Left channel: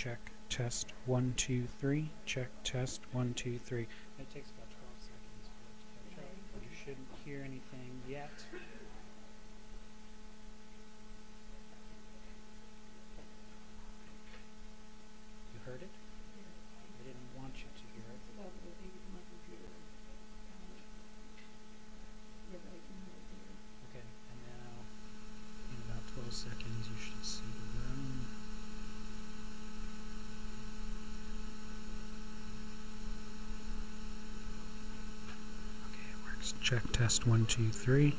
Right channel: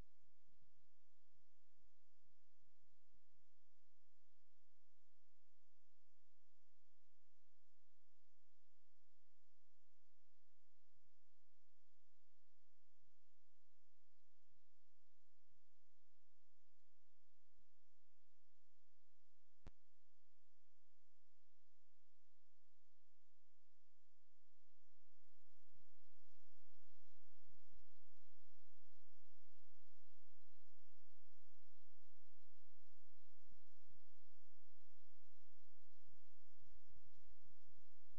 Check, test, 1, 2, 3. Check, test, 1, 2, 3. It takes about 12 seconds for it to catch up. You shouldn't hear anything yet. You heard it? I didn't want you to hear it. Okay, and now in about 12 seconds you should see the room. Okay, it works. Check, test, 1, 2, 3.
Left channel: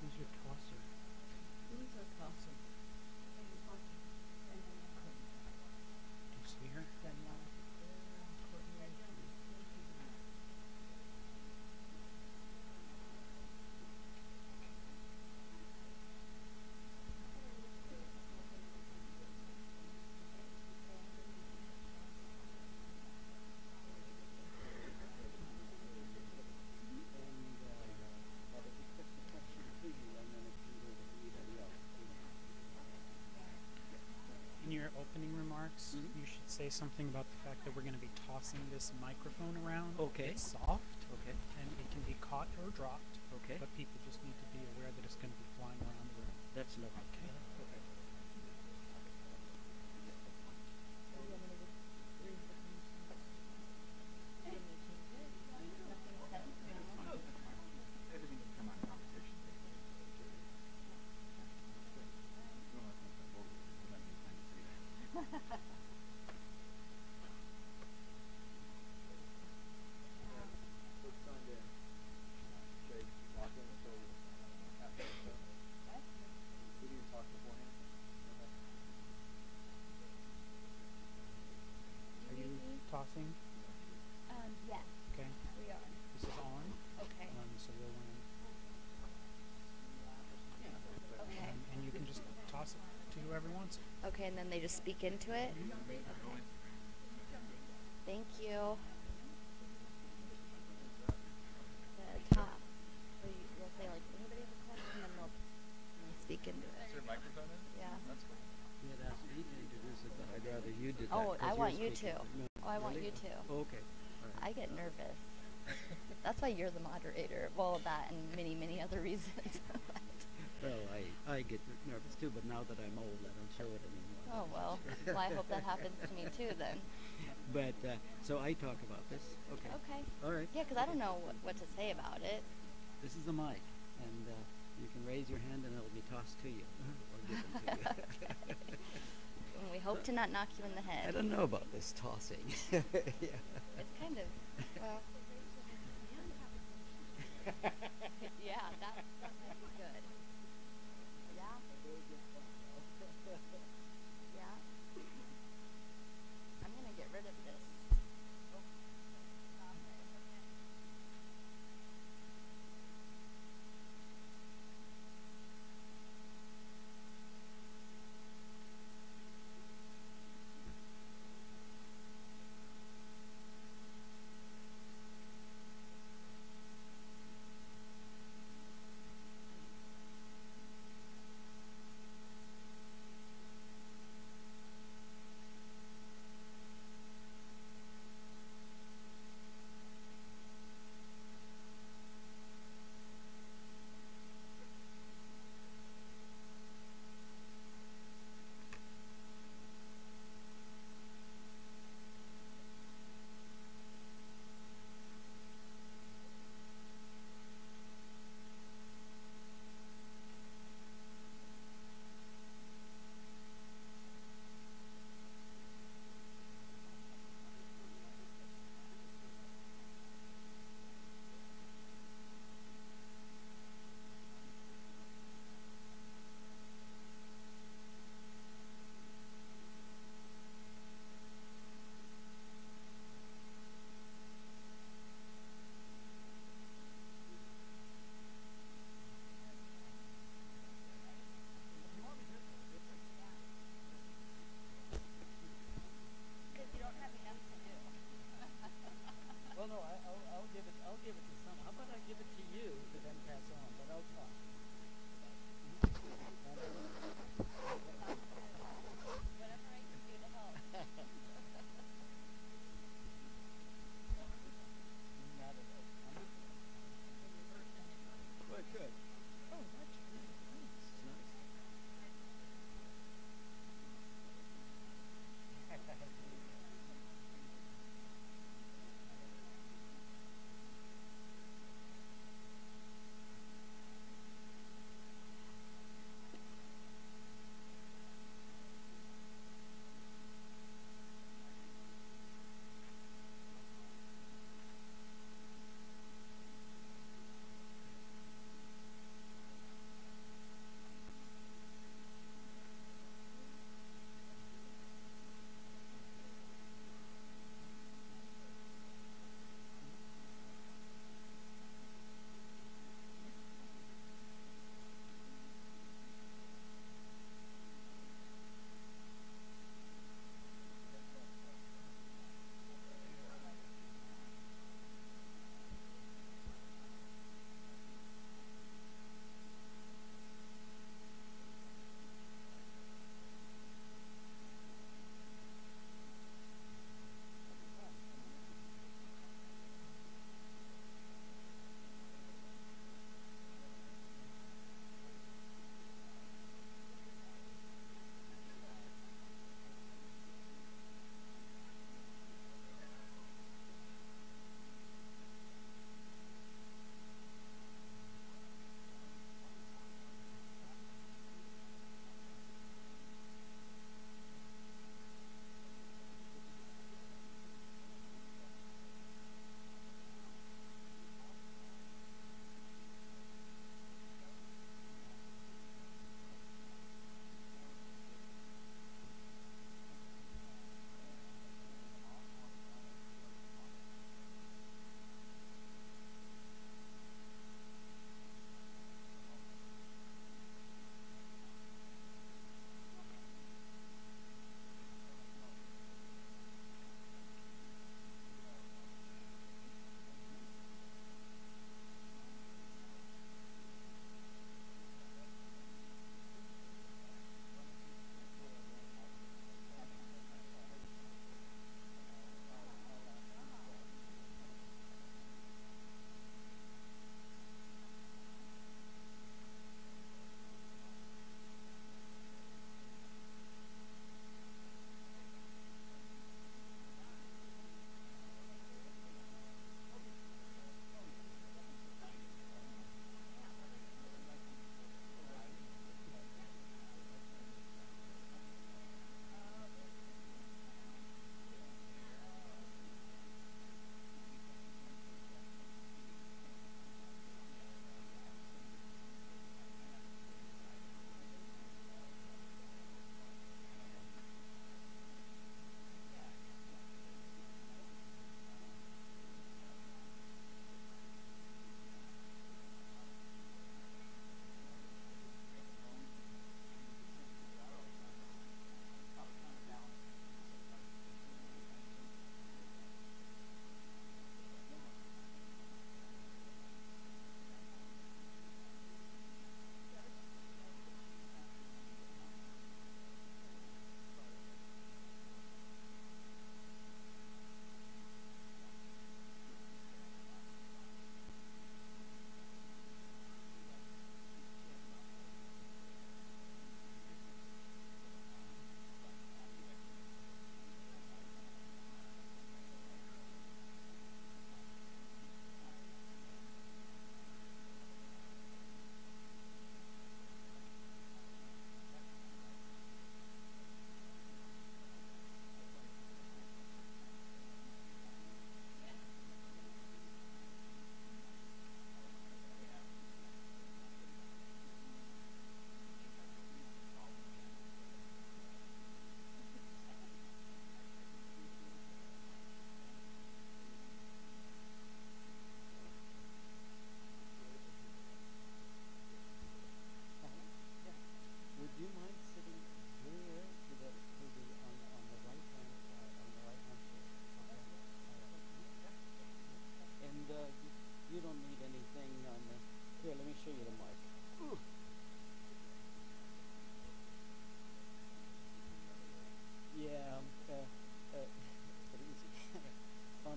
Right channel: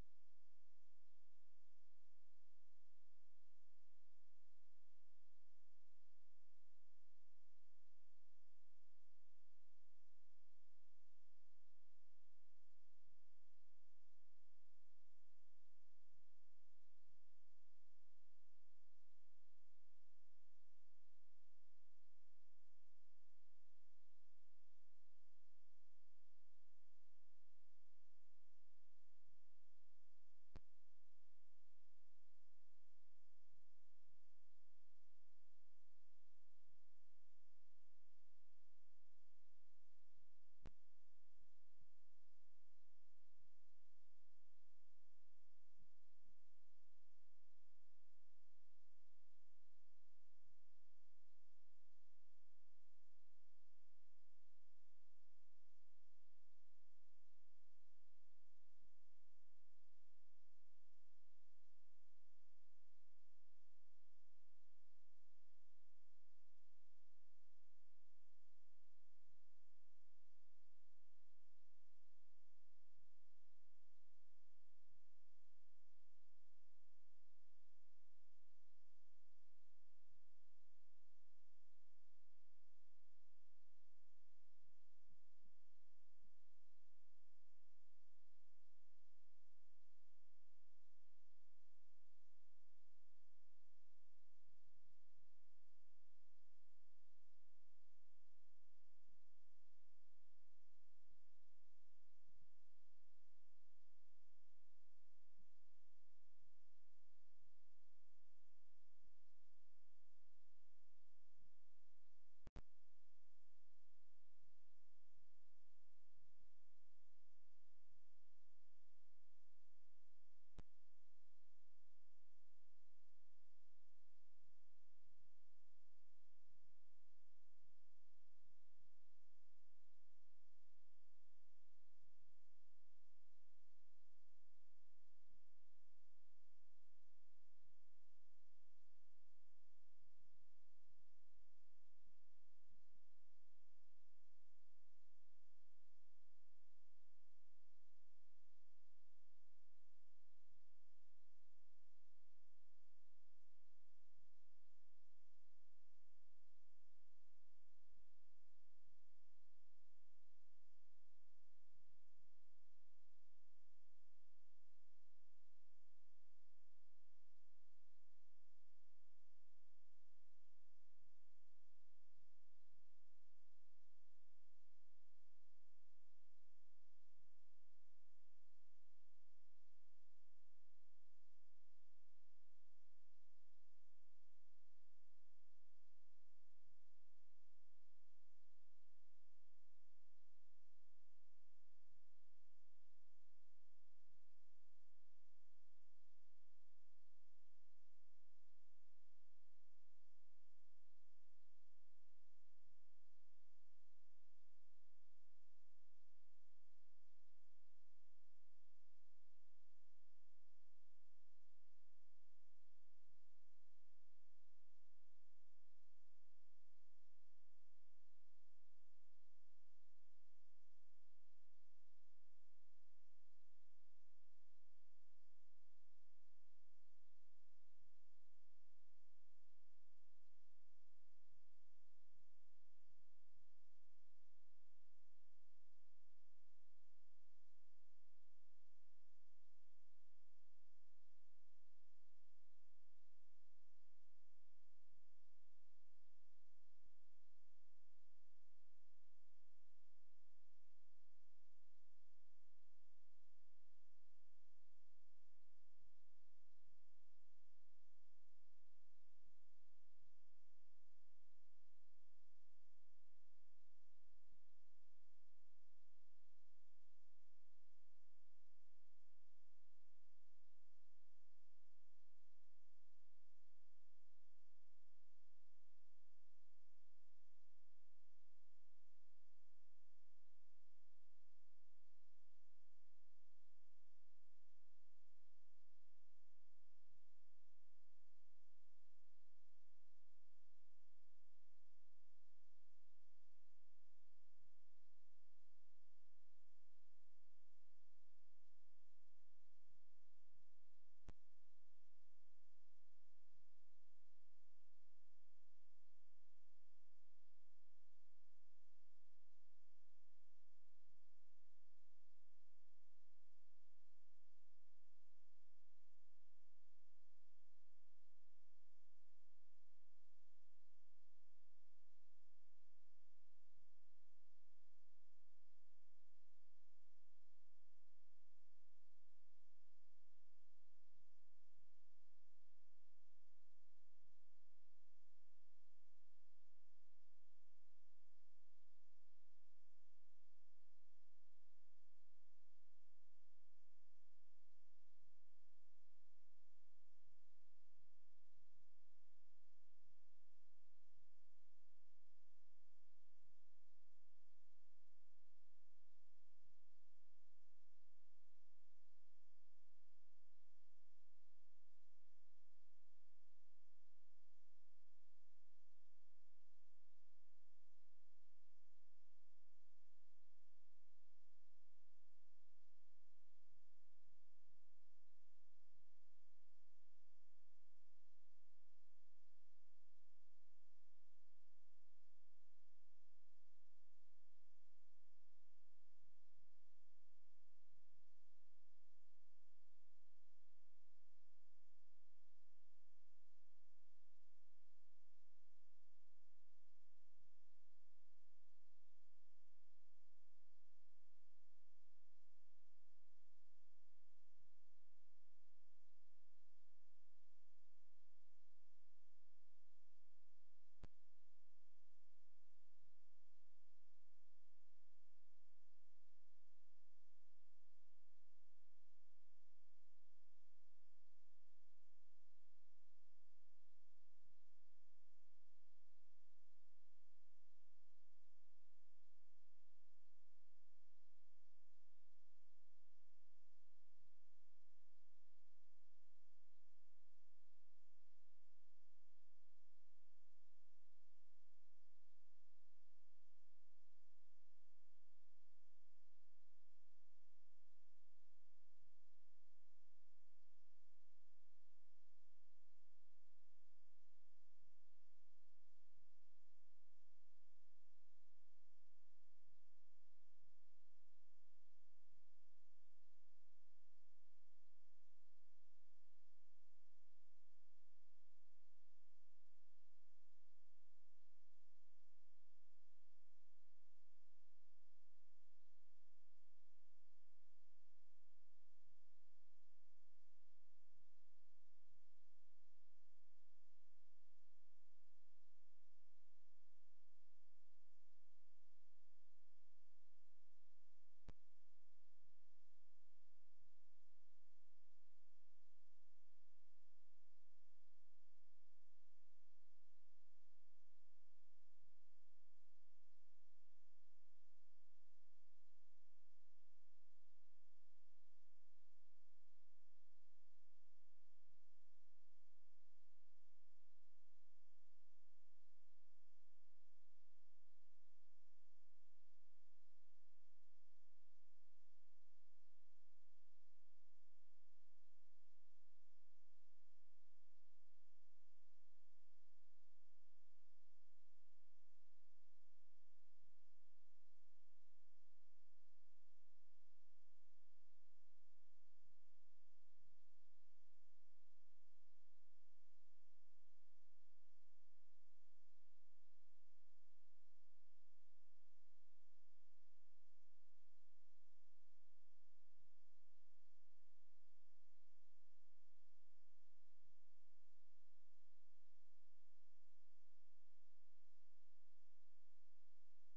Who's your tosser? Who's a tosser? Do you see her? In your opening remarks, you should say something about the fact that we're going to be tossing this microphone around. Okay. It's soft, Okay. and it can be caught or dropped, Okay. but people just need to be aware that it's going to be flying around the room. That's lovely. Okay? Okay. Everything can come out of conversation. Are you tossing? Yes, Okay. we are. This is on. Okay. So we'll Okay. and you can just toss it to whoever wants it. Okay, and then they just speak into it? Okay. Thank you. The top. So you'll say, like, anybody have a question? And then they'll speak into it. Is there a microphone in? Yeah. That's cool. You had asked me to introduce it, but I'd rather you did that. Oh, 'cause I you're want you speaking. to. No, Oh, I want really? you to. Oh, okay. All right. I get nervous. That's why you're the moderator. Well, that and many, many other reasons. Well, I get nervous too, but now that I'm old, I don't show it anymore. Oh, well. Well, I hope that happens to me too then. But, so I talk about this. Okay. Okay. All right. Yeah, because I don't know what to say about it. This is the mic, and you can raise your hand and it'll be tossed to you or given to you. And we hope to not knock you in the I head. don't know about this tossing. Yeah. It's kind of, well. Yeah, that might be good. Yeah. Yeah. I'm gonna get rid of this. How about I give it to you to then pass on, but I'll talk. Whatever I can do to help. Not at all. Good, good. Oh, that's really nice. Nice.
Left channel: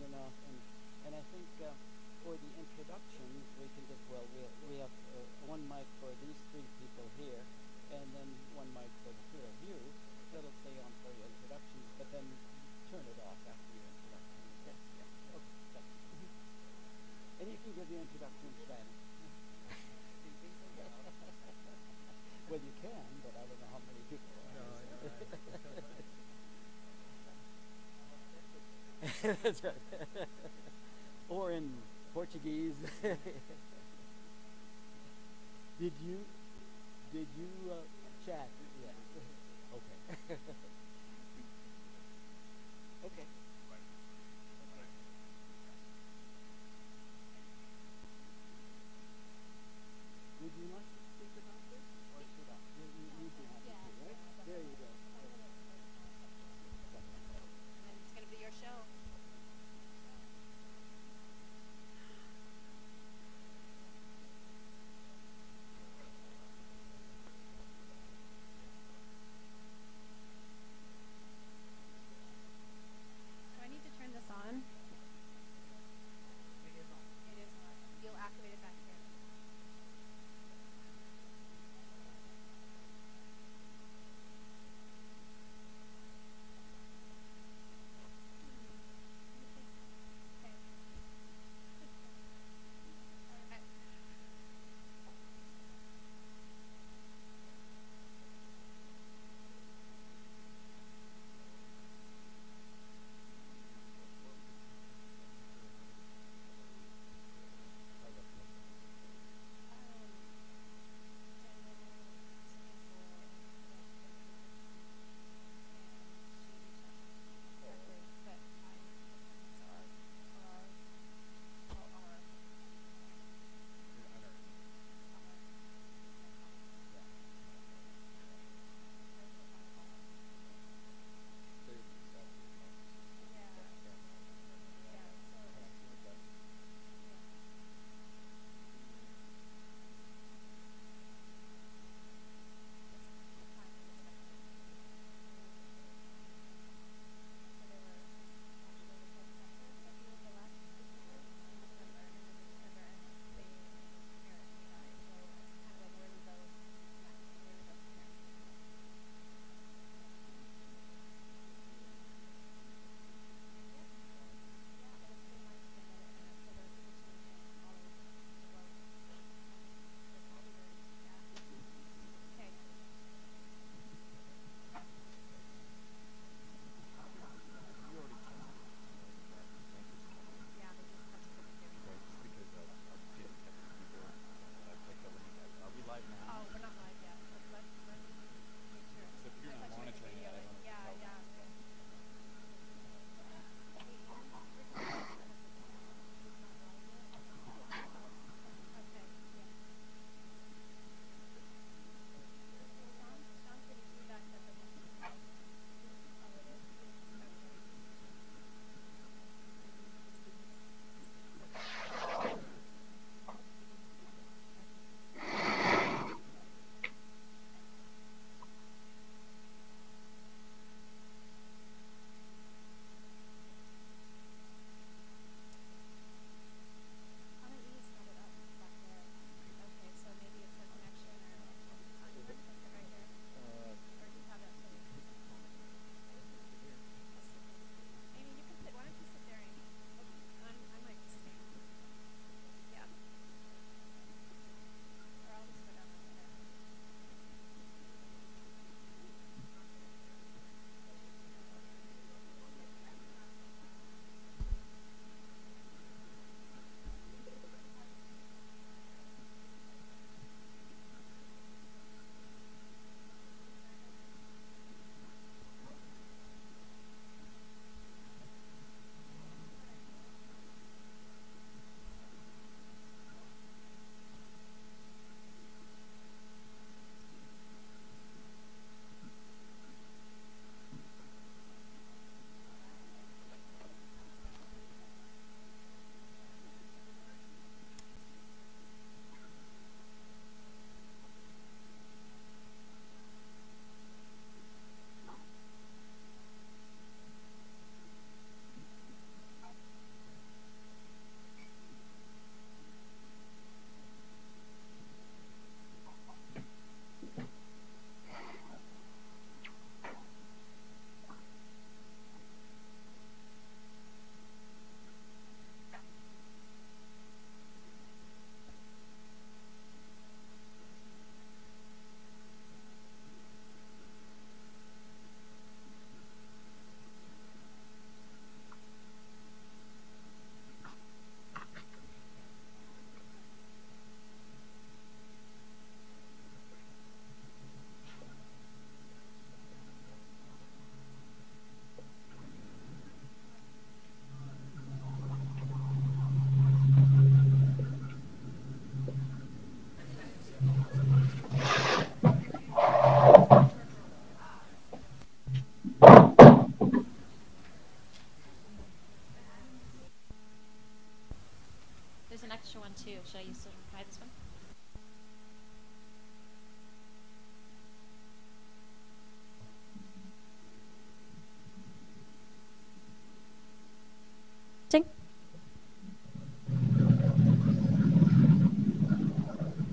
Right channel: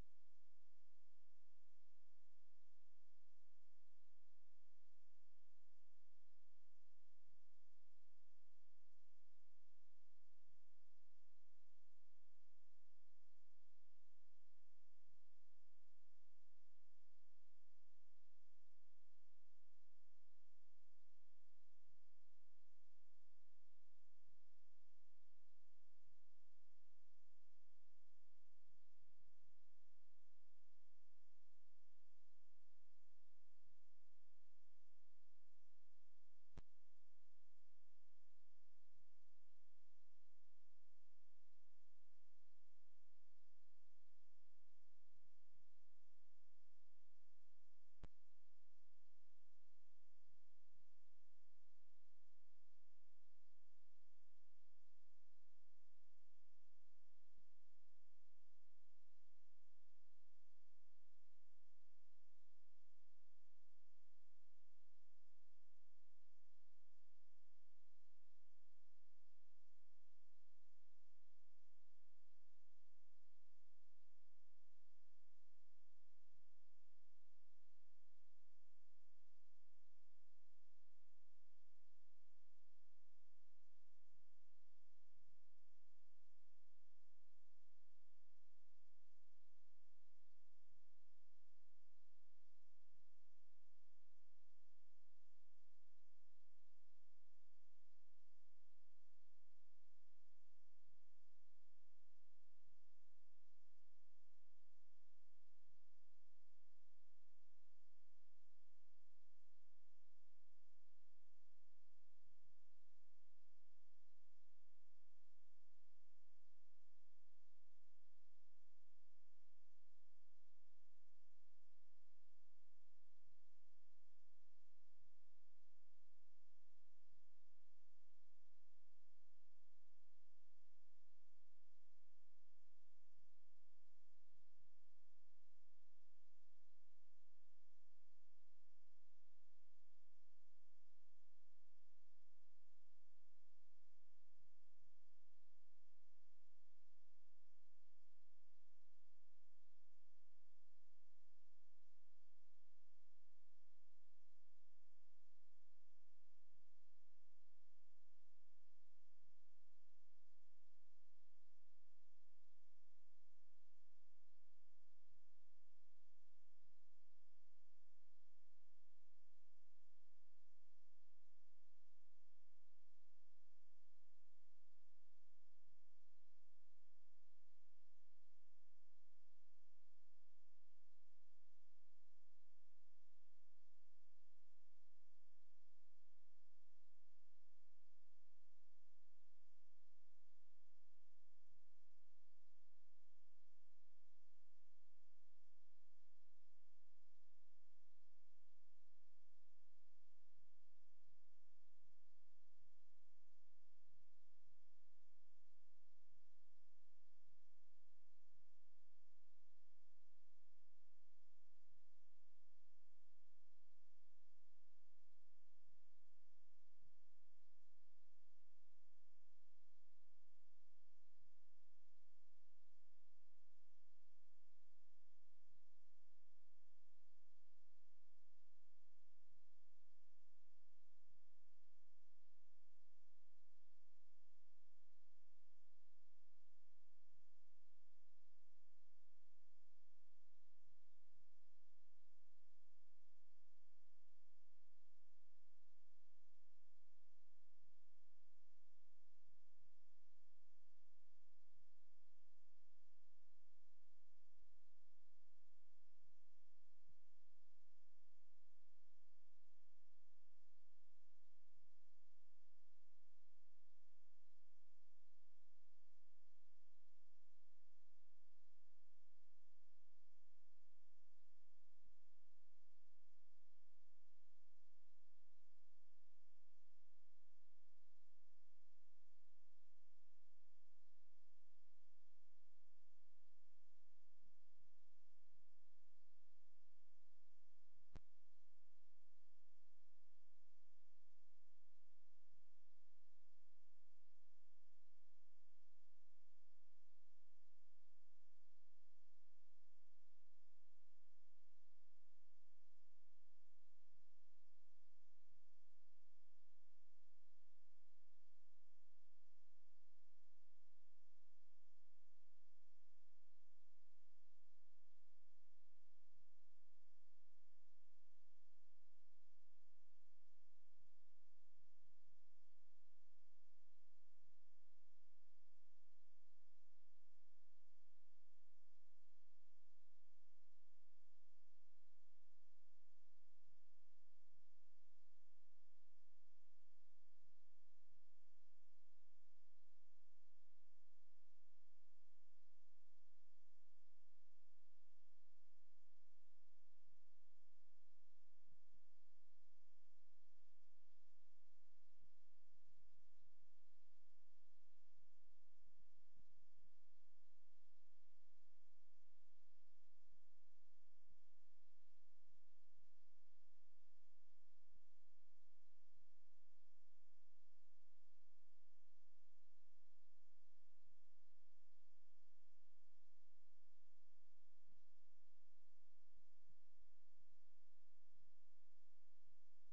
on and off, and I think for the introductions we can just we have one mic for these three people here, and then one mic for the two of you. That'll stay on for your introductions, but then turn it off after your introduction. Yes, yeah. Okay, thanks. And you can give your introduction in Spanish. Well, you can, but I don't know how many people. That's right. Or in Portuguese. Did you chat? Yes. Okay. Okay. Would you like to speak about this, or should I? You'd be happy to, right? There you go. And then it's gonna be your show.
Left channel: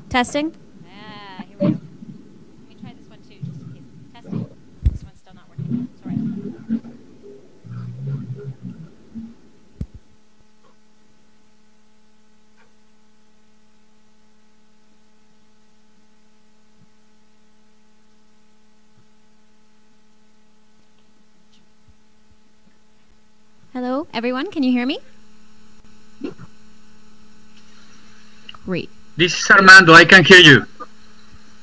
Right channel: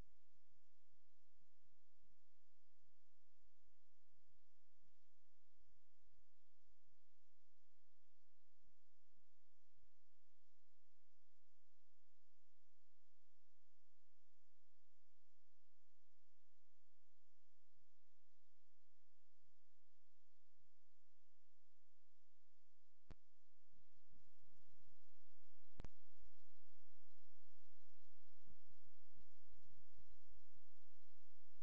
Testing. Ah, here we go. Let me try this one too, just in case. Testing. This one's still not working. Sorry. Hello, everyone. Can you hear me? Great. This is Armando. I can hear you.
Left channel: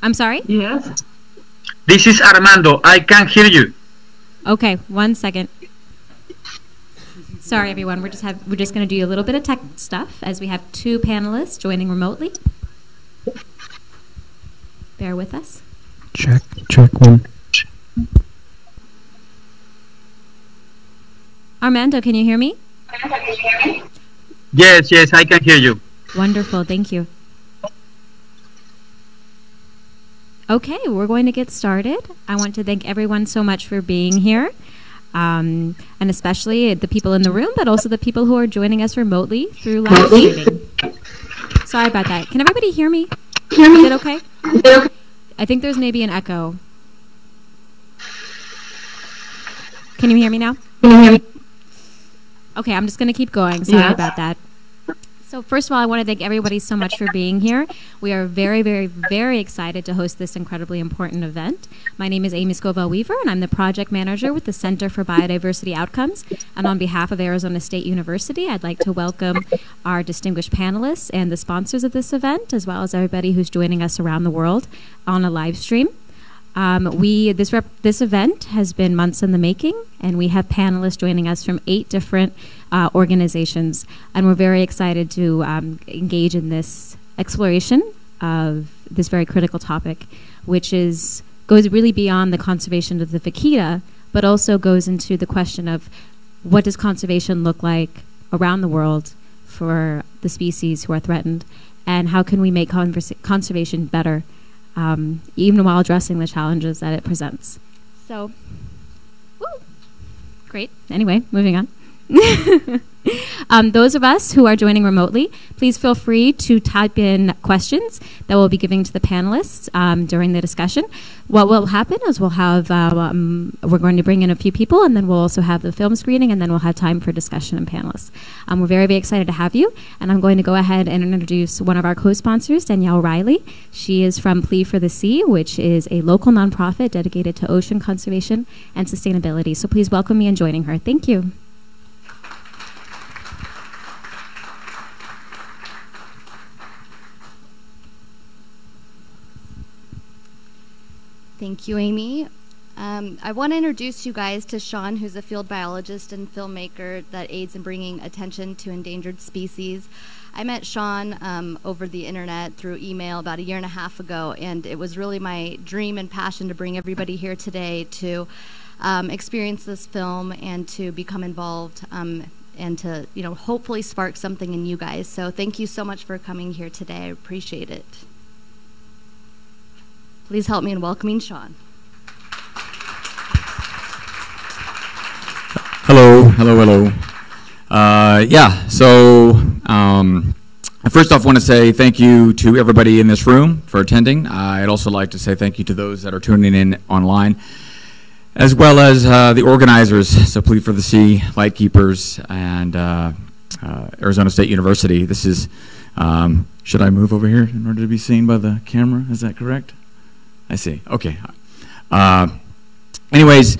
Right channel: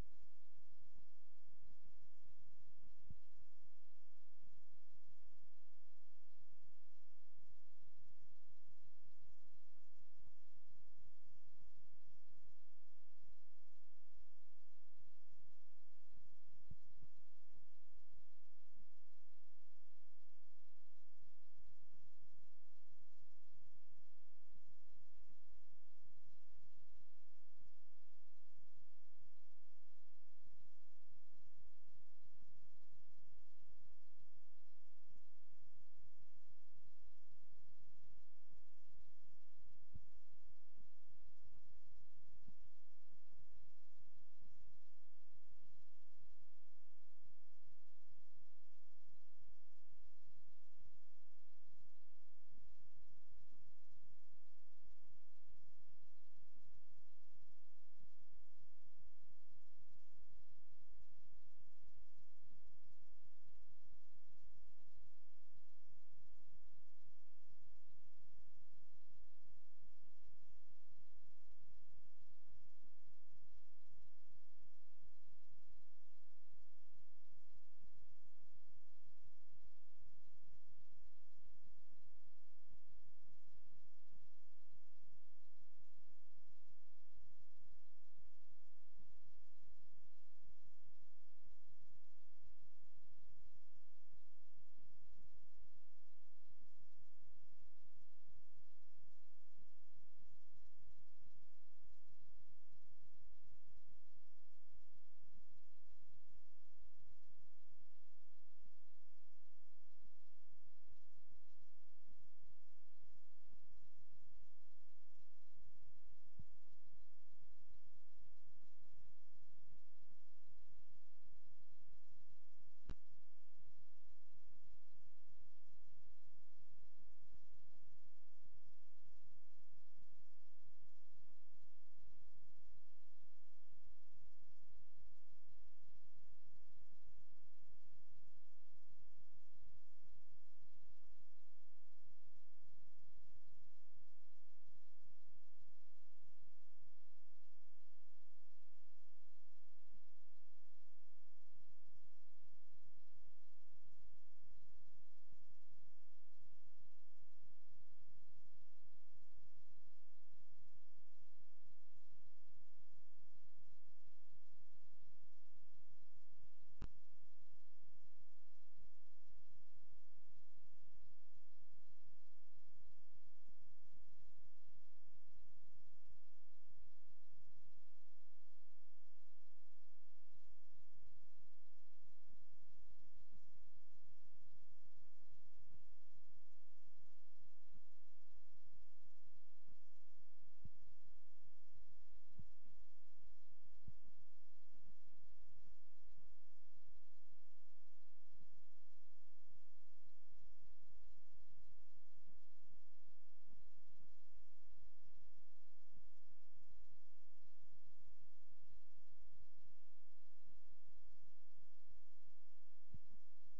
I'm sorry? Yes. This is Armando. I can hear you. Okay, 1 second. Sorry, everyone. We're just going to do a little bit of tech stuff as we have two panelists joining remotely. Bear with us. Check one. Armando, can you hear me? Yes, I can hear you. Wonderful, thank you. Okay, we're going to get started. I want to thank everyone so much for being here, and especially the people in the room, but also the people who are joining us remotely through live streaming. Sorry about that. Can everybody hear me? Is it okay? I think there's maybe an echo. Can you hear me now? Okay, I'm just going to keep going. Sorry about that. So first of all, I want to thank everybody so much for being here. We are very, very, very excited to host this incredibly important event. My name is Amy Scovell-Weaver, and I'm the project manager with the Center for Biodiversity Outcomes. And on behalf of Arizona State University, I'd like to welcome our distinguished panelists and the sponsors of this event, as well as everybody who's joining us around the world on a live stream. This event has been months in the making, and we have panelists joining us from 8 different organizations, and we're very excited to engage in this exploration of this very critical topic, which goes really beyond the conservation of the vaquita, but also goes into the question of what does conservation look like around the world for the species who are threatened, and how can we make conservation better, even while addressing the challenges that it presents. So, woo, great. Anyway, moving on. Those of us who are joining remotely, please feel free to type in questions that we'll be giving to the panelists during the discussion. What will happen is we'll have, we're going to bring in a few people, and then we'll also have the film screening, and then we'll have time for discussion and panelists. We're very, very excited to have you, and I'm going to go ahead and introduce one of our co-sponsors, Danielle Riley. She is from Plea for the Sea, which is a local nonprofit dedicated to ocean conservation and sustainability. So please welcome me in joining her. Thank you. Thank you, Amy. I want to introduce you guys to Sean, who's a field biologist and filmmaker that aids in bringing attention to endangered species. I met Sean over the internet through email about 1.5 years ago, and it was really my dream and passion to bring everybody here today to experience this film and to become involved and to, hopefully spark something in you guys. So thank you so much for coming here today. I appreciate it. Please help me in welcoming Sean. Hello. First off, I want to say thank you to everybody in this room for attending. I'd also like to say thank you to those that are tuning in online, as well as the organizers, so Plea for the Sea, Lightkeepers, and Arizona State University. This is, should I move over here in order to be seen by the camera? Is that correct? I see. Okay. Anyways,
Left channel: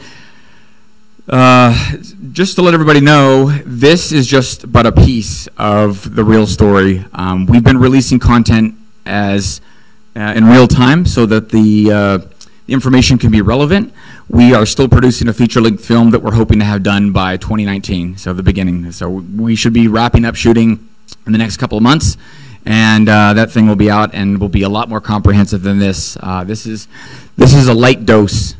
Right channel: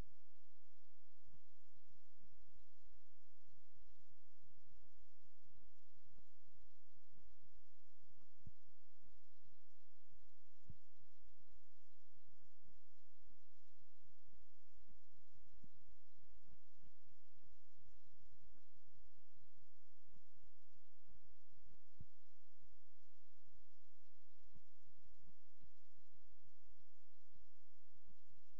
just to let everybody know, this is just but a piece of the real story. We've been releasing content as in real time so that the information can be relevant. We are still producing a feature-length film that we're hoping to have done by 2019, so the beginning. So we should be wrapping up shooting in the next couple of months. And that thing will be out and will be a lot more comprehensive than this. This is a light dose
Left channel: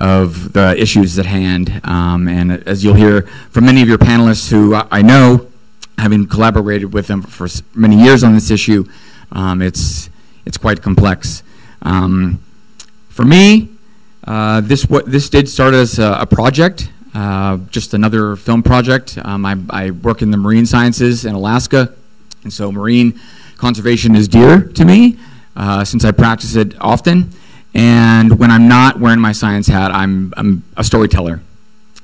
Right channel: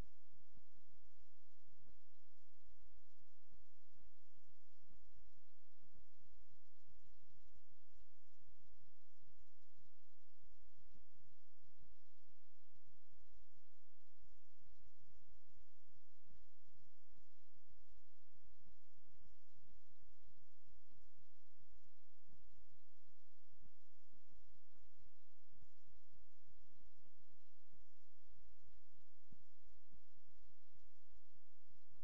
of the issues at hand. And as you'll hear from many of your panelists who I know, having collaborated with them for many years on this issue, it's quite complex. For me, this did start as a project, just another film project. I work in the marine sciences in Alaska, and so marine conservation is dear to me. since I practice it often. And when I'm not wearing my science hat, I'm a storyteller.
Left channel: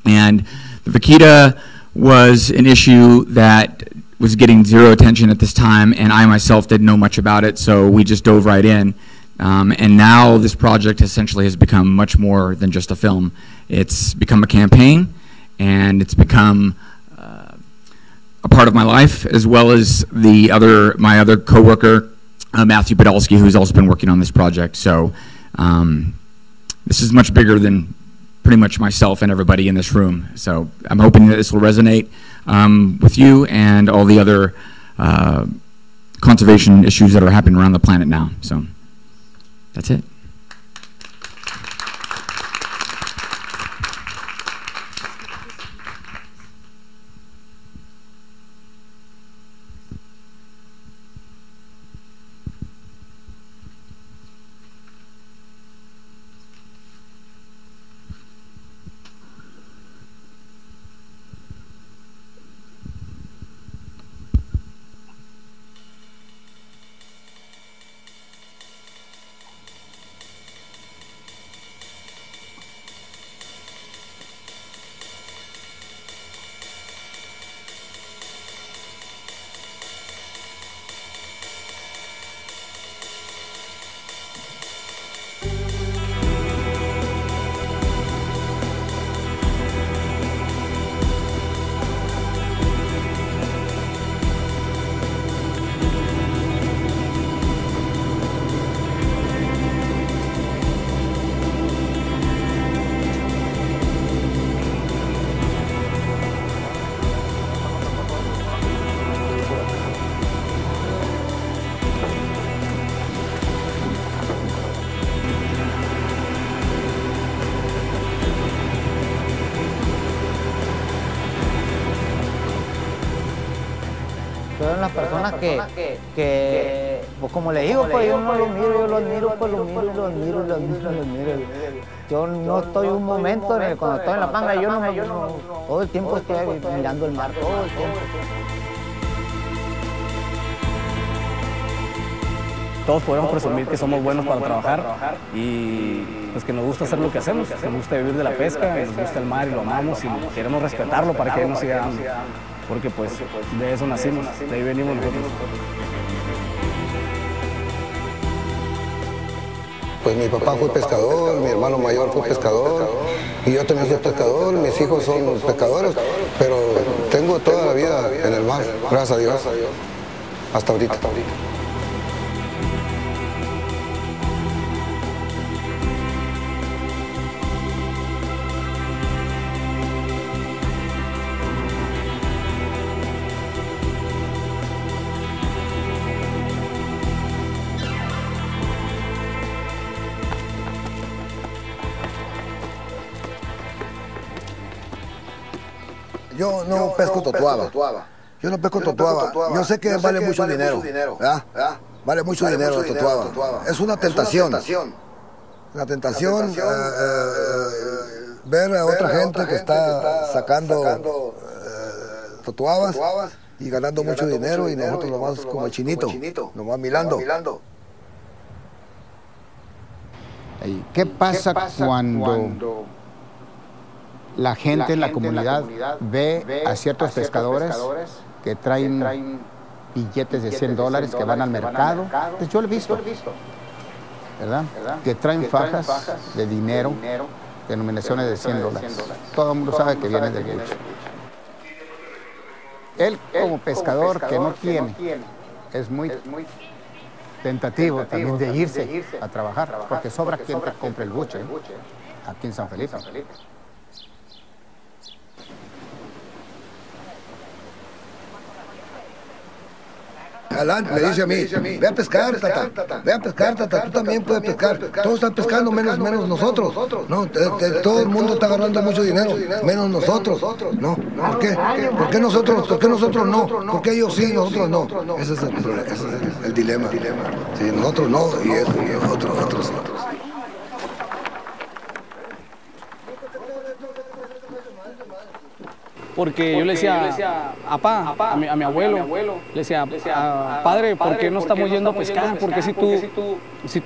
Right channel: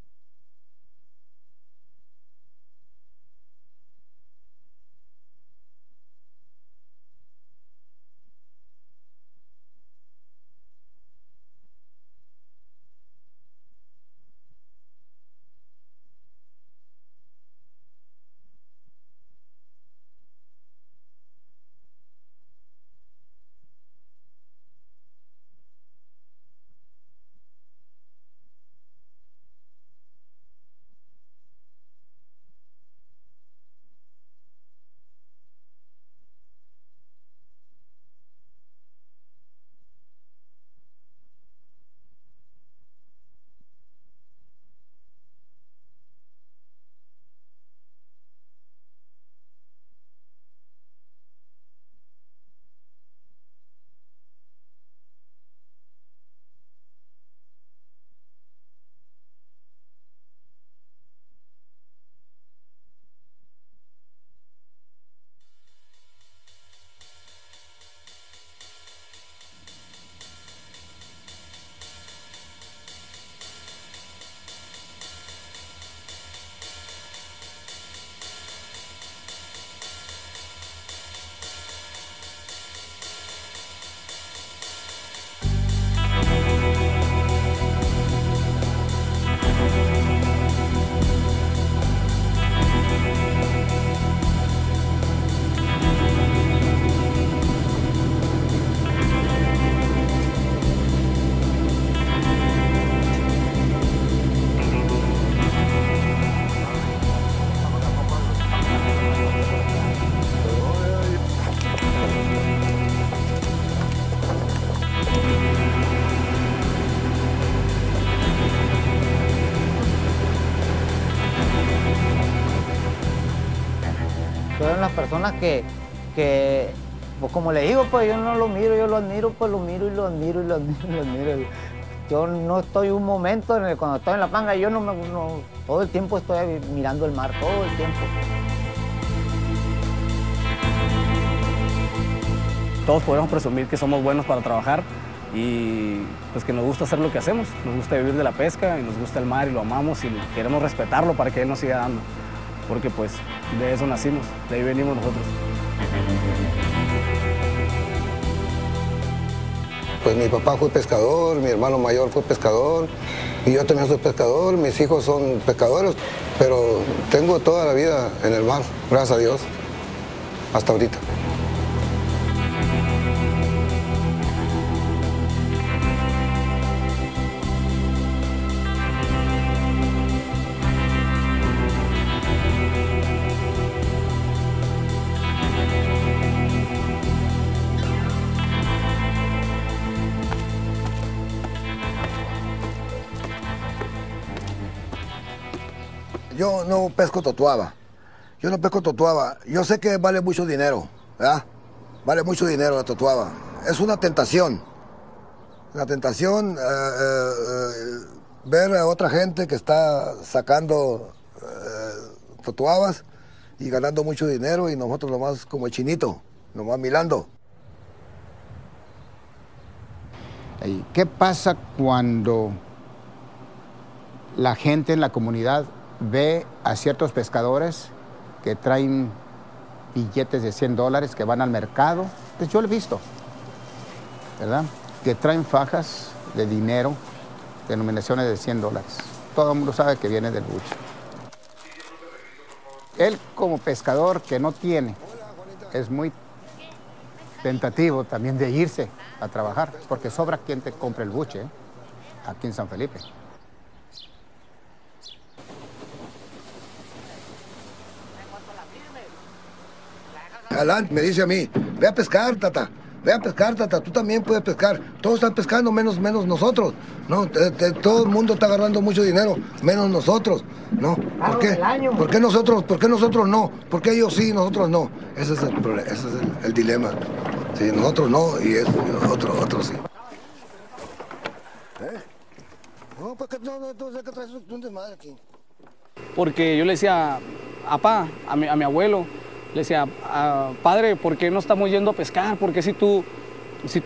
And the vaquita was an issue that was getting zero attention at this time, and I myself didn't know much about it, so we just dove right in. And now this project essentially has become much more than just a film. It's become a campaign, and it's become a part of my life, as well as my other coworker, Matthew Podolsky, who's also been working on this project. So this is much bigger than pretty much myself and everybody in this room. So I'm hoping that this will resonate with you and all the other conservation issues that are happening around the planet now. So that's it. Son las personas que pues como le digo, pues yo no lo miro, yo lo admiro, pues lo miro y lo admiro y lo admiro y lo admiro. Yo no estoy un momento, cuando estoy en la panga, yo todo el tiempo estoy mirando el mar, todo el tiempo. Todos podemos presumir que somos buenos para trabajar y pues que nos gusta hacer lo que hacemos, nos gusta vivir de la pesca y nos gusta el mar y lo amamos y queremos respetarlo para que él nos siga dando, porque pues de eso nacimos, de ahí venimos nosotros. Pues mi papá fue pescador, mi hermano mayor fue pescador y yo también soy pescador, mis hijos son pescadores, pero tengo toda la vida en el mar, gracias a Dios, hasta ahorita. Yo no pesco totuaba. Yo no pesco totuaba. Yo sé que vale mucho dinero, ¿verdad? Vale mucho dinero la totuaba. Es una tentación. Una tentación ver a otra gente que está sacando totuabas y ganando mucho dinero y nosotros nomás como el chinito, nomás mirando. ¿Qué pasa cuando la gente en la comunidad ve a ciertos pescadores que traen billetes de $100 que van al mercado? Pues yo lo he visto, ¿verdad? Que traen fajas de dinero, denominaciones de $100. Todo el mundo sabe que viene del buche. Él como pescador que no tiene, es muy tentativo también de irse a trabajar, porque sobra quien te compre el buche aquí en San Felipe. Alan me dice a mí, ve a pescar, tata, tú también puedes pescar. Todos están pescando menos nosotros. No, todo el mundo está agarrando mucho dinero, menos nosotros. No, ¿por qué? ¿Por qué nosotros no? ¿Por qué ellos sí, nosotros no? Ese es el problema, ese es el dilema. Sí, nosotros no y otros sí. Porque yo le decía a mi abuelo, le decía, padre, ¿por qué no estamos yendo a pescar? Porque si tú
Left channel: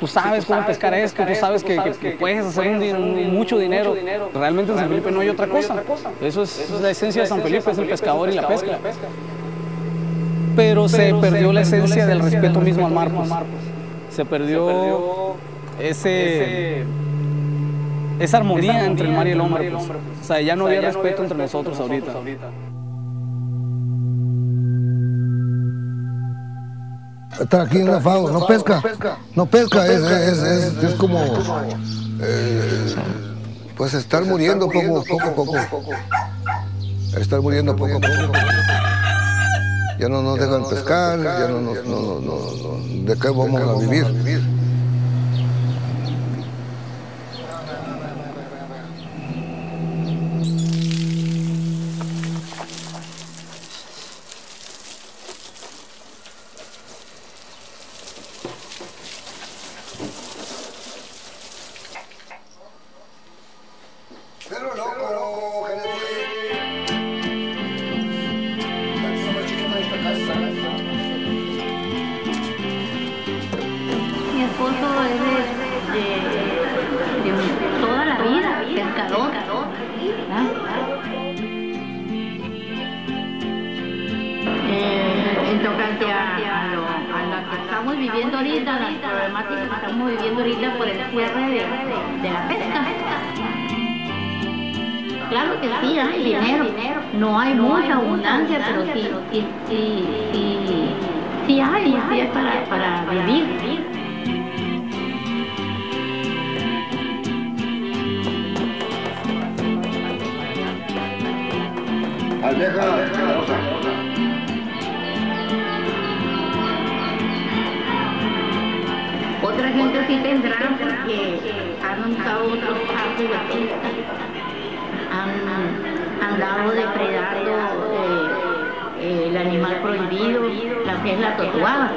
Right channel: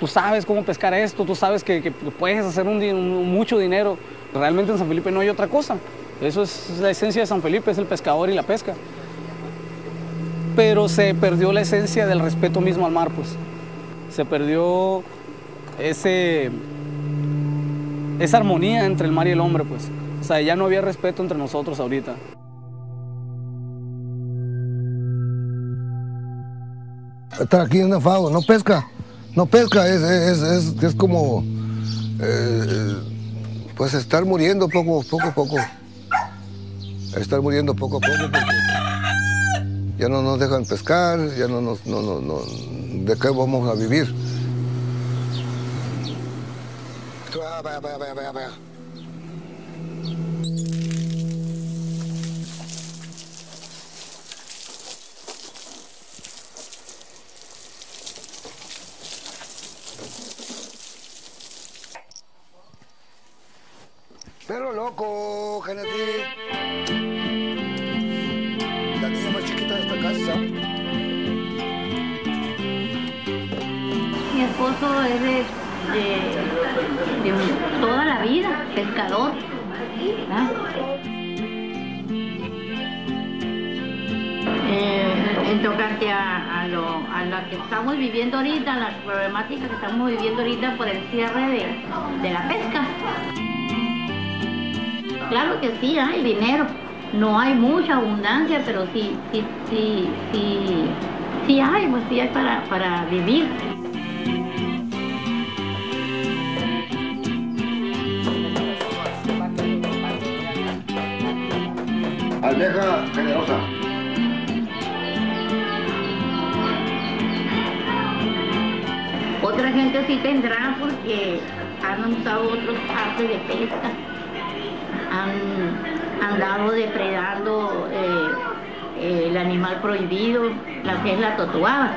sabes cómo pescar esto, tú sabes que puedes hacer mucho dinero. Realmente en San Felipe no hay otra cosa. Eso es la esencia de San Felipe, es el pescador y la pesca. Pero se perdió la esencia del respeto mismo al mar, pues. Se perdió esa armonía entre el mar y el hombre, pues. O sea, ya no había respeto entre nosotros ahorita. Estar aquí en una FAO, no pesca, es como pues estar muriendo poco a poco. Estar muriendo poco a poco. Ya no nos dejan pescar, ya no, ¿de qué vamos a vivir? Pero loco, Mi esposo es de toda la vida, pescador. ¿Verdad? En tocante a lo que estamos viviendo ahorita, las problemáticas que estamos viviendo ahorita por el cierre de la pesca. Claro que sí, hay dinero, no hay mucha abundancia, pero sí hay para vivir. Almeja generosa. Otra gente sí tendrá porque han usado otros artes de pesca. Han andado depredando el animal prohibido, la que es la totuaba.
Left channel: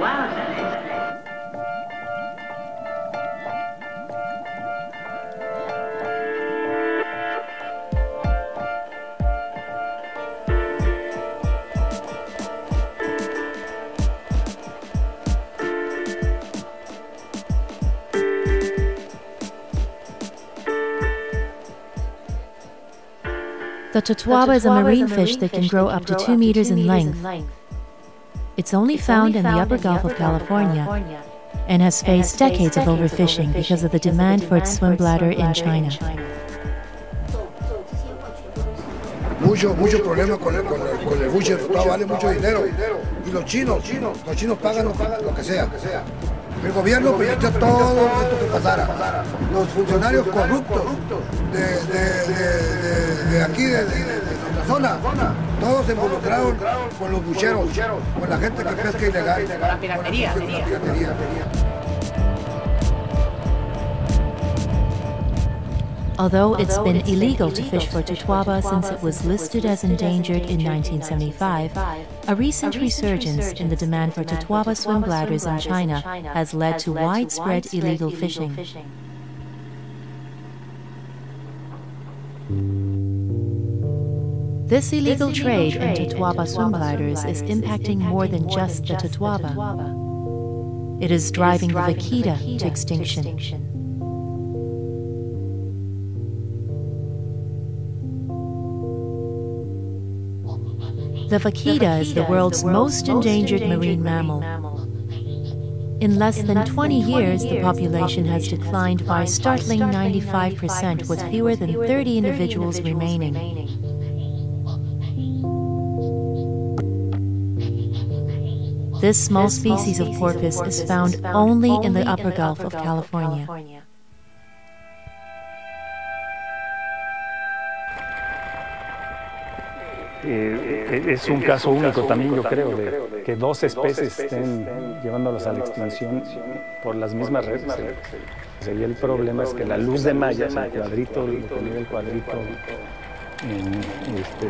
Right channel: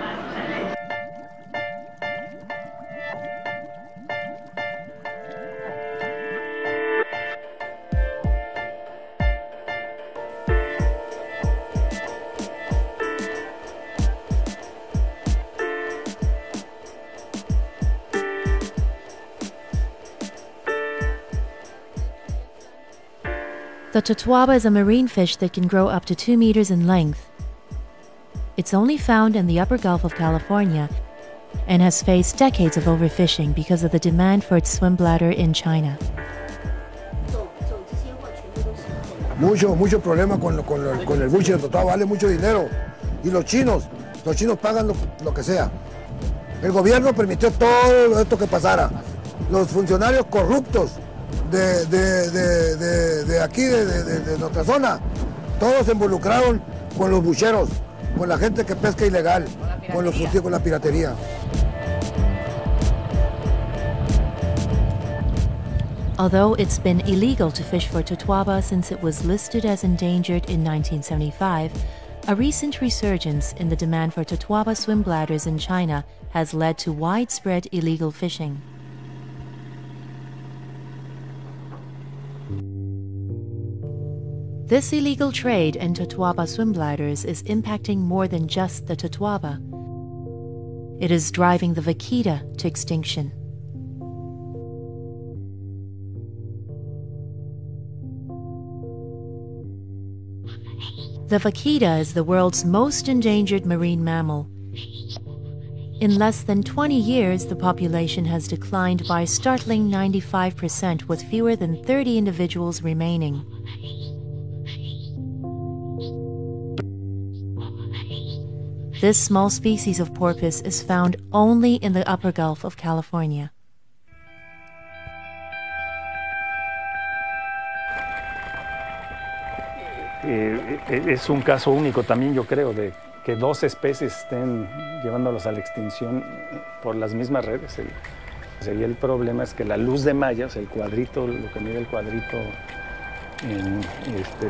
The totuaba is a marine fish that can grow up to 2 meters in length. It's only found in the upper Gulf of California and has faced decades of overfishing because of the demand for its swim bladder in China. Mucho problema con el buche de totuaba, vale mucho dinero. Y los chinos pagan lo que sea. El gobierno permitió todo esto que pasara. Los funcionarios corruptos de aquí, de nuestra zona, todos se involucraron con los bucheros, con la gente que pesca ilegal, con la piratería. Although it's been illegal to fish for totuaba since it was listed as endangered in 1975, a recent resurgence in the demand for totuaba swim bladders in China has led to widespread illegal fishing. This illegal trade in totuaba swim bladders is impacting more than just the totuaba. It is driving the vaquita to extinction. The vaquita is the world's most endangered marine mammal. In less than 20 years, the population has declined by a startling 95%, with fewer than 30 individuals remaining. This small species of porpoise is found only in the upper Gulf of California. Es un caso único también, yo creo, de que dos especies estén llevándolos a la extinción por las mismas redes. Sería el problema es que la luz de malla, o sea, el cuadrito, lo que mide el cuadrito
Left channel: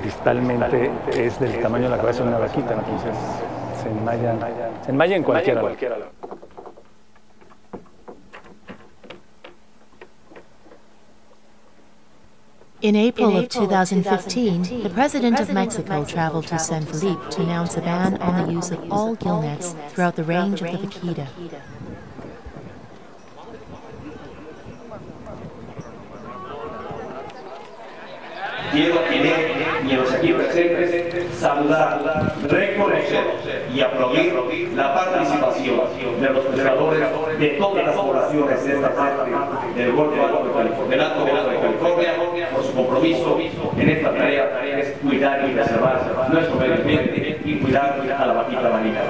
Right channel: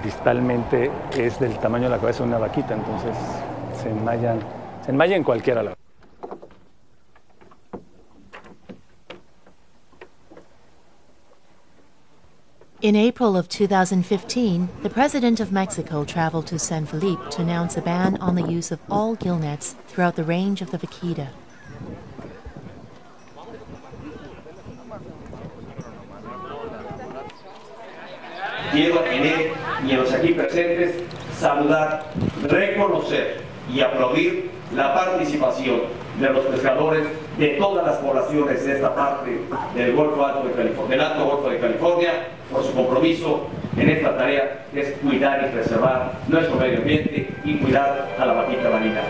distalmente es del tamaño de la cabeza de una vaquita, entonces se enmalla en cualquiera lado. In April of 2015, the President of Mexico traveled to San Felipe to announce a ban on the use of all gill nets throughout the range of the vaquita. Quiero en él y en los aquí presentes saludar, reconocer y aplaudir la participación de los pescadores de todas las poblaciones de esta parte del Golfo Alto de California, del Alto Golfo de California, por su compromiso en esta tarea que es cuidar y preservar nuestro medio ambiente y cuidar a la vaquita marina.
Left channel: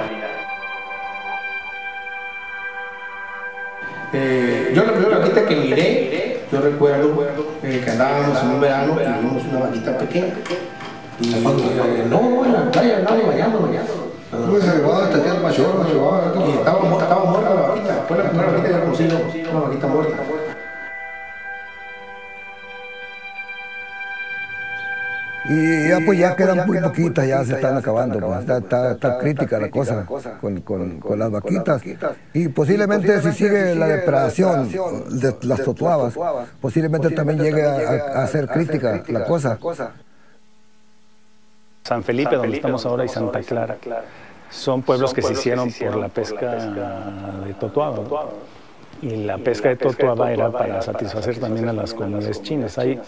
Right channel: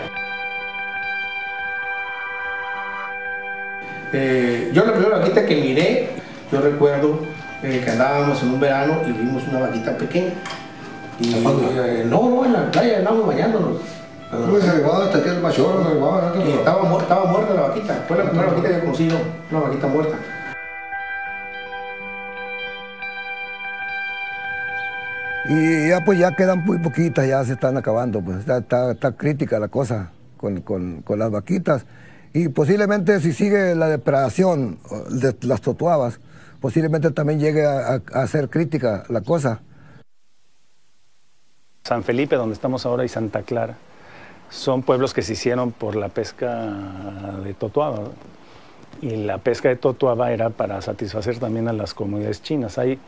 Yo la primera vaquita que miré, yo recuerdo que andábamos en un verano y vimos una vaquita pequeña. Y no, en la playa andábamos bañándonos. Pues se llevaba hasta que es mayor, se llevaba. Y estaba muerta la vaquita. Fue la primera vaquita que conocí yo, una vaquita muerta. Y ya pues ya quedan muy poquitas, ya se están acabando, pues está crítica la cosa con las vaquitas. Y posiblemente si sigue la depredación de las totuabas, posiblemente también llegue a ser crítica la cosa. San Felipe, donde estamos ahora, y Santa Clara, son pueblos que se hicieron por la pesca de totuaba, ¿no? Y la pesca de totuaba era para satisfacer también a las comunidades chinas. Hay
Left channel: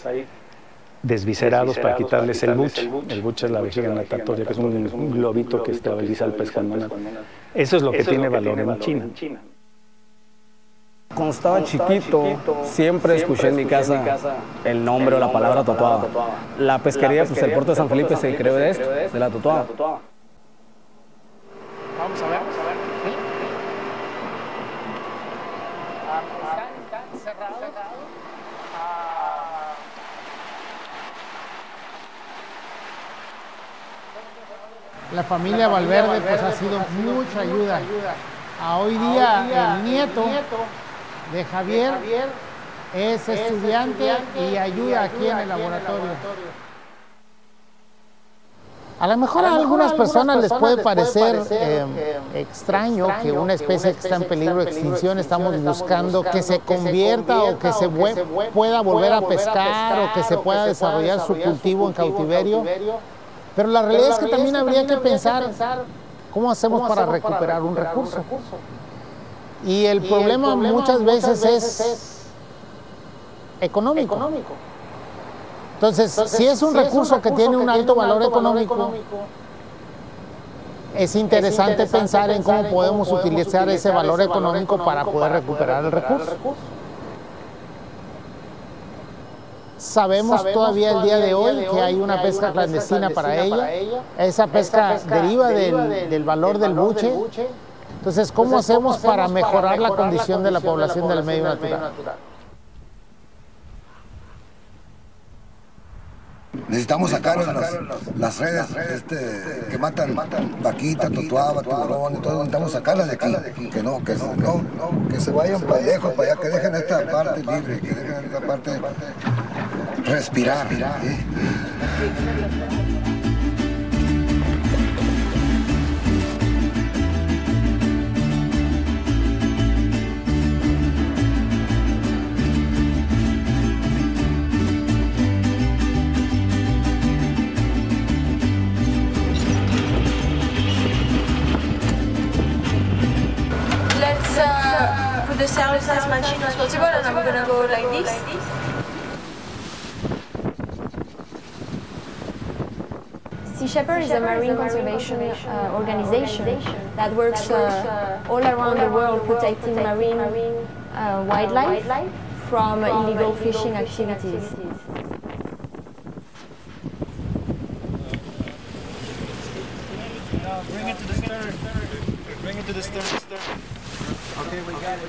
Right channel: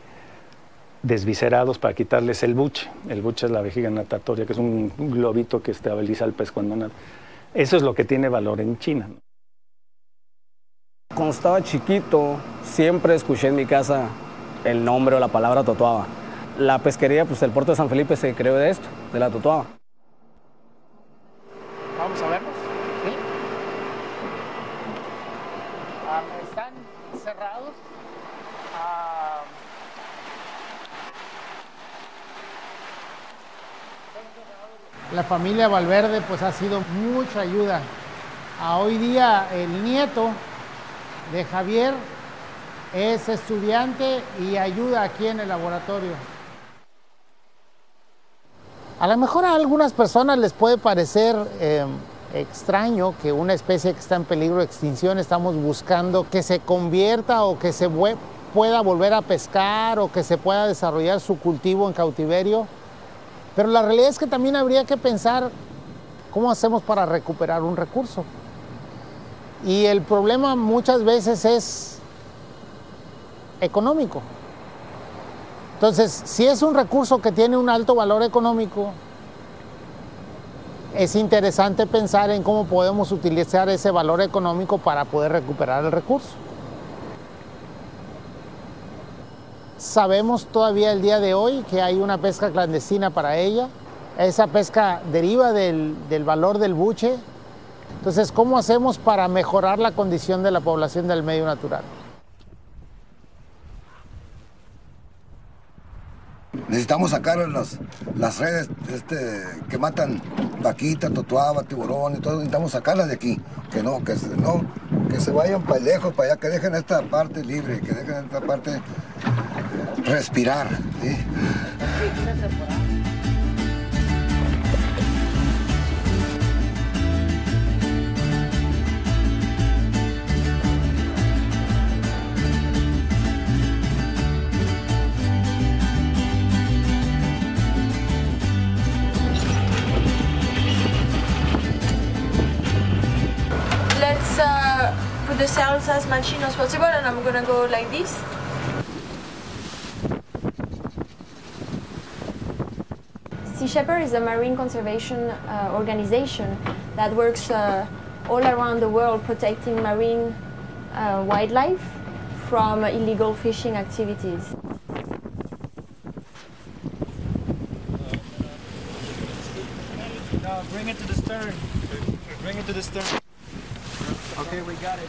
desviscerados para quitarles el buche. El buche es la vejiga natatoria, que es un globito que estabiliza al pez cuando nada. Eso es lo que tiene valor en China. Cuando estaba chiquito, siempre escuché en mi casa el nombre o la palabra totuaba. La pesquería, pues el puerto de San Felipe se creó de esto, de la totuaba. Vamos a ver. ¿Sí? Están cerrados. La familia Valverde pues ha sido mucha ayuda. Hoy día el nieto de Javier es estudiante y ayuda aquí en el laboratorio. A lo mejor a algunas personas les puede parecer extraño que una especie que está en peligro de extinción estamos buscando que se convierta o que se pueda volver a pescar o que se pueda desarrollar su cultivo en cautiverio. Pero la realidad es que también habría que pensar cómo hacemos para recuperar un recurso. Y el problema muchas veces es económico. Entonces, si es un recurso que tiene un alto valor económico, es interesante pensar en cómo podemos utilizar ese valor económico para poder recuperar el recurso. Sabemos todavía el día de hoy que hay una pesca clandestina para ella. Esa pesca deriva del valor del buche. Entonces, ¿cómo hacemos para mejorar la condición de la población del medio natural? Necesitamos sacar las redes que matan vaquita, totuaba, tiburón y todo. Necesitamos sacarlas de aquí. Que se vayan para lejos, para allá, que dejen esta parte libre, que dejen esta parte respirar. ¿Sí? Let's put the sails as much as possible, and I'm gonna go like this. Sea Shepherd is a marine conservation organization that works all around the world protecting marine wildlife from illegal fishing activities. No, bring it to the stern. Bring it to the stern. Okay, we got it.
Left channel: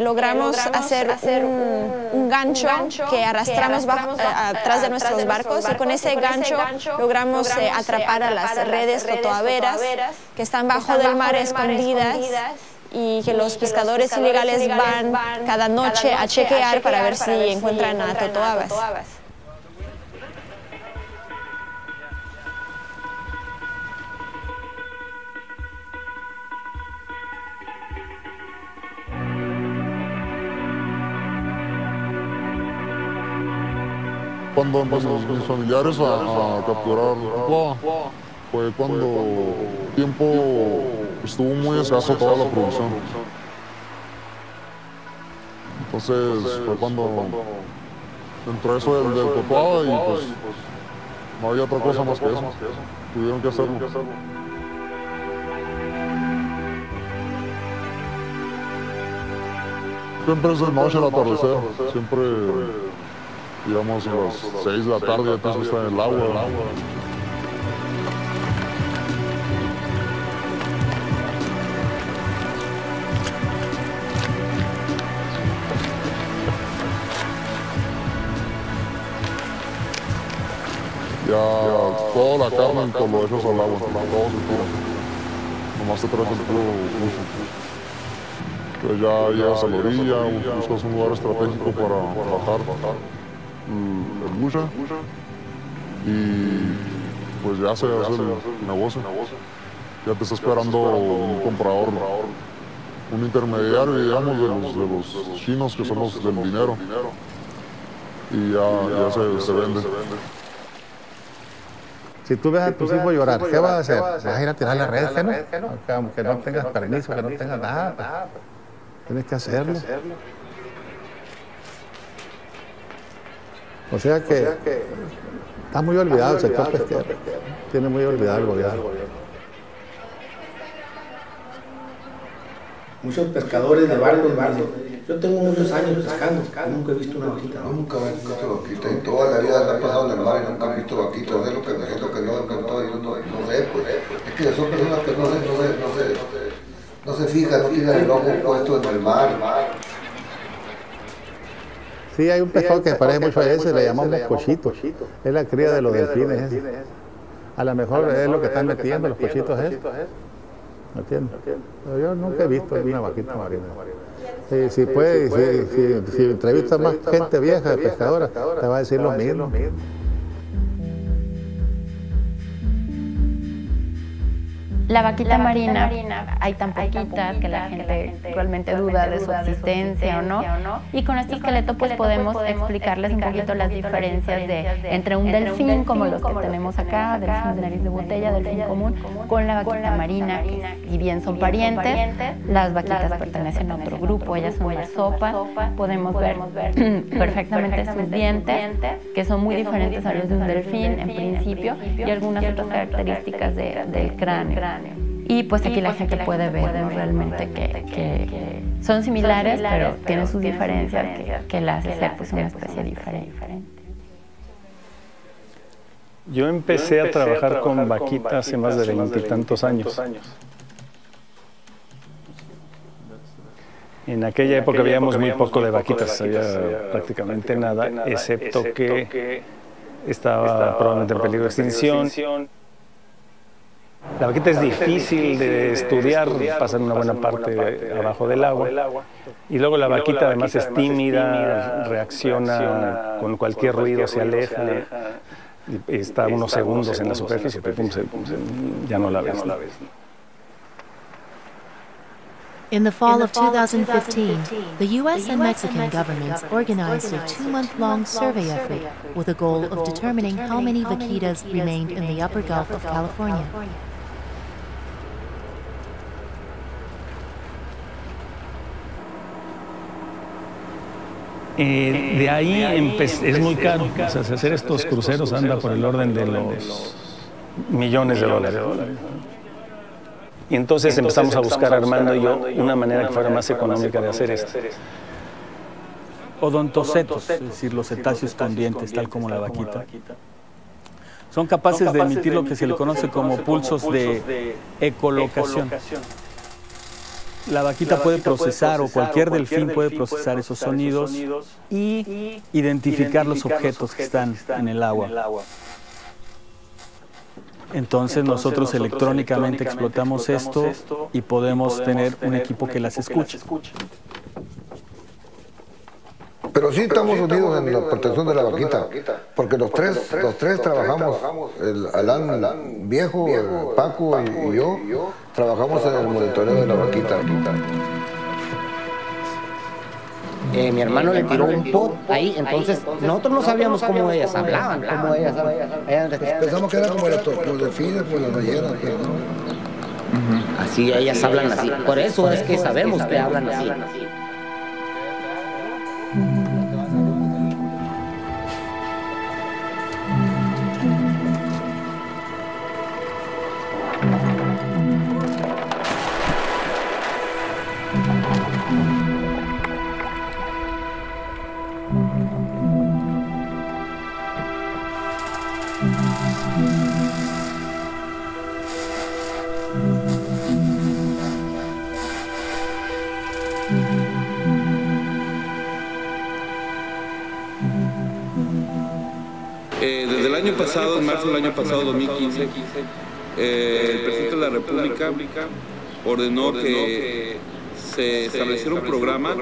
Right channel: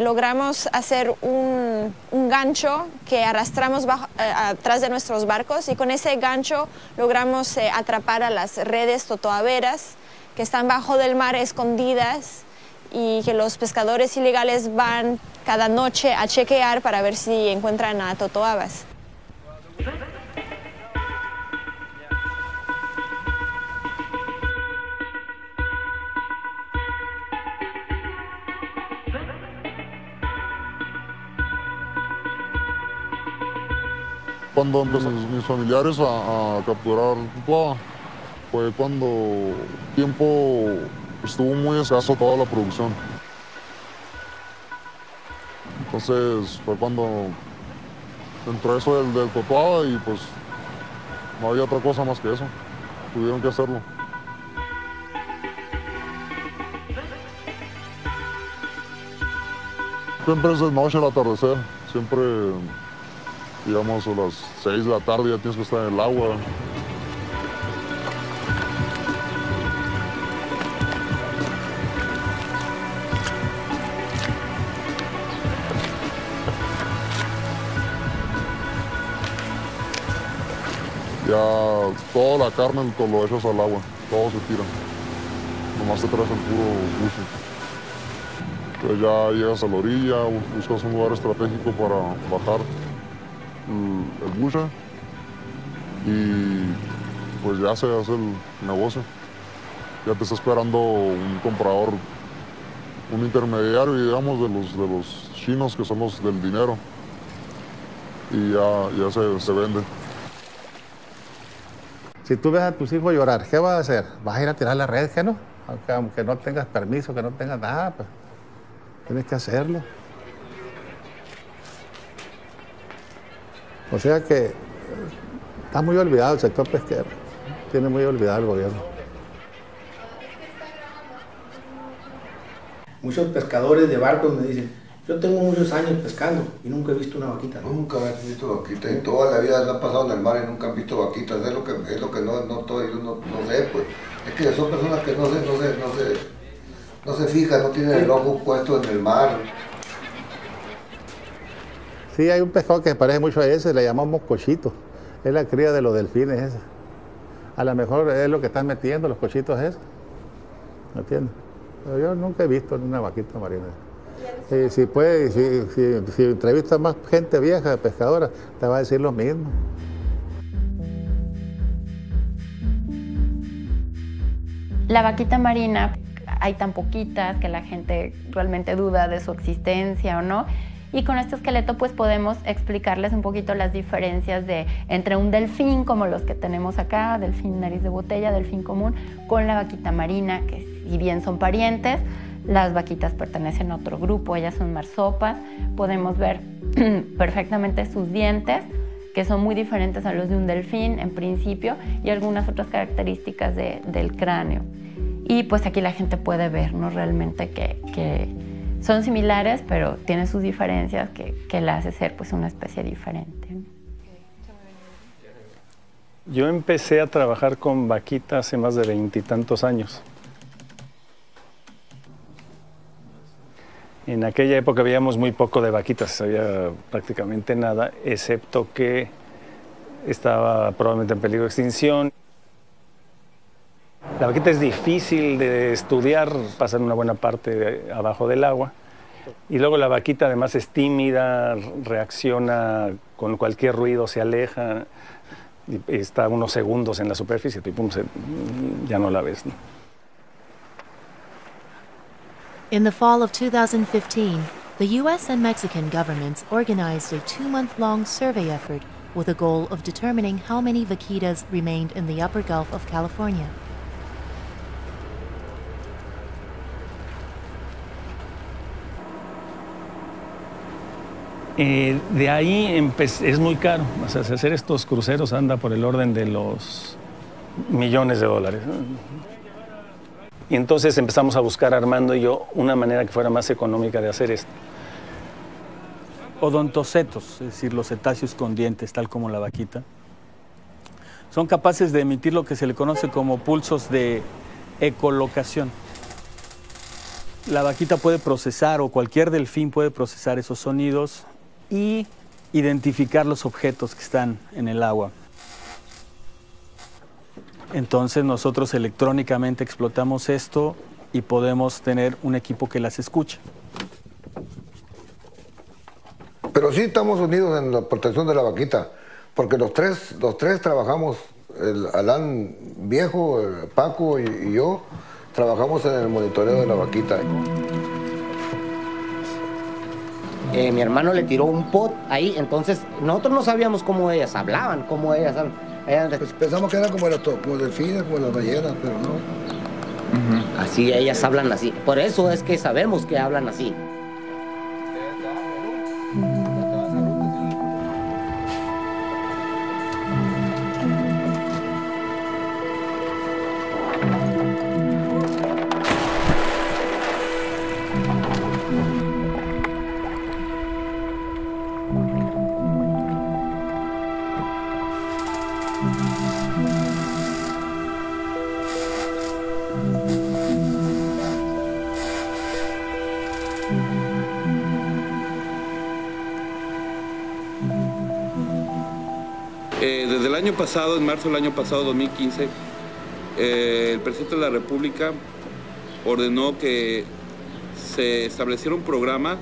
Logramos hacer un gancho que arrastramos atrás de nuestros barcos y con ese gancho logramos atrapar a las redes totoaveras que están bajo del mar escondidas y que los pescadores ilegales van cada noche a chequear para ver si encuentran a totoabas. Cuando empezaron mis familiares a capturar tuaba, fue cuando el tiempo estuvo muy escaso toda la producción. Entonces fue cuando entró eso del totuaba y pues no había otra cosa más que eso. Tuvieron que hacerlo. Siempre es de noche al atardecer. Siempre, digamos, a las 6 de la tarde ya tienes que estar en el agua. Ya toda la carne lo echas al agua, todo se tira. Nomás te traes el puro buche. Entonces ya llegas a la orilla, buscas un lugar estratégico para bajar el buche y pues ya se hace el negocio. Ya te está esperando un comprador, un intermediario, digamos, de los chinos que son los del dinero y ya se vende. Si tú ves a tus hijos llorar, ¿qué vas a hacer? ¿Vas a ir a tirar la red, no? Aunque no tengas permiso, que no tengas nada, pues tienes que hacerlo. O sea que está muy olvidado el sector pesquero. Tiene muy olvidado el gobierno. Muchos pescadores de barcos me dicen, yo tengo muchos años pescando y nunca he visto una vaquita. Nunca he visto vaquitas. En toda la vida han pasado en el mar y nunca han visto vaquitas. Es lo que no sé, pues. Es que son personas que no se fijan, no tienen el ojo puesto en el mar. Sí, hay un pescado que se parece mucho a ese, le llamamos cochito. Es la cría de los delfines ese. A lo mejor es lo que están metiendo los cochitos esos. ¿Me entiendes? Pero yo nunca he visto una vaquita marina. Si entrevistas más gente vieja de pescadora, te va a decir lo mismo. La vaquita marina, hay tan poquitas que la gente realmente duda de su existencia o no. Y con este esqueleto pues podemos explicarles un poquito las diferencias entre un delfín como los que tenemos acá, delfín nariz de botella, delfín común, con la vaquita marina, que si bien son parientes, las vaquitas pertenecen a otro grupo, ellas son marsopas. Podemos ver perfectamente sus dientes, que son muy diferentes a los de un delfín en principio, y algunas otras características del cráneo. Y pues aquí la gente puede ver, ¿no? Realmente que son similares, pero tienen sus diferencias que la hace ser pues una especie diferente. Yo empecé a trabajar con vaquita hace más de 20 y tantos años. En aquella época veíamos muy poco de vaquitas, había prácticamente nada, excepto que estaba probablemente en peligro de extinción. La vaquita es difícil de estudiar, pasan una buena parte abajo del agua. Y luego la vaquita además es tímida, reacciona con cualquier ruido, se aleja, y está unos segundos en la superficie, y pum, ya no la ves, ¿no? In the fall of 2015, the U.S. and Mexican governments organized a 2-month-long survey effort with a goal of determining how many vaquitas remained in the upper Gulf of California. De ahí es muy caro. O sea, hacer estos cruceros anda por el orden de los millones de dólares, ¿no? Y entonces empezamos a buscar, Armando y yo, una manera que fuera más económica de hacer esto. Odontocetos, es decir, los cetáceos con dientes, tal como la vaquita, son capaces de emitir lo que se le conoce como pulsos de ecolocación. La vaquita puede procesar, o cualquier delfín puede procesar esos sonidos y identificar los objetos que están en el agua. Entonces nosotros electrónicamente explotamos esto y podemos tener un equipo que las escuche. Pero sí estamos unidos en la protección de la vaquita, porque los tres trabajamos, el Alán viejo, el Paco y yo, trabajamos en el monitoreo de la vaquita. Mi hermano le tiró un pot ahí, entonces nosotros no sabíamos cómo ellas hablaban, Pensamos que eran como los delfines, como las ballenas, pero no. Así, ellas hablan así. Por eso es que sabemos que hablan así. Desde el año pasado, en marzo del año pasado, 2015, el presidente de la República ordenó que se estableciera un programa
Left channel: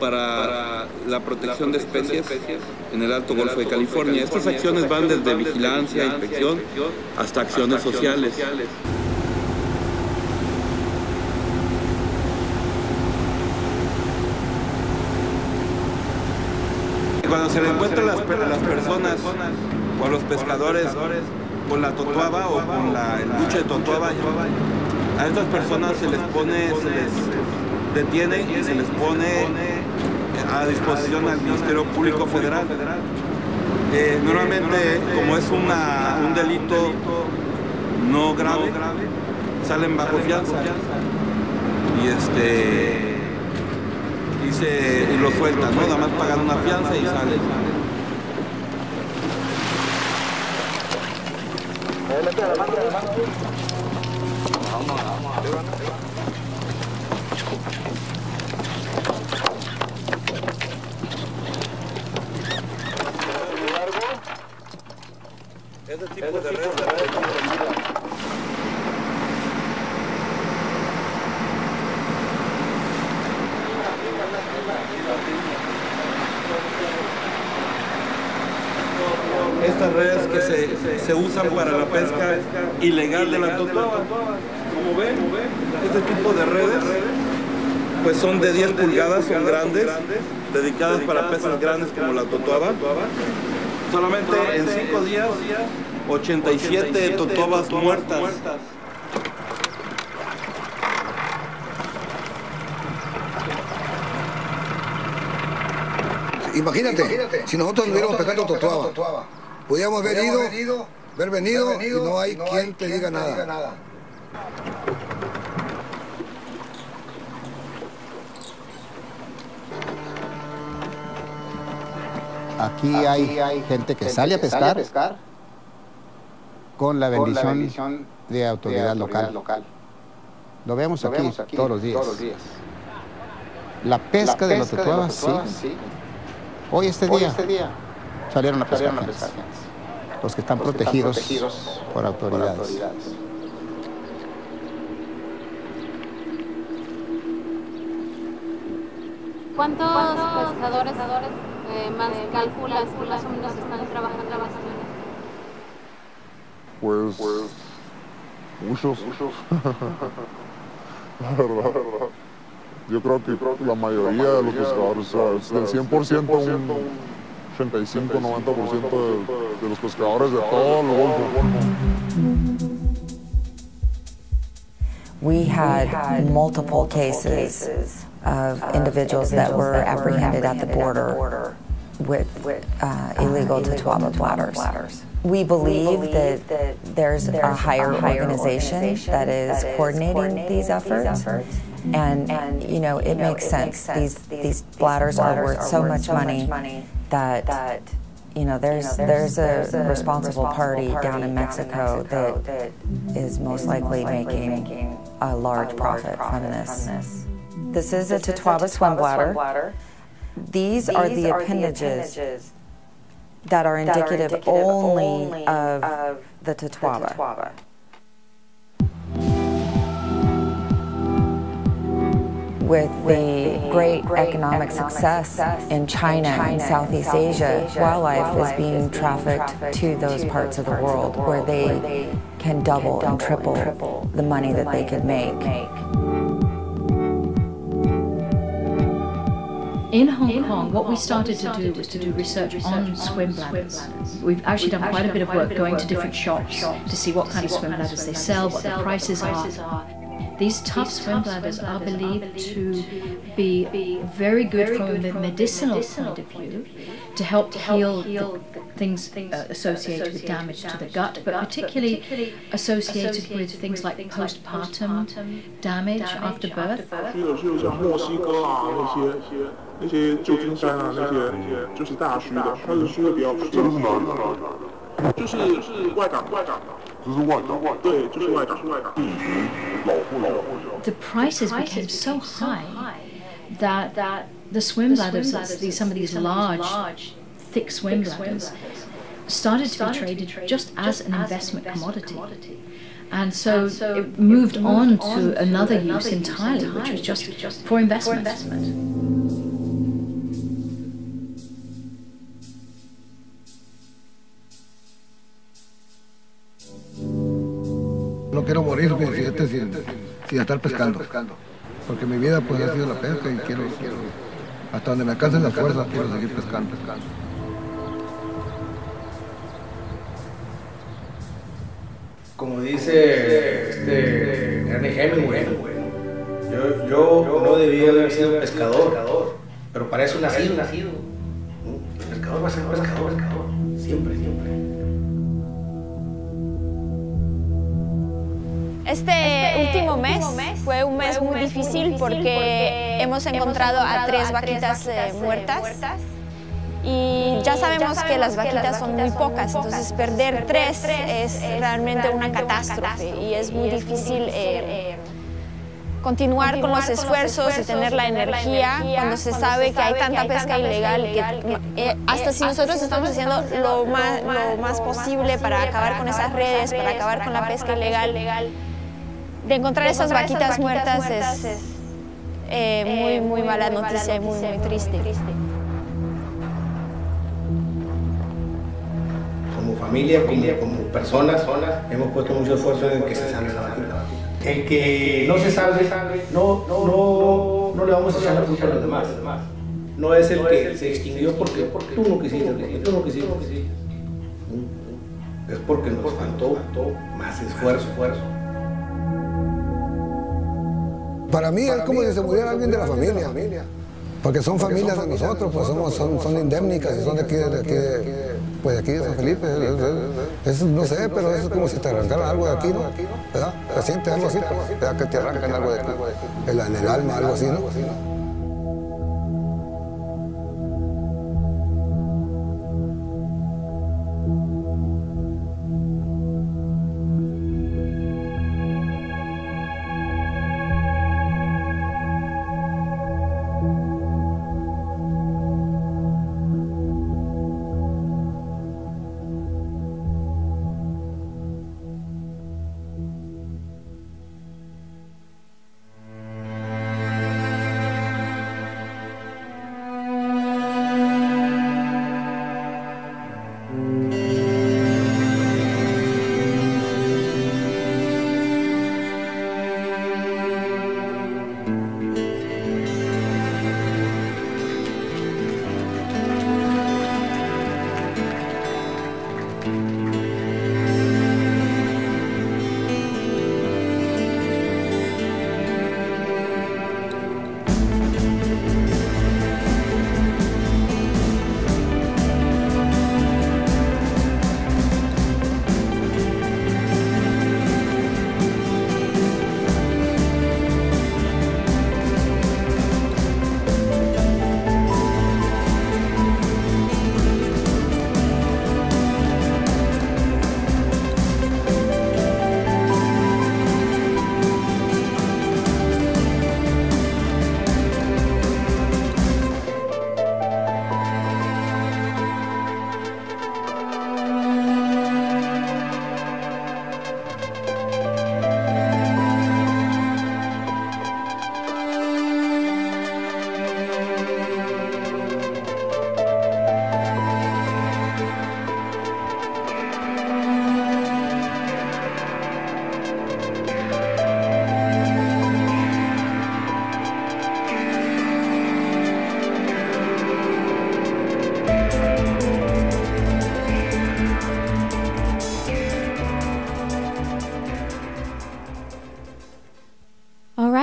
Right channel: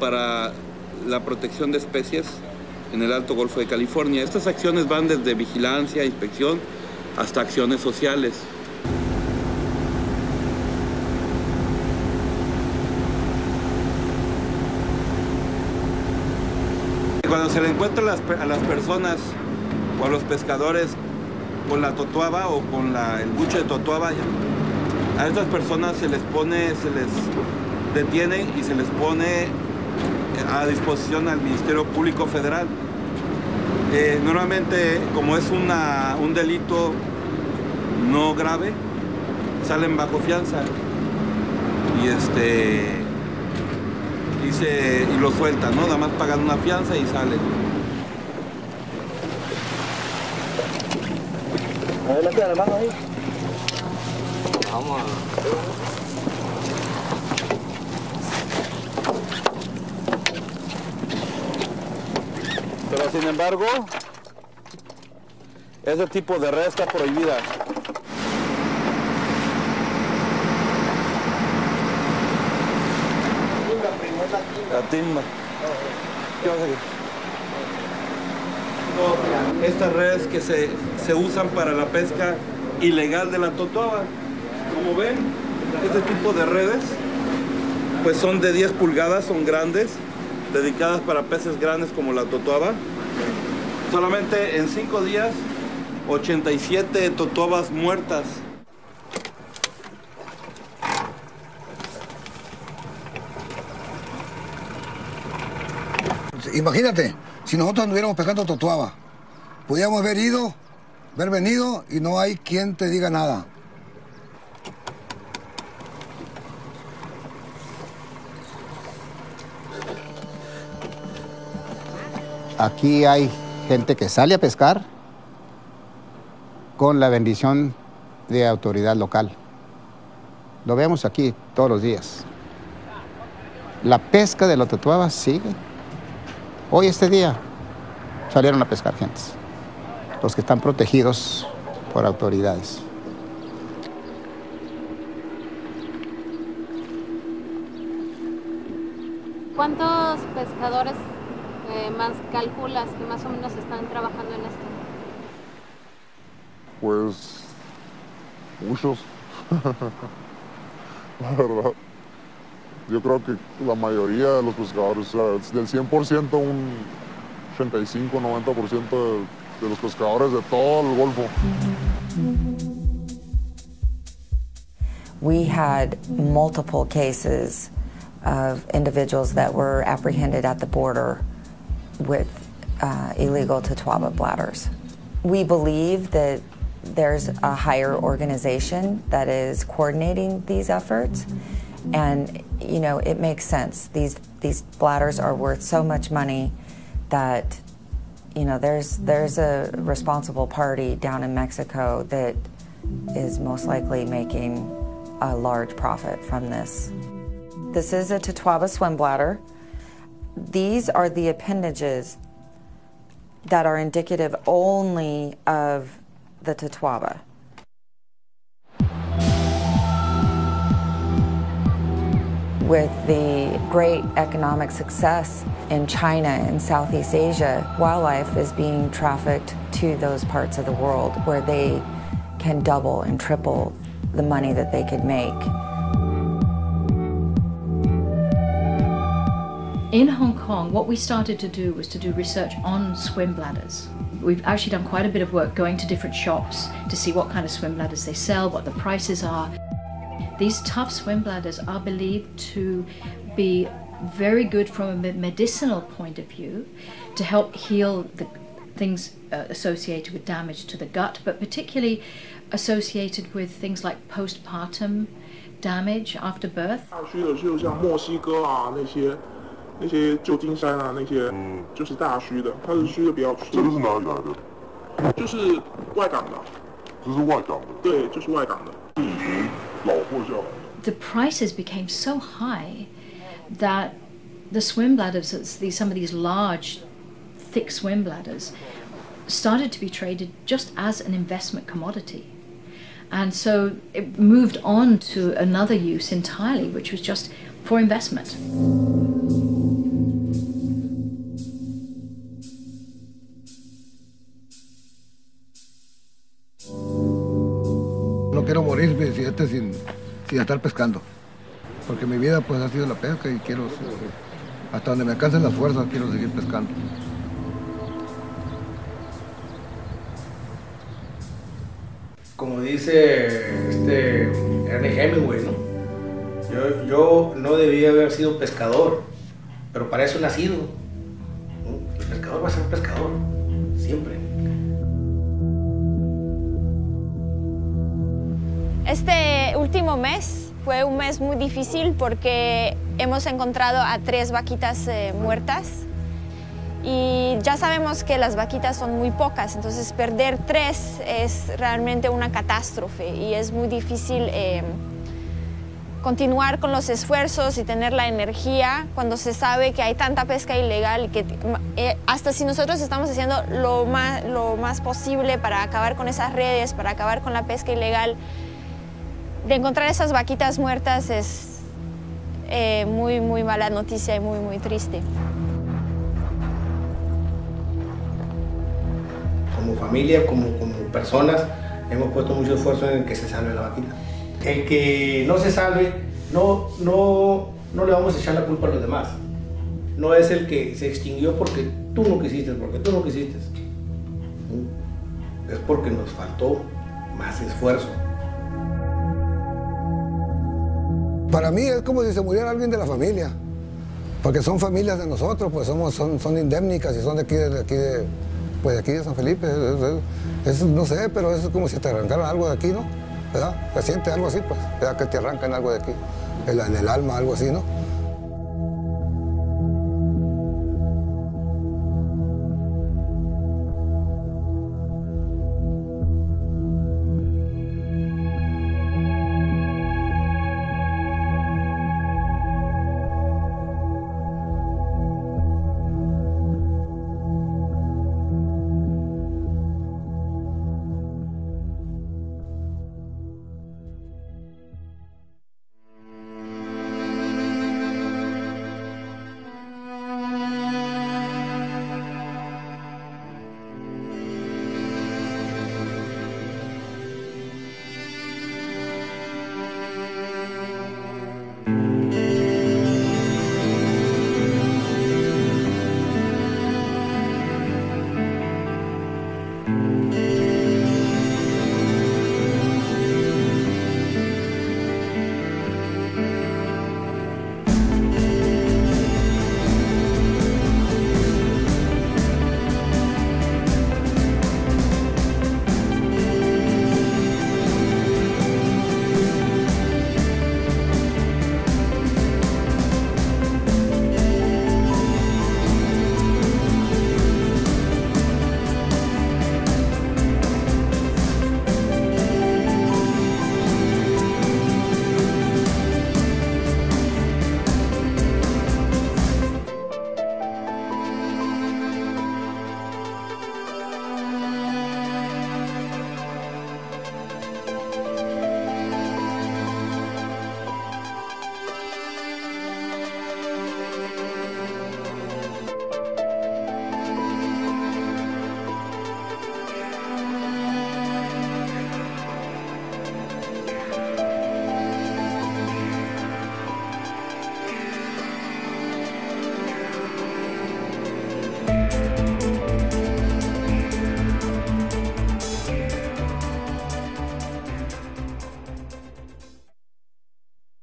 para la protección de especies en el Alto Golfo de California. Estas acciones van desde vigilancia, inspección, hasta acciones sociales. Cuando se le encuentra a las personas o a los pescadores con la totuaba o con el buche de totuaba, a estas personas se les detiene y se les pone a disposición al Ministerio Público Federal. Normalmente, como es un delito no grave, salen bajo fianza y lo sueltan, ¿no? Nada más pagan una fianza y salen. Pero sin embargo, ese tipo de red está prohibida. Estas redes que se usan para la pesca ilegal de la totuaba. Como ven, este tipo de redes pues son de 10 pulgadas, son grandes, dedicadas para peces grandes como la totuaba. Solamente en 5 días, 87 totuabas muertas. Imagínate, si nosotros anduviéramos pescando totuaba, podíamos haber venido y no hay quien te diga nada. Aquí hay gente que sale a pescar con la bendición de autoridad local. Lo vemos aquí todos los días. La pesca de la totuaba sigue. Hoy, este día, salieron a pescar gentes, los que están protegidos por autoridades. ¿Cuántos pescadores más calculas que más o menos están trabajando en esto? Pues muchos, la verdad. Yo creo que la mayoría de los pescadores, o sea, del 100%, un 85-90% de los pescadores de todo el Golfo. We had multiple cases of individuals that were apprehended at the border with illegal totuaba bladders. We believe that there's a higher organization that is coordinating these efforts. And, you know, it makes sense. These bladders are worth so much money that, you know, there's a responsible party down in Mexico that is most likely making a large profit from this. This is a totuaba swim bladder. These are the appendages that are indicative only of the totuaba. With the great economic success in China and Southeast Asia, wildlife is being trafficked to those parts of the world where they can double and triple the money that they could make. In Hong Kong, what we started to do was to do research on swim bladders. We've actually done quite a bit of work going to different shops to see what kind of swim bladders they sell, what the prices are. These tough swim bladders are believed to be very good from a medicinal point of view to help heal the things associated with damage to the gut, but particularly associated with things like postpartum damage after birth. 那些旧金山啊，那些就是大须的，它是须的比较。这个是哪里来的？就是外港的。这是外港。对，就是外港。是以前老货叫。The prices became so high that the swim bladders, some of these large, thick swim bladders, started to be traded just as an investment commodity. And so it moved on to another use entirely, which was just for investment. No quiero morir sin estar pescando, porque mi vida pues ha sido la pesca y quiero, hasta donde me alcancen las fuerzas, quiero seguir pescando. Como dice Ernest Hemingway, yo no debía haber sido pescador, pero para eso he nacido. El pescador va a ser pescador, siempre. Este último mes fue un mes muy difícil porque hemos encontrado a 3 vaquitas muertas y ya sabemos que las vaquitas son muy pocas, entonces perder 3 es realmente una catástrofe y es muy difícil continuar con los esfuerzos y tener la energía cuando se sabe que hay tanta pesca ilegal y que hasta si nosotros estamos haciendo lo más posible para acabar con esas redes, para acabar con la pesca ilegal, de encontrar esas vaquitas muertas es muy mala noticia y muy triste. Como familia, como personas, hemos puesto mucho esfuerzo en que se salve la vaquita. El que no se salve, no le vamos a echar la culpa a los demás. No es el que se extinguió porque tú no quisiste, Es porque nos faltó más esfuerzo. Para mí es como si se muriera alguien de la familia, porque son familias de nosotros, pues son indemnicas y son de aquí de San Felipe. No sé, pero es como si te arrancaran algo de aquí, ¿no? ¿Verdad? Se siente algo así, pues, ¿verdad? Que te arrancan algo de aquí, en el alma, algo así, ¿no?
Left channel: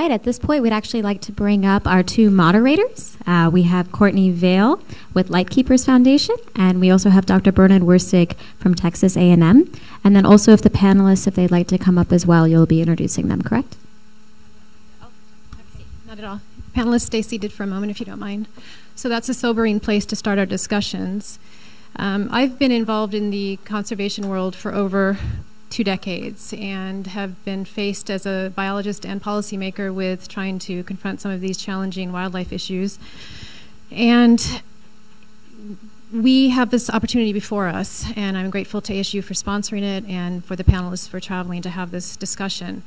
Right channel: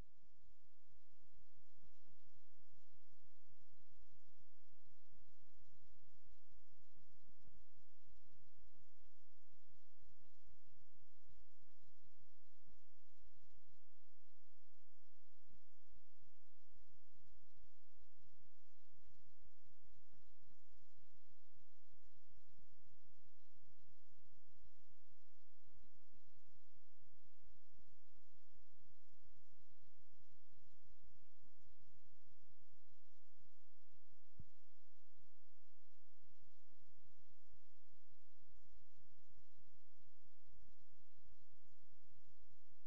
right, at this point, we'd actually like to bring up our two moderators. We have Courtney Vale with Lightkeepers Foundation, and we also have Dr. Bernard Wurstig from Texas A&M. And then also, if the panelists, if they'd like to come up as well, you'll be introducing them, correct? Not at all. Panelist, stay seated for a moment, if you don't mind. So that's a sobering place to start our discussions. I've been involved in the conservation world for over 2 decades and have been faced as a biologist and policymaker with trying to confront some of these challenging wildlife issues. And we have this opportunity before us, and I'm grateful to ASU for sponsoring it and for the panelists for traveling to have this discussion.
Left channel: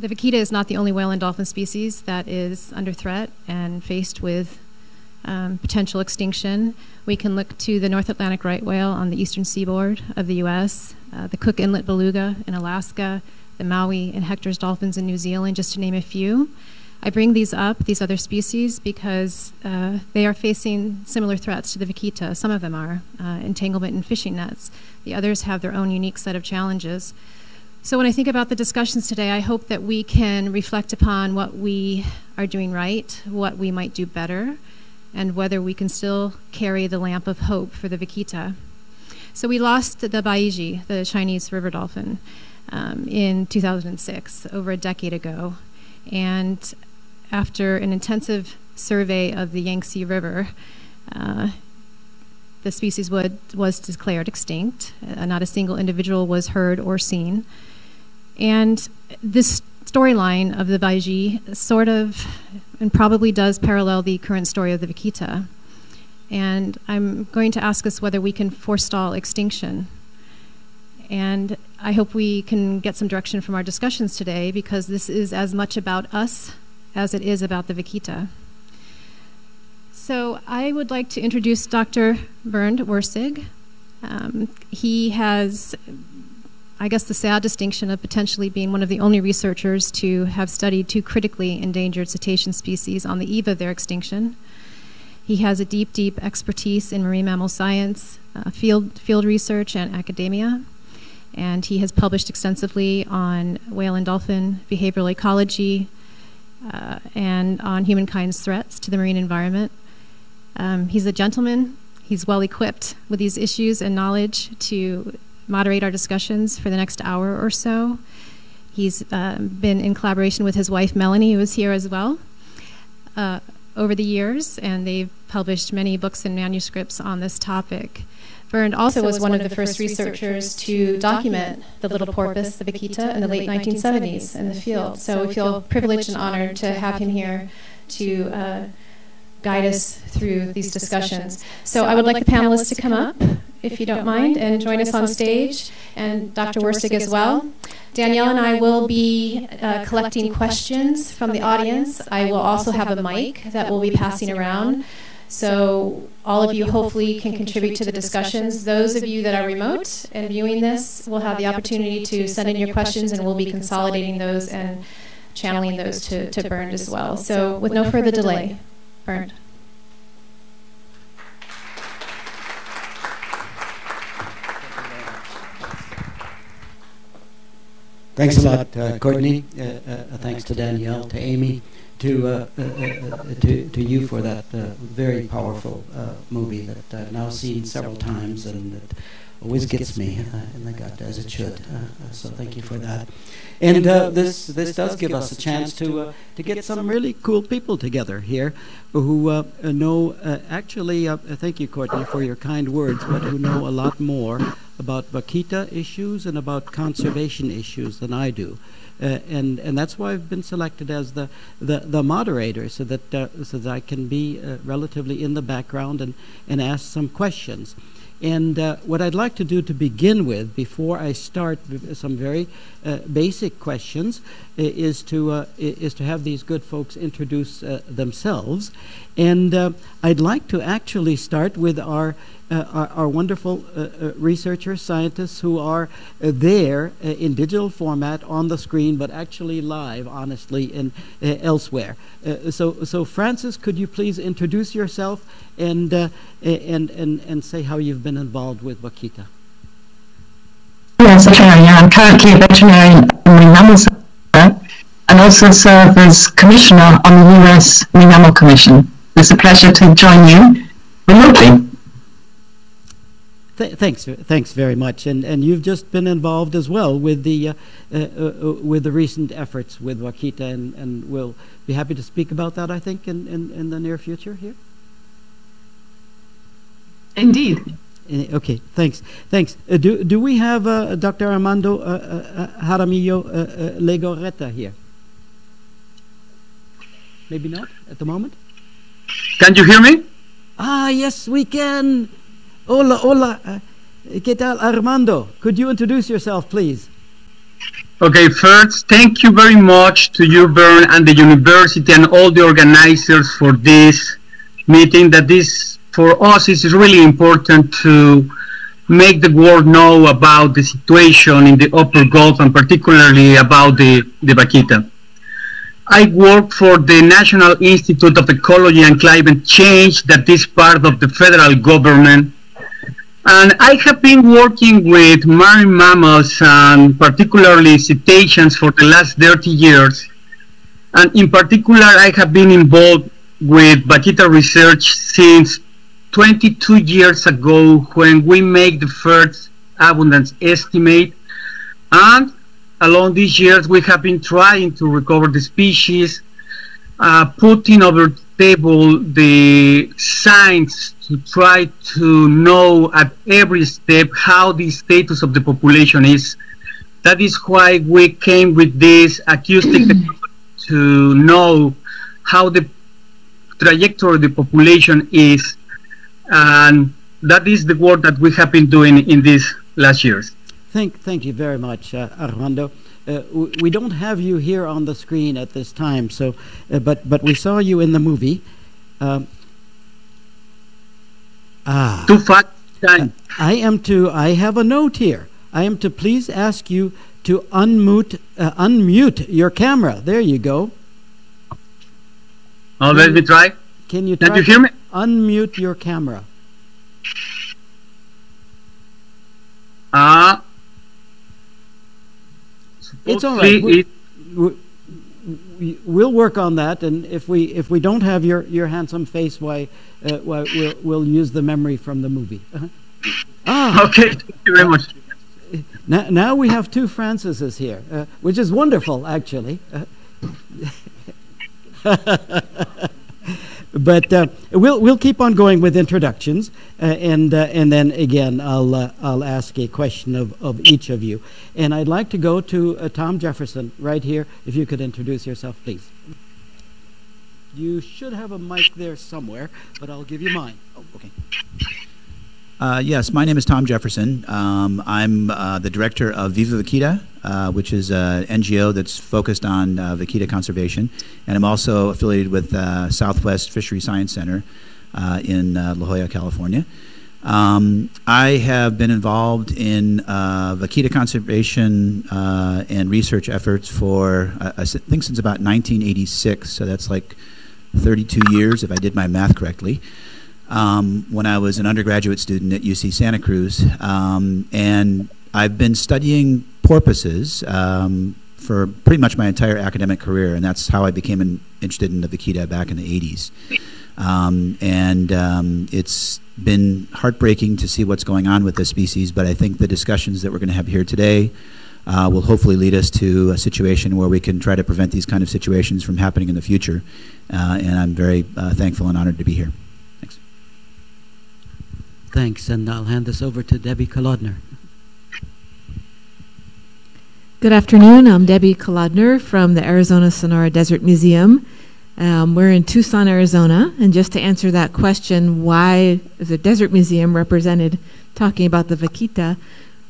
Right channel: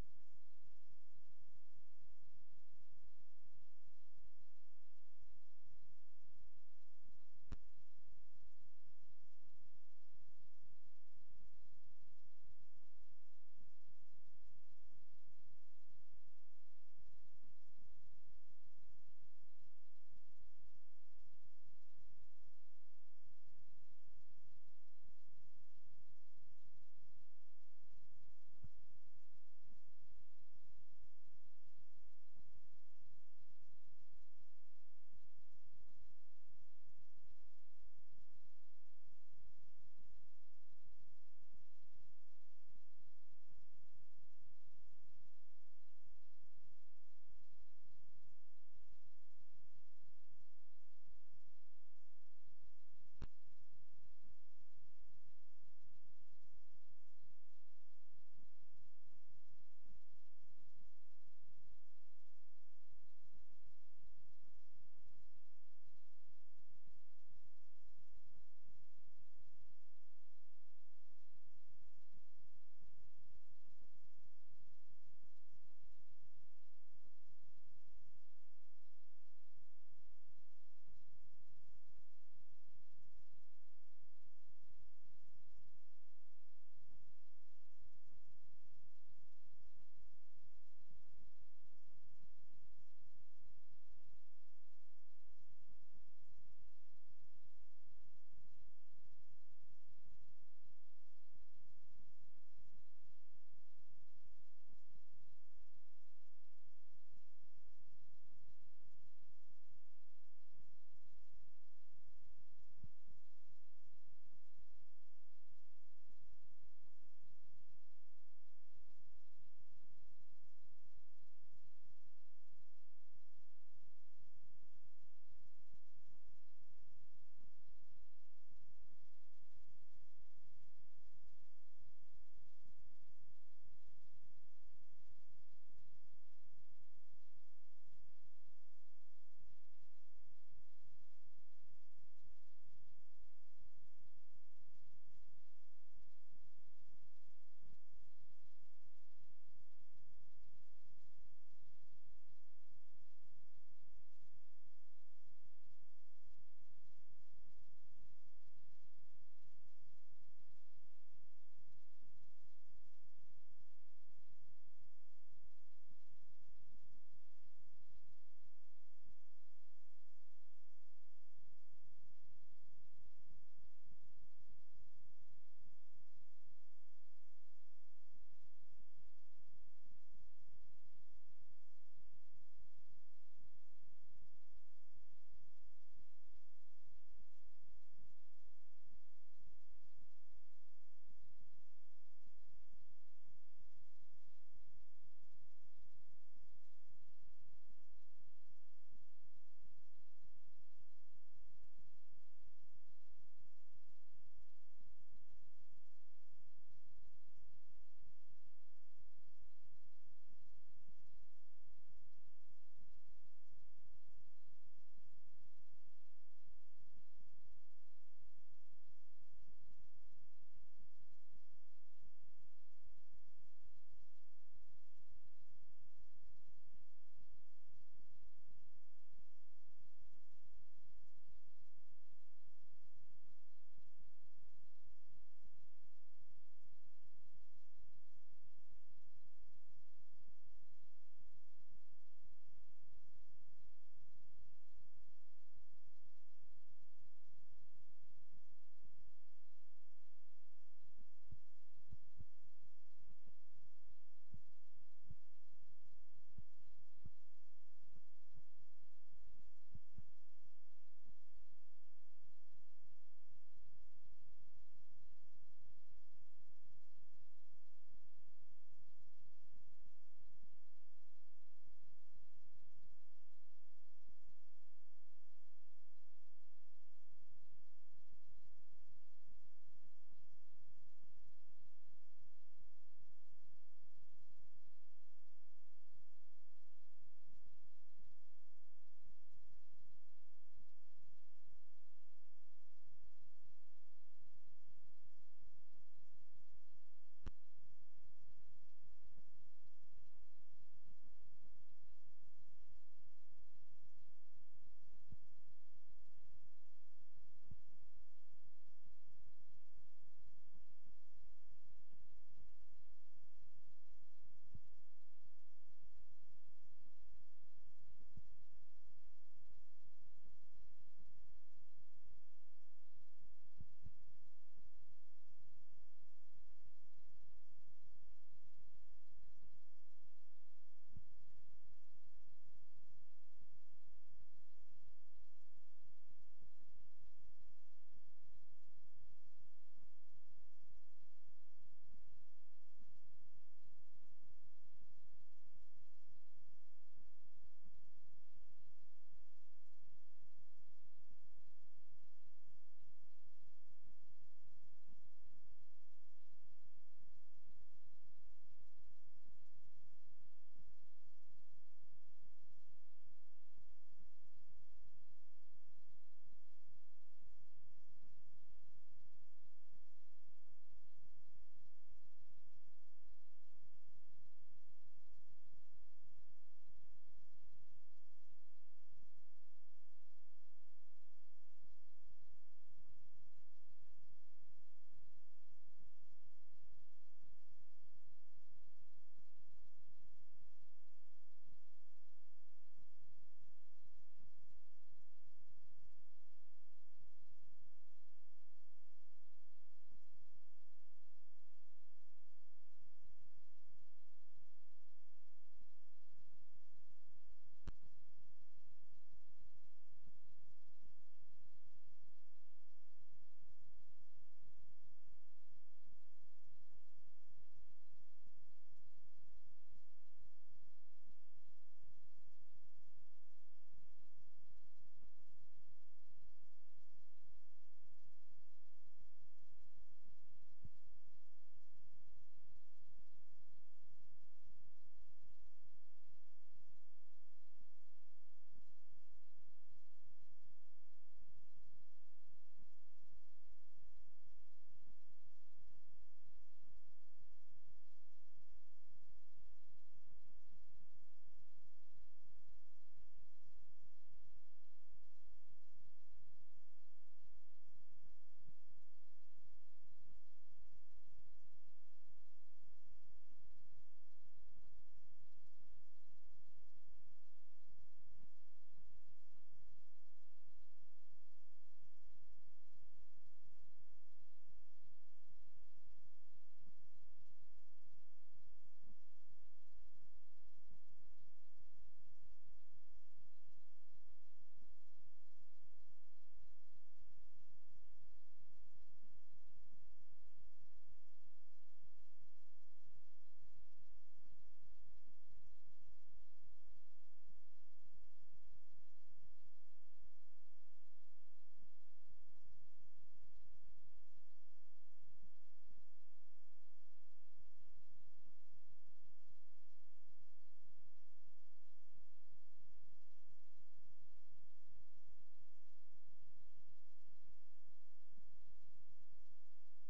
The vaquita is not the only whale and dolphin species that is under threat and faced with potential extinction. We can look to the North Atlantic right whale on the eastern seaboard of the U.S., the Cook Inlet beluga in Alaska, the Maui and Hector's dolphins in New Zealand, just to name a few. I bring these up, these other species, because they are facing similar threats to the vaquita. Some of them are entanglement in fishing nets. The others have their own unique set of challenges. So when I think about the discussions today, I hope that we can reflect upon what we are doing right, what we might do better, and whether we can still carry the lamp of hope for the vaquita. So we lost the baiji, the Chinese river dolphin, in 2006, over a decade ago. And after an intensive survey of the Yangtze River, the species was declared extinct. Not a single individual was heard or seen. And this storyline of the baiji sort of, and probably does parallel the current story of the vaquita. And I'm going to ask us whether we can forestall extinction. And I hope we can get some direction from our discussions today, because this is as much about us as it is about the vaquita. So I would like to introduce Dr. Bernd Wurstig. He has, I guess, the sad distinction of potentially being one of the only researchers to have studied 2 critically endangered cetacean species on the eve of their extinction. He has a deep, deep expertise in marine mammal science, field research, and academia. And he has published extensively on whale and dolphin behavioral ecology and on humankind's threats to the marine environment. He's a gentleman. He's well equipped with these issues and knowledge to moderate our discussions for the next hour or so. He's been in collaboration with his wife, Melanie, who is here as well, over the years, and they've published many books and manuscripts on this topic. Bernd also was one of the first researchers to document the little porpoise, the vaquita, in the late 1970s in the field. So we feel privileged and honored to have him here to guide us through these discussions. So I would like the panelists to come up, if you don't mind, and join us on stage, and Dr. Wurstig as well. Danielle and I will be collecting questions from the audience. I will also have a mic that we'll be passing around. So all of you hopefully can contribute to the discussions. Those of you that are remote and viewing this will have the opportunity to send in your questions, and we'll be consolidating those and channeling those to Bernd as well. So with no further delay, Bernd. Thanks a lot, Courtney. Thanks to Danielle, to Amy, to you for that very powerful movie that I've now seen several times, and it always gets me in the gut, as it should. So thank you for that. And this does give us a chance to get some really cool people together here who know, actually, thank you, Courtney, for your kind words, but who know a lot more about vaquita issues and about conservation issues than I do. And that's why I've been selected as the moderator, so that I can be relatively in the background and ask some questions. And what I'd like to do to begin with, before I start some very basic questions, is to have these good folks introduce themselves. And I'd like to actually start with our wonderful researchers, scientists who are there in digital format on the screen, but actually live, honestly, elsewhere. So Francis, could you please introduce yourself and say how you've been involved with vaquita? Yes, okay. I'm currently a veterinarian in the mammal sector. and also serve as Commissioner on the US Marine Mammal Commission. It's a pleasure to join you remotely. Thanks very much. And you've just been involved as well with the recent efforts with Vaquita, and we'll be happy to speak about that, I think, in the near future here. Indeed. Okay, thanks. Do we have Dr. Armando Jaramillo Legorreta here? Maybe not at the moment. Can you hear me? Yes, we can. Hola. ¿Qué tal, Armando? Could you introduce yourself, please? Okay, first, thank you very much to you, Bern, and the university and all the organizers for this meeting. That this, for us, is really important to make the world know about the situation in the Upper Gulf, and particularly about the vaquita. I work for the National Institute of Ecology and Climate Change, that is part of the federal government. And I have been working with marine mammals and particularly cetaceans for the last 30 years. And in particular, I have been involved with vaquita research since 22 years ago, when we made the first abundance estimate. And along these years, we have been trying to recover the species, putting over the table the science to try to know at every step how the status of the population is. That is why we came with this acoustic to know how the trajectory of the population is. And that is the work that we have been doing in these last years. Thank you very much, Armando. We don't have you here on the screen at this time, so but we saw you in the movie. Too fast time. I have a note here. I am to please ask you to unmute your camera. There you go. Oh, let me try. Can you hear me? Unmute your camera. It's all right. We'll work on that, and if we don't have your handsome face, why we'll use the memory from the movie. Okay, thank you very much. Now we have two Francises here, which is wonderful, actually. But we'll keep on going with introductions, and then again I'll ask a question of each of you, and I'd like to go to Tom Jefferson right here. If you could introduce yourself, please. You should have a mic there somewhere, but I'll give you mine. Oh, okay. Yes, my name is Tom Jefferson. I'm the director of Viva Vaquita, which is an NGO that's focused on vaquita conservation. And I'm also affiliated with Southwest Fishery Science Center in La Jolla, California. I have been involved in vaquita conservation and research efforts for, I think, since about 1986. So that's like 32 years, if I did my math correctly. When I was an undergraduate student at UC Santa Cruz. And I've been studying porpoises for pretty much my entire academic career, and that's how I became interested in the vaquita back in the 80s. It's been heartbreaking to see what's going on with this species, but I think the discussions that we're going to have here today will hopefully lead us to a situation where we can try to prevent these kind of situations from happening in the future. And I'm very thankful and honored to be here. Thanks, and I'll hand this over to Debbie Kolodner. Good afternoon. I'm Debbie Kolodner from the Arizona Sonora Desert Museum. We're in Tucson, Arizona, and just to answer that question, why is a desert museum represented talking about the vaquita,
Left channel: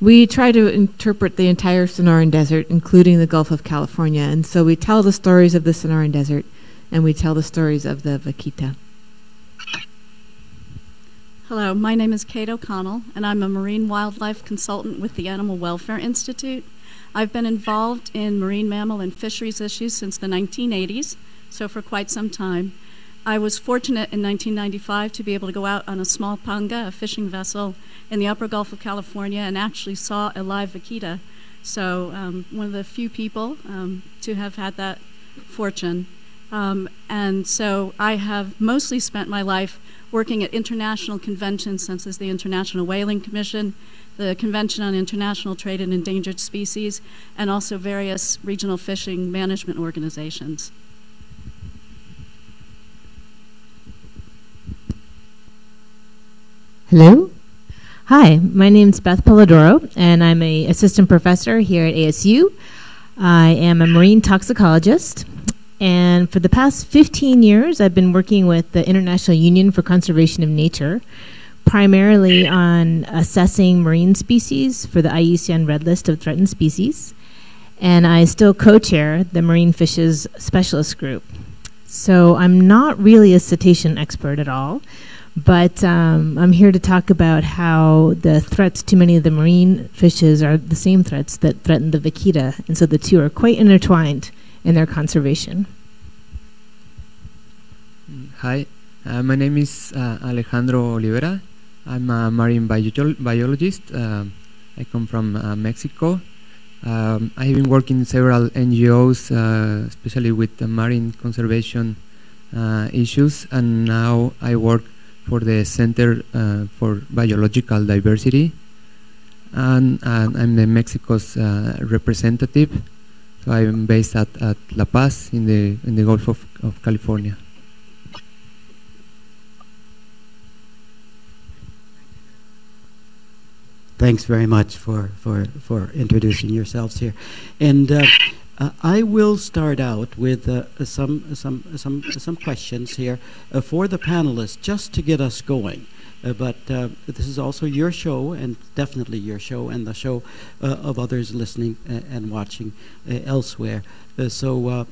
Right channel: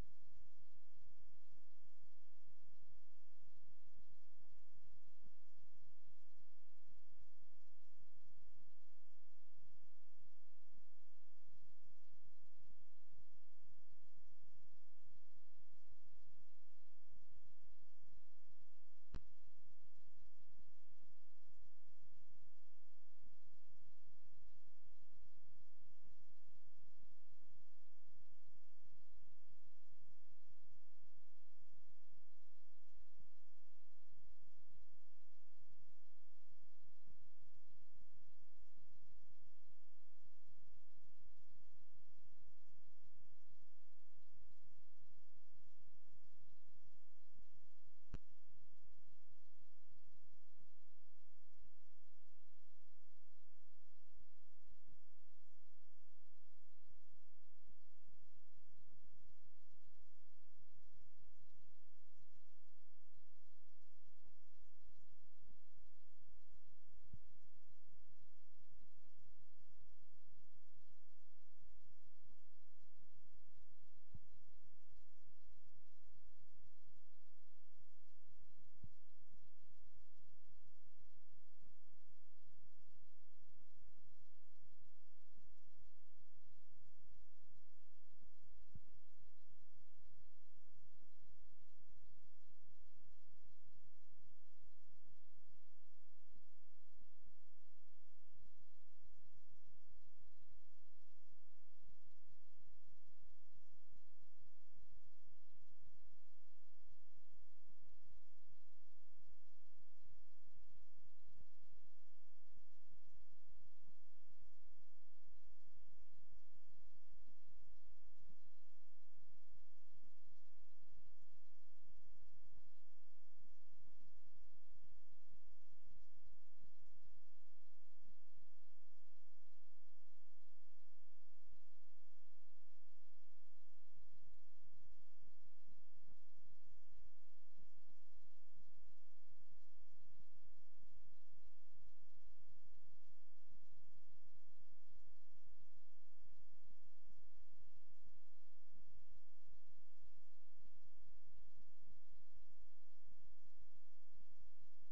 we try to interpret the entire Sonoran Desert, including the Gulf of California, and so we tell the stories of the Sonoran Desert, and we tell the stories of the vaquita. Hello, my name is Kate O'Connell, and I'm a marine wildlife consultant with the Animal Welfare Institute. I've been involved in marine mammal and fisheries issues since the 1980s, so for quite some time. I was fortunate in 1995 to be able to go out on a small panga, a fishing vessel, in the upper Gulf of California and actually saw a live vaquita. So one of the few people to have had that fortune. And so I have mostly spent my life working at international conventions, such as the International Whaling Commission, the Convention on International Trade in Endangered Species, and also various regional fishing management organizations. Hello. Hi, my name is Beth Polidoro, and I'm an assistant professor here at ASU. I am a marine toxicologist, and for the past 15 years, I've been working with the International Union for Conservation of Nature, primarily on assessing marine species for the IUCN Red List of Threatened Species, and I still co-chair the Marine Fishes Specialist Group. So I'm not really a cetacean expert at all, but I'm here to talk about how the threats to many of the marine fishes are the same threats that threaten the vaquita, and so the two are quite intertwined in their conservation. Hi, my name is Alejandro Olivera. I'm a marine biologist. I come from Mexico. I have been working in several NGOs, especially with the marine conservation issues, and now I work for the Center for Biological Diversity, and I'm the Mexico's representative. So I'm based at La Paz in the Gulf of California. Thanks very much for introducing yourselves here, and I will start out with some questions here for the panelists, just to get us going. But this is also your show, and definitely your show, and the show of others listening and watching elsewhere. So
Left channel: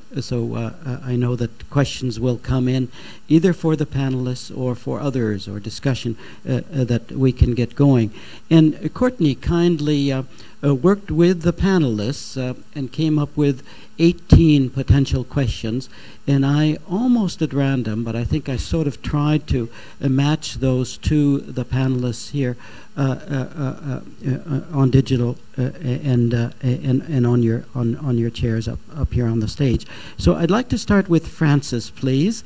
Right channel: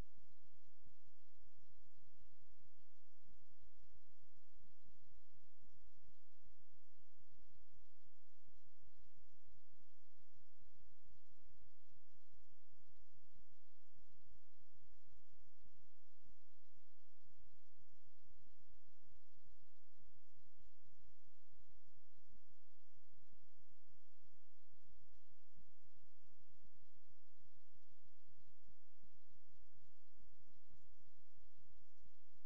I know that questions will come in either for the panelists or for others, or discussion that we can get going. And Courtney kindly worked with the panelists and came up with 18 potential questions, and I almost at random, but I think I sort of tried to match those to the panelists here on digital and on your chairs up here on the stage. So I'd like to start with Francis, please.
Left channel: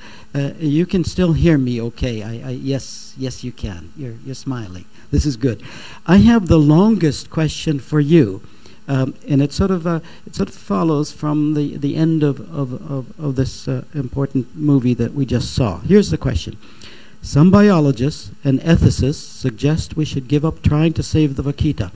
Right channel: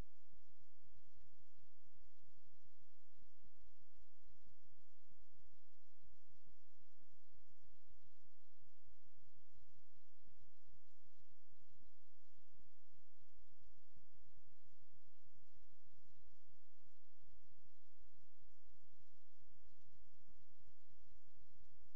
You can still hear me, okay? Yes, you can. You're smiling. This is good. I have the longest question for you, and it sort of follows from the end of this important movie that we just saw. Here's the question. Some biologists and ethicists suggest we should give up trying to save the vaquita,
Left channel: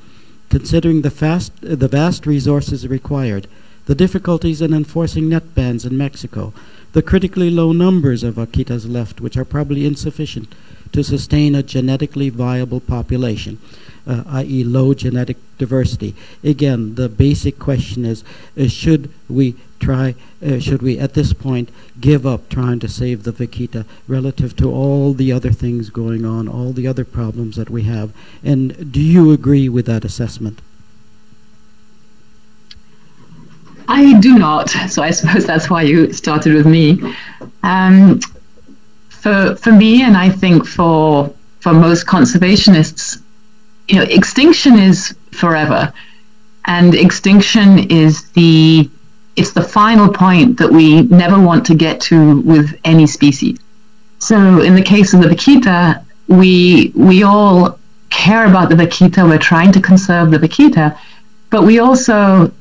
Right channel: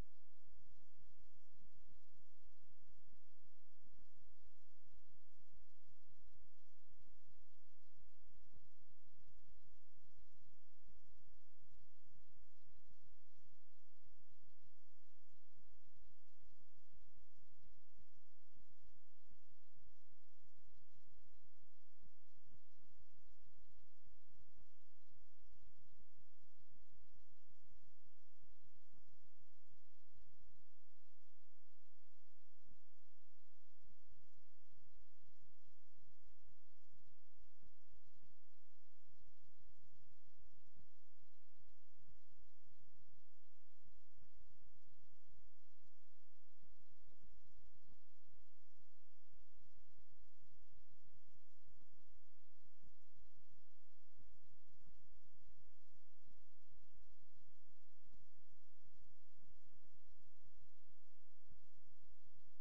considering the vast resources required, the difficulties in enforcing net bans in Mexico, the critically low numbers of vaquitas left, which are probably insufficient to sustain a genetically viable population, i.e. low genetic diversity. Again, the basic question is, should we at this point give up trying to save the vaquita relative to all the other things going on, all the other problems that we have? And do you agree with that assessment? I do not, so I suppose that's why you started with me. For me, and I think for most conservationists, extinction is forever, and extinction is it's the final point that we never want to get to with any species. So in the case of the vaquita, we all care about the vaquita. We're trying to conserve the vaquita, but we also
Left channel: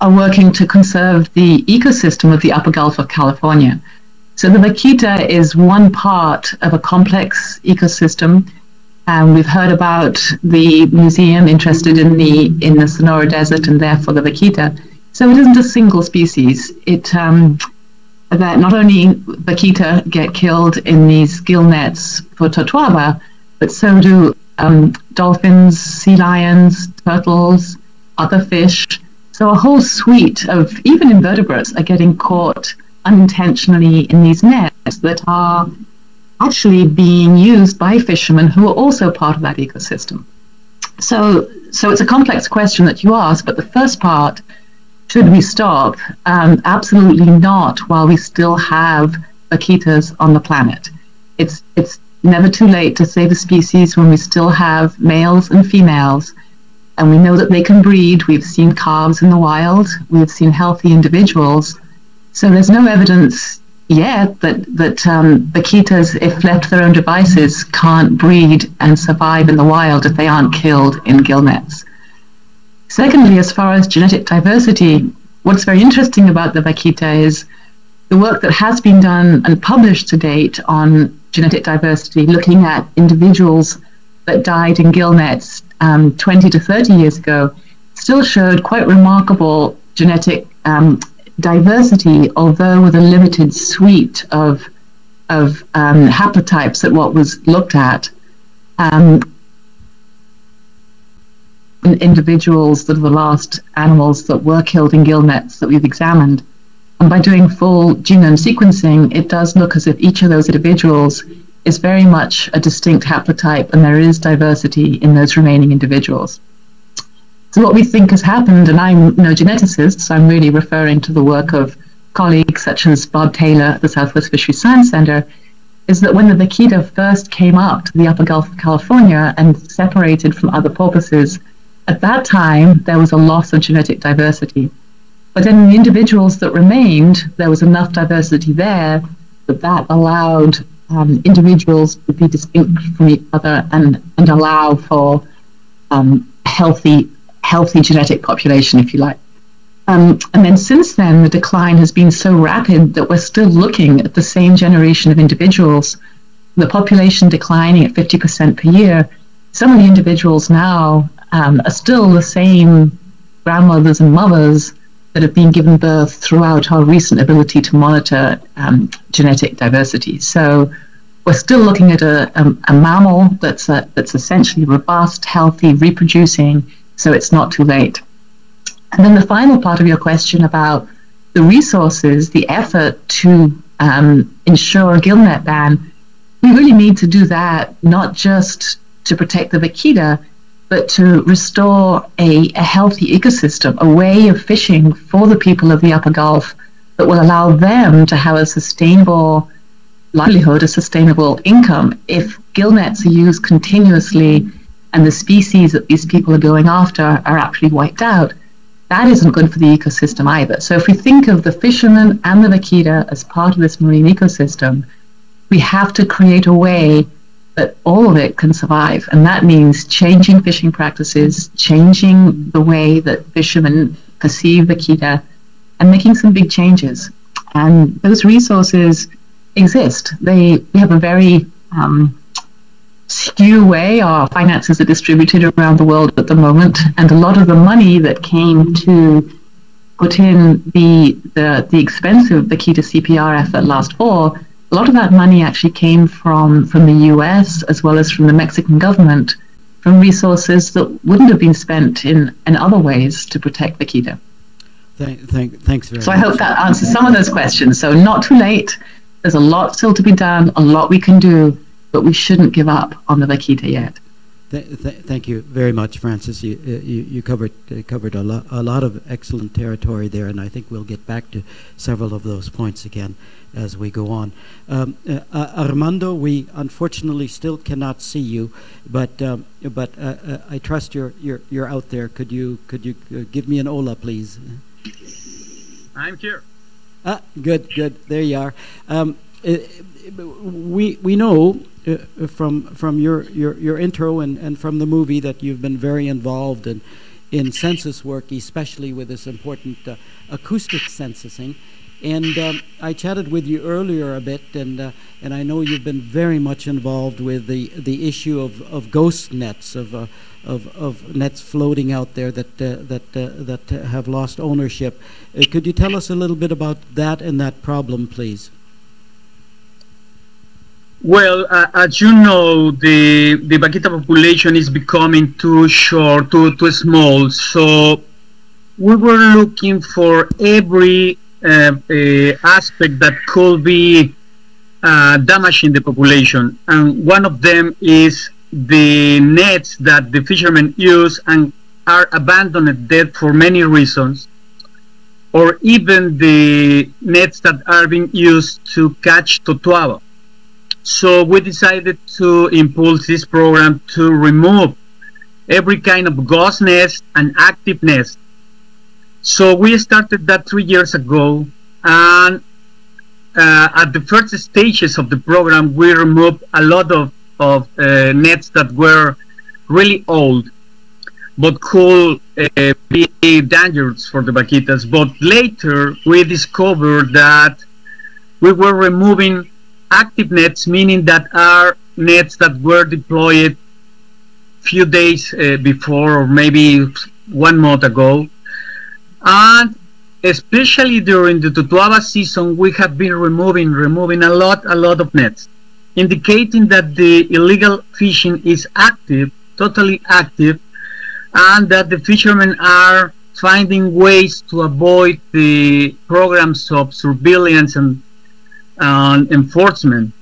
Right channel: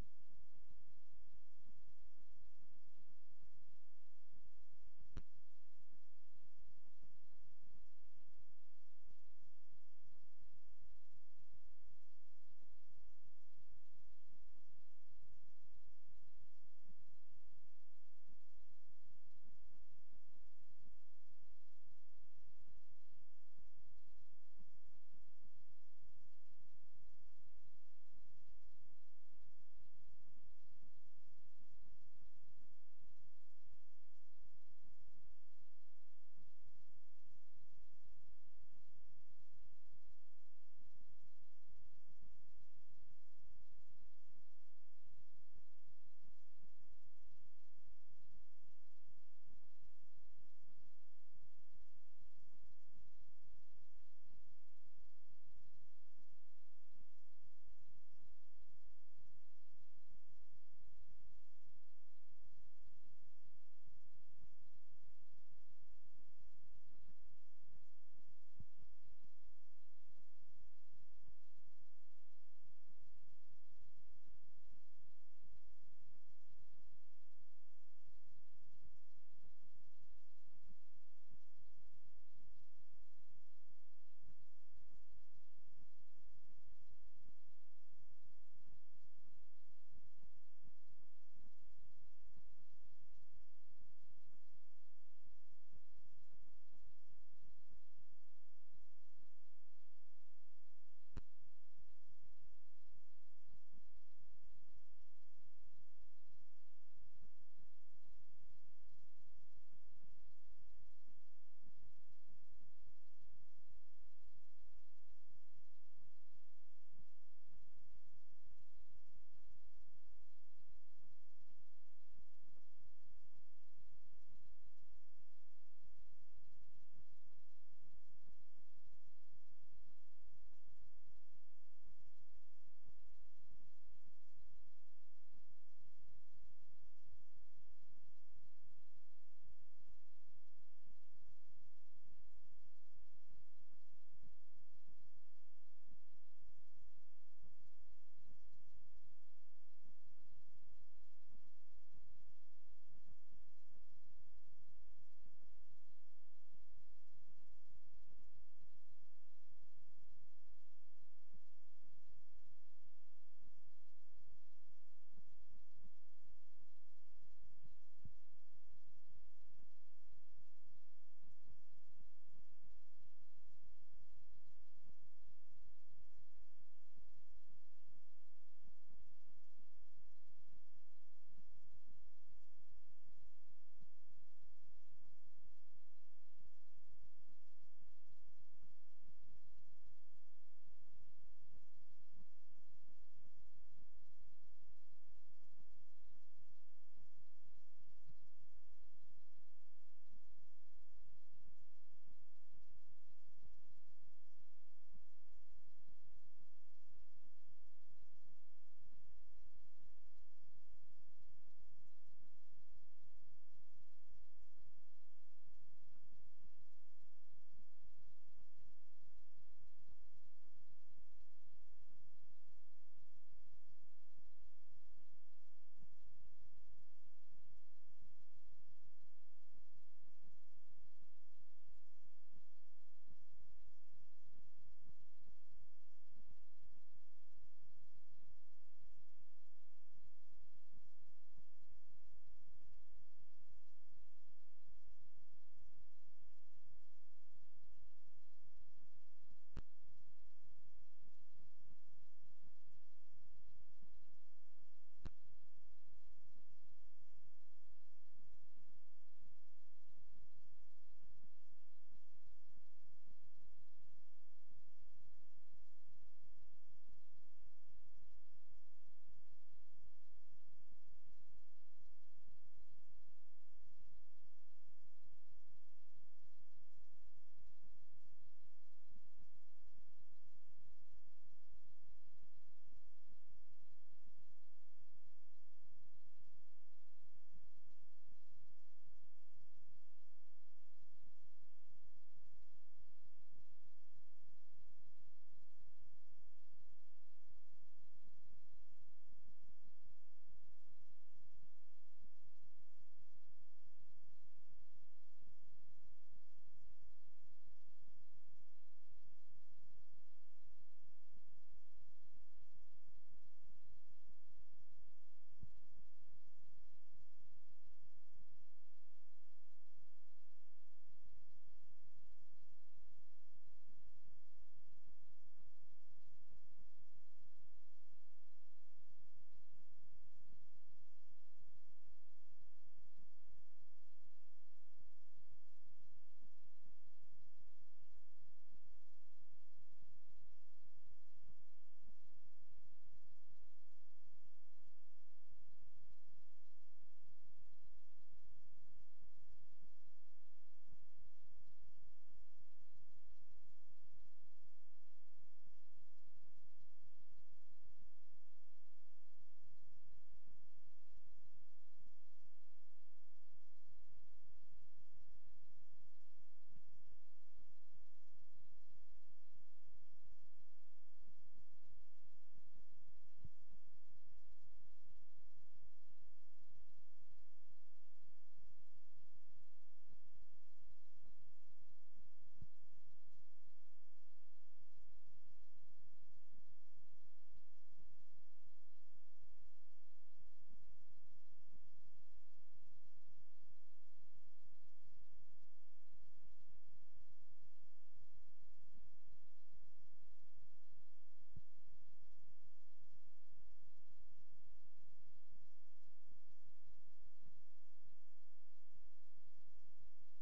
are working to conserve the ecosystem of the Upper Gulf of California. So the vaquita is one part of a complex ecosystem. We've heard about the museum interested in the Sonora Desert and therefore the vaquita. So it isn't a single species. That not only vaquita get killed in these gill nets for totoaba, but so do dolphins, sea lions, turtles, other fish. So a whole suite of even invertebrates are getting caught unintentionally in these nets that are actually being used by fishermen who are also part of that ecosystem. So it's a complex question that you ask, but the first part, should we stop? Absolutely not while we still have vaquitas on the planet. It's never too late to save a species when we still have males and females, and we know that they can breed. We've seen calves in the wild. We've seen healthy individuals. So there's no evidence yet that vaquitas, if left to their own devices, can't breed and survive in the wild if they aren't killed in gill nets. Secondly, as far as genetic diversity, what's very interesting about the vaquita is the work that has been done and published to date on genetic diversity, looking at individuals that died in gill nets 20 to 30 years ago, still showed quite remarkable genetic diversity, although with a limited suite of haplotypes at what was looked at. Individuals that are the last animals that were killed in gill nets that we've examined. And by doing full genome sequencing, it does look as if each of those individuals is very much a distinct haplotype, and there is diversity in those remaining individuals. So what we think has happened, and I'm no geneticist, so I'm really referring to the work of colleagues such as Bob Taylor at the Southwest Fisheries Science Center, is that when the vaquita first came up to the upper Gulf of California and separated from other porpoises, at that time there was a loss of genetic diversity. But then in the individuals that remained, there was enough diversity there that allowed individuals to be distinct from each other and allow for healthy genetic population, if you like. And then since then, the decline has been so rapid that we're still looking at the same generation of individuals, the population declining at 50% per year. Some of the individuals now are still the same grandmothers and mothers that have been given birth throughout our recent ability to monitor genetic diversity. So we're still looking at a mammal that's essentially robust, healthy, reproducing, so it's not too late. And then the final part of your question about the resources, the effort to ensure a gill net ban, we really need to do that not just to protect the vaquita, but to restore a healthy ecosystem, a way of fishing for the people of the Upper Gulf that will allow them to have a sustainable livelihood, a sustainable income. If gill nets are used continuously and the species that these people are going after are actually wiped out, that isn't good for the ecosystem either. So if we think of the fishermen and the vaquita as part of this marine ecosystem, we have to create a way that all of it can survive. And that means changing fishing practices, changing the way that fishermen perceive vaquita, and making some big changes. And those resources exist. We have a very skew way our finances are distributed around the world at the moment, and a lot of the money that came to put in the expensive vaquita CPR effort last fall, a lot of that money actually came from the US as well as from the Mexican government, from resources that wouldn't have been spent in other ways to protect vaquita. Thanks very much. So I hope that answers some of those questions. So not too late. There's a lot still to be done, a lot we can do, but we shouldn't give up on the vaquita yet. Thank you very much, Francis. You covered a lot of excellent territory there, and I think we'll get back to several of those points again as we go on. Armando, we unfortunately still cannot see you, but I trust you're out there. Could you give me an hola, please? I'm here. Good. There you are. We know from your intro and from the movie that you've been very involved in census work, especially with this important acoustic censusing. And I chatted with you earlier a bit, and I know you've been very much involved with the issue of ghost nets, of nets floating out there that have lost ownership. Could you tell us a little bit about that and that problem, please? Well, as you know, the vaquita population is becoming too short, too small. So we were looking for every aspect that could be damaging the population. And one of them is the nets that the fishermen use and are abandoned dead for many reasons, or even the nets that are being used to catch totoaba. So we decided to impulse this program to remove every kind of ghost nest and active nest. So we started that 3 years ago, And at the first stages of the program, we removed a lot of nets that were really old, but could be dangerous for the vaquitas. But later, we discovered that we were removing active nets, meaning that are nets that were deployed few days before, or maybe 1 month ago. And especially during the Totoaba season, we have been removing a lot of nets, indicating that the illegal fishing is active, totally active, and that the fishermen are finding ways to avoid the programs of surveillance and enforcement.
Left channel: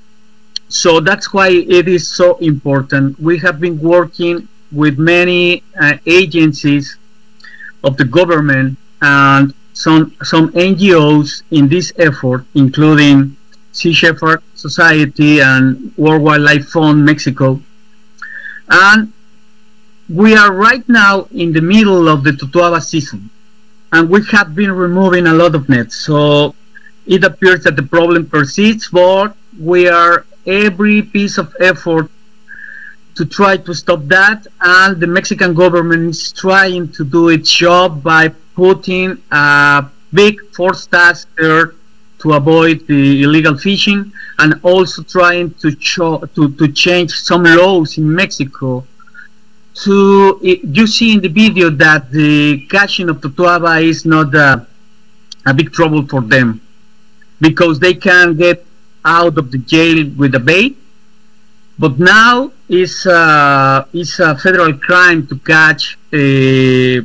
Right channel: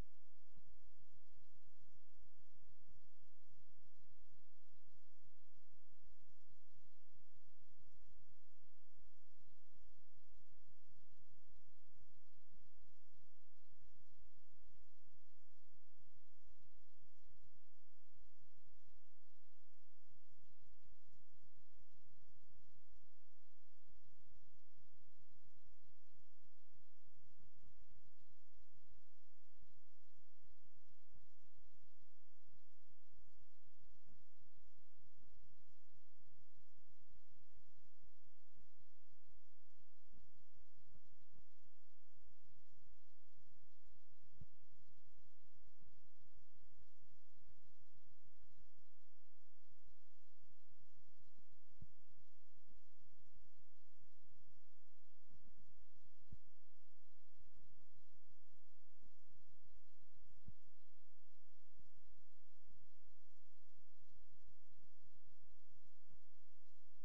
So that's why it is so important. We have been working with many agencies of the government and some NGOs in this effort, including Sea Shepherd Society and World Wildlife Fund Mexico. And we are right now in the middle of the Totoaba season, and we have been removing a lot of nets. So it appears that the problem persists, but we are every piece of effort to try to stop that, and the Mexican government is trying to do its job by putting a big force task there to avoid the illegal fishing, and also trying to change some laws in Mexico. You see in the video that the catching of Totoaba is not a big trouble for them, because they can get out of the jail with a bait. But now it's a federal crime to catch a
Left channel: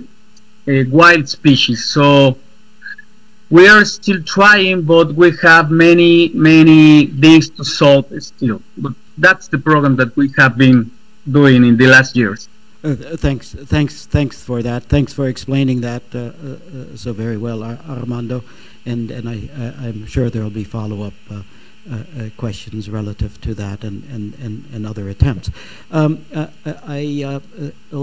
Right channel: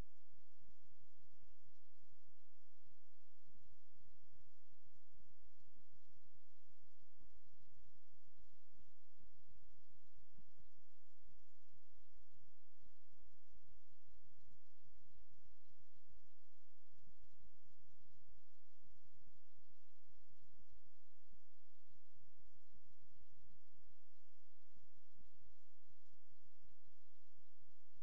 wild species. So we are still trying, but we have many things to solve still. But that's the program that we have been doing in the last years. Thanks for that. Thanks for explaining that so very well, Armando. And I'm sure there will be follow-up questions relative to that and other attempts. I'll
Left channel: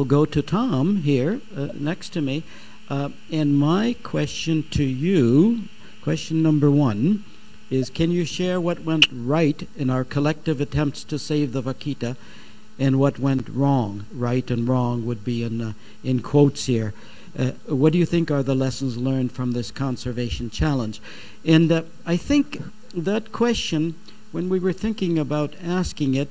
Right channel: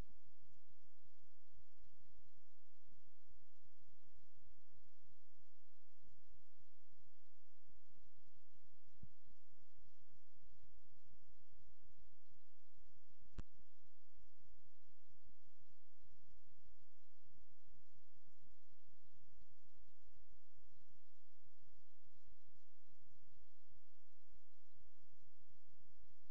go to Tom here next to me. And my question to you, question number 1, is can you share what went right in our collective attempts to save the vaquita, and what went wrong? Right and wrong would be in quotes here. What do you think are the lessons learned from this conservation challenge? And I think that question, when we were thinking about asking it,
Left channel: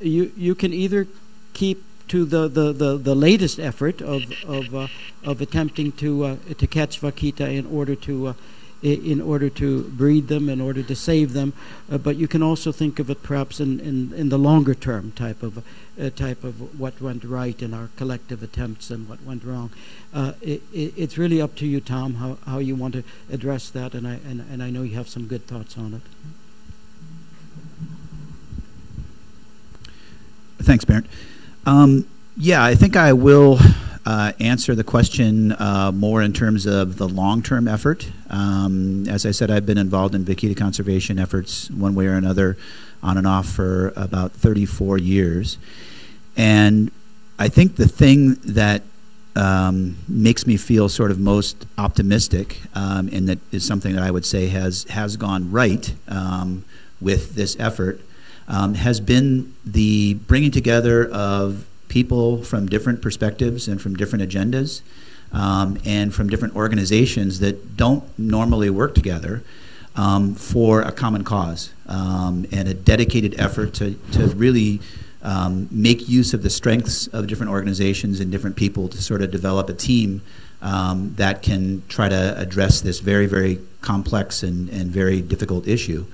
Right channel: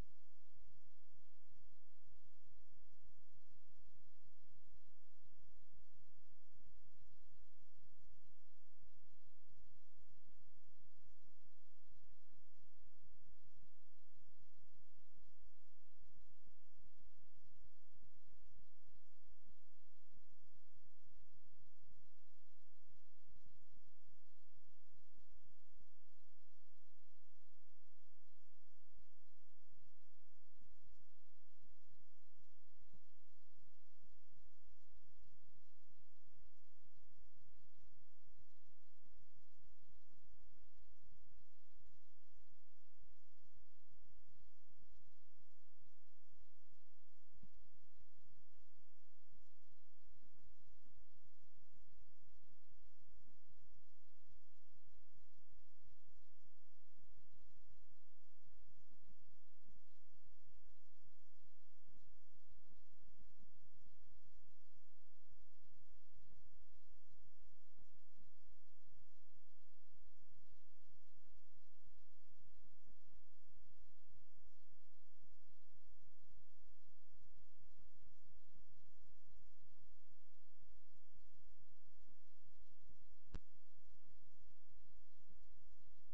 you can either keep to the latest effort of attempting to catch vaquita in order to breed them, in order to save them, but you can also think of it perhaps in the longer term type of what went right in our collective attempts and what went wrong. It's really up to you, Tom, how you want to address that, and I know you have some good thoughts on it. Thanks, Bernd. Yeah, I think I will answer the question more in terms of the long-term effort. As I said, I've been involved in vaquita conservation efforts one way or another, on and off, for about 34 years. And I think the thing that makes me feel sort of most optimistic, and that is something that I would say has gone right with this effort, has been the bringing together of people from different perspectives and from different agendas, and from different organizations that don't normally work together for a common cause, and a dedicated effort to really make use of the strengths of different organizations and different people to sort of develop a team that can try to address this very, very complex and very difficult issue.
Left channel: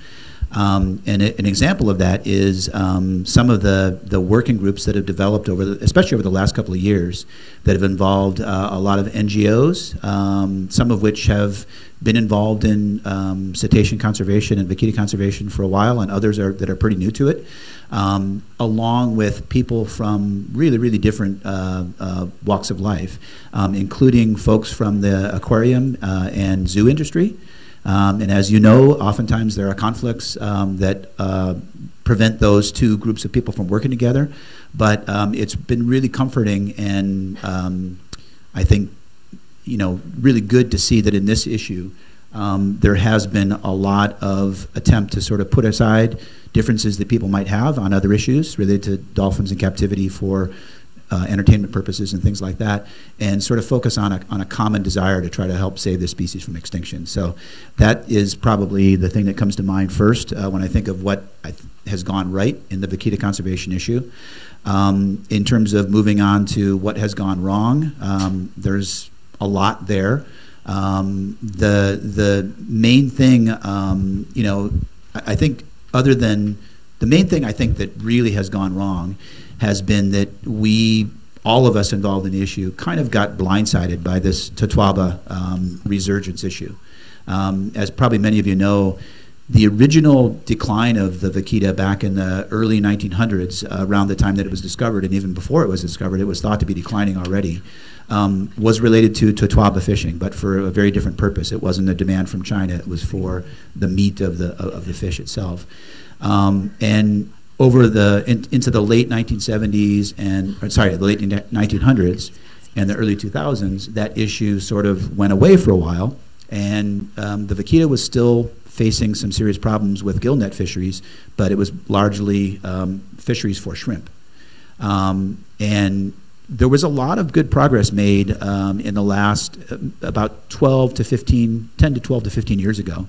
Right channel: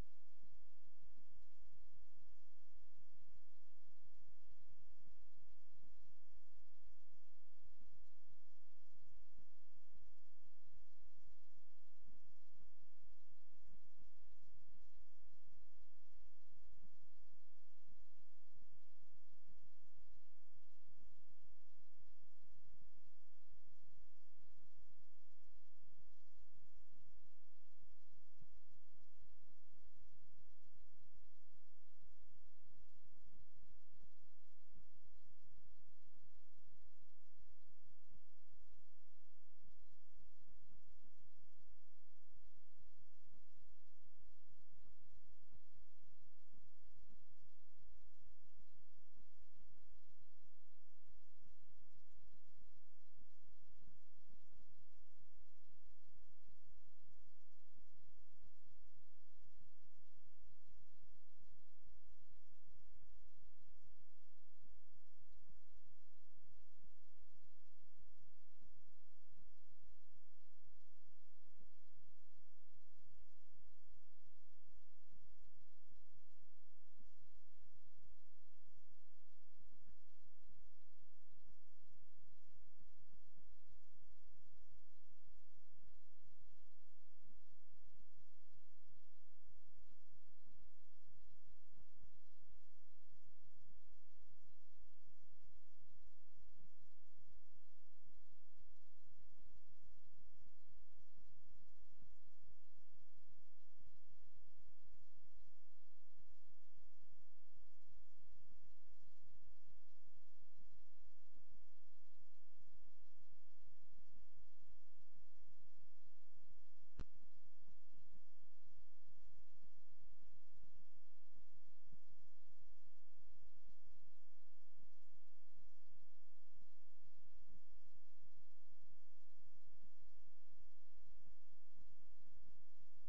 And an example of that is some of the working groups that have developed especially over the last couple of years, that have involved a lot of NGOs, some of which have been involved in cetacean conservation and vaquita conservation for a while, and others that are pretty new to it, along with people from really, really different walks of life, including folks from the aquarium and zoo industry. And as you know, oftentimes there are conflicts that prevent those two groups of people from working together. But it's been really comforting, and I think, really good to see that in this issue, There has been a lot of attempt to sort of put aside differences that people might have on other issues related to dolphins in captivity for entertainment purposes and things like that, and sort of focus on a common desire to try to help save the species from extinction. So that is probably the thing that comes to mind first when I think of what has gone right in the vaquita conservation issue. In terms of moving on to what has gone wrong, there's a lot there. The main thing, you know, I think other than the main thing I think that really has gone wrong has been that we, all of us involved in the issue, kind of got blindsided by this Totoaba resurgence issue. As probably many of you know, the original decline of the vaquita back in the early 1900s, around the time that it was discovered, and even before it was discovered, it was thought to be declining already, was related to Totoaba fishing, but for a very different purpose. It wasn't a demand from China, it was for the meat of the fish itself. And over into the late 1970s the late 1900s and the early 2000s, that issue sort of went away for a while, and the vaquita was still facing some serious problems with gillnet fisheries, but it was largely fisheries for shrimp. And there was a lot of good progress made in the last about 10 to 12 to 15 years ago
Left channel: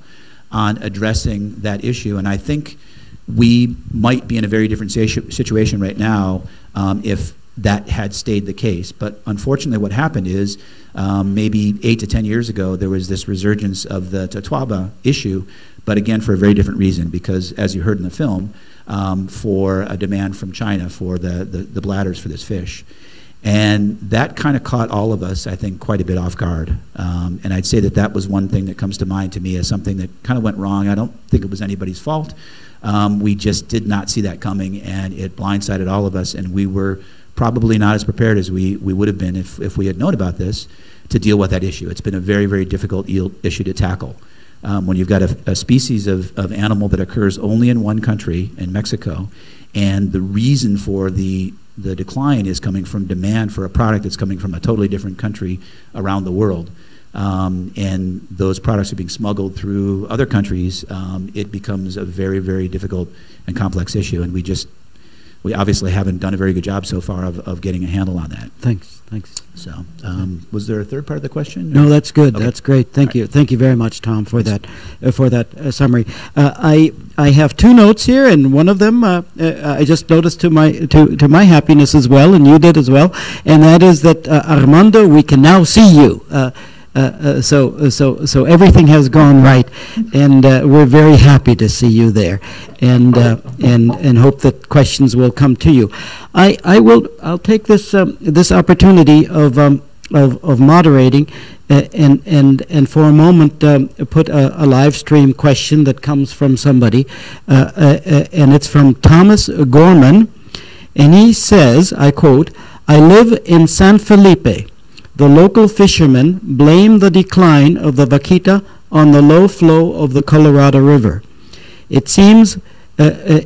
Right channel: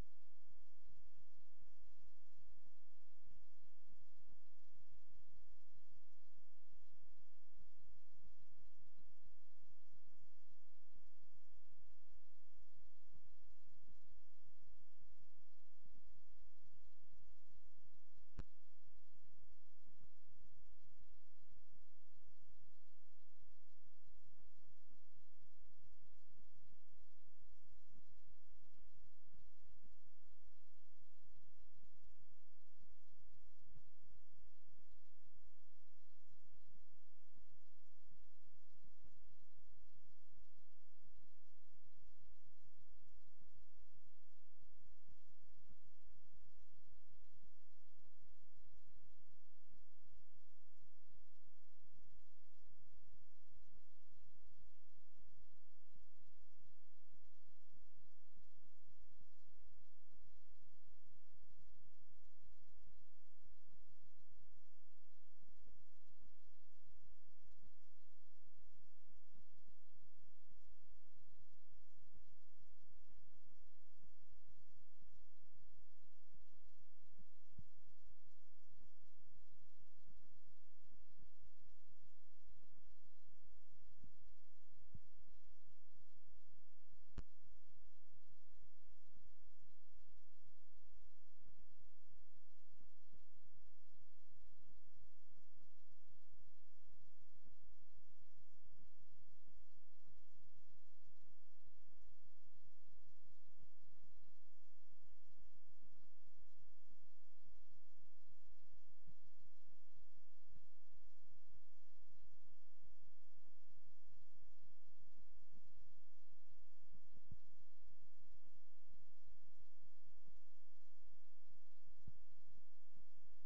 on addressing that issue, and I think we might be in a very different situation right now if that had stayed the case. But unfortunately what happened is maybe 8 to 10 years ago there was this resurgence of the Totoaba issue, but again for a very different reason, because as you heard in the film, for a demand from China for the bladders for this fish. And that kind of caught all of us, I think, quite a bit off guard. And I'd say that that was one thing that comes to mind to me as something that kind of went wrong. I don't think it was anybody's fault. We just did not see that coming, and it blindsided all of us, and we were probably not as prepared as we would have been if we had known about this to deal with that issue. It's been a very, very difficult issue to tackle. When you've got a species of animal that occurs only in one country, in Mexico, and the reason for the decline is coming from demand for a product that's coming from a totally different country around the world. And those products are being smuggled through other countries, it becomes a very, very difficult and complex issue. And we obviously haven't done a very good job so far of getting a handle on that. Thanks. So, was there a third part of the question? No, that's good. Okay. That's great. Thank you. Thank you very much, Tom, for that summary. I have two notes here, and one of them I just noticed to my happiness as well, and you did as well, and that is that Armando, we can now see you. So everything has gone right, and we're very happy to see you there, and hope that questions will come to you. I'll take this opportunity of moderating, and for a moment put a live stream question that comes from somebody, and it's from Thomas Gorman, and he says, I quote, "I live in San Felipe. The local fishermen blame the decline of the vaquita on the low flow of the Colorado River. It seems that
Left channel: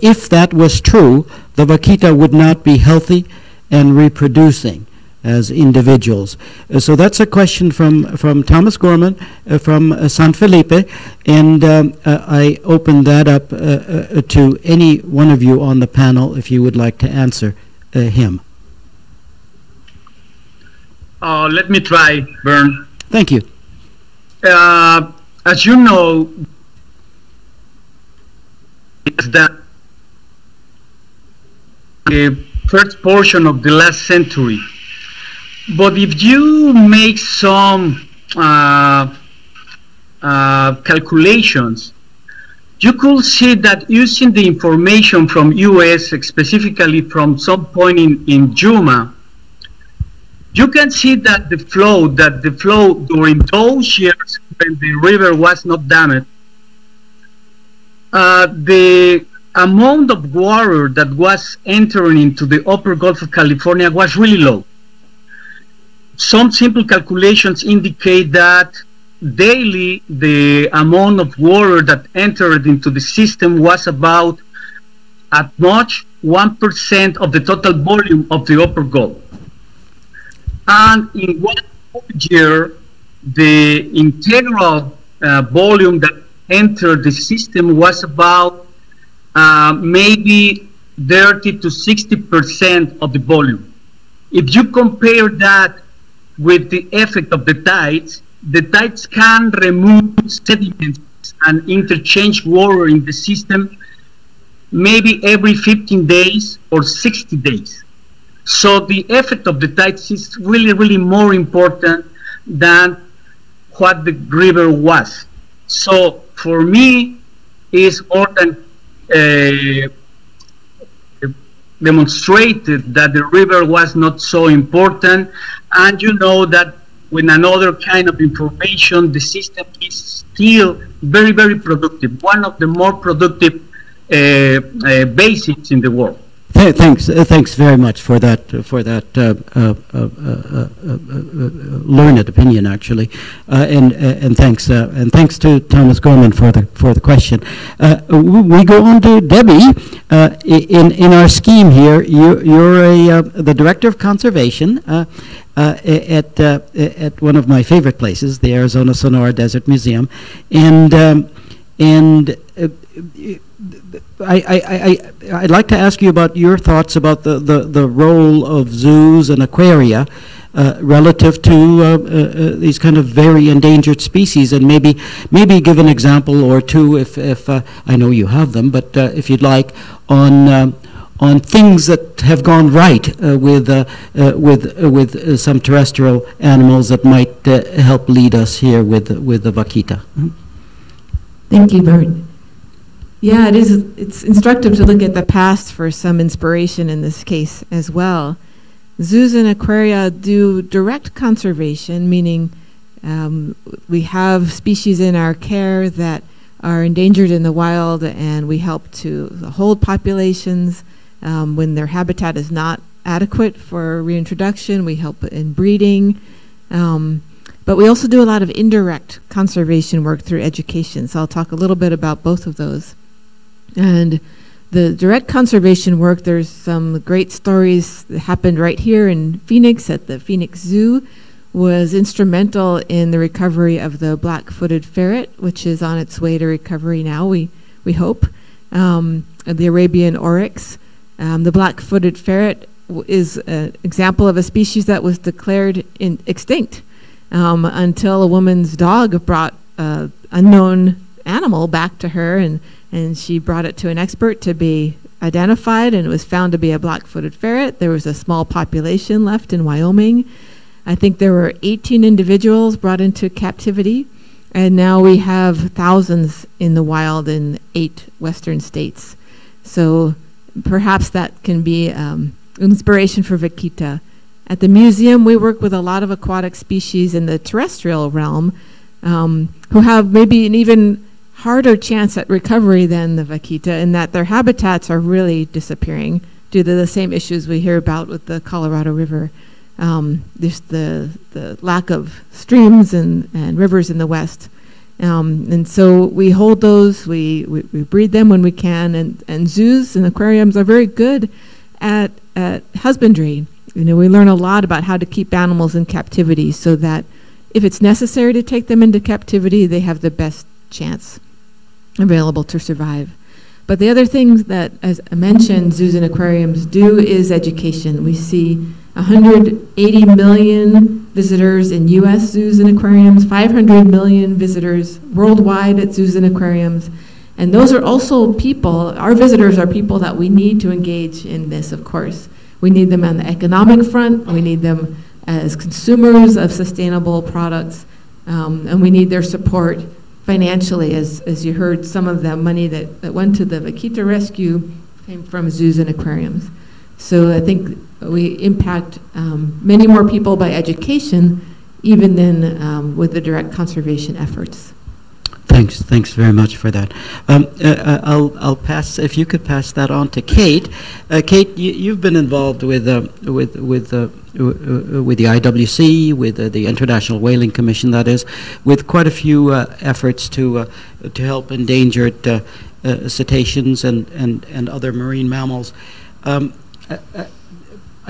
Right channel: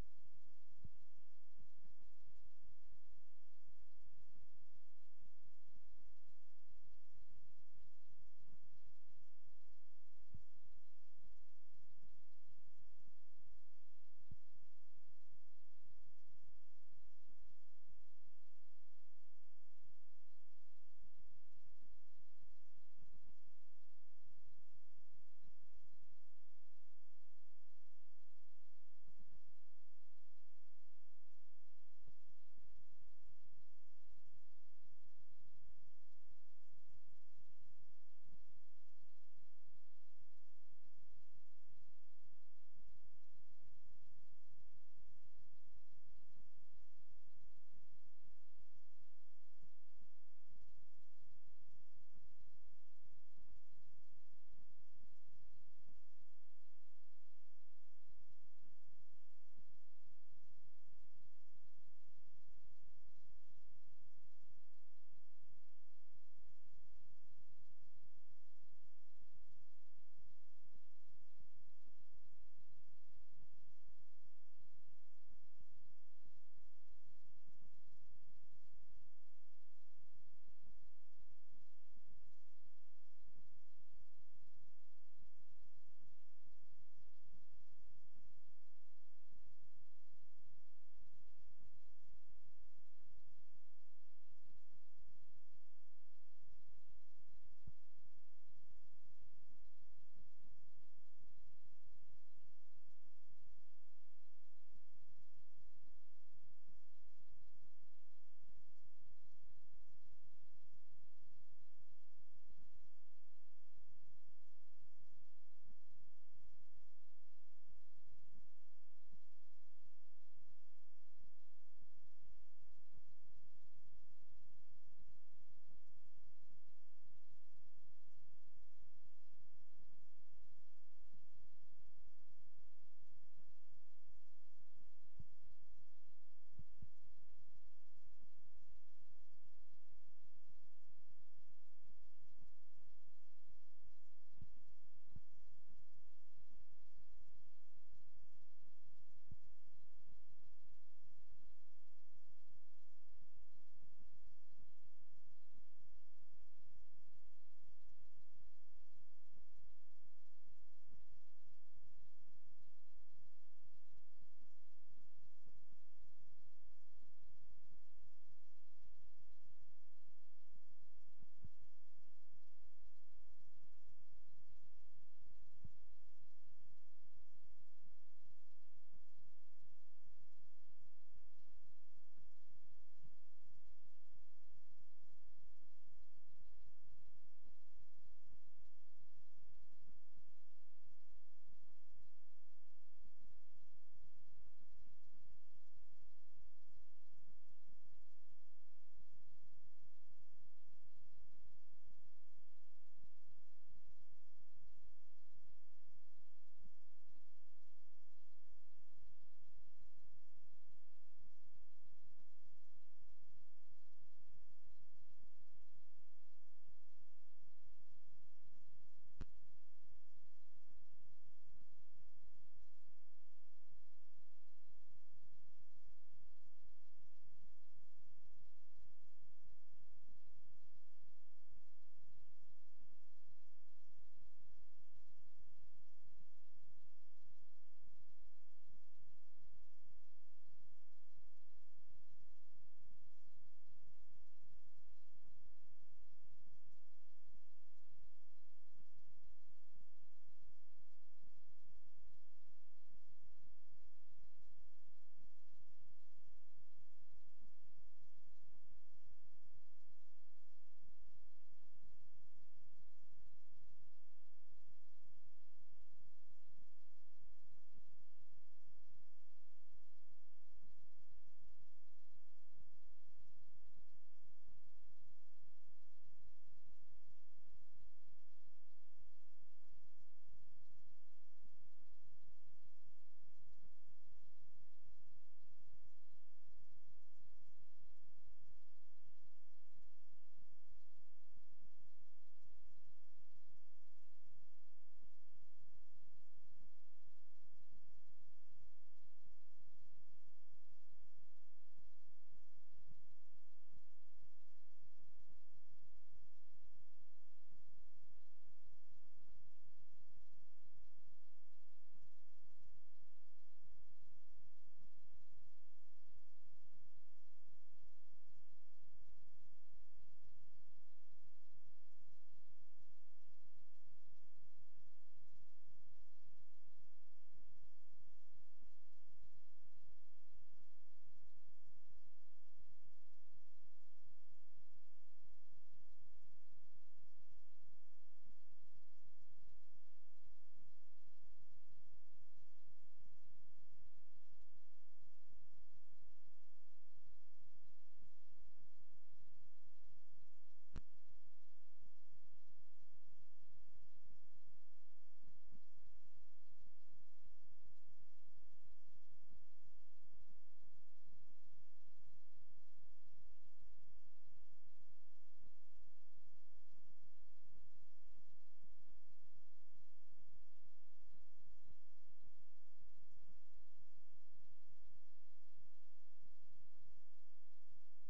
if that was true, the vaquita would not be healthy and reproducing as individuals." So that's a question from Thomas Gorman from San Felipe, and I open that up to any one of you on the panel if you would like to answer him. Let me try, Bern. Thank you. As you know, that the first portion of the last century. But if you make some calculations, you could see that using the information from US, specifically from some point in Yuma, you can see that the flow during those years when the river was not damaged, the amount of water that was entering into the upper Gulf of California was really low. Some simple calculations indicate that daily the amount of water that entered into the system was about at much 1% of the total volume of the upper Gulf. And in 1 year, the integral volume that entered the system was about maybe 30 to 60% of the volume. If you compare that with the effect of the tides can remove sediments and interchange water in the system maybe every 15 days or 60 days. So the effect of the tides is really, really more important than what the river was. So for me, it's more than demonstrated that the river was not so important. And you know that with another kind of information, the system is still very, very productive, one of the more productive basins in the world. Thanks very much for that learned opinion, actually, and thanks to Thomas Gorman for the question. We go on to Debbie. In our scheme here, you're the director of conservation at one of my favorite places, the Arizona Sonora Desert Museum, and I'd like to ask you about your thoughts about the role of zoos and aquaria relative to these kind of very endangered species, and maybe give an example or two if I know you have them, but if you'd like, on things that have gone right with some terrestrial animals that might help lead us here with the vaquita. Thank you, Bert. Yeah, it's instructive to look at the past for some inspiration in this case as well. Zoos and aquaria do direct conservation, meaning we have species in our care that are endangered in the wild, and we help to hold populations when their habitat is not adequate for reintroduction. We help in breeding. But we also do a lot of indirect conservation work through education. So I'll talk a little bit about both of those. And the direct conservation work, there's some great stories that happened right here in Phoenix at the Phoenix Zoo, was instrumental in the recovery of the black-footed ferret, which is on its way to recovery now, we hope. The Arabian oryx. The black-footed ferret is an example of a species that was declared extinct until a woman's dog brought an unknown animal back to her, and she brought it to an expert to be identified, and it was found to be a black-footed ferret. There was a small population left in Wyoming. I think there were 18 individuals brought into captivity, and now we have thousands in the wild in 8 western states. So perhaps that can be inspiration for vaquita. At the museum, we work with a lot of aquatic species in the terrestrial realm who have maybe an even harder chance at recovery than the vaquita, in that their habitats are really disappearing due to the same issues we hear about with the Colorado River. There's the lack of streams and rivers in the West. And so we hold those, we breed them when we can, and zoos and aquariums are very good at husbandry. You know, we learn a lot about how to keep animals in captivity so that if it's necessary to take them into captivity, they have the best chance available to survive. But the other things that, as I mentioned, zoos and aquariums do is education. We see 180 million visitors in U.S. zoos and aquariums, 500 million visitors worldwide at zoos and aquariums. And those are also people, our visitors are people that we need to engage in this, of course. We need them on the economic front, we need them as consumers of sustainable products, and we need their support financially. As you heard, some of the money that went to the vaquita rescue came from zoos and aquariums. So I think we impact many more people by education even than with the direct conservation efforts. Thanks very much for that. I'll pass, if you could pass that on to Kate. Kate, you've been involved with the IWC, with the International Whaling Commission, that is, with quite a few efforts to help endangered cetaceans and other marine mammals.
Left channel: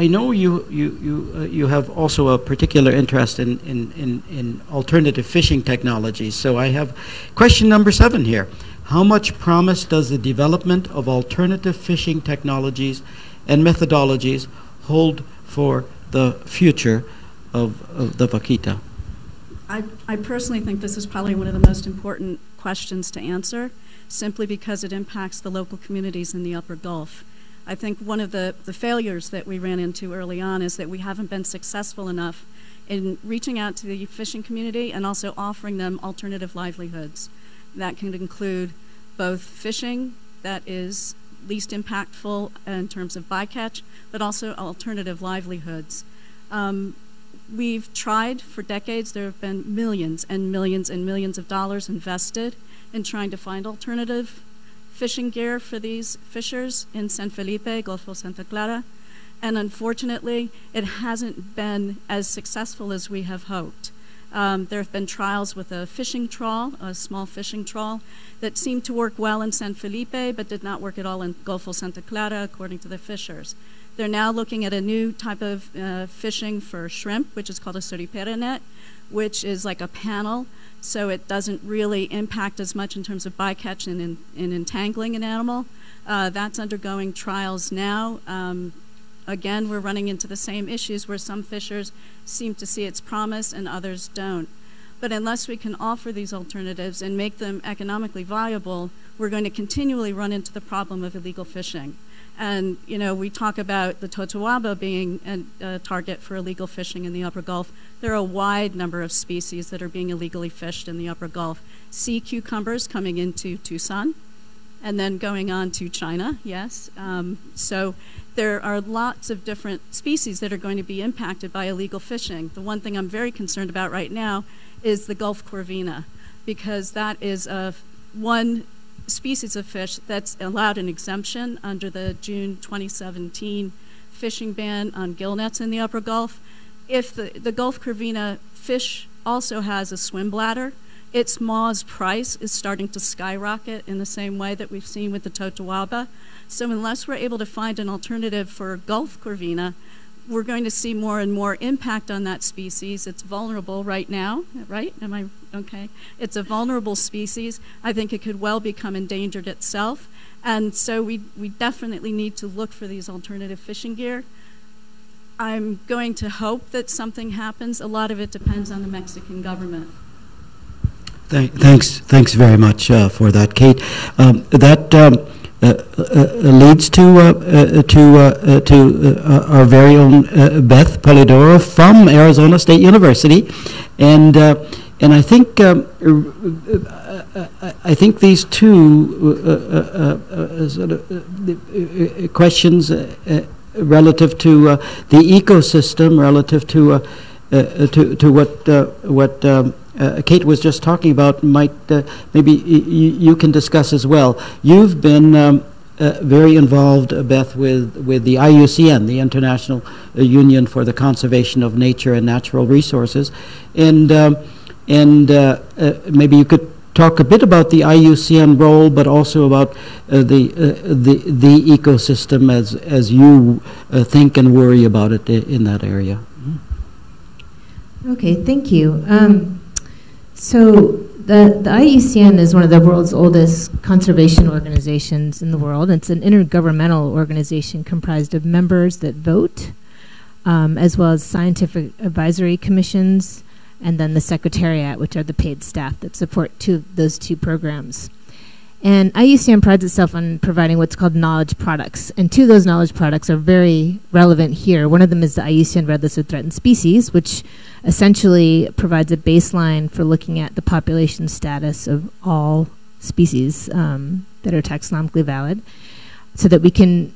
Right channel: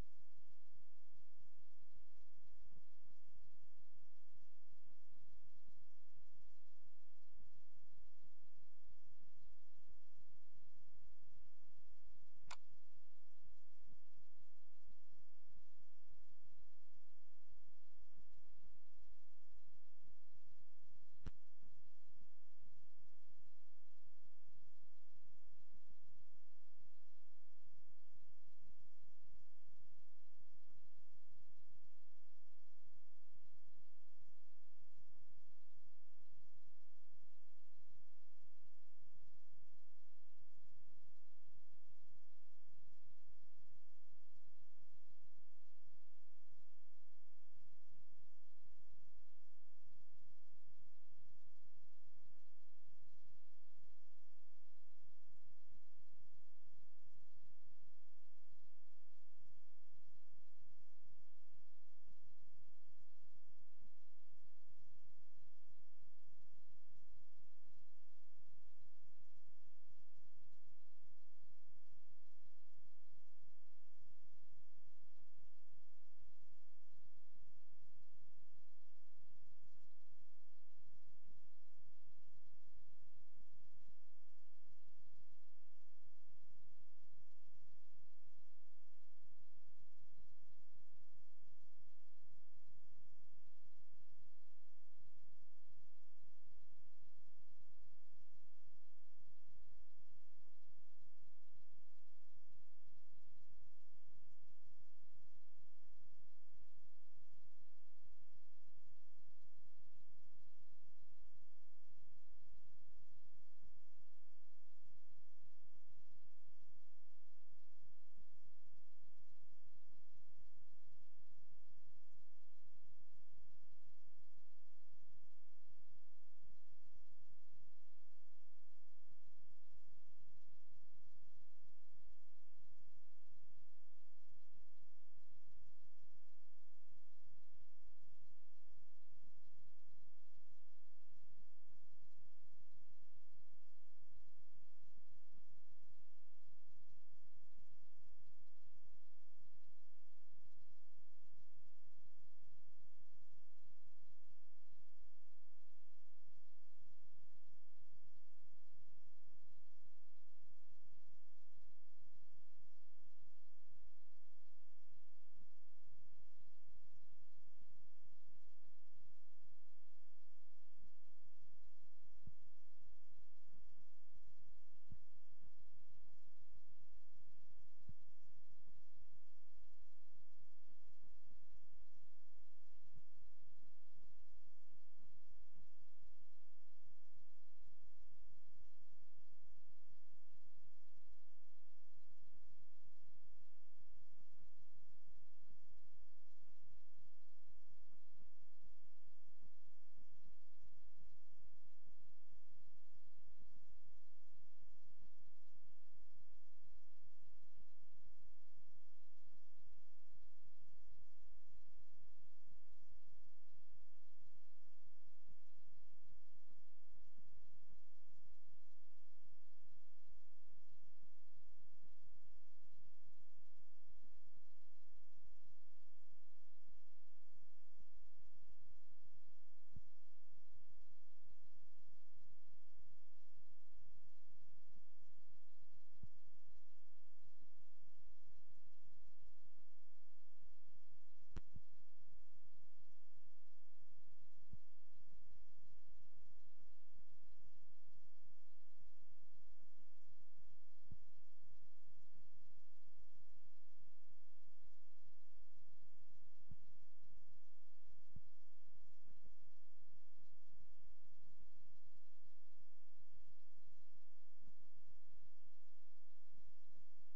I know you have also a particular interest in alternative fishing technologies. So I have question number 7 here. How much promise does the development of alternative fishing technologies and methodologies hold for the future of the vaquita? I personally think this is probably one of the most important questions to answer, simply because it impacts the local communities in the Upper Gulf. I think one of the failures that we ran into early on is that we haven't been successful enough in reaching out to the fishing community and also offering them alternative livelihoods. That can include both fishing that is least impactful in terms of bycatch, but also alternative livelihoods. We've tried for decades. There have been millions and millions and millions of dollars invested in trying to find alternative fishing gear for these fishers in San Felipe, Golfo Santa Clara, and unfortunately, it hasn't been as successful as we have hoped. There have been trials with a fishing trawl, a small fishing trawl, that seemed to work well in San Felipe, but did not work at all in Golfo Santa Clara, according to the fishers. They're now looking at a new type of fishing for shrimp, which is called a suripera net, which is like a panel, so it doesn't really impact as much in terms of bycatch and entangling an animal. That's undergoing trials now. Again, we're running into the same issues where some fishers seem to see its promise and others don't. But unless we can offer these alternatives and make them economically viable, we're going to continually run into the problem of illegal fishing. And, you know, we talk about the totoaba being a target for illegal fishing in the Upper Gulf. There are a wide number of species that are being illegally fished in the Upper Gulf. Sea cucumbers coming into Tucson and then going on to China, yes. So there are lots of different species that are going to be impacted by illegal fishing. The one thing I'm very concerned about right now is the Gulf corvina, because that is one species of fish that's allowed an exemption under the June 2017 fishing ban on gill nets in the Upper Gulf. If the Gulf corvina fish also has a swim bladder, its maw's price is starting to skyrocket in the same way that we've seen with the totoaba. So unless we're able to find an alternative for Gulf corvina, we're going to see more and more impact on that species. It's vulnerable right now, right? Am I okay? It's a vulnerable species. I think it could well become endangered itself. And so we definitely need to look for these alternative fishing gear. I'm going to hope that something happens. A lot of it depends on the Mexican government. Thanks very much for that, Kate. That leads to our very own Beth Polidoro from Arizona State University, and I think these two sort of questions relative to the ecosystem, relative to what Kate was just talking about, might maybe you can discuss as well. You've been very involved, Beth, with the IUCN, the International Union for the Conservation of Nature and Natural Resources, and maybe you could talk a bit about the IUCN role, but also about the ecosystem as you think and worry about it in that area. Okay, thank you. So the IUCN is one of the world's oldest conservation organizations in the world. It's an intergovernmental organization comprised of members that vote, as well as scientific advisory commissions, and then the Secretariat, which are the paid staff that support those two programs. And IUCN prides itself on providing what's called knowledge products. And two of those knowledge products are very relevant here. One of them is the IUCN Red List of Threatened Species, which essentially provides a baseline for looking at the population status of all species that are taxonomically valid, so that we can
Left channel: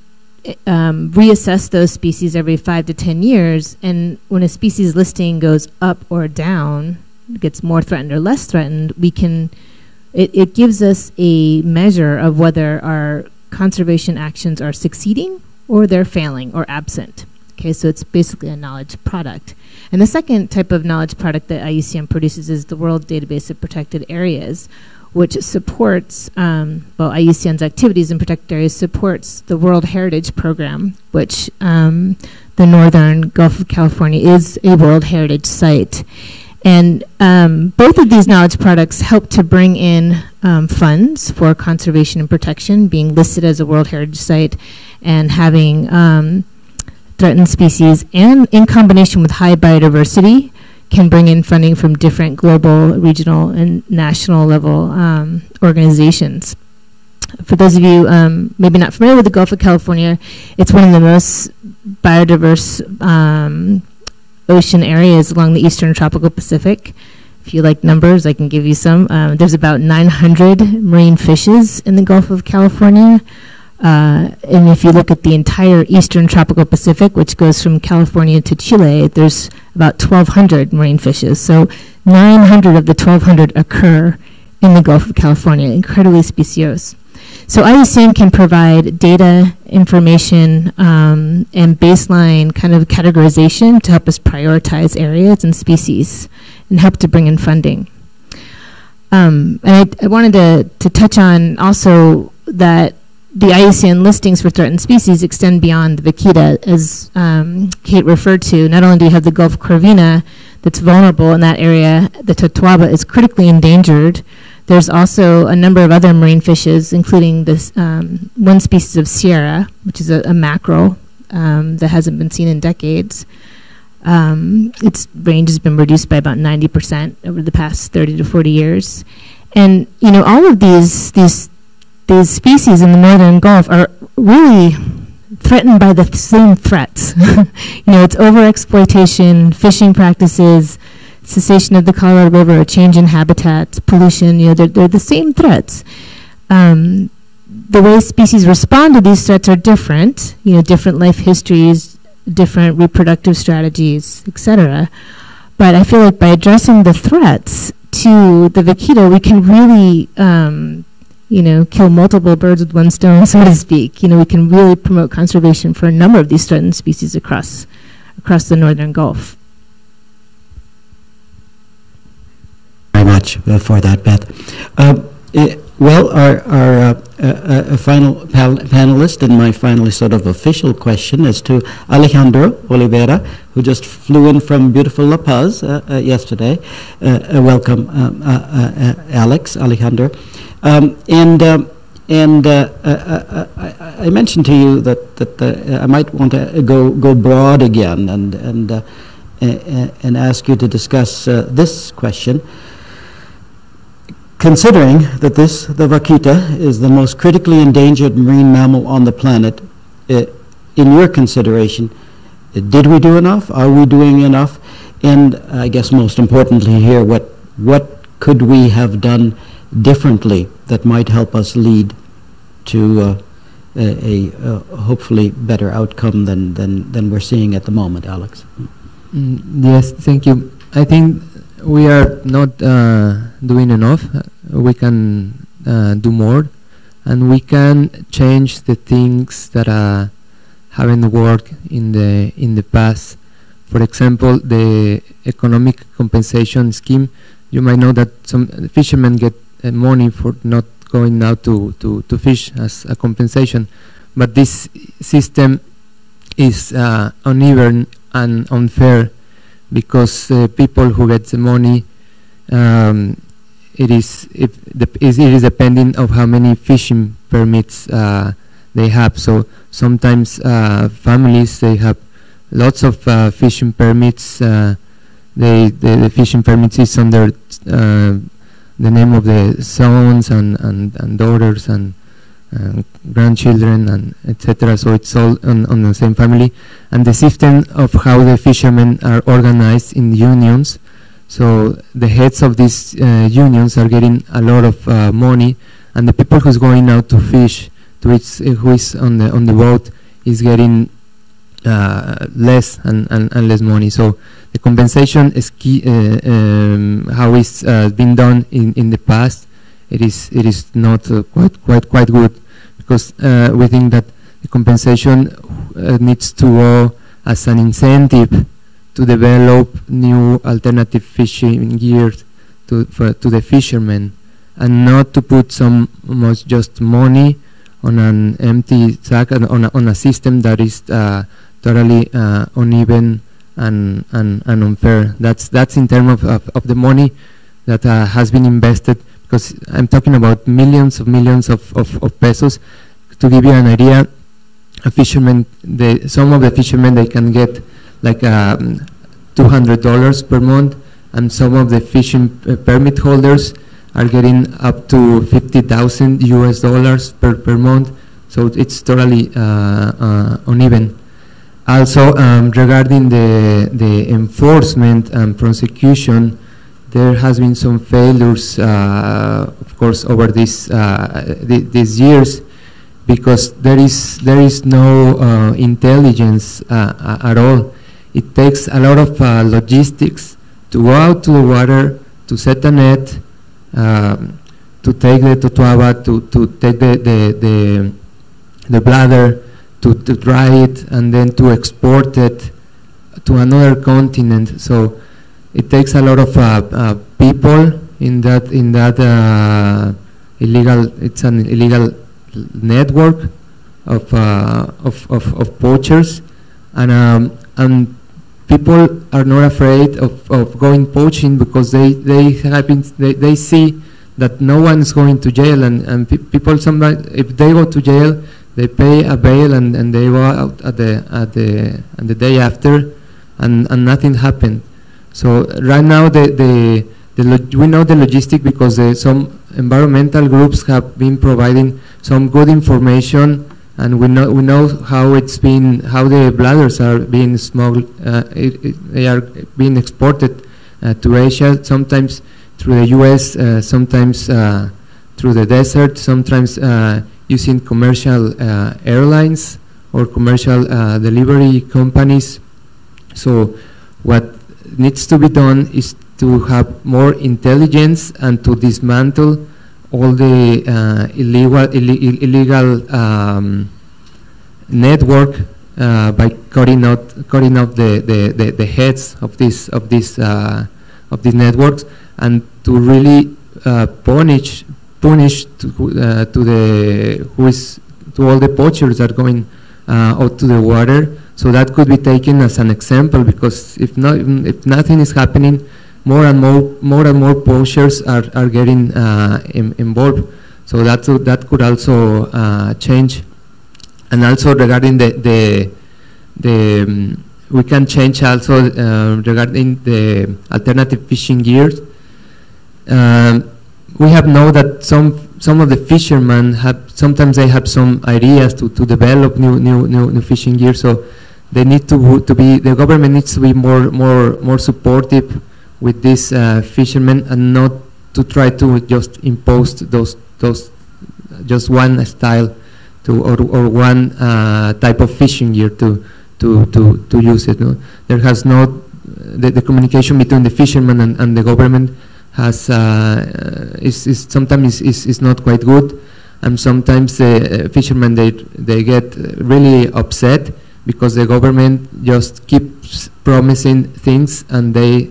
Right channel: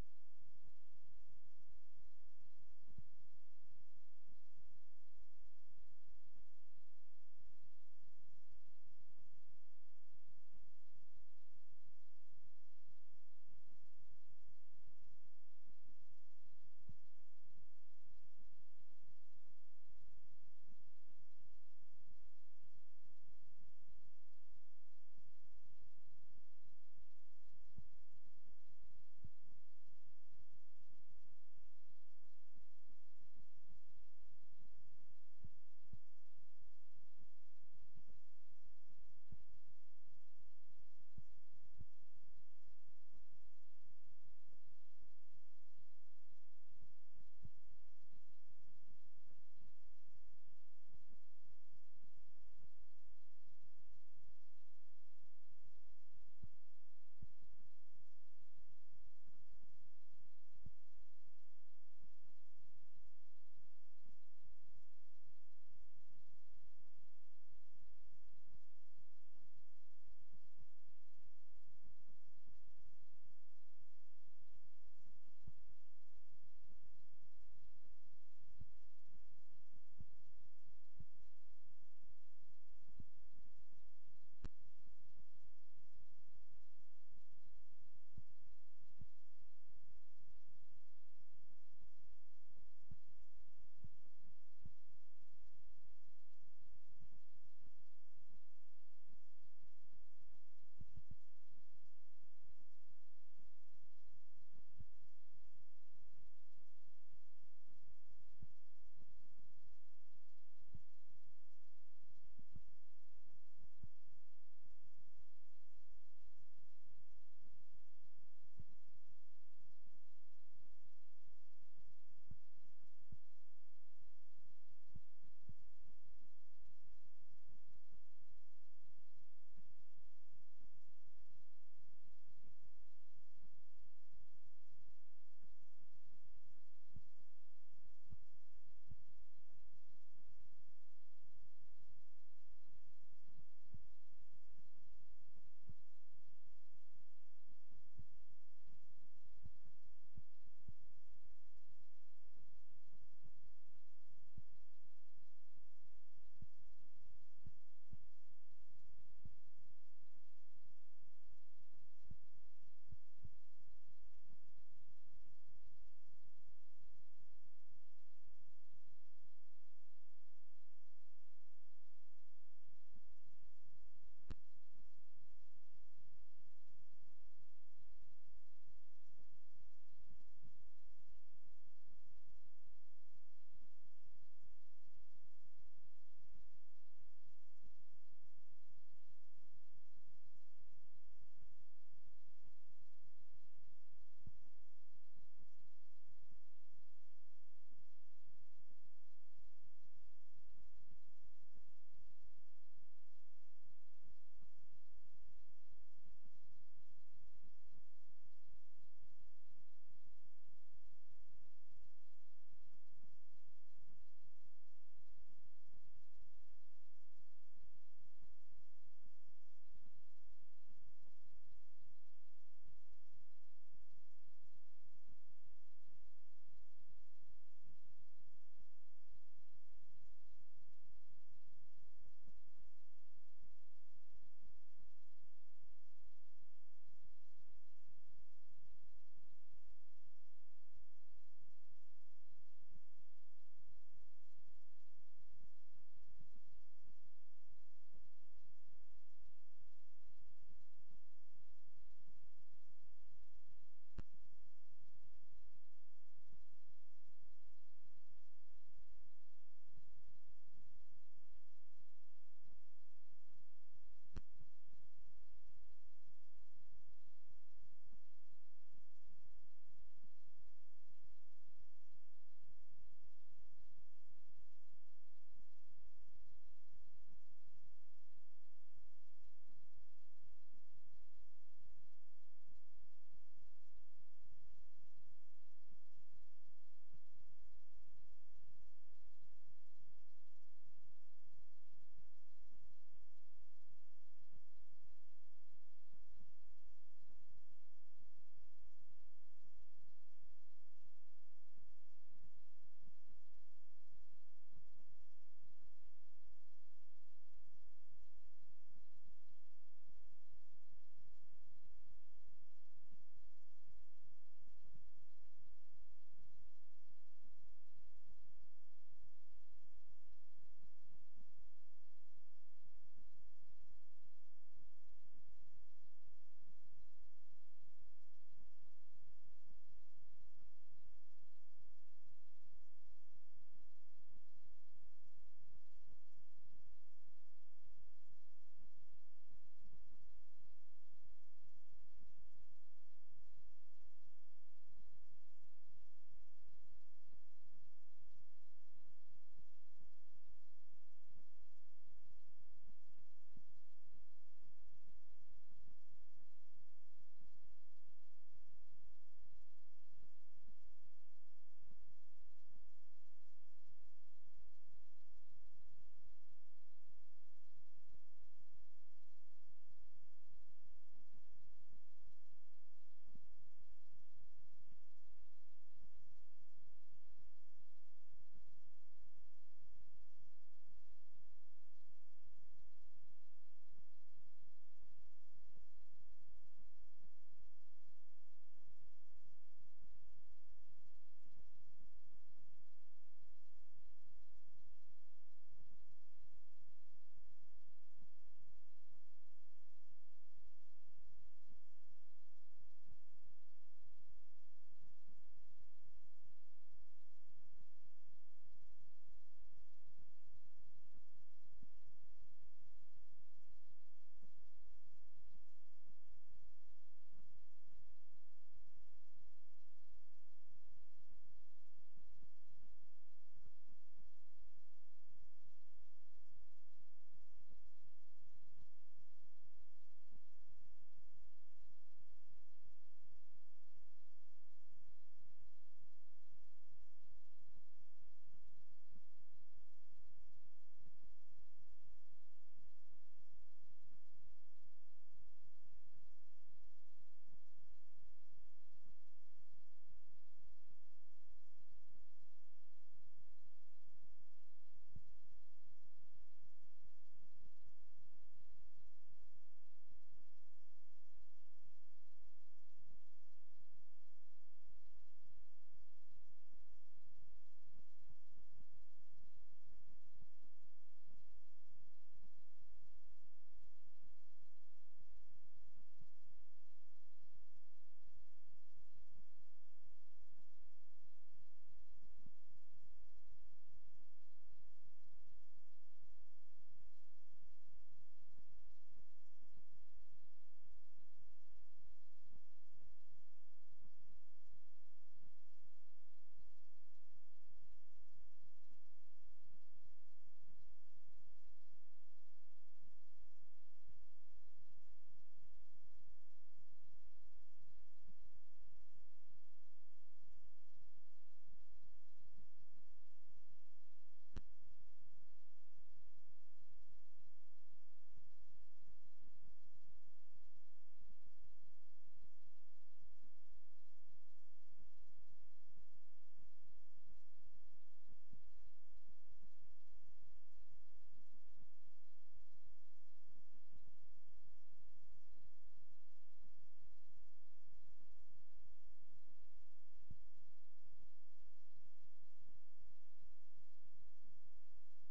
reassess those species every 5 to 10 years. And when a species listing goes up or down, gets more threatened or less threatened, we can it gives us a measure of whether our conservation actions are succeeding or they're failing or absent. Okay, so it's basically a knowledge product. And the second type of knowledge product that IUCN produces is the World Database of Protected Areas, which supports, IUCN's activities in protected areas supports the World Heritage Program, which the Northern Gulf of California is a World Heritage Site. And both of these knowledge products help to bring in funds for conservation and protection, being listed as a World Heritage Site and having threatened species, and in combination with high biodiversity, can bring in funding from different global, regional, and national level organizations. For those of you maybe not familiar with the Gulf of California, it's one of the most biodiverse ocean areas along the eastern tropical Pacific. If you like numbers, I can give you some. There's about 900 marine fishes in the Gulf of California. And if you look at the entire eastern tropical Pacific, which goes from California to Chile, there's about 1,200 marine fishes. So 900 of the 1,200 occur in the Gulf of California, incredibly speciose. So IUCN can provide data, information, and baseline kind of categorization to help us prioritize areas and species and help to bring in funding. And I wanted to touch on also that the IUCN listings for threatened species extend beyond the vaquita, as Kate referred to. Not only do you have the Gulf corvina that's vulnerable in that area, the totoaba is critically endangered. There's also a number of other marine fishes, including this one species of Sierra, which is a mackerel that hasn't been seen in decades. Its range has been reduced by about 90% over the past 30 to 40 years. And, you know, all of these species in the northern Gulf are really threatened by the same threats. You know, it's overexploitation, fishing practices, cessation of the Colorado River, a change in habitats, pollution. You know, they're the same threats. The way species respond to these threats are different. You know, different life histories, different reproductive strategies, etc. But I feel like by addressing the threats to the vaquita, we can really you know, kill multiple birds with one stone, so to speak. You know, we can really promote conservation for a number of these threatened species across the northern Gulf. Very much for that, Beth. Well, our final panelist, and my finally sort of official question is to Alejandro Oliveira, who just flew in from beautiful La Paz yesterday. Welcome, Alejandro. I mentioned to you that I might want to go broad again and ask you to discuss this question. Considering that the vaquita is the most critically endangered marine mammal on the planet, in your consideration, did we do enough? Are we doing enough? And I guess most importantly here, what could we have done differently that might help us lead to a hopefully better outcome than we're seeing at the moment, Alex? Yes, thank you. I think we are not doing enough. We can do more, and we can change the things that haven't worked in the past. For example, the economic compensation scheme. You might know that some fishermen get money for not going out to fish as a compensation, but this system is uneven and unfair, because people who get the money, it is depending on how many fishing permits they have. So sometimes families, they have lots of fishing permits. The fishing permits is under the name of the sons and daughters and grandchildren and etc. So it's all on the same family. And the system of how the fishermen are organized in unions. So the heads of these unions are getting a lot of money, and the people who's going out to fish, who is on the boat, is getting less and less money. So the compensation is key. How it's been done in the past, it is not quite good, because we think that the compensation needs to go as an incentive to develop new alternative fishing gears to the fishermen, and not to put so much just money on an empty sack and on a system that is totally uneven and unfair. That's in terms of the money that has been invested, because I'm talking about millions of pesos. To give you an idea, a fisherman, some of the fishermen, they can get like $200 per month, and some of the fishing permit holders are getting up to $50,000 US per month. So it's totally uneven. Also, regarding the enforcement and prosecution, there has been some failures, of course, over these years, because there is no intelligence at all. It takes a lot of logistics to go out to the water, to set a net, to take the totoaba, to take the bladder, to dry it, and then to export it to another continent. So it takes a lot of people in that illegal. It's an illegal network of poachers, and people are not afraid of going poaching, because they see that no one is going to jail, and people sometimes, if they go to jail, they pay a bail and they go out at the day after, and nothing happened. So right now we know the logistic, because some environmental groups have been providing some good information, and we know how the bladders are being smuggled. They are being exported to Asia, sometimes through the U.S., sometimes through the desert, sometimes using commercial airlines or commercial delivery companies. So what needs to be done is to have more intelligence and to dismantle all the illegal network by cutting out the heads of these networks, and to really punish to all the poachers that are going out to the water. So that could be taken as an example, because if nothing is happening, more and more poachers are getting involved. So that could also change. And also regarding we can change also regarding the alternative fishing gears. We have known that some of the fishermen sometimes they have some ideas to develop new fishing gear. So they need the government needs to be more supportive with these fishermen, and not to try to just impose those just one style or one type of fishing gear to use it. No? There has not the communication between the fishermen and the government has is sometimes not quite good, and sometimes the fishermen they get really upset because the government just keeps promising things and they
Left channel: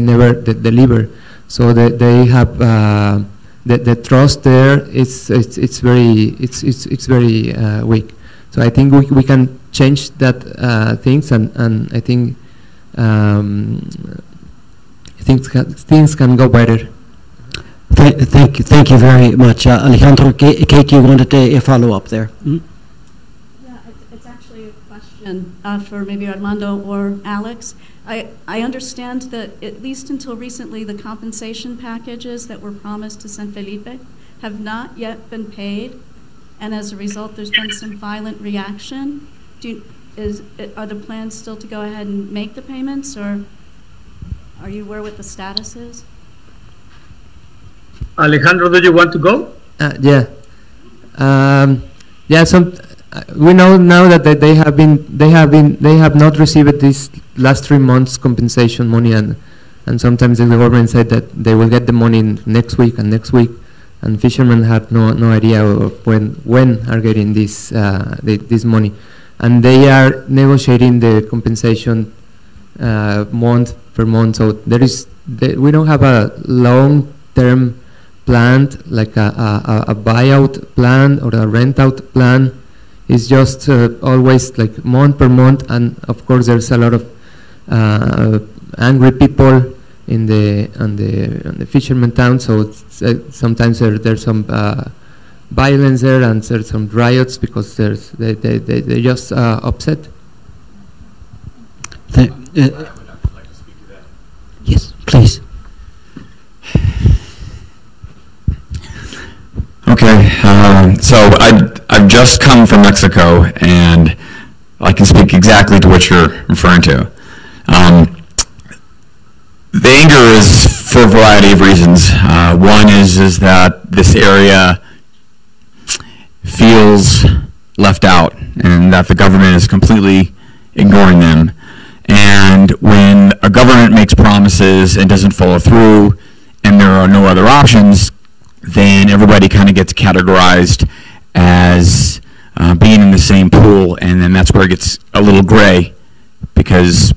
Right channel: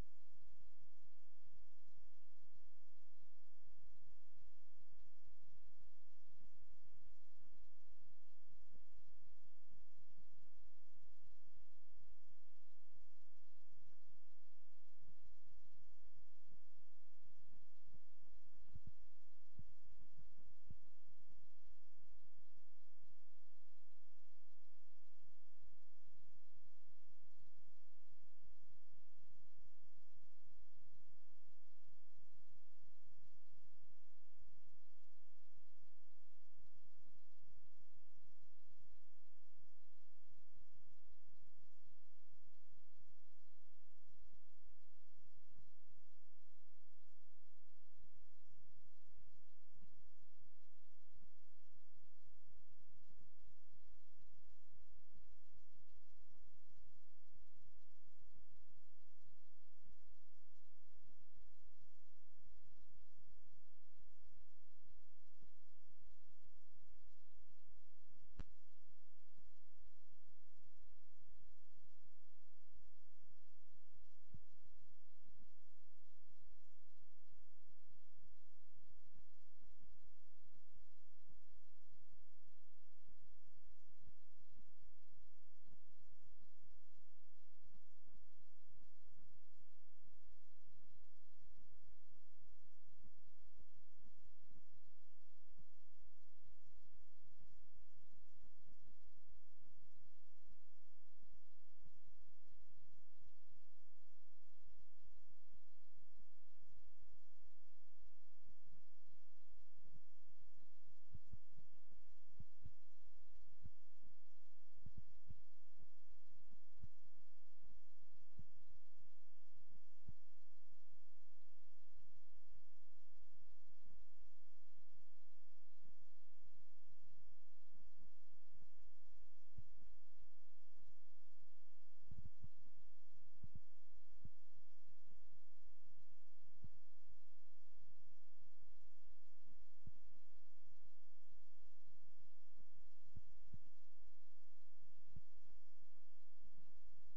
never deliver. So they have the trust there. It's very weak. So I think we can change that things, and I think things can go better. Thank you very much, Alejandro. Kate, you wanted a follow up there. Mm-hmm. It's actually a question for maybe Armando or Alex. I understand that at least until recently, the compensation packages that were promised to San Felipe have not yet been paid, and as a result, there's been some violent reaction. Are the plans still to go ahead and make the payments, or are you aware what the status is? Alejandro, do you want to go? Yeah. We know now that they have not received this last 3 months compensation money, and sometimes the government said that they will get the money next week, and fishermen have no idea of when are getting this money, and they are negotiating the compensation month per month. So we don't have a long-term planned, like a buyout plan or a rent-out plan. It's just always like month per month, and of course there's a lot of angry people in the fisherman town. So sometimes there's some violence there, and there's some riots because they're just upset. Yes, please. Okay, so I've just come from Mexico, and I can speak exactly to what you're referring to. The anger is for a variety of reasons. One is that this area feels left out, and that the government is completely ignoring them. And when a government makes promises and doesn't follow through, and there are no other options, then everybody kind of gets categorized as being in the same pool, and then that's where it gets a little gray, because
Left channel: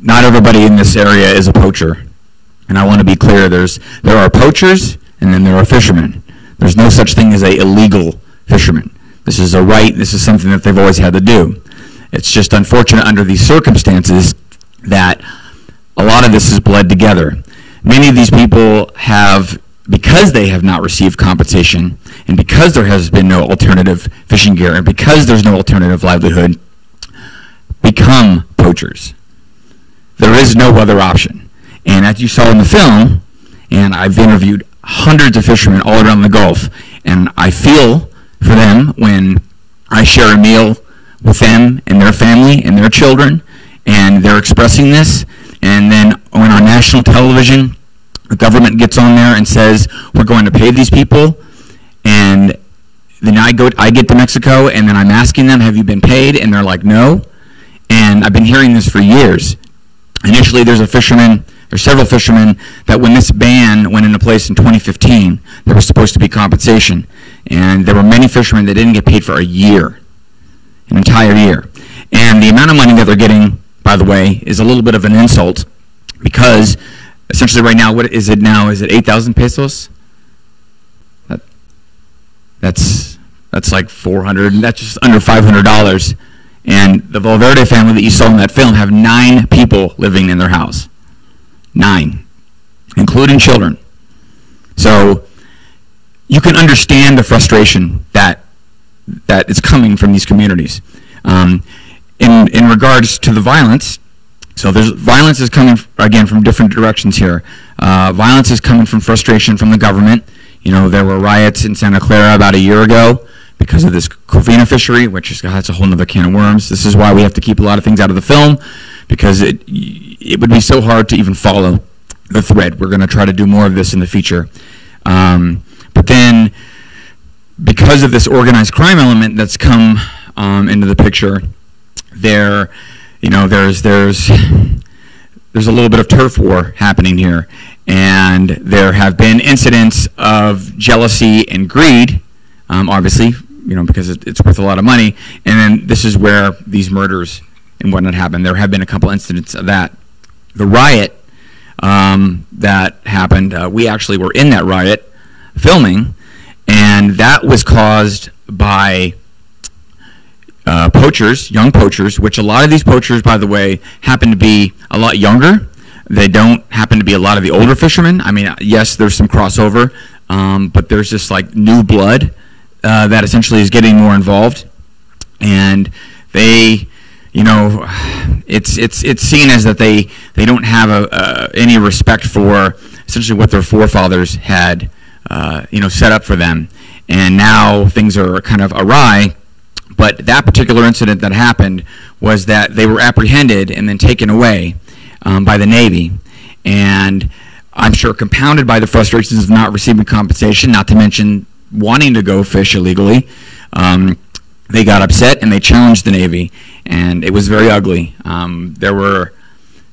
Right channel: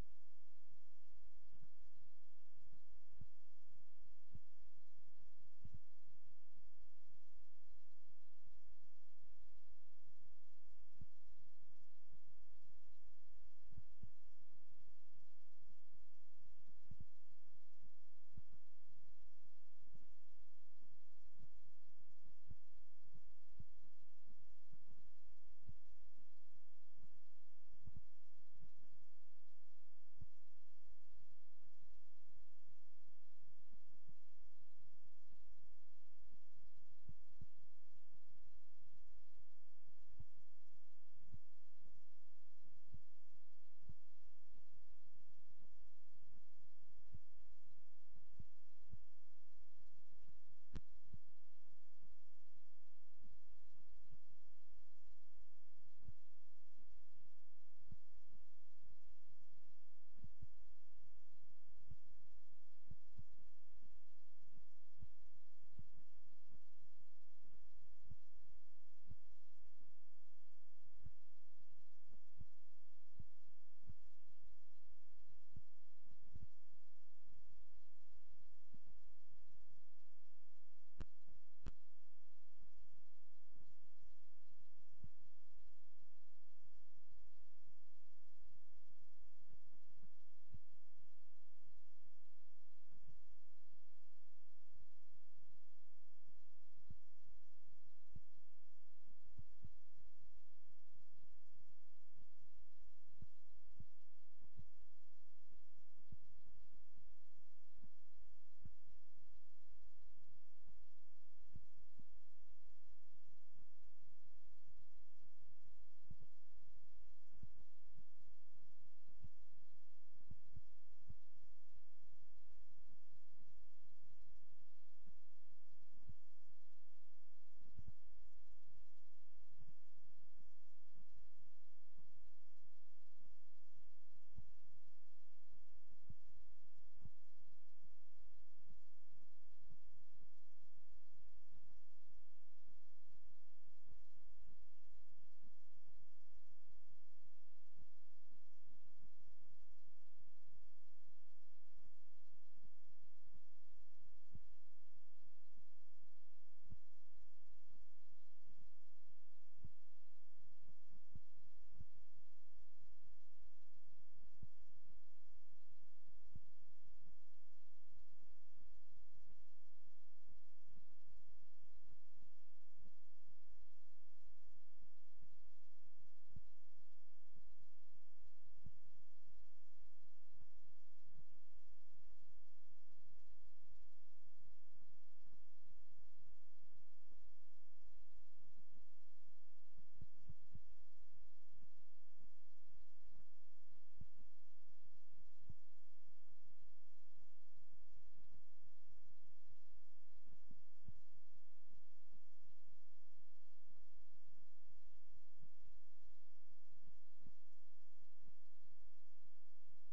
not everybody in this area is a poacher. And I want to be clear, there are poachers, and then there are fishermen. There's no such thing as a illegal fisherman. This is a right, this is something that they've always had to do. It's just unfortunate under these circumstances that a lot of this is bled together. Many of these people have, because they have not received compensation, and because there has been no alternative fishing gear, and because there's no alternative livelihood, become poachers. There is no other option. And as you saw in the film, and I've interviewed hundreds of fishermen all around the Gulf, and I feel for them when I share a meal with them and their family and their children, and they're expressing this, and then on our national television, the government gets on there and says, we're going to pay these people, and then I get to Mexico, and then I'm asking them, have you been paid? And they're like, no. And I've been hearing this for years. Initially, there's several fishermen that when this ban went into place in 2015, there was supposed to be compensation. And there were many fishermen that didn't get paid for a year, an entire year. And the amount of money that they're getting, by the way, is a little bit of an insult, because essentially right now, what is it now? Is it 8,000 pesos? That's like 400, that's just under $500. And the Valverde family that you saw in that film have 9 people living in their house. 9, including children. So you can understand the frustration that is coming from these communities. In regards to the violence, so violence is coming, again, from different directions here. Violence is coming from frustration from the government. You know, there were riots in Santa Clara about a year ago because of this Covina fishery, which that's a whole other can of worms. This is why we have to keep a lot of things out of the film, because it would be so hard to even follow the thread. We're going to try to do more of this in the future. But then, because of this organized crime element that's come into the picture, there's a little bit of turf war happening here, and there have been incidents of jealousy and greed, obviously, because it's worth a lot of money. And then this is where these murders and whatnot happen. There have been a couple incidents of that. The riot that happened, we actually were in that riot filming, and that was caused by poachers, young poachers, which a lot of these poachers, by the way, happen to be a lot younger. They don't happen to be a lot of the older fishermen. I mean, yes, there's some crossover, but there's just like new blood that essentially is getting more involved, and they, it's seen as that they don't have any respect for essentially what their forefathers had, set up for them, and now things are kind of awry. But that particular incident that happened was that they were apprehended and then taken away by the Navy, and I'm sure compounded by the frustrations of not receiving compensation, not to mention wanting to go fish illegally. They got upset and they challenged the Navy, and it was very ugly. There were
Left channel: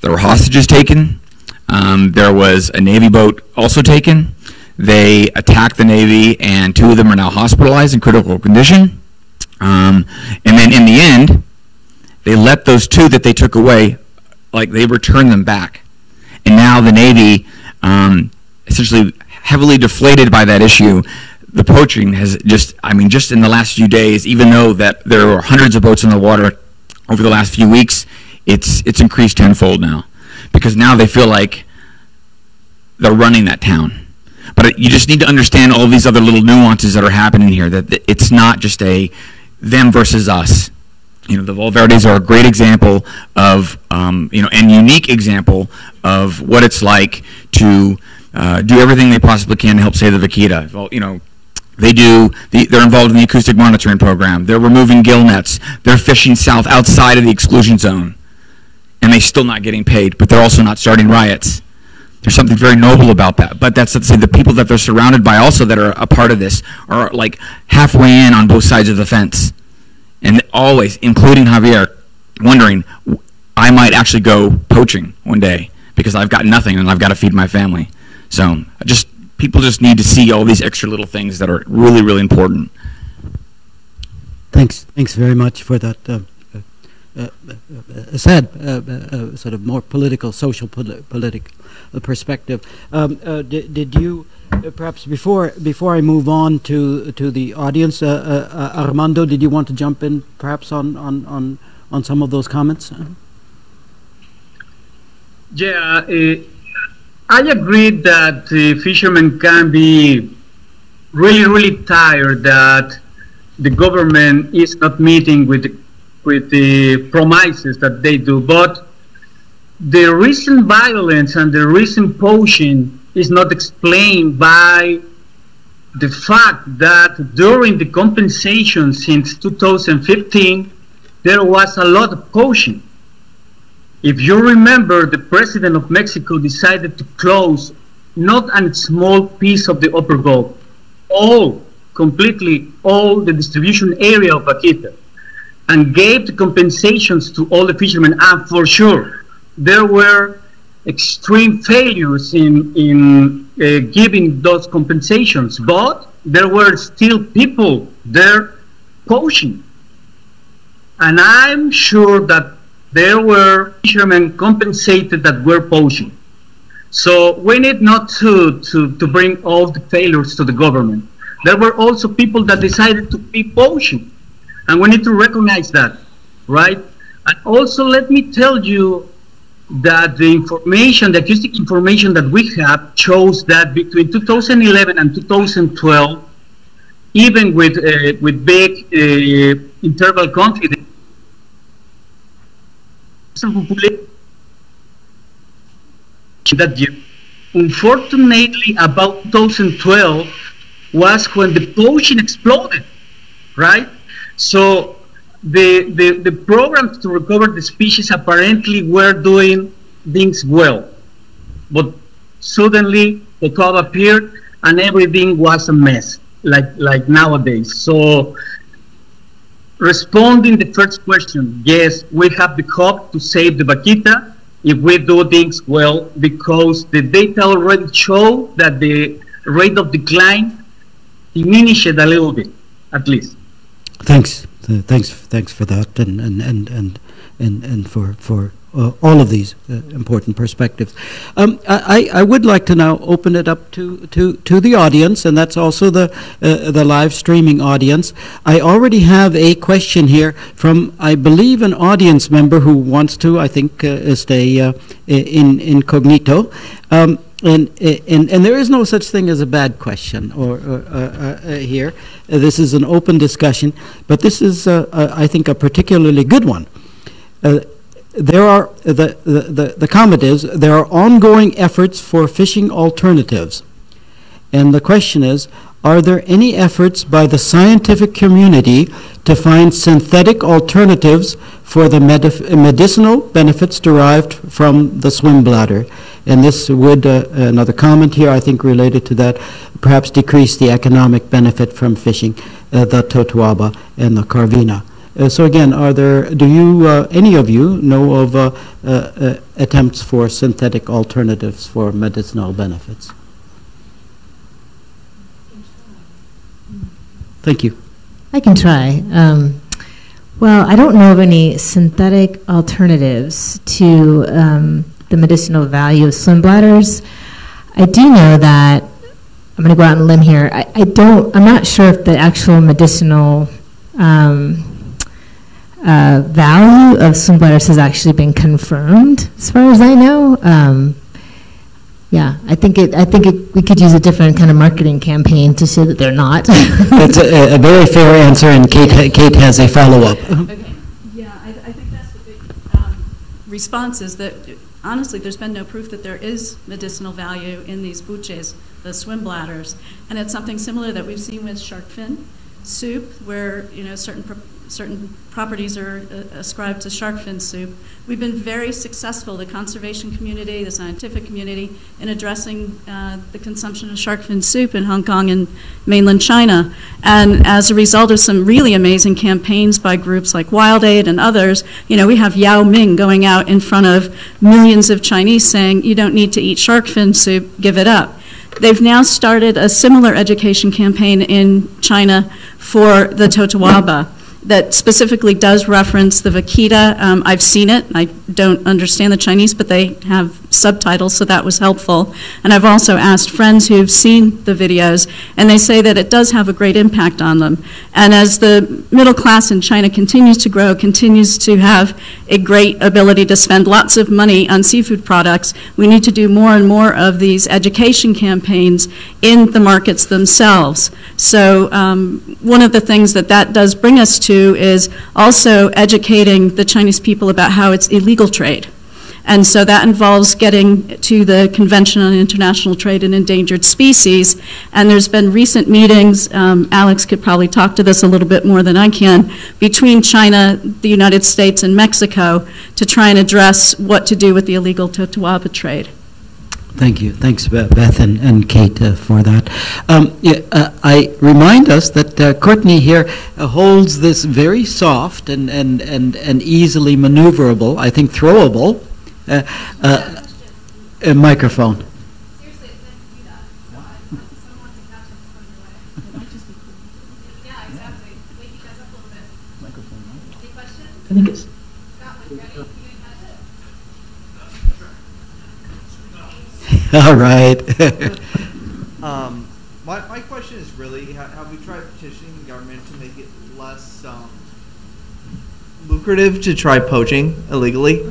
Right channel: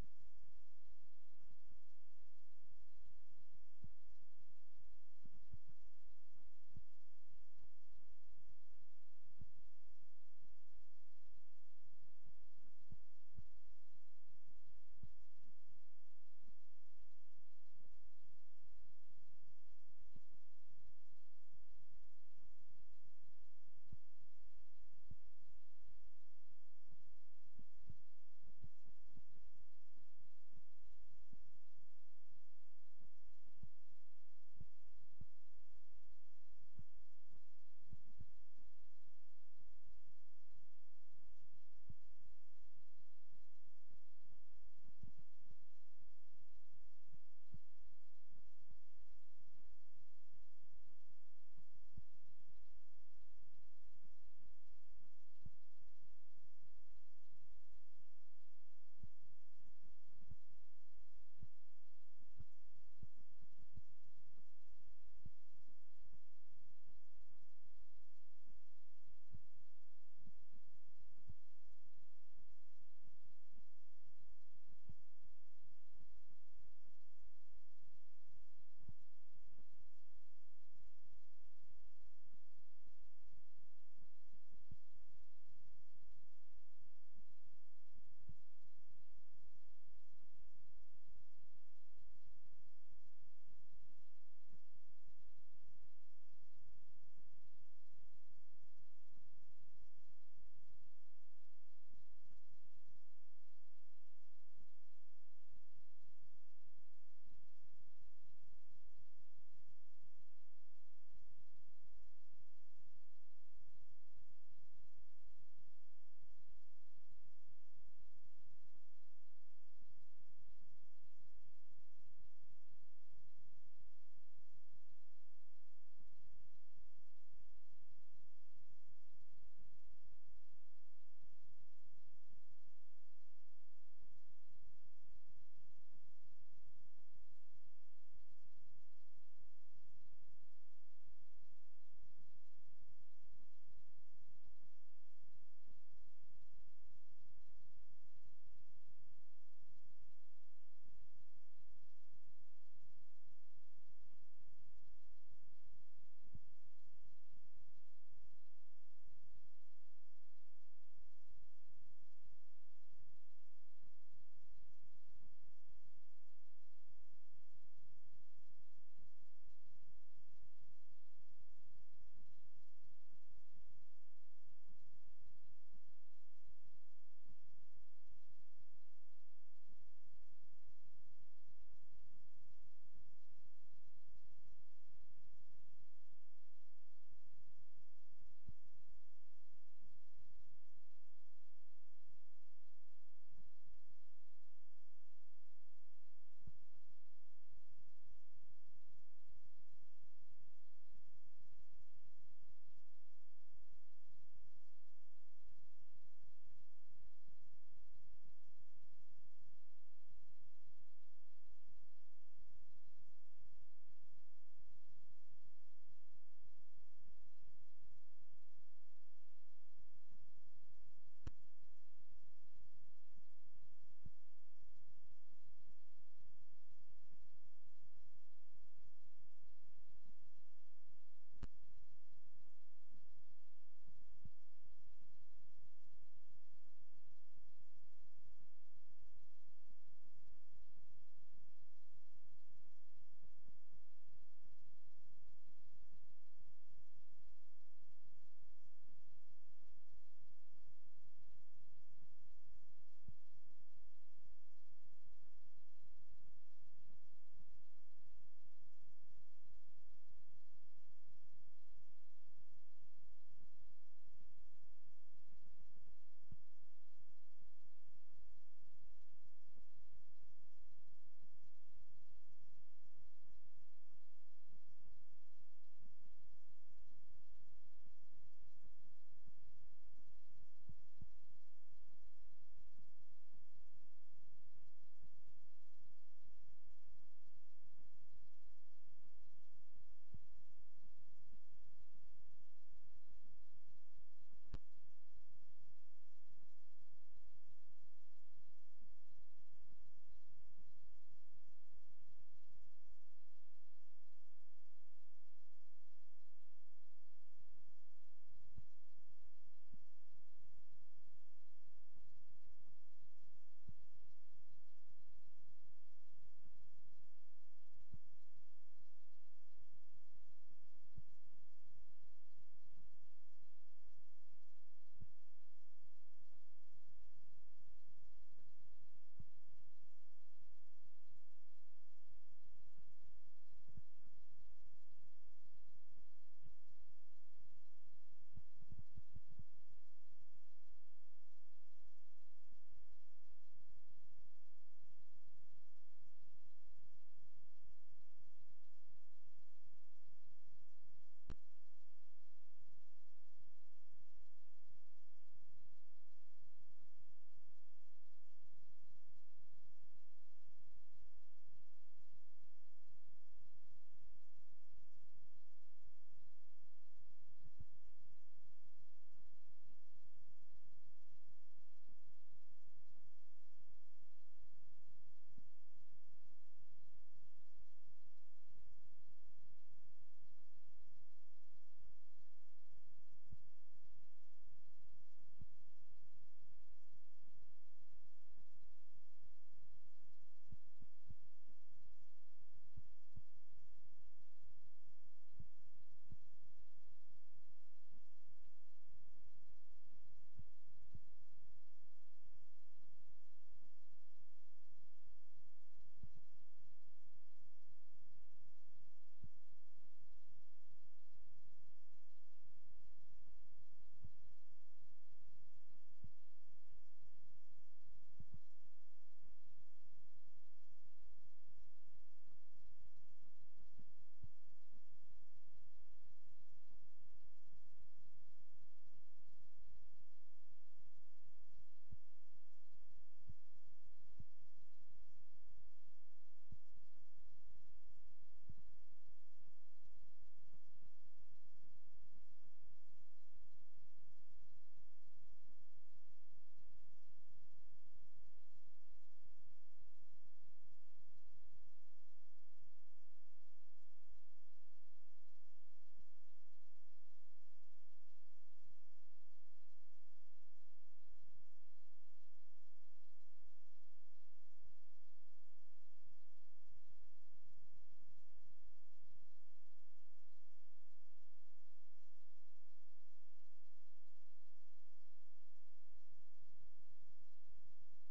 hostages taken. There was a Navy boat also taken. They attacked the Navy, and 2 of them are now hospitalized in critical condition. And then in the end, they let those 2 that they took away, like they returned them back. And now the Navy essentially heavily deflated by that issue. The poaching has just in the last few days, even though that there were hundreds of boats in the water over the last few weeks, it's increased tenfold now, because now they feel like they're running that town. But you just need to understand all these other little nuances that are happening here, that it's not just a them versus us. You know, the Valverdes are a great example of, and unique example of what it's like to do everything they possibly can to help save the vaquita. Well, they're involved in the acoustic monitoring program. They're removing gill nets. They're fishing south outside of the exclusion zone. And they're still not getting paid, but they're also not starting riots. There's something very noble about that. But that's to say the people that they're surrounded by also that are a part of this are like halfway in on both sides of the fence. And always, including Javier, wondering, I might actually go poaching one day because I've got nothing and I've got to feed my family. So people just need to see all these extra little things that are really, really important. Thanks very much for that sad, sort of more political, social political perspective. Did you, perhaps before I move on to the audience, Armando, did you want to jump in perhaps on some of those comments? Yeah, I agree that fishermen can be really, really tired that the government is not meeting with the promises that they do. But the recent violence and the recent poaching is not explained by the fact that during the compensation since 2015, there was a lot of poaching. If you remember, the president of Mexico decided to close not a small piece of the upper Gulf, completely all the distribution area of vaquita, and gave the compensations to all the fishermen. And for sure, there were extreme failures in giving those compensations, but there were still people there poaching. And I'm sure that there were fishermen compensated that were poaching. So we need not to bring all the failures to the government. There were also people that decided to be poaching, and we need to recognize that, right? And also let me tell you that the information, the acoustic information that we have shows that between 2011 and 2012, even with big interval conflict, that year, unfortunately, about 2012 was when the poaching exploded, right? So the programs to recover the species apparently were doing things well, but suddenly the cloud appeared and everything was a mess, like nowadays. So responding the first question, yes, we have the hope to save the vaquita if we do things well, because the data already show that the rate of decline diminished a little bit, at least. Thanks for that, and for all of these important perspectives. I would like to now open it up to the audience, and that's also the live streaming audience. I already have a question here from, I believe, an audience member who wants to, I think, stay incognito. And there is no such thing as a bad question here. This is an open discussion, but this is, I think, a particularly good one. There are the comment is there are ongoing efforts for fishing alternatives, and the question is, are there any efforts by the scientific community to find synthetic alternatives for the medicinal benefits derived from the swim bladder? And this would, another comment here, I think, related to that, perhaps decrease the economic benefit from fishing the totoaba and the carvina. So again, do you, any of you, know of attempts for synthetic alternatives for medicinal benefits? Thank you. I can try. Well, I don't know of any synthetic alternatives to the medicinal value of swim bladders. I do know that, I'm going to go out on a limb here, I'm not sure if the actual medicinal value of swim bladders has actually been confirmed, as far as I know. Yeah, I think we could use a different kind of marketing campaign to say that they're not. That's a very fair answer, and Kate has a follow-up. Okay. Yeah, I think that's the big response is that, honestly, there's been no proof that there is medicinal value in these buches, the swim bladders. And it's something similar that we've seen with shark fin soup, where certain properties are ascribed to shark fin soup. We've been very successful, the conservation community, the scientific community, in addressing the consumption of shark fin soup in Hong Kong and mainland China. And as a result of some really amazing campaigns by groups like Wild Aid and others, we have Yao Ming going out in front of millions of Chinese saying, you don't need to eat shark fin soup, give it up. They've now started a similar education campaign in China for the totawaba that specifically does reference the vaquita. I've seen it. I don't understand the Chinese, but they have subtitles, so that was helpful. And I've also asked friends who've seen the videos, and they say that it does have a great impact on them. And as the middle class in China continues to grow, continues to have a great ability to spend lots of money on seafood products, we need to do more and more of these education campaigns in the markets themselves. So one of the things that does bring us to is also educating the Chinese people about how it's illegal trade. And so that involves getting to the Convention on International Trade in Endangered Species. And there's been recent meetings, Alex could probably talk to this a little bit more than I can, between China, the United States, and Mexico to try and address what to do with the illegal totawaba trade. Thank you. Thanks, Beth and Kate, for that. I remind us that Courtney here holds this very soft and easily maneuverable, I think throwable, microphone. I think it's... All right. My question is really, have we tried petitioning the government to make it less lucrative to try poaching illegally?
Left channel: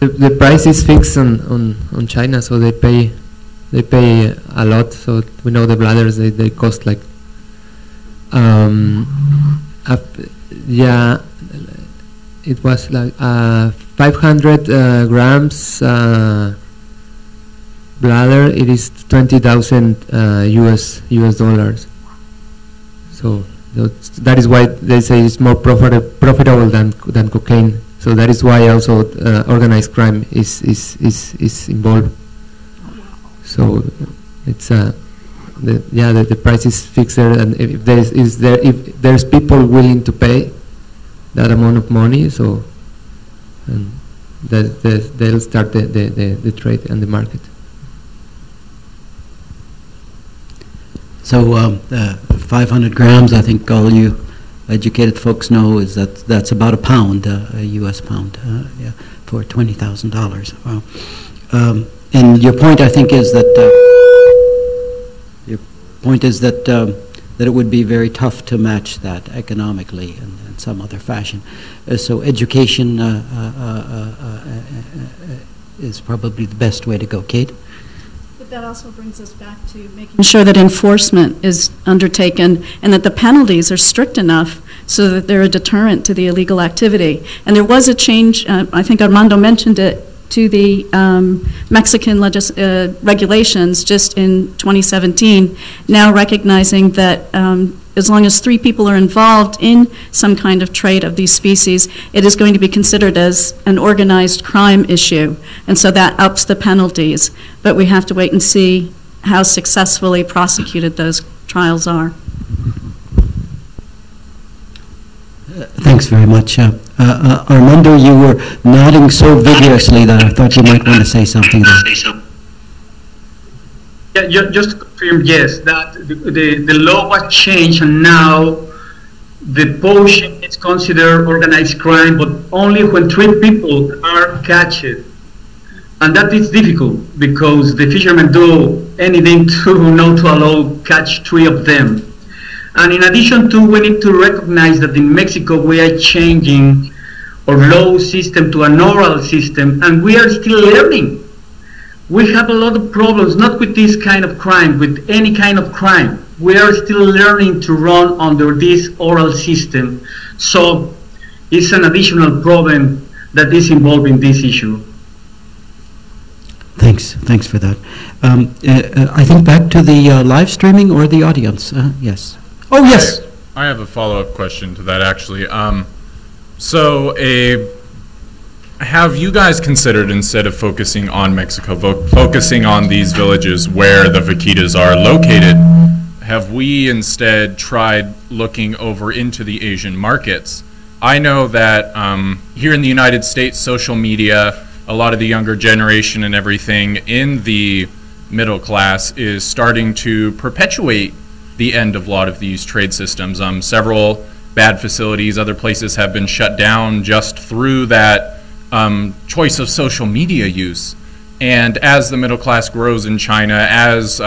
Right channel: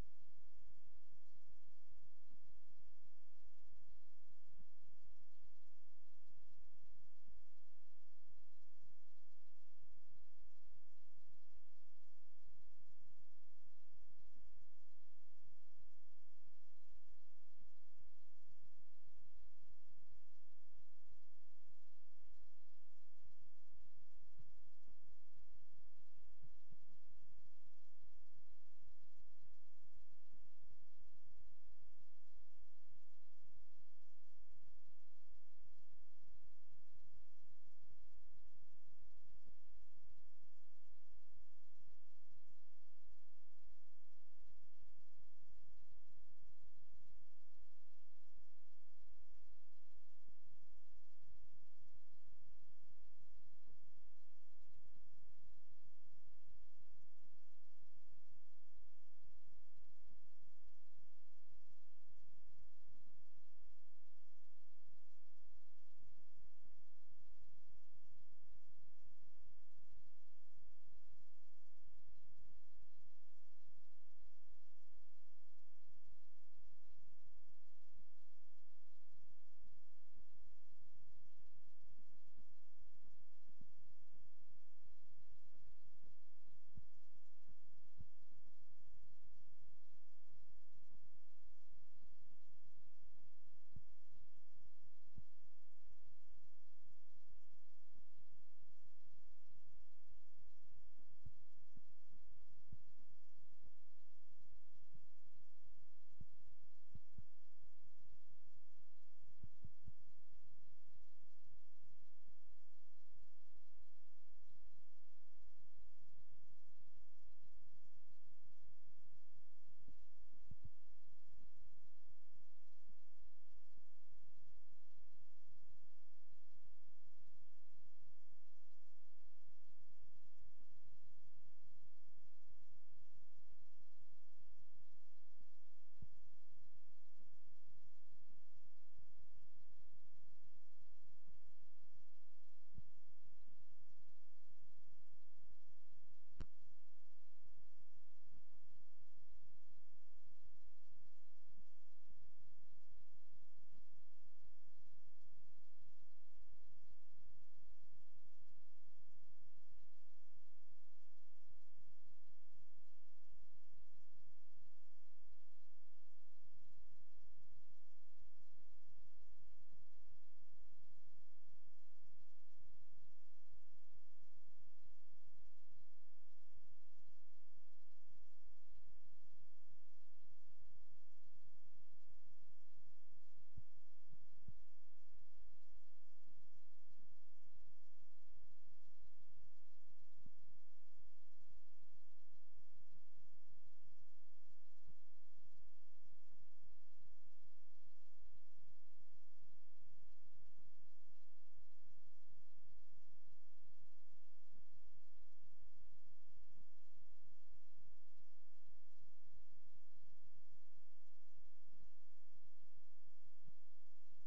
The price is fixed on China, so they pay a lot. So we know the bladders they cost like yeah, it was like 500 grams bladder. It is 20,000 US dollars. So that is why they say it's more profitable than cocaine. So that is why also organized crime is involved. So it's the price is fixed there, and if there's people willing to pay that amount of money, so and they'll start the trade and the market. So 500 grams, I think all you educated folks know is that's about a pound, a U.S. pound, yeah, for $20,000. Wow. And your point, I think, is that that it would be very tough to match that economically in some other fashion. So education is probably the best way to go. Kate? But that also brings us back to making sure that enforcement is undertaken and that the penalties are strict enough so that they're a deterrent to the illegal activity. And there was a change, I think Armando mentioned it, to the Mexican regulations just in 2017, now recognizing that as long as 3 people are involved in some kind of trade of these species, it is going to be considered as an organized crime issue. And so that ups the penalties. But we have to wait and see how successfully prosecuted those trials are. Thanks very much. Armando, you were nodding so vigorously that I thought you might want to say something there. Yeah, just to confirm, yes, that the law was changed, and now the poaching is considered organized crime, but only when 3 people are catched. And that is difficult because the fishermen do anything to not to allow catch 3 of them. And in addition to, we need to recognize that in Mexico we are changing our law system to an oral system, and we are still learning. We have a lot of problems, not with this kind of crime, with any kind of crime. We are still learning to run under this oral system. So it's an additional problem that is involved in this issue. Thanks for that. I think back to the live streaming or the audience. Yes. Oh, yes. I have a follow-up question to that, actually. Have you guys considered, instead of focusing on Mexico, focusing on these villages where the vaquitas are located, have we instead tried looking over into the Asian markets? I know that here in the United States, social media, a lot of the younger generation and everything in the middle class is starting to perpetuate the end of a lot of these trade systems. Several bad facilities, other places have been shut down just through that choice of social media use. And as the middle class grows in China, as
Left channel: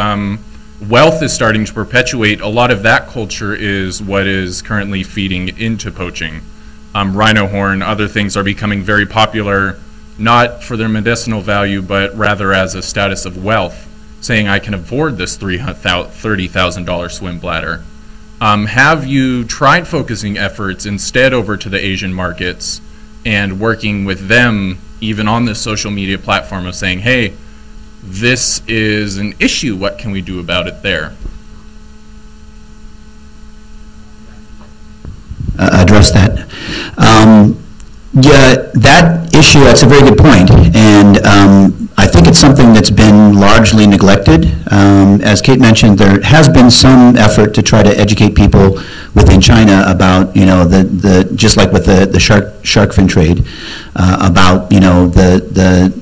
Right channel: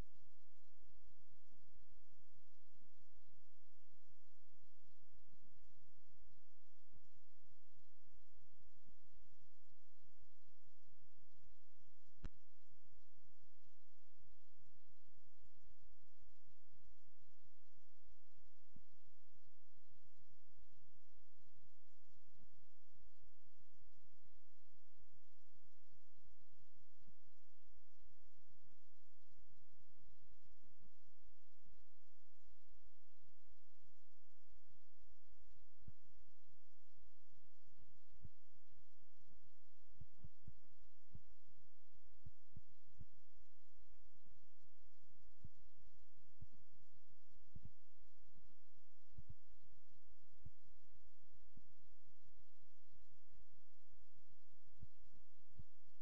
wealth is starting to perpetuate, a lot of that culture is what is currently feeding into poaching. Rhino horn, other things are becoming very popular, not for their medicinal value, but rather as a status of wealth, saying I can afford this $30,000 swim bladder. Have you tried focusing efforts instead over to the Asian markets and working with them even on this social media platform of saying, hey, this is an issue, what can we do about it there? Address that. Yeah, that issue, that's a very good point. And I think it's something that's been largely neglected. As Kate mentioned, there has been some effort to try to educate people within China about, you know, the just like with the shark fin trade, about, you know, the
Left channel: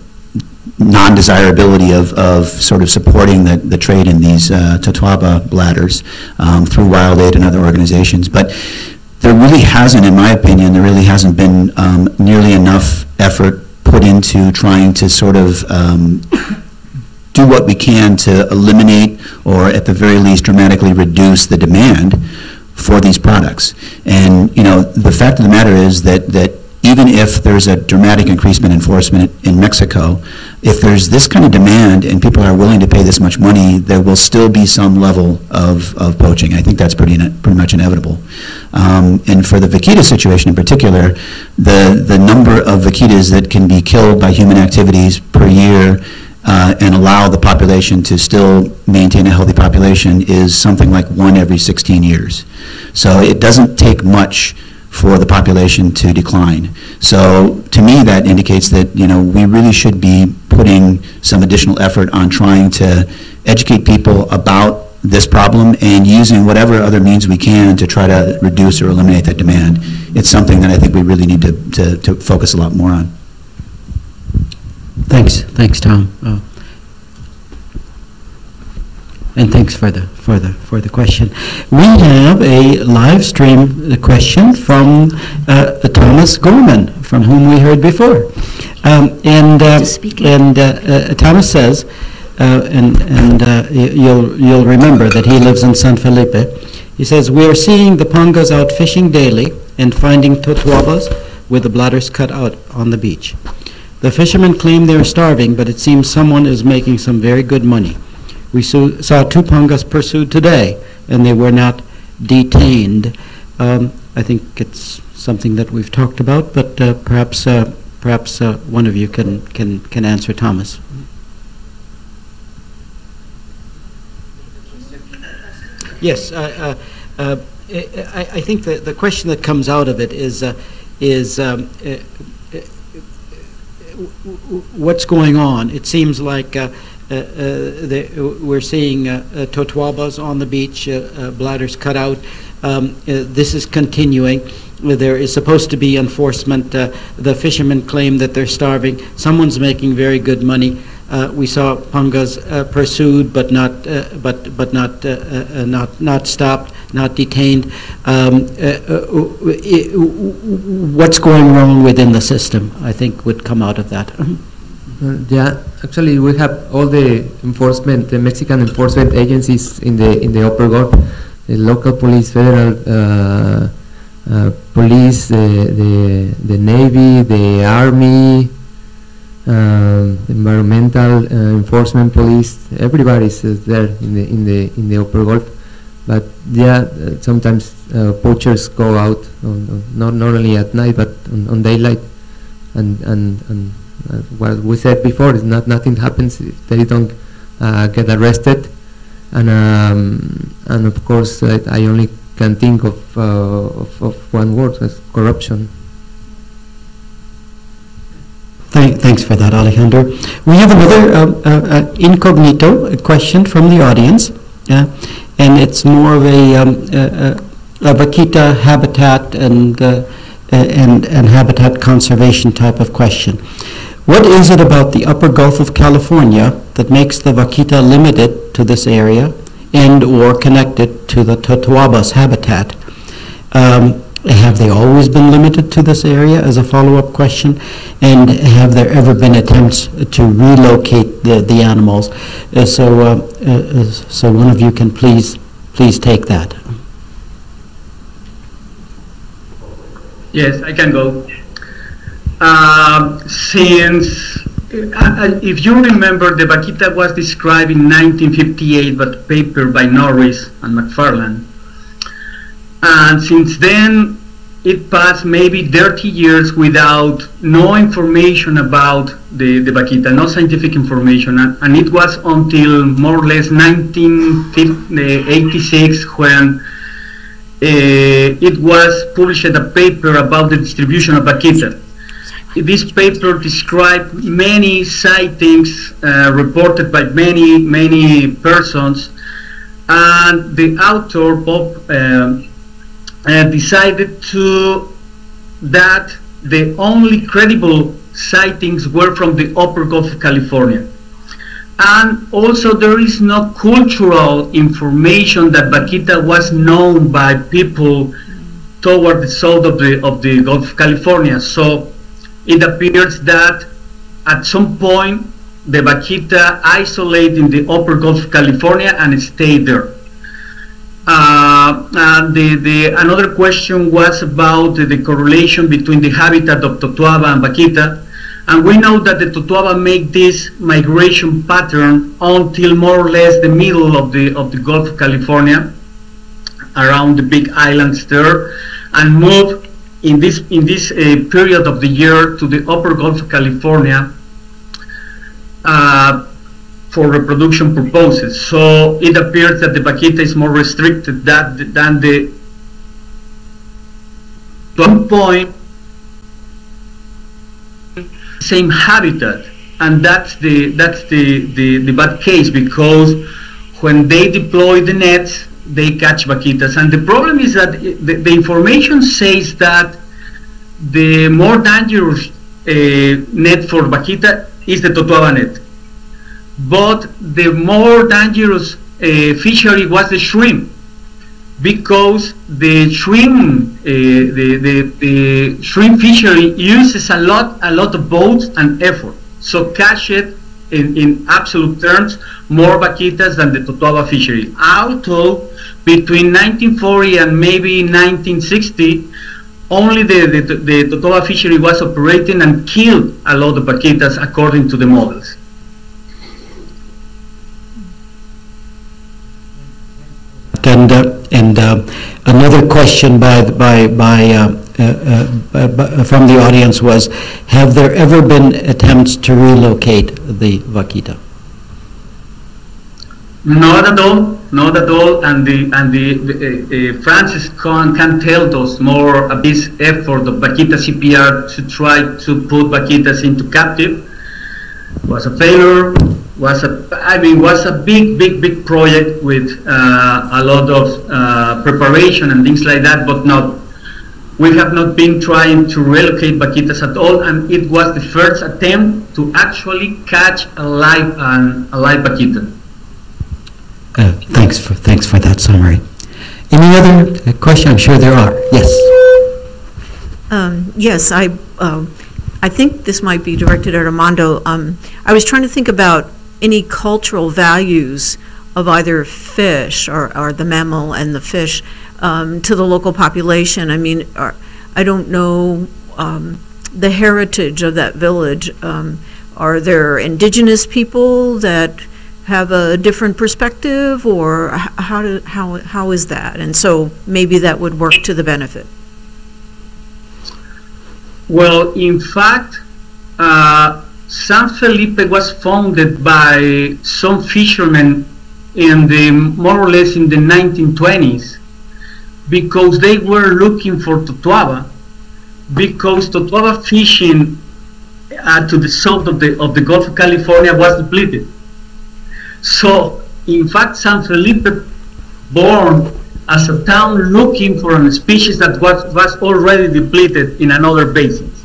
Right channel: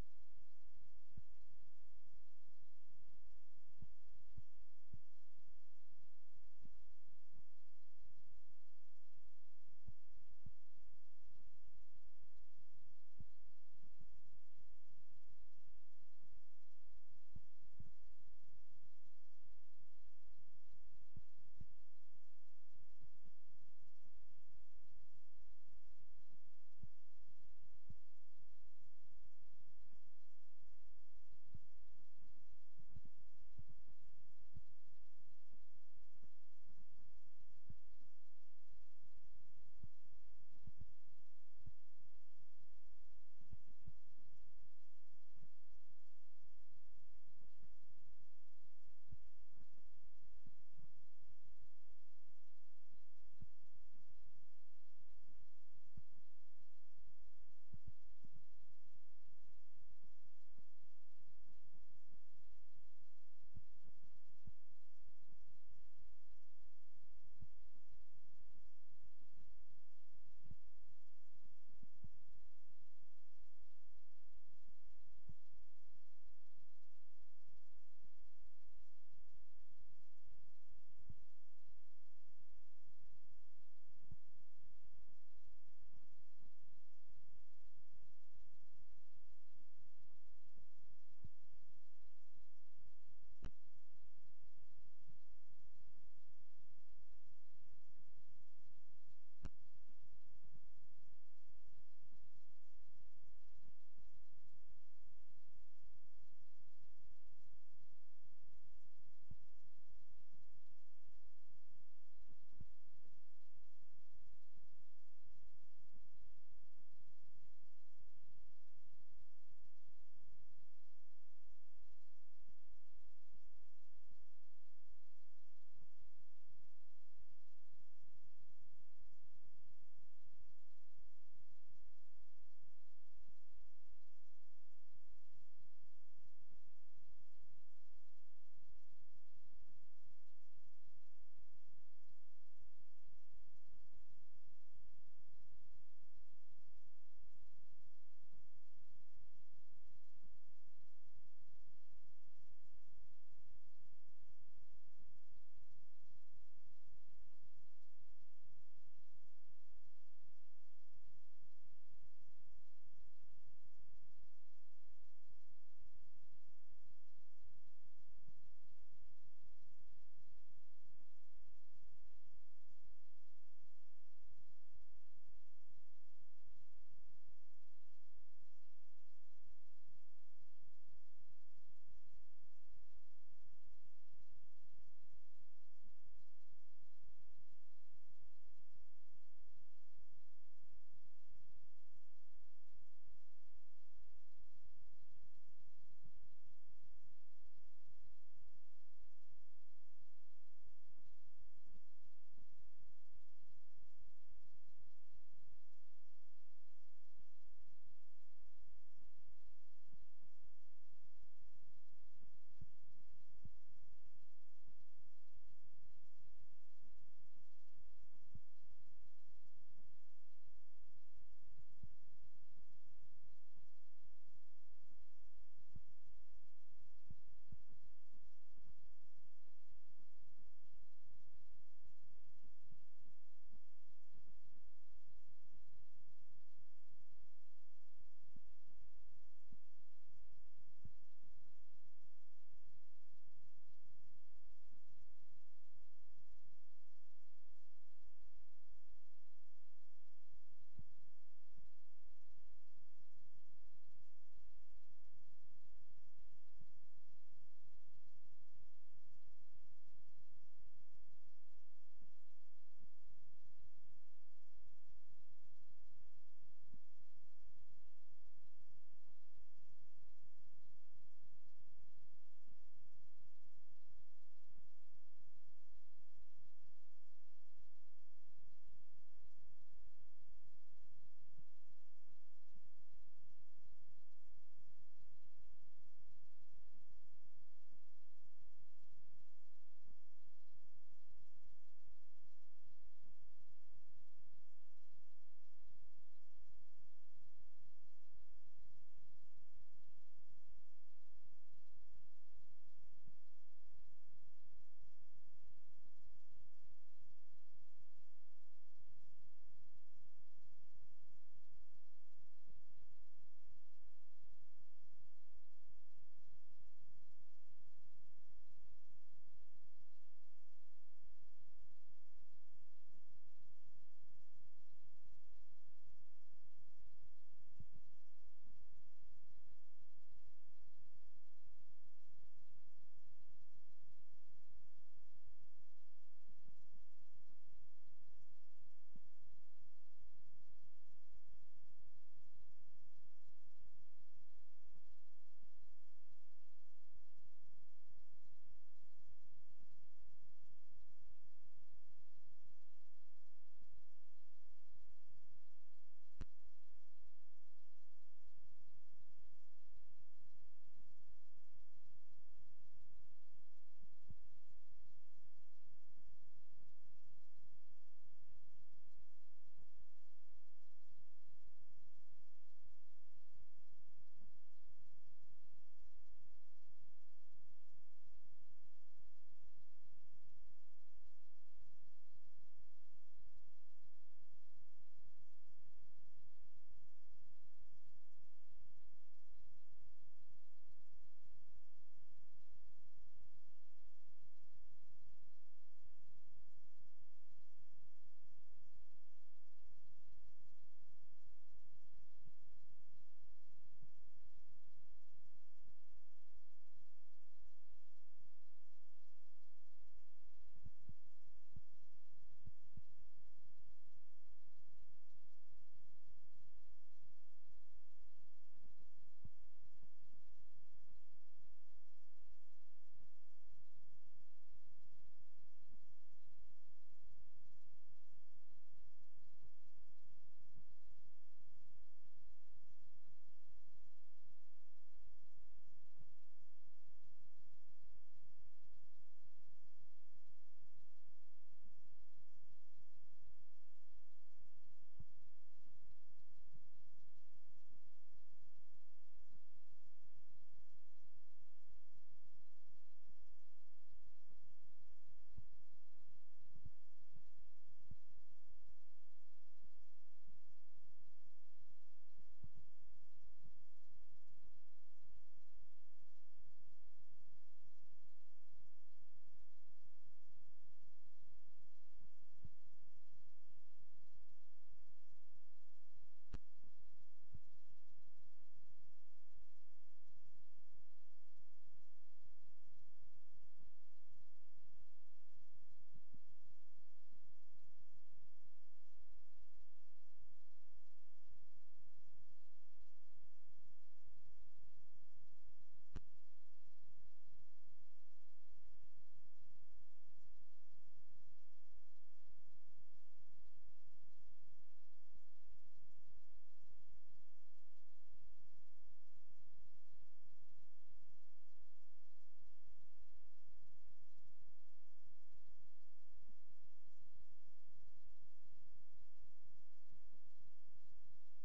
non-desirability of sort of supporting the trade in these Totoaba bladders through Wild Aid and other organizations. But there really hasn't, in my opinion, there really hasn't been nearly enough effort put into trying to sort of do what we can to eliminate or at the very least dramatically reduce the demand for these products. And, you know, the fact of the matter is that even if there's a dramatic increase in enforcement in Mexico, if there's this kind of demand and people are willing to pay this much money, there will still be some level of poaching. I think that's pretty much inevitable. And for the vaquita situation in particular, the number of vaquitas that can be killed by human activities per year and allow the population to still maintain a healthy population is something like 1 every 16 years. So it doesn't take much for the population to decline. So to me that indicates that, you know, we really should be putting some additional effort on trying to educate people about this problem and using whatever other means we can to try to reduce or eliminate that demand. It's something that I think we really need to focus a lot more on. Thanks, Tom. And thanks for the question. We have a live stream question from Thomas Gorman, from whom we heard before, and Thomas says, you'll remember that he lives in San Felipe. He says, we are seeing the pongas out fishing daily and finding totoabas with the bladders cut out on the beach. The fishermen claim they are starving, but it seems someone is making some very good money. We saw 2 pongas pursued today, and they were not detained. I think it's something that we've talked about, but perhaps one of you can answer, Thomas. Yes, I think the question that comes out of it is what's going on. It seems like we're seeing totoabas on the beach, bladders cut out. This is continuing. There is supposed to be enforcement. The fishermen claim that they're starving. Someone's making very good money. We saw pongas pursued, but not stopped. not detained. What's going wrong within the system, I think, would come out of that. Yeah, actually, we have all the enforcement, the Mexican enforcement agencies in the Upper Gulf, the local police, federal police, the Navy, the Army, environmental enforcement police. Everybody's there in the Upper Gulf. But yeah, sometimes poachers go out not only at night but on daylight, and what we said before is nothing happens if they don't get arrested, and of course I only can think of one word, as corruption. Thanks for that, Alejandro. We have another incognito question from the audience, and it's more of a vaquita habitat and habitat conservation type of question. What is it about the Upper Gulf of California that makes the vaquita limited to this area and or connected to the totoabas habitat? Have they always been limited to this area, as a follow-up question? And have there ever been attempts to relocate the animals? So one of you can please take that. Yes, I can go. Since, if you remember, the vaquita was described in 1958 by a paper by Norris and McFarland. And since then, it passed maybe 30 years without no information about the vaquita, no scientific information. And it was until more or less 1986 when it was published a paper about the distribution of vaquita. This paper described many sightings reported by many persons, and the author, Bob, decided that the only credible sightings were from the Upper Gulf of California. And also there is no cultural information that vaquita was known by people toward the south of the Gulf of California. So it appears that at some point the vaquita isolated in the Upper Gulf of California and stayed there. Another question was about the correlation between the habitat of totoaba and vaquita, and we know that the totoaba make this migration pattern until more or less the middle of the Gulf of California, around the big islands there, and move in this period of the year to the Upper Gulf of California for reproduction purposes. So it appears that the vaquita is more restricted than the one point same habitat, and that's the bad case, because when they deploy the nets they catch vaquitas, and the problem is that the information says that the more dangerous net for vaquita is the totoaba net. But the more dangerous fishery was the shrimp, because the shrimp the shrimp fishery uses a lot of boats and effort. So catch it in absolute terms more vaquitas than the totoaba fishery. Although between 1940 and maybe 1960, only the totoaba fishery was operating and killed a lot of vaquitas according to the models. And another question from the audience was, have there ever been attempts to relocate the vaquita? Not at all, not at all. And Francis can tell us more of this effort of vaquita CPR to try to put vaquitas into captive. Was a failure. Was a big project with a lot of preparation and things like that, but we have not been trying to relocate vaquitas at all, and it was the first attempt to actually catch a live vaquita. Thanks for that summary. Any other question? I'm sure there are. Yes. Yes, I think this might be directed at Armando. I was trying to think about any cultural values of either fish or the mammal and the fish to the local population. I mean, I don't know the heritage of that village. Are there indigenous people that have a different perspective, or how is that? And so maybe that would work to the benefit. Well, in fact, San Felipe was founded by some fishermen more or less in the 1920s, because they were looking for totuaba, because totuaba fishing to the south of the Gulf of California was depleted. So, in fact, San Felipe born as a town looking for a species that was already depleted in another basins,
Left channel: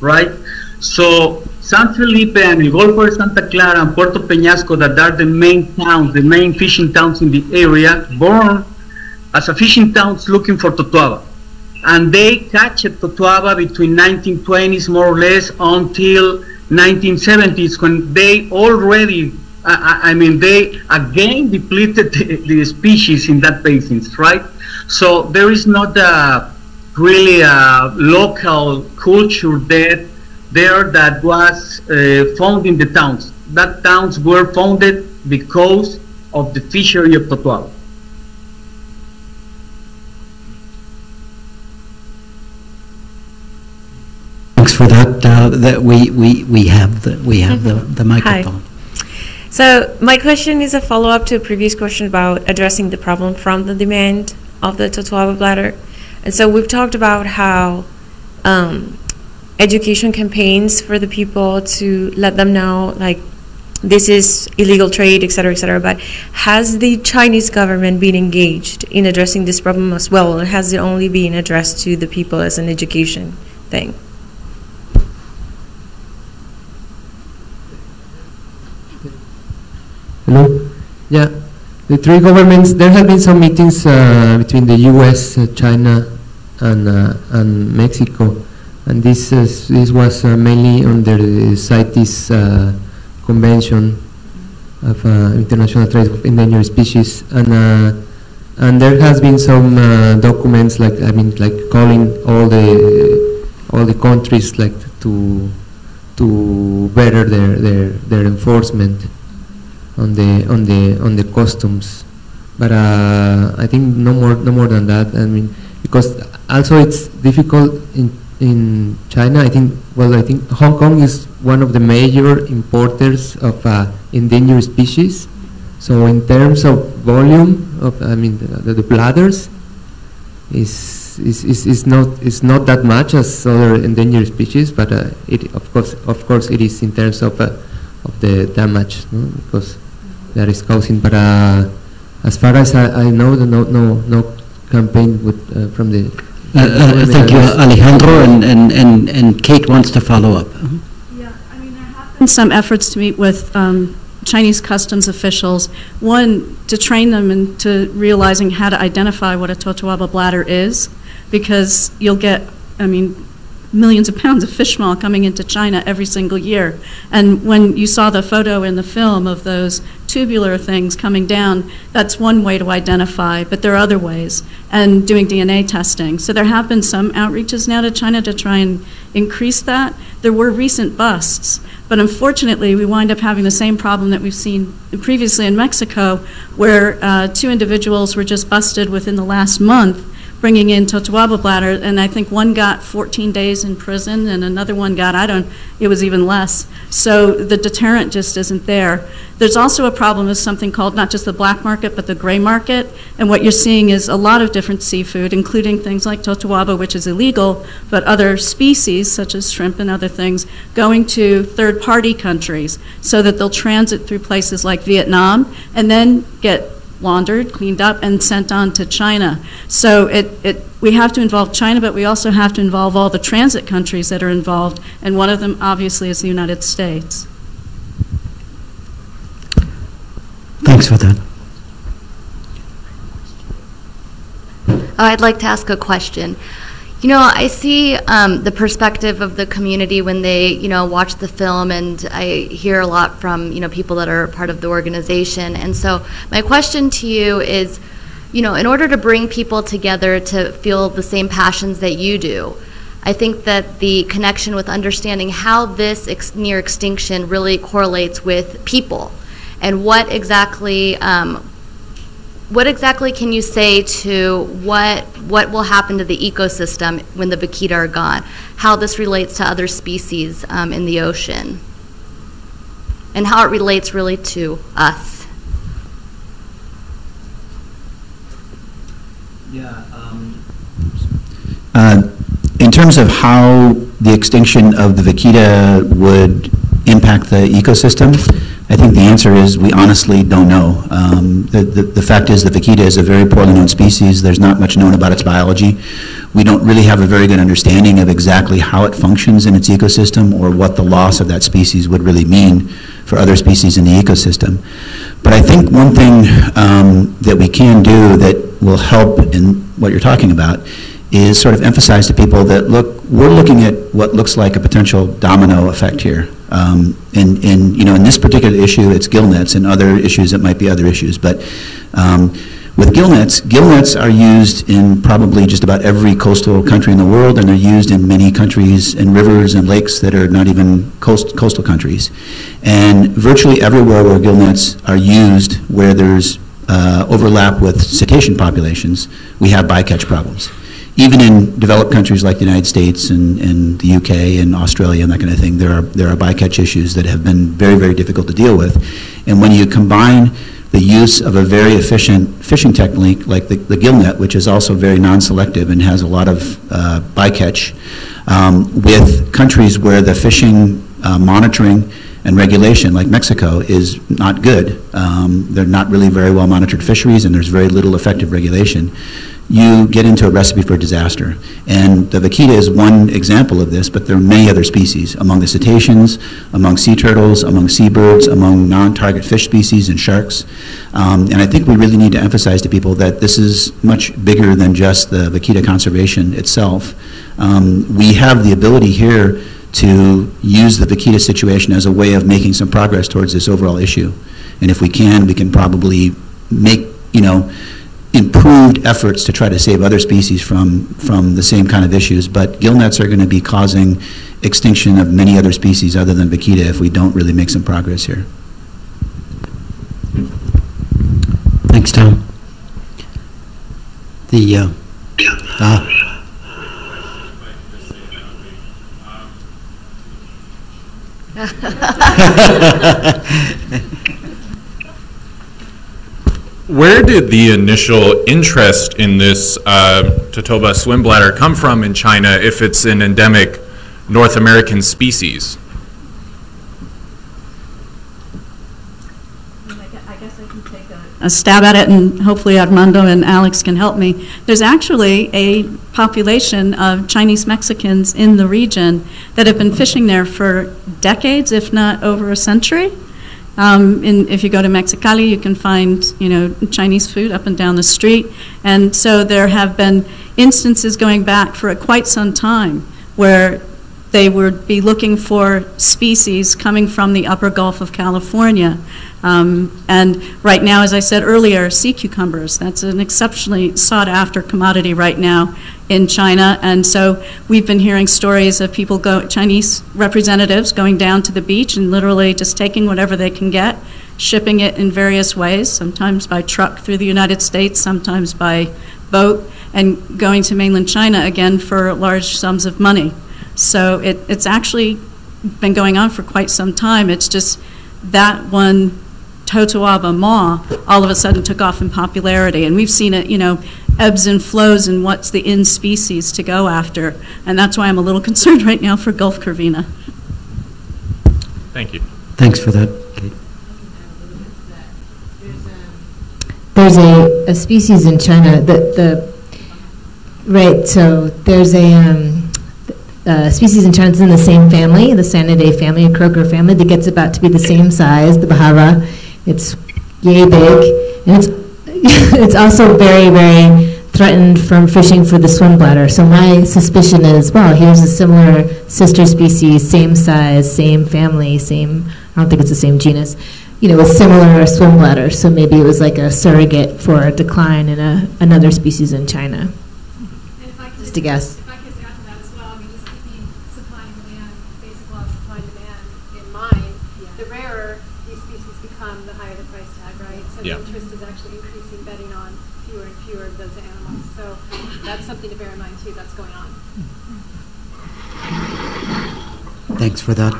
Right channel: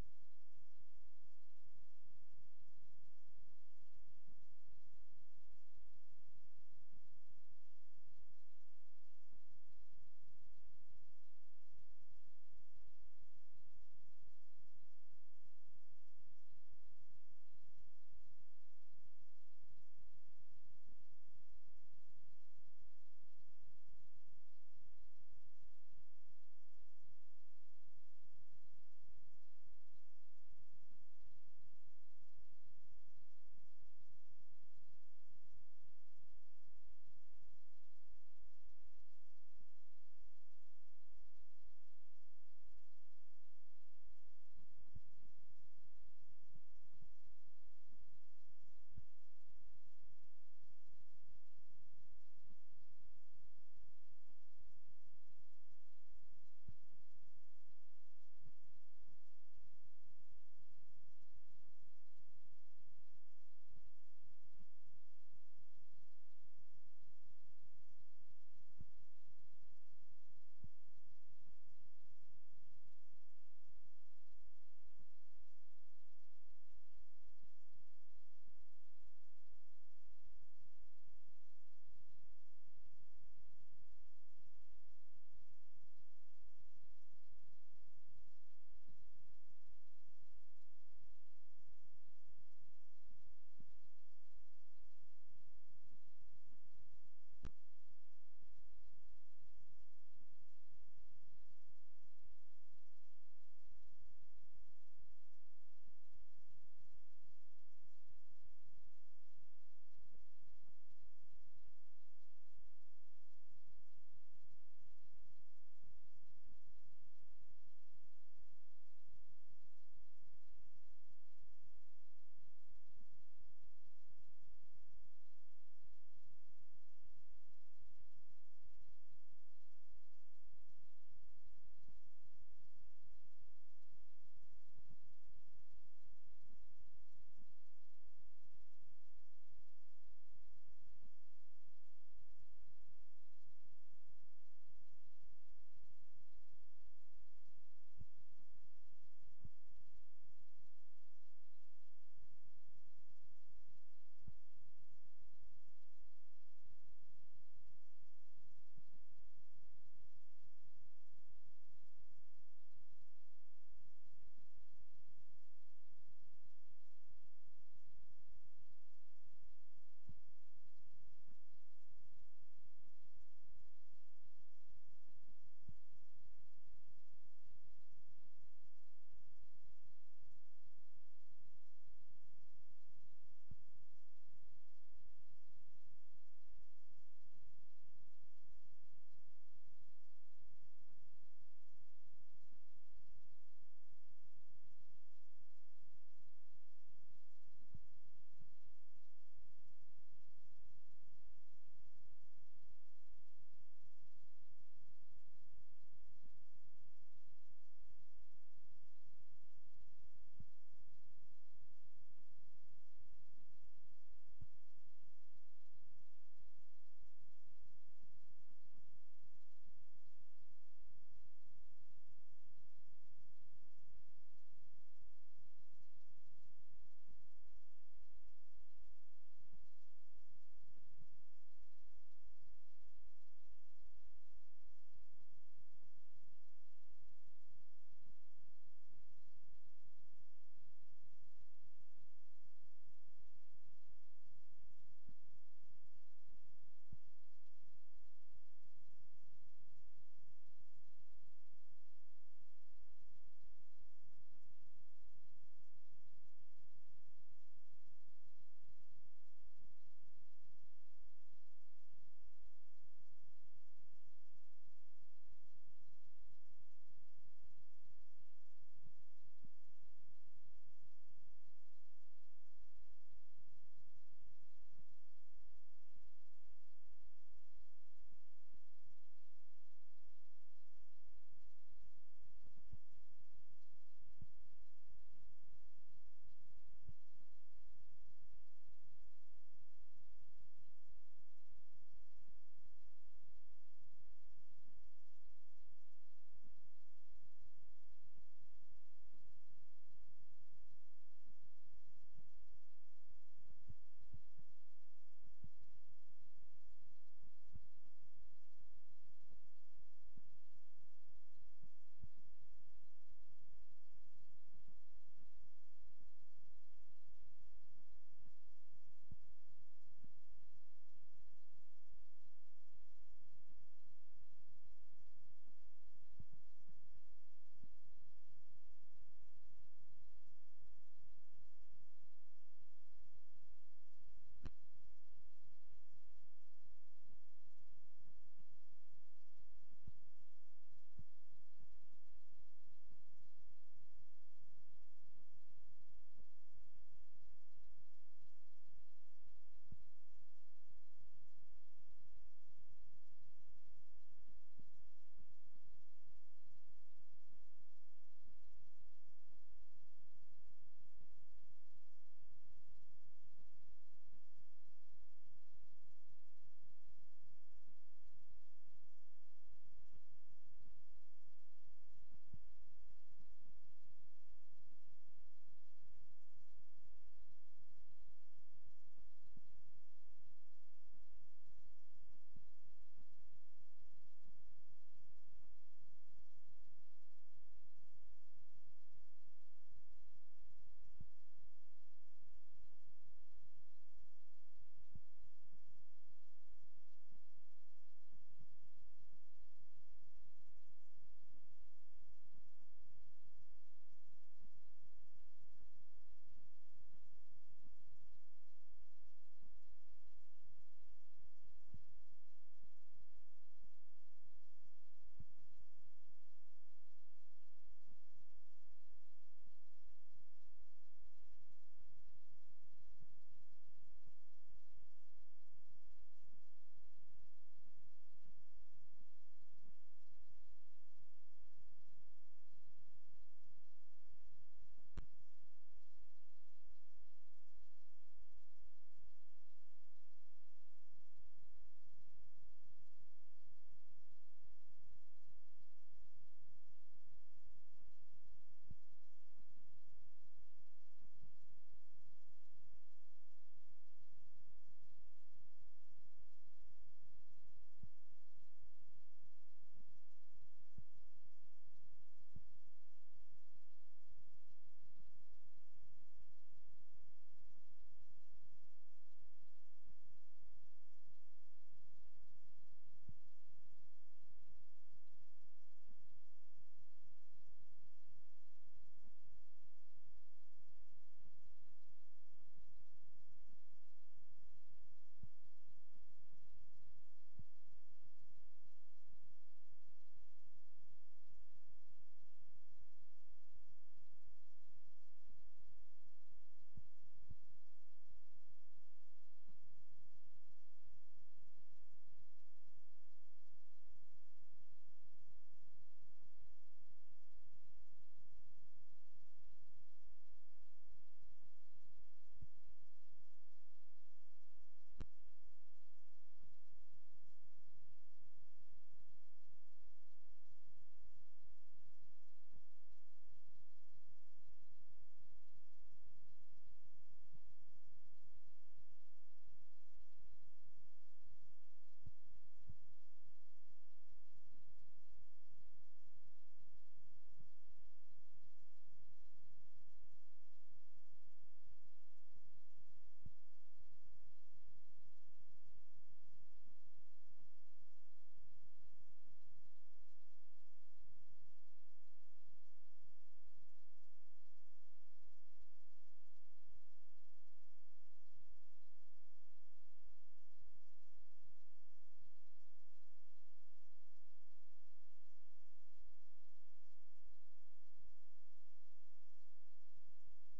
right? So San Felipe and El Golfo de Santa Clara and Puerto Peñasco, that are the main towns, the main fishing towns in the area, born as a fishing towns looking for totuaba. And they catch totuaba between 1920s more or less until 1970s, when they already they again depleted the species in that basins, right? So there is not really a local culture there that was found in the towns. That towns were founded because of the fishery of totuaba. Thanks for that. That we have the microphone. Hi. So my question is a follow-up to a previous question about addressing the problem from the demand of the totuaba bladder. And so we've talked about how education campaigns for the people to let them know, like, this is illegal trade, et cetera, but has the Chinese government been engaged in addressing this problem as well, or has it only been addressed to the people as an education thing? Hello? Yeah, the three governments, there have been some meetings between the U.S., China, and Mexico, and this was mainly under the CITES Convention of International Trade of Endangered Species, and there has been some documents, like calling all the countries to better their enforcement on the customs, but I think no more than that. I mean, because also it's difficult in China. I think Hong Kong is one of the major importers of endangered species. So in terms of volume of, the bladders is not that much as other endangered species, but of course it is in terms of the damage, no? Because that is causing. But as far as I know, no campaign from the. Thank you, Alejandro, and Kate wants to follow up. Yeah, there have been some efforts to meet with Chinese customs officials. One, to train them into realizing how to identify what a totuaba bladder is, because you'll get, millions of pounds of fish meal coming into China every single year. And when you saw the photo in the film of those tubular things coming down, that's one way to identify, but there are other ways, and doing DNA testing. So there have been some outreaches now to China to try and increase that. There were recent busts, but unfortunately we wind up having the same problem that we've seen previously in Mexico, where 2 individuals were just busted within the last month bringing in totuaba bladder, and I think one got 14 days in prison and another one got, it was even less. So the deterrent just isn't there. There's also a problem with something called not just the black market, but the gray market, and what you're seeing is a lot of different seafood, including things like totuaba, which is illegal, but other species, such as shrimp and other things, going to third-party countries so that they'll transit through places like Vietnam and then get laundered, cleaned up, and sent on to China. So we have to involve China, but we also have to involve all the transit countries that are involved, and one of them obviously is the United States. Thanks for that. I'd like to ask a question. You know, I see the perspective of the community when they, you know, watch the film, and I hear a lot from, you know, people that are part of the organization. And so my question to you is, you know, in order to bring people together to feel the same passions that you do, I think that the connection with understanding how this near extinction really correlates with people, and what exactly can you say to what will happen to the ecosystem when the vaquita are gone? How this relates to other species in the ocean, and how it relates really to us. Yeah. In terms of how the extinction of the vaquita would impact the ecosystem, I think the answer is we honestly don't know. The fact is the vaquita is a very poorly known species. There's not much known about its biology. We don't really have a very good understanding of exactly how it functions in its ecosystem or what the loss of that species would really mean for other species in the ecosystem. But I think one thing that we can do that will help in what you're talking about is sort of emphasize to people that, look, we're looking at what looks like a potential domino effect here. You know, in this particular issue, it's gillnets, and other issues, it might be other issues. But with gillnets are used in probably just about every coastal country in the world, and they're used in many countries and rivers and lakes that are not even coastal countries. And virtually everywhere where gillnets are used, where there's overlap with cetacean populations, we have bycatch problems. Even in developed countries like the United States and the UK and Australia and that kind of thing, there are bycatch issues that have been very, very difficult to deal with. And when you combine the use of a very efficient fishing technique like the gillnet, which is also very non-selective and has a lot of bycatch, with countries where the fishing monitoring and regulation, like Mexico, is not good. They're not really very well monitored fisheries, and there's very little effective regulation. You get into a recipe for disaster. And the vaquita is one example of this, but there are many other species among the cetaceans, among sea turtles, among seabirds, among non-target fish species and sharks. And I think we really need to emphasize to people that this is much bigger than just the vaquita conservation itself. We have the ability here to use the vaquita situation as a way of making some progress towards this overall issue. And if we can probably make, you know, improved efforts to try to save other species from the same kind of issues. But gillnets are going to be causing extinction of many other species other than vaquita if we don't really make some progress here. Thanks, Tom. Where did the initial interest in this Totoba swim bladder come from in China if it's an endemic North American species? I guess I can take a stab at it, and hopefully Armando and Alex can help me. There's actually a population of Chinese Mexicans in the region that have been fishing there for decades, if not over a century. If you go to Mexicali, you can find, you know, Chinese food up and down the street. And so there have been instances going back for quite some time where they would be looking for species coming from the upper Gulf of California. And right now, as I said earlier, sea cucumbers, that's an exceptionally sought after commodity right now in China. And so we've been hearing stories of people, Chinese representatives going down to the beach and literally just taking whatever they can get, shipping it in various ways, sometimes by truck through the United States, sometimes by boat, and going to mainland China again for large sums of money. So it's actually been going on for quite some time. It's just that one Totoaba maw all of a sudden took off in popularity, and we've seen it, you know, ebbs and flows in what's the in species to go after, and that's why I'm a little concerned right now for Gulf Corvina. Thank you. Thanks for that, Kate. There's a species in China right, so there's a species in China that's in the same family, the Sanidae family, a croaker family, that gets about to be the same size, the Bahara. It's yay big, and it's also very, very threatened from fishing for the swim bladder. So my suspicion is, well, here's a similar sister species, same size, same family, same, I don't think it's the same genus, with similar swim bladders. So maybe it was like a surrogate for a decline in another species in China. Just a guess. If I could add to that as well, just keeping supply and demand, basic law of supply and demand in mind, the rarer these species become, the higher the price tag, right? So the interest is actually increasing, betting on fewer and fewer of those animals. So that's something to bear in mind too, that's going on. Thanks for that.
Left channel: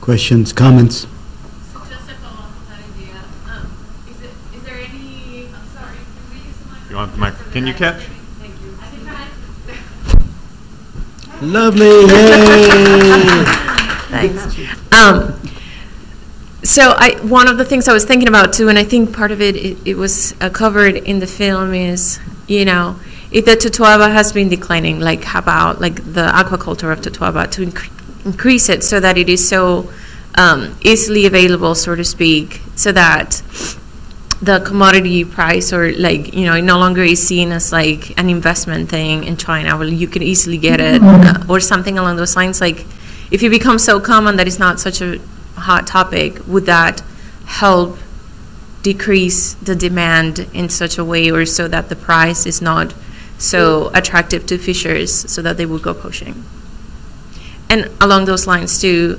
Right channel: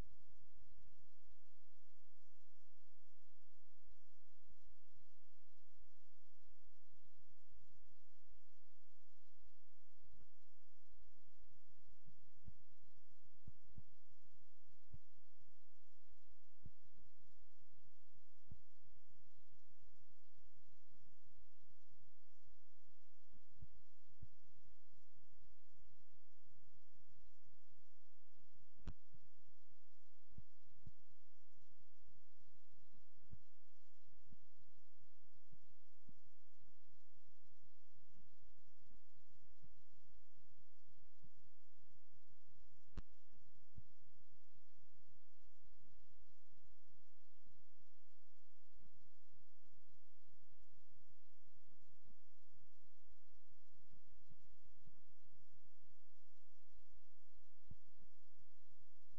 Questions, comments? So just to follow up with that idea, is there any, I'm sorry, can we use the mic? You want the mic? Can you catch? Thank you. I think Lovely, yay! Thanks. So one of the things I was thinking about too, and I think part of it was covered in the film is, if the Totoaba has been declining, like how about the aquaculture of Totoaba to increase it so that it is so easily available, so to speak, so that the commodity price or it no longer is seen as like an investment thing in China where you can easily get it or something along those lines. Like if it becomes so common that it's not such a hot topic, would that help decrease the demand in such a way or so that the price is not so attractive to fishers so that they will go poaching? And along those lines too,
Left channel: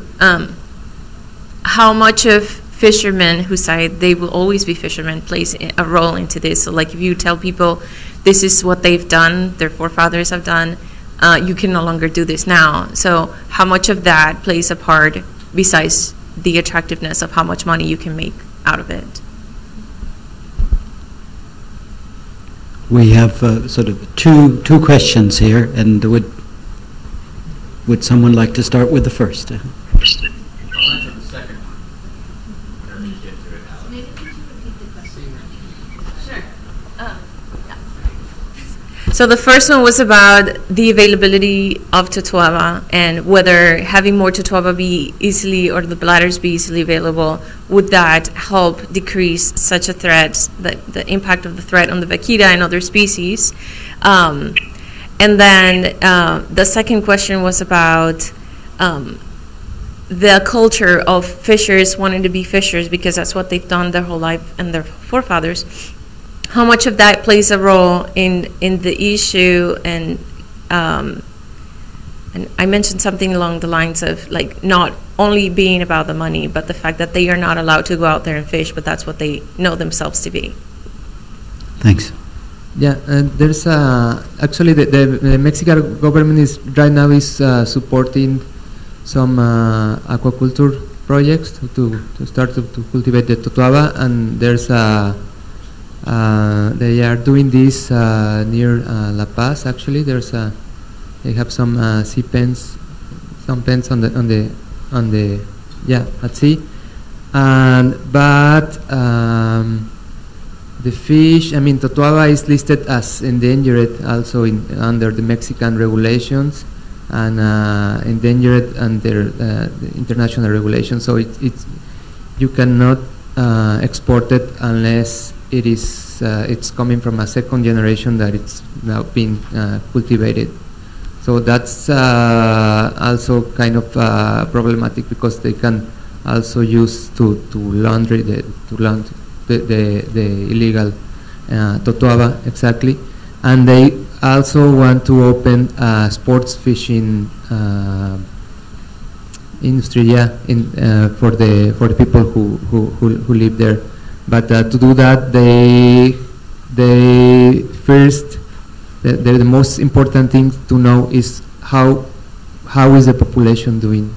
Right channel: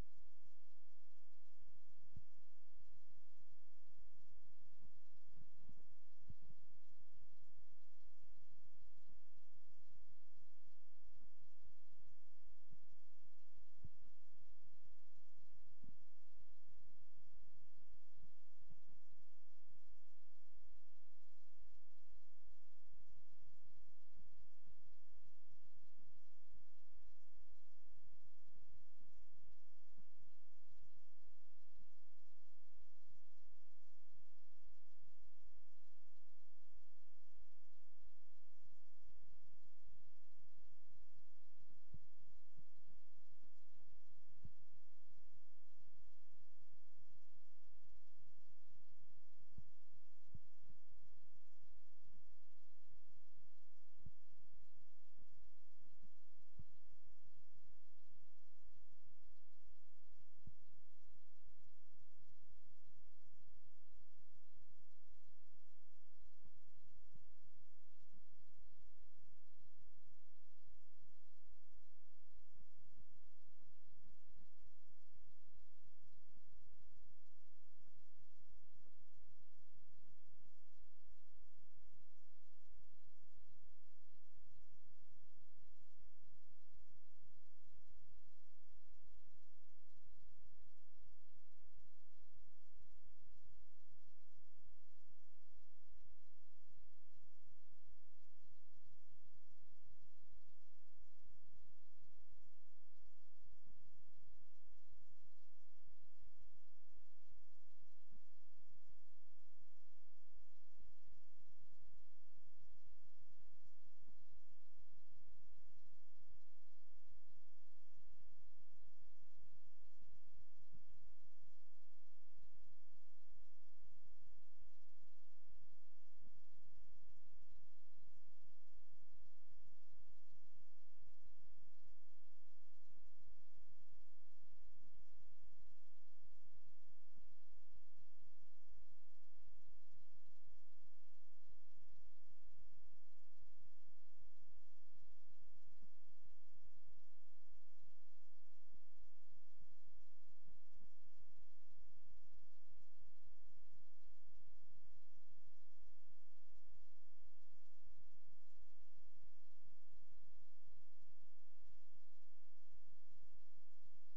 how much of fishermen who say they will always be fishermen plays a role into this? So like if you tell people this is what they've done, their forefathers have done, you can no longer do this now. So how much of that plays a part besides the attractiveness of how much money you can make out of it? We have sort of two questions here, and would someone like to start with the first? So the first one was about the availability of Totoaba and whether having more Totoaba be easily or the bladders be easily available, would that help decrease such a threat, the impact of the threat on the vaquita and other species? And then the second question was about the culture of fishers wanting to be fishers because that's what they've done their whole life and their forefathers. How much of that plays a role in the issue, and I mentioned something along the lines of like not only being about the money, but the fact that they are not allowed to go out there and fish, but that's what they know themselves to be. Thanks. Yeah, and there's actually the Mexican government is right now is supporting some aquaculture projects to start to cultivate the Totoaba, and there's they are doing this near La Paz. Actually, they have some sea pens, some pens on the at sea, but the fish. I mean, Totoaba is listed as endangered also under the Mexican regulations and endangered under the international regulations. So you cannot export it unless it's coming from a second generation that it's now being cultivated. So that's also kind of problematic because they can also use to launder the illegal Totoaba, exactly. And they also want to open sports fishing industry, for the people who live there. But to do that, they first, the most important thing to know is how is the population doing.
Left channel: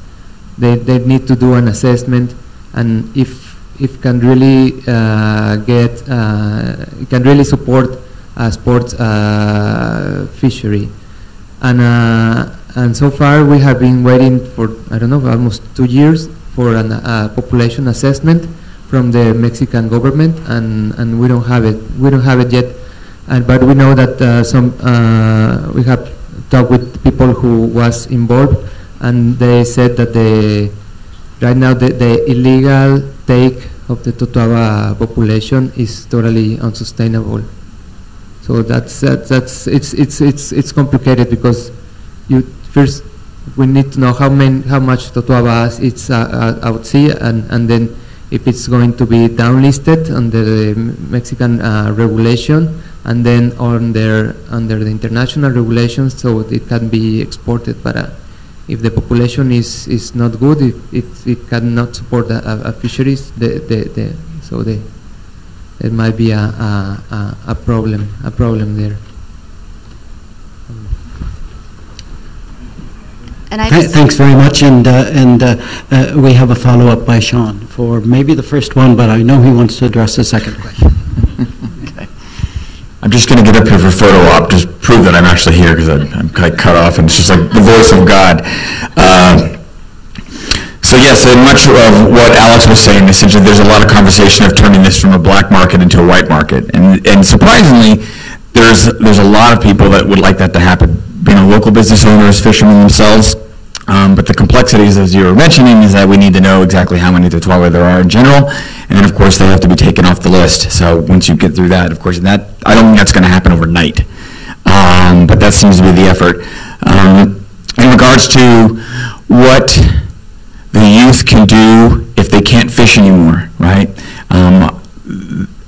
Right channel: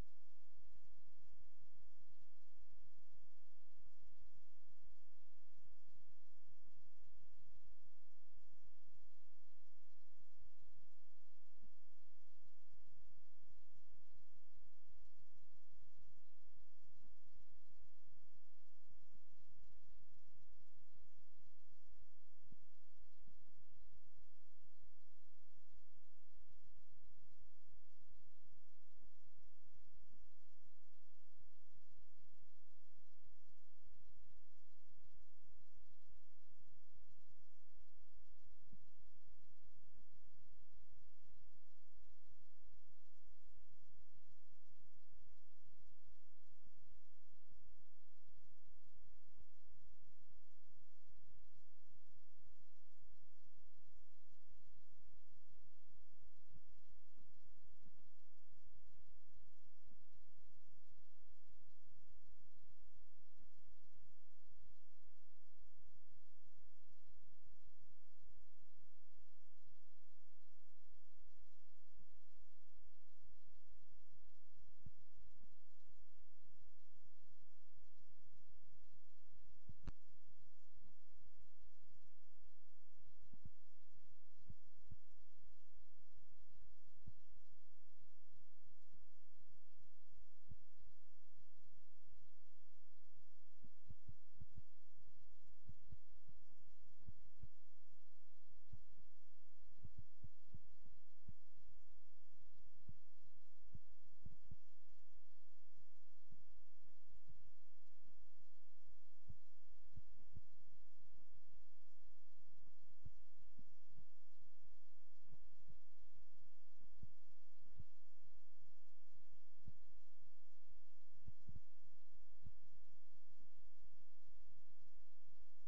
They need to do an assessment, and if can really can really support a sports fishery, and so far we have been waiting for almost 2 years for a population assessment from the Mexican government, and we don't have it. We don't have it yet, but we know that we have talked with people who was involved, and they said that right now the illegal take of the Totoaba population is totally unsustainable. So So it's complicated because first we need to know how much Totuaba is out sea, and then if it's going to be downlisted under the Mexican regulation, and then under the international regulations, so it can be exported. But if the population is not good, if it cannot support a fisheries, so there might be a problem there. And Thanks very much, and we have a follow-up by Sean for maybe the first one, but I know he wants to address the second question. Okay. I'm just going to get up here for photo op, just prove that I'm actually here, because I'm kind of cut off, and it's just like the voice of God. So yes, and much of what Alex was saying, essentially, there's a lot of conversation of turning this from a black market into a white market, and surprisingly, there's a lot of people that would like that to happen. Being a local business owners, fishermen themselves, but the complexities, as you were mentioning, is that we need to know exactly how many Totuaba there are in general, and then of course they have to be taken off the list. So once you get through that, of course, I don't think that's going to happen overnight, but that seems to be the effort. In regards to what the youth can do if they can't fish anymore, right?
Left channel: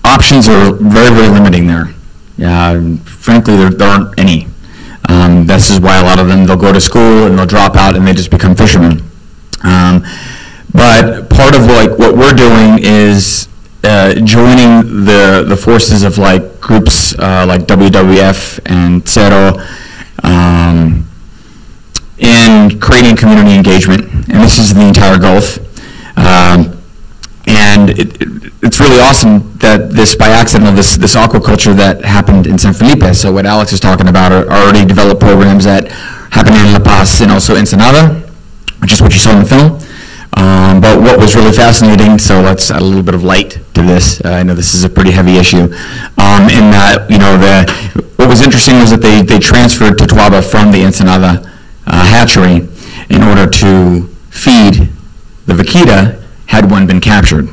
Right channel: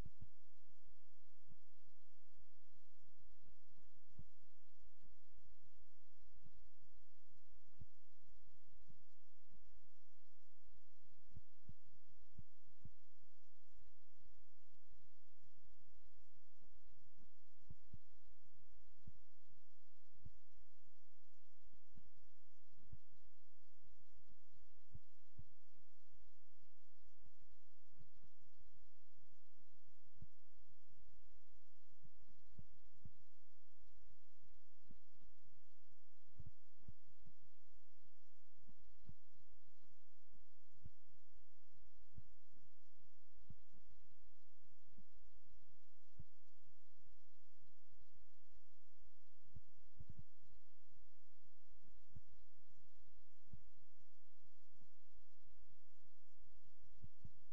Options are very, very limiting there. Frankly, there aren't any. This is why a lot of them, they'll go to school and they'll drop out and they just become fishermen. But part of what we're doing is joining the forces of groups like WWF and Cero in creating community engagement, and this is the entire Gulf. And it's really awesome that this, by accident, this aquaculture that happened in San Felipe. So what Alex is talking about are already developed programs that happen in La Paz and also Ensenada, which is what you saw in the film. But what was really fascinating, so let's add a little bit of light to this. I know this is a pretty heavy issue. In that, what was interesting was that they transferred Totuaba from the Ensenada hatchery in order to feed the vaquita had one been captured,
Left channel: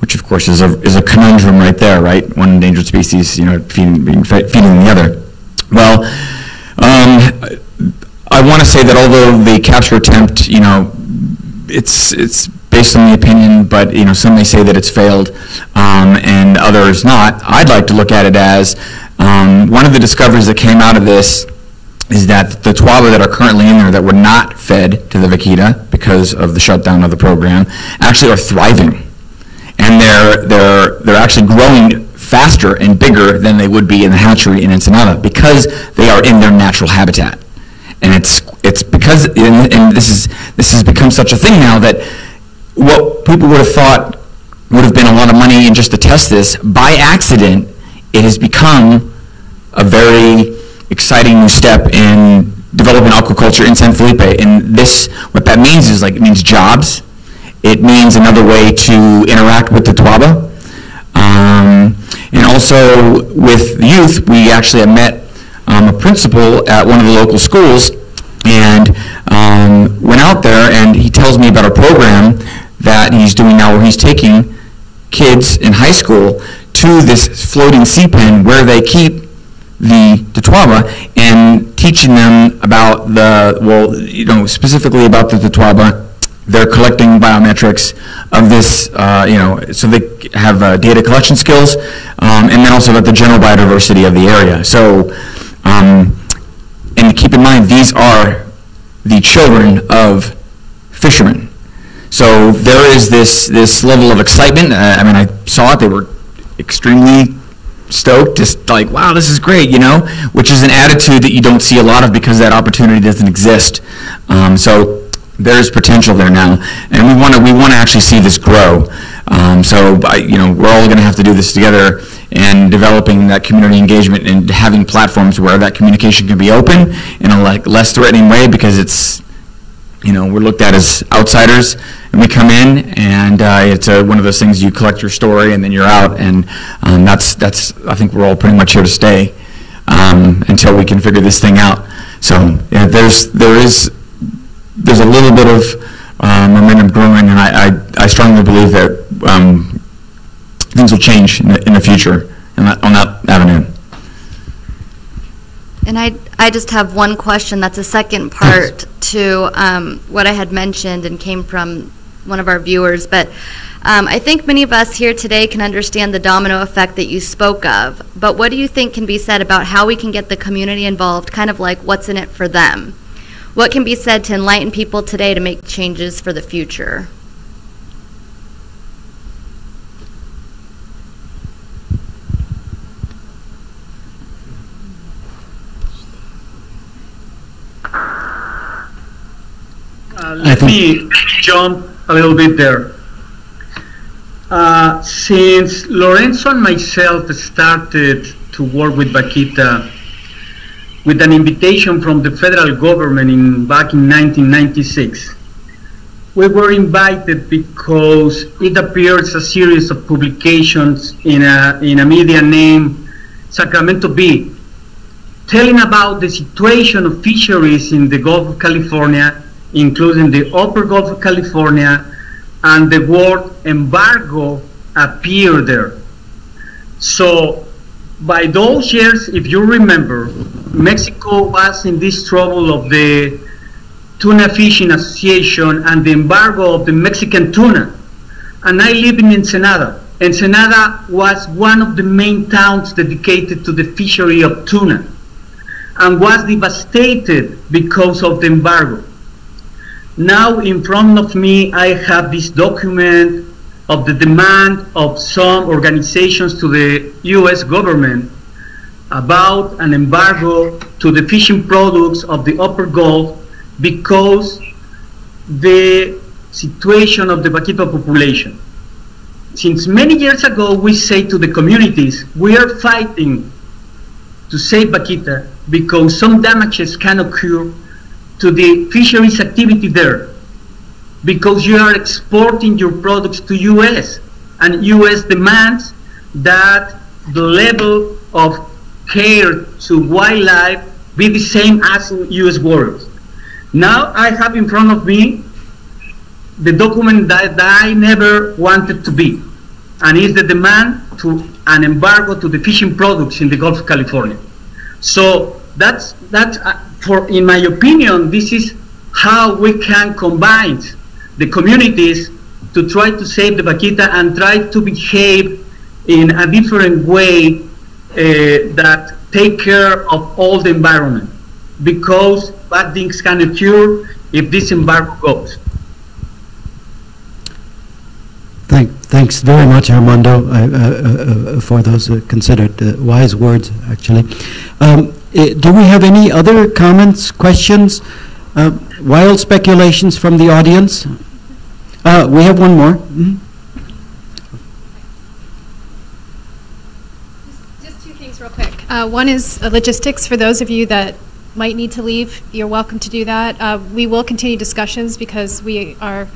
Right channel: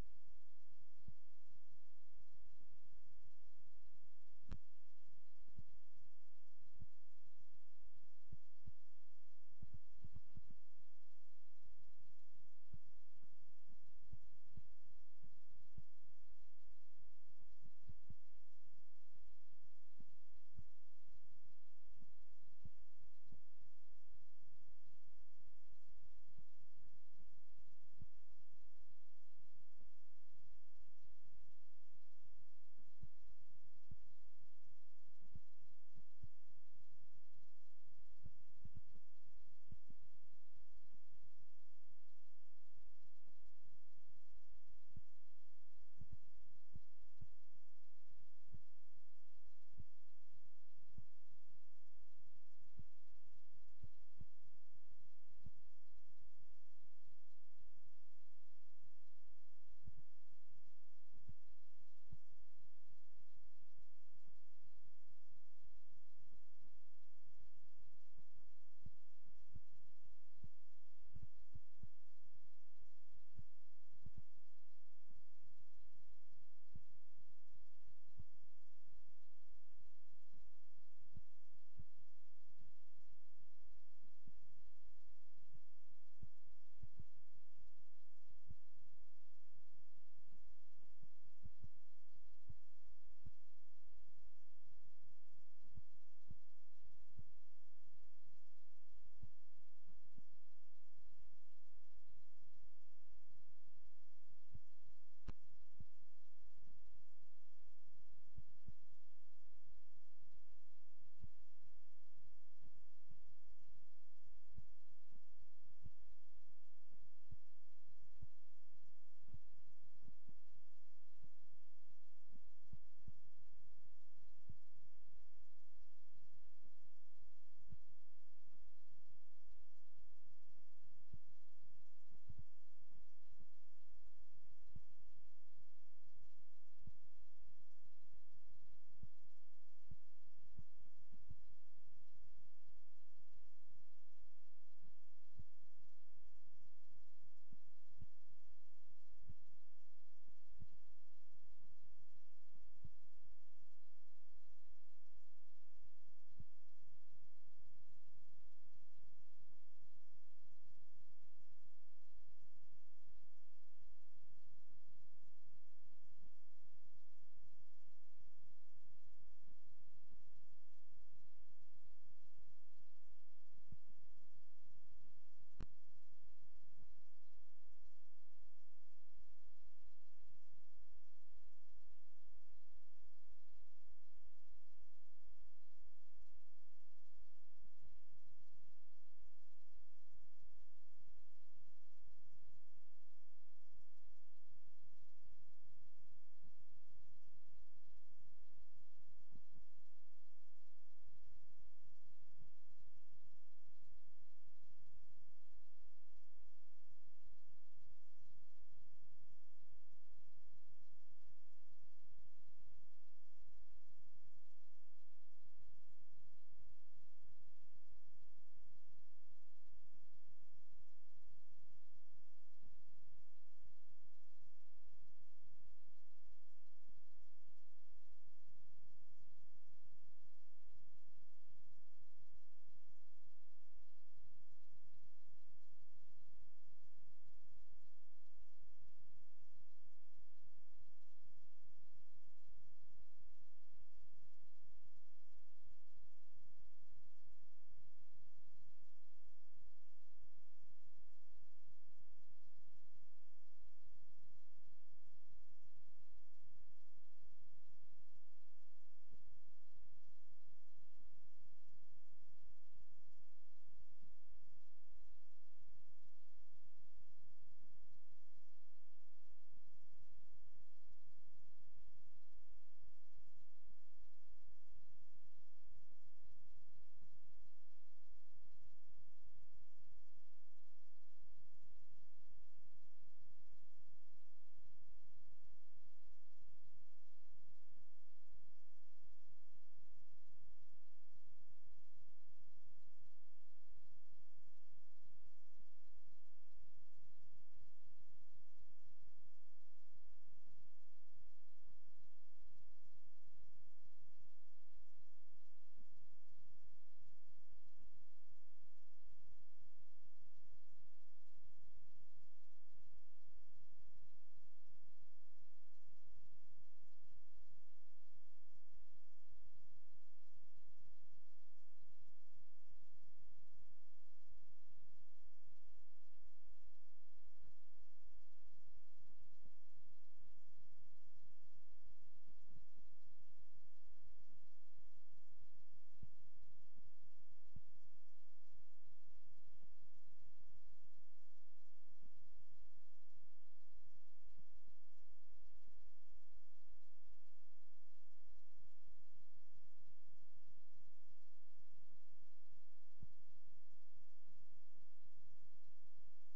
which of course is a conundrum right there, right? One endangered feeding the other. Well, I want to say that although the capture attempt, it's based on the opinion, but some may say that it's failed, and others not. I'd like to look at it as one of the discoveries that came out of this is that the Totuaba that are currently in there that were not fed to the vaquita because of the shutdown of the program actually are thriving, and they're actually growing faster and bigger than they would be in the hatchery in Ensenada because they are in their natural habitat. And it's because and this has become such a thing now that what people would have thought would have been a lot of money in just to test this, by accident, it has become a very exciting new step in developing aquaculture in San Felipe. And what that means is it means jobs. It means another way to interact with the Totuaba. And also with the youth, we actually have met a principal at one of the local schools and went out there, and he tells me about a program that he's doing now where he's taking kids in high school to this floating sea pen where they keep the Totuaba and teaching them about specifically about the Totuaba. They're collecting biometrics of this, so they have data collection skills, and then also about the general biodiversity of the area. So, and keep in mind, these are the children of fishermen. So there is this level of excitement. I saw it. They were extremely stoked, just like, wow, this is great, which is an attitude that you don't see a lot of because that opportunity doesn't exist. So there's potential there now, and we want to actually see this grow. We're all going to have to do this together, and developing that community engagement and having platforms where that communication can be open in a less threatening way, because it's, we're looked at as outsiders, and we come in, and it's one of those things, you collect your story and then you're out, and that's I think we're all pretty much here to stay until we can figure this thing out. So yeah, there's a little bit of momentum growing, and I strongly believe that things will change in the future on that avenue. And I just have one question that's a second part to what I had mentioned and came from one of our viewers. But I think many of us here today can understand the domino effect that you spoke of. But what do you think can be said about how we can get the community involved, kind of like what's in it for them? What can be said to enlighten people today to make changes for the future? Let me jump a little bit there. Since Lorenzo and myself started to work with Vaquita with an invitation from the federal government back in 1996, we were invited because it appears a series of publications in a media named Sacramento Bee, telling about the situation of fisheries in the Gulf of California, including the upper Gulf of California, and the word embargo appeared there. So by those years, if you remember, Mexico was in this trouble of the Tuna Fishing Association and the embargo of the Mexican tuna. And I live in Ensenada. Ensenada was one of the main towns dedicated to the fishery of tuna and was devastated because of the embargo. Now in front of me, I have this document of the demand of some organizations to the US government about an embargo to the fishing products of the upper Gulf because the situation of the vaquita population. Since many years ago, we say to the communities, we are fighting to save vaquita because some damages can occur to the fisheries activity there, because you are exporting your products to US, and US demands that the level of care to wildlife be the same as in US waters. Now I have in front of me the document that I never wanted to be, and it's the demand to an embargo to the fishing products in the Gulf of California. So that's in my opinion, this is how we can combine the communities to try to save the vaquita and try to behave in a different way that take care of all the environment, because bad things can occur if this embargo goes. Thanks very much, Armando, for those considered wise words, actually. Do we have any other comments, questions, wild speculations from the audience? We have one more. Mm-hmm. Just two things real quick. One is logistics. For those of you that might need to leave, you're welcome to do that. We will continue discussions because we are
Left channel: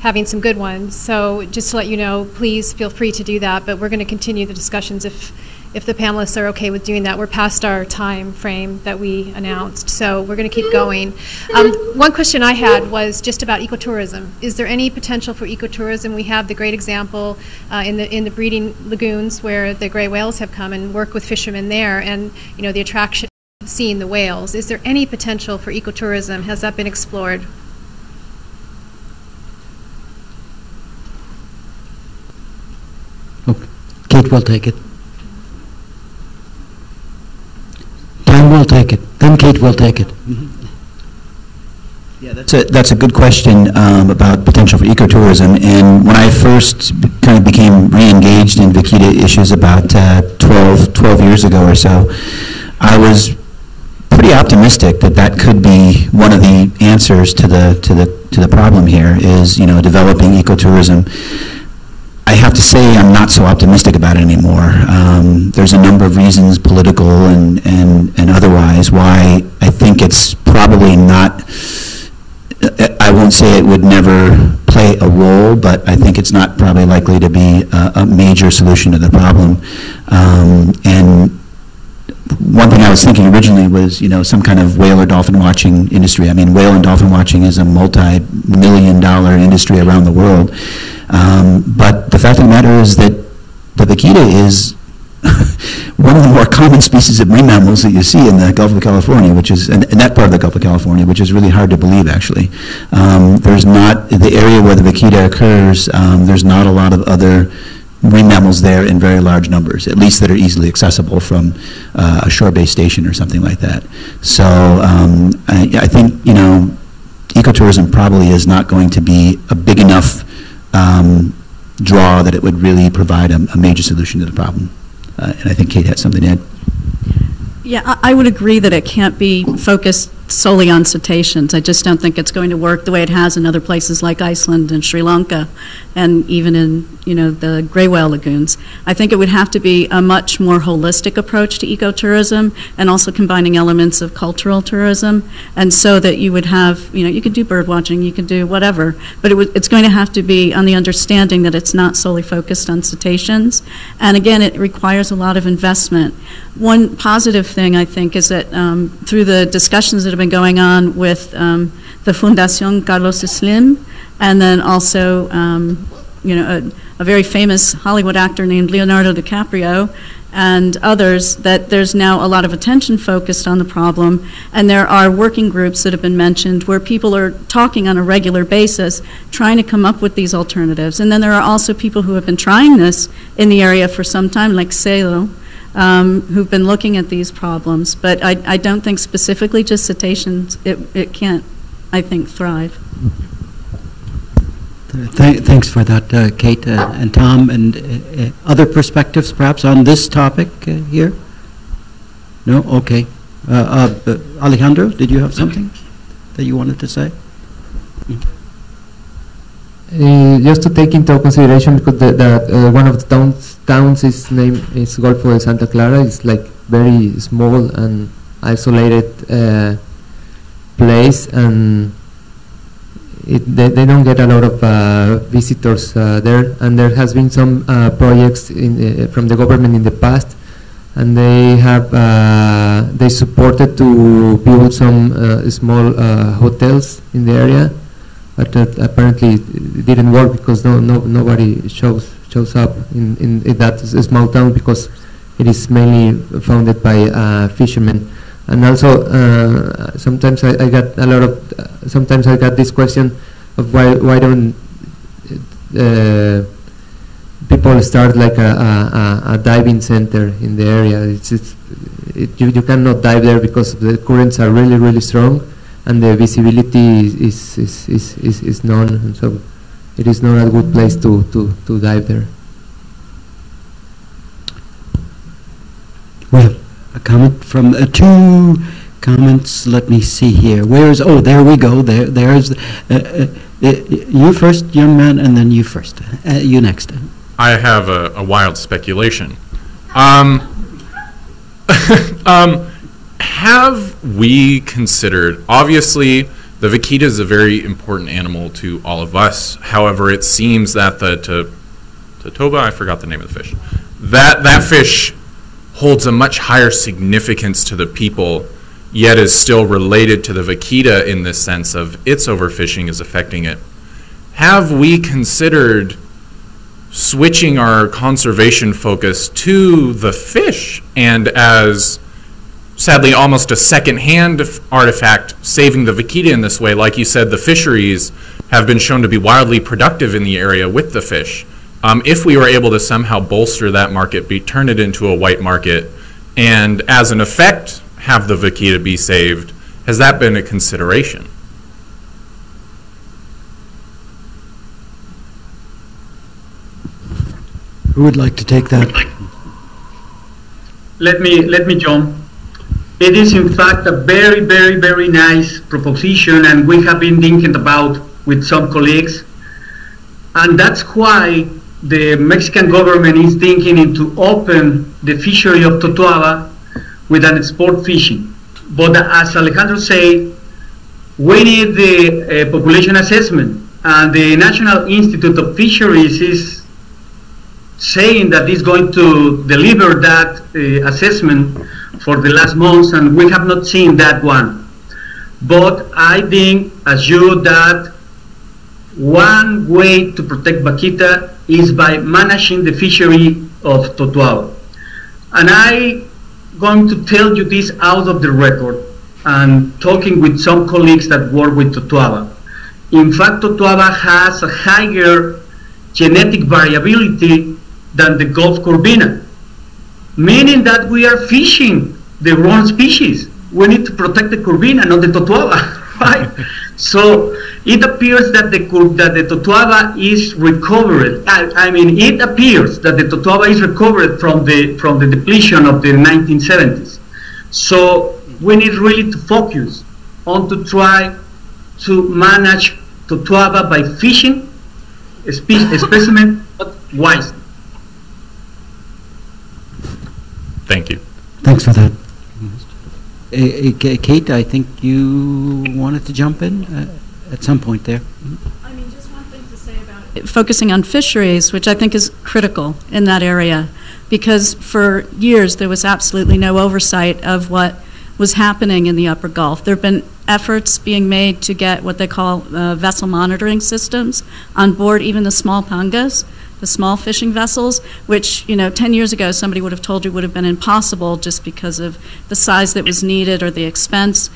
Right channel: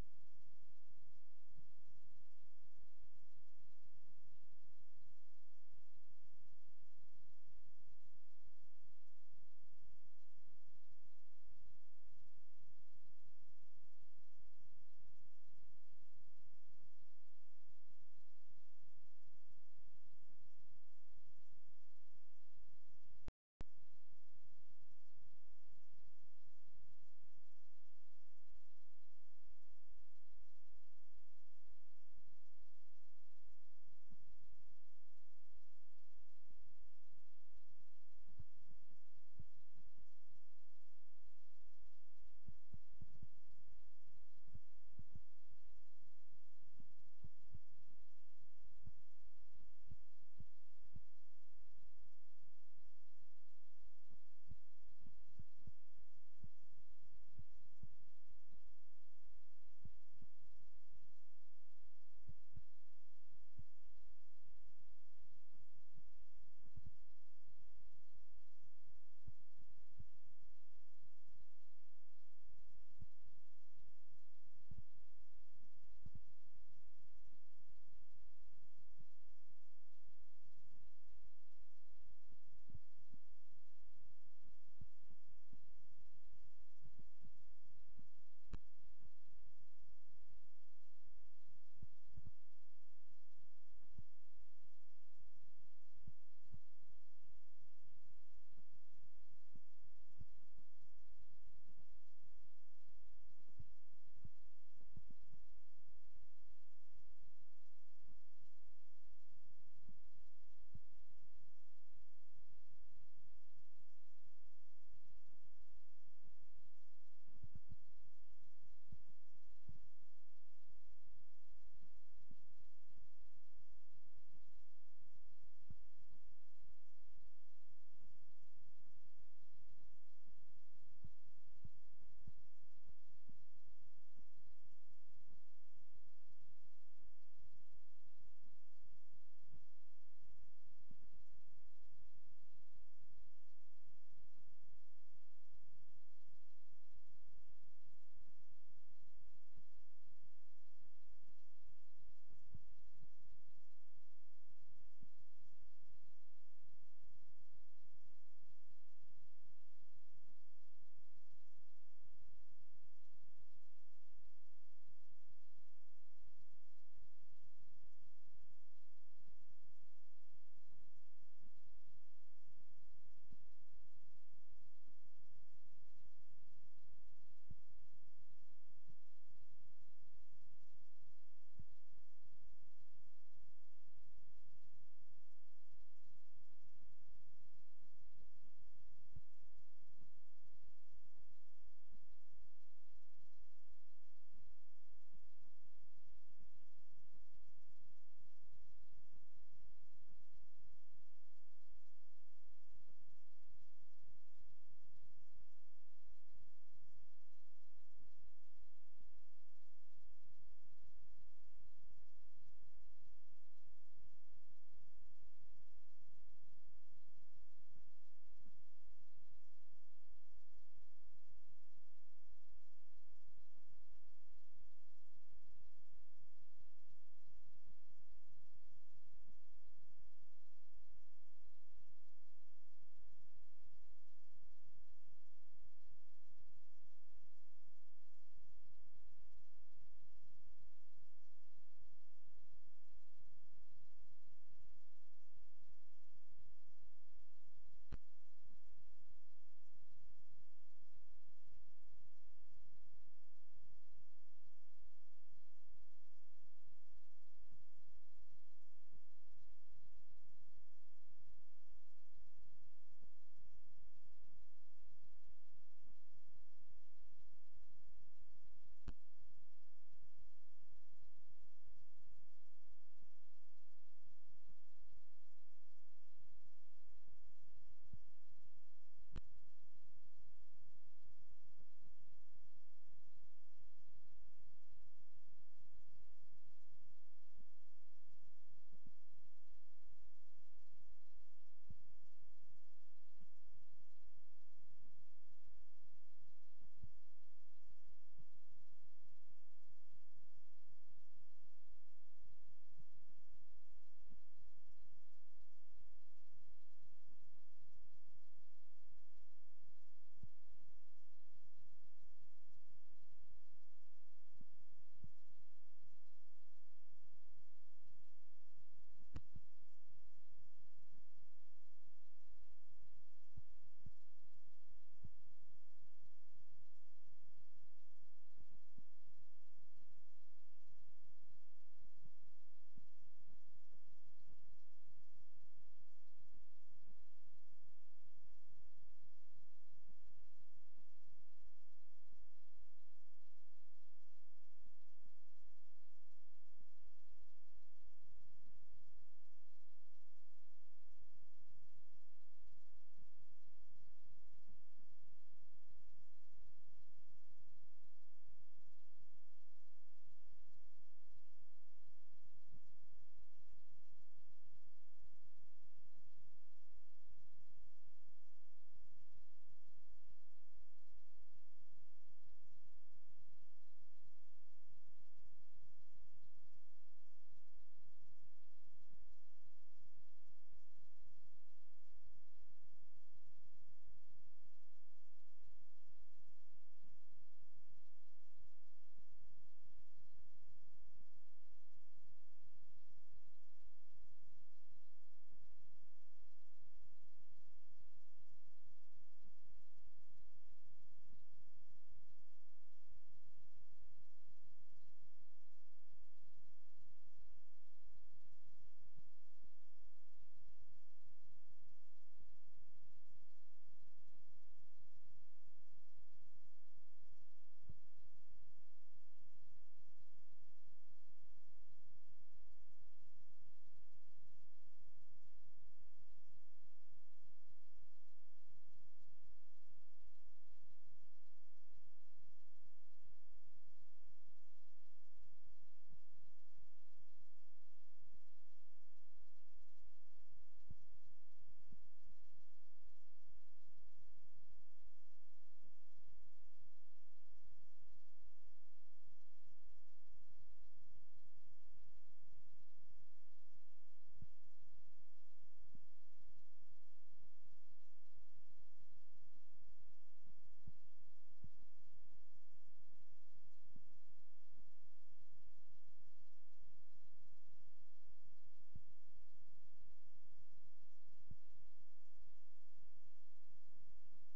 having some good ones. So just to let you know, please feel free to do that. But we're going to continue the discussions if the panelists are okay with doing that. We're past our time frame that we announced, so we're going to keep going. One question I had was just about ecotourism. Is there any potential for ecotourism? We have the great example in the breeding lagoons where the gray whales have come and work with fishermen there, and the attraction of seeing the whales. Is there any potential for ecotourism? Has that been explored? Okay. Kate will take it. Time will take it. Then Kate will take it. Mm-hmm. Yeah, that's a good question about potential for ecotourism. And when I first kind of became re-engaged in vaquita issues about 12 years ago or so, I was pretty optimistic that that could be one of the answers to the problem here, is developing ecotourism. I have to say I'm not so optimistic about it anymore. There's a number of reasons, political and otherwise, why I think it's probably not, I won't say it would never play a role, but I think it's not probably likely to be a major solution to the problem. And one thing I was thinking originally was, some kind of whale or dolphin watching industry. I mean, whale and dolphin watching is a multi-million-dollar industry around the world. But the fact of the matter is that the vaquita is one of the more common species of marine mammals that you see in the Gulf of California, which is, in that part of the Gulf of California, which is really hard to believe, actually. There's not, the area where the vaquita occurs, there's not a lot of other marine mammals there in very large numbers, at least that are easily accessible from a shore-based station or something like that. So I think, you know, ecotourism probably is not going to be a big enough draw that it would really provide a major solution to the problem. And I think Kate had something to add. Yeah, I would agree that it can't be focused solely on cetaceans. I just don't think it's going to work the way it has in other places like Iceland and Sri Lanka, and even in, you know, the gray whale lagoons. I think it would have to be a much more holistic approach to ecotourism, and also combining elements of cultural tourism, and so that you would have, you know, you could do bird watching, you could do whatever, but it's going to have to be on the understanding that it's not solely focused on cetaceans. And again, it requires a lot of investment. One positive thing, I think, is that through the discussions that have been going on with the Fundación Carlos Slim, and then also, you know, a very famous Hollywood actor named Leonardo DiCaprio, and others, that there's now a lot of attention focused on the problem, and there are working groups that have been mentioned where people are talking on a regular basis, trying to come up with these alternatives. And then there are also people who have been trying this in the area for some time, like Celo, who've been looking at these problems. But I don't think specifically just cetaceans, it can't, I think, thrive. Thanks for that, Kate and Tom. And other perspectives, perhaps, on this topic here? No? Okay. Alejandro, did you have something that you wanted to say? Just to take into consideration, because that one of the towns is named is Golfo de Santa Clara. It's like very small and isolated place, and they don't get a lot of visitors there. And there has been some projects from the government in the past, and they have they supported to build some small hotels in the area. But apparently it didn't work because nobody shows up in that small town, because it is mainly founded by fishermen. And also sometimes I got a lot of sometimes I got this question of why don't people start like a diving center in the area. You cannot dive there because the currents are really strong, and the visibility is none, and so it is not a good place to dive there. Well, a comment from two comments. Let me see here. Where's, oh, there we go. There's you first, young man, and then you first. You next. I have a wild speculation. Have we considered, obviously, the vaquita is a very important animal to all of us. However, it seems that the totoba, I forgot the name of the fish, that fish holds a much higher significance to the people, yet is still related to the vaquita in this sense of its overfishing is affecting it. Have we considered switching our conservation focus to the fish, and as sadly almost a second-hand artifact, saving the vaquita in this way? Like you said, the fisheries have been shown to be wildly productive in the area with the fish. If we were able to somehow bolster that market, turn it into a white market, and as an effect have the vaquita be saved, has that been a consideration? Who would like to take that? Let me jump. It is in fact a very nice proposition, and we have been thinking about with some colleagues, and that's why the Mexican government is thinking into open the fishery of Totoaba with an sport fishing. But as Alejandro said, we need the population assessment, and the National Institute of Fisheries is saying that it's going to deliver that assessment for the last months, and we have not seen that one. But I think, as you, that one way to protect vaquita is by managing the fishery of Totoaba. And I'm going to tell you this out of the record and talking with some colleagues that work with Totoaba. In fact, Totoaba has a higher genetic variability than the Gulf Corvina, meaning that we are fishing the wrong species. We need to protect the Corvina, not the Totoaba, right? So it appears that the Totoaba is recovered. I mean, it appears that the Totoaba is recovered from the depletion of the 1970s. So we need really to focus on to try to manage Totoaba by fishing a specimen, but wisely. Thank you. Thanks for that. Kate, I think you wanted to jump in at some point there. I mean, just one thing to say about it. Focusing on fisheries, which I think is critical in that area, because for years there was absolutely no oversight of what was happening in the Upper Gulf. There have been efforts being made to get what they call vessel monitoring systems on board even the small pangas, the small fishing vessels, which, 10 years ago somebody would have told you would have been impossible just because of the size that was needed or the expense.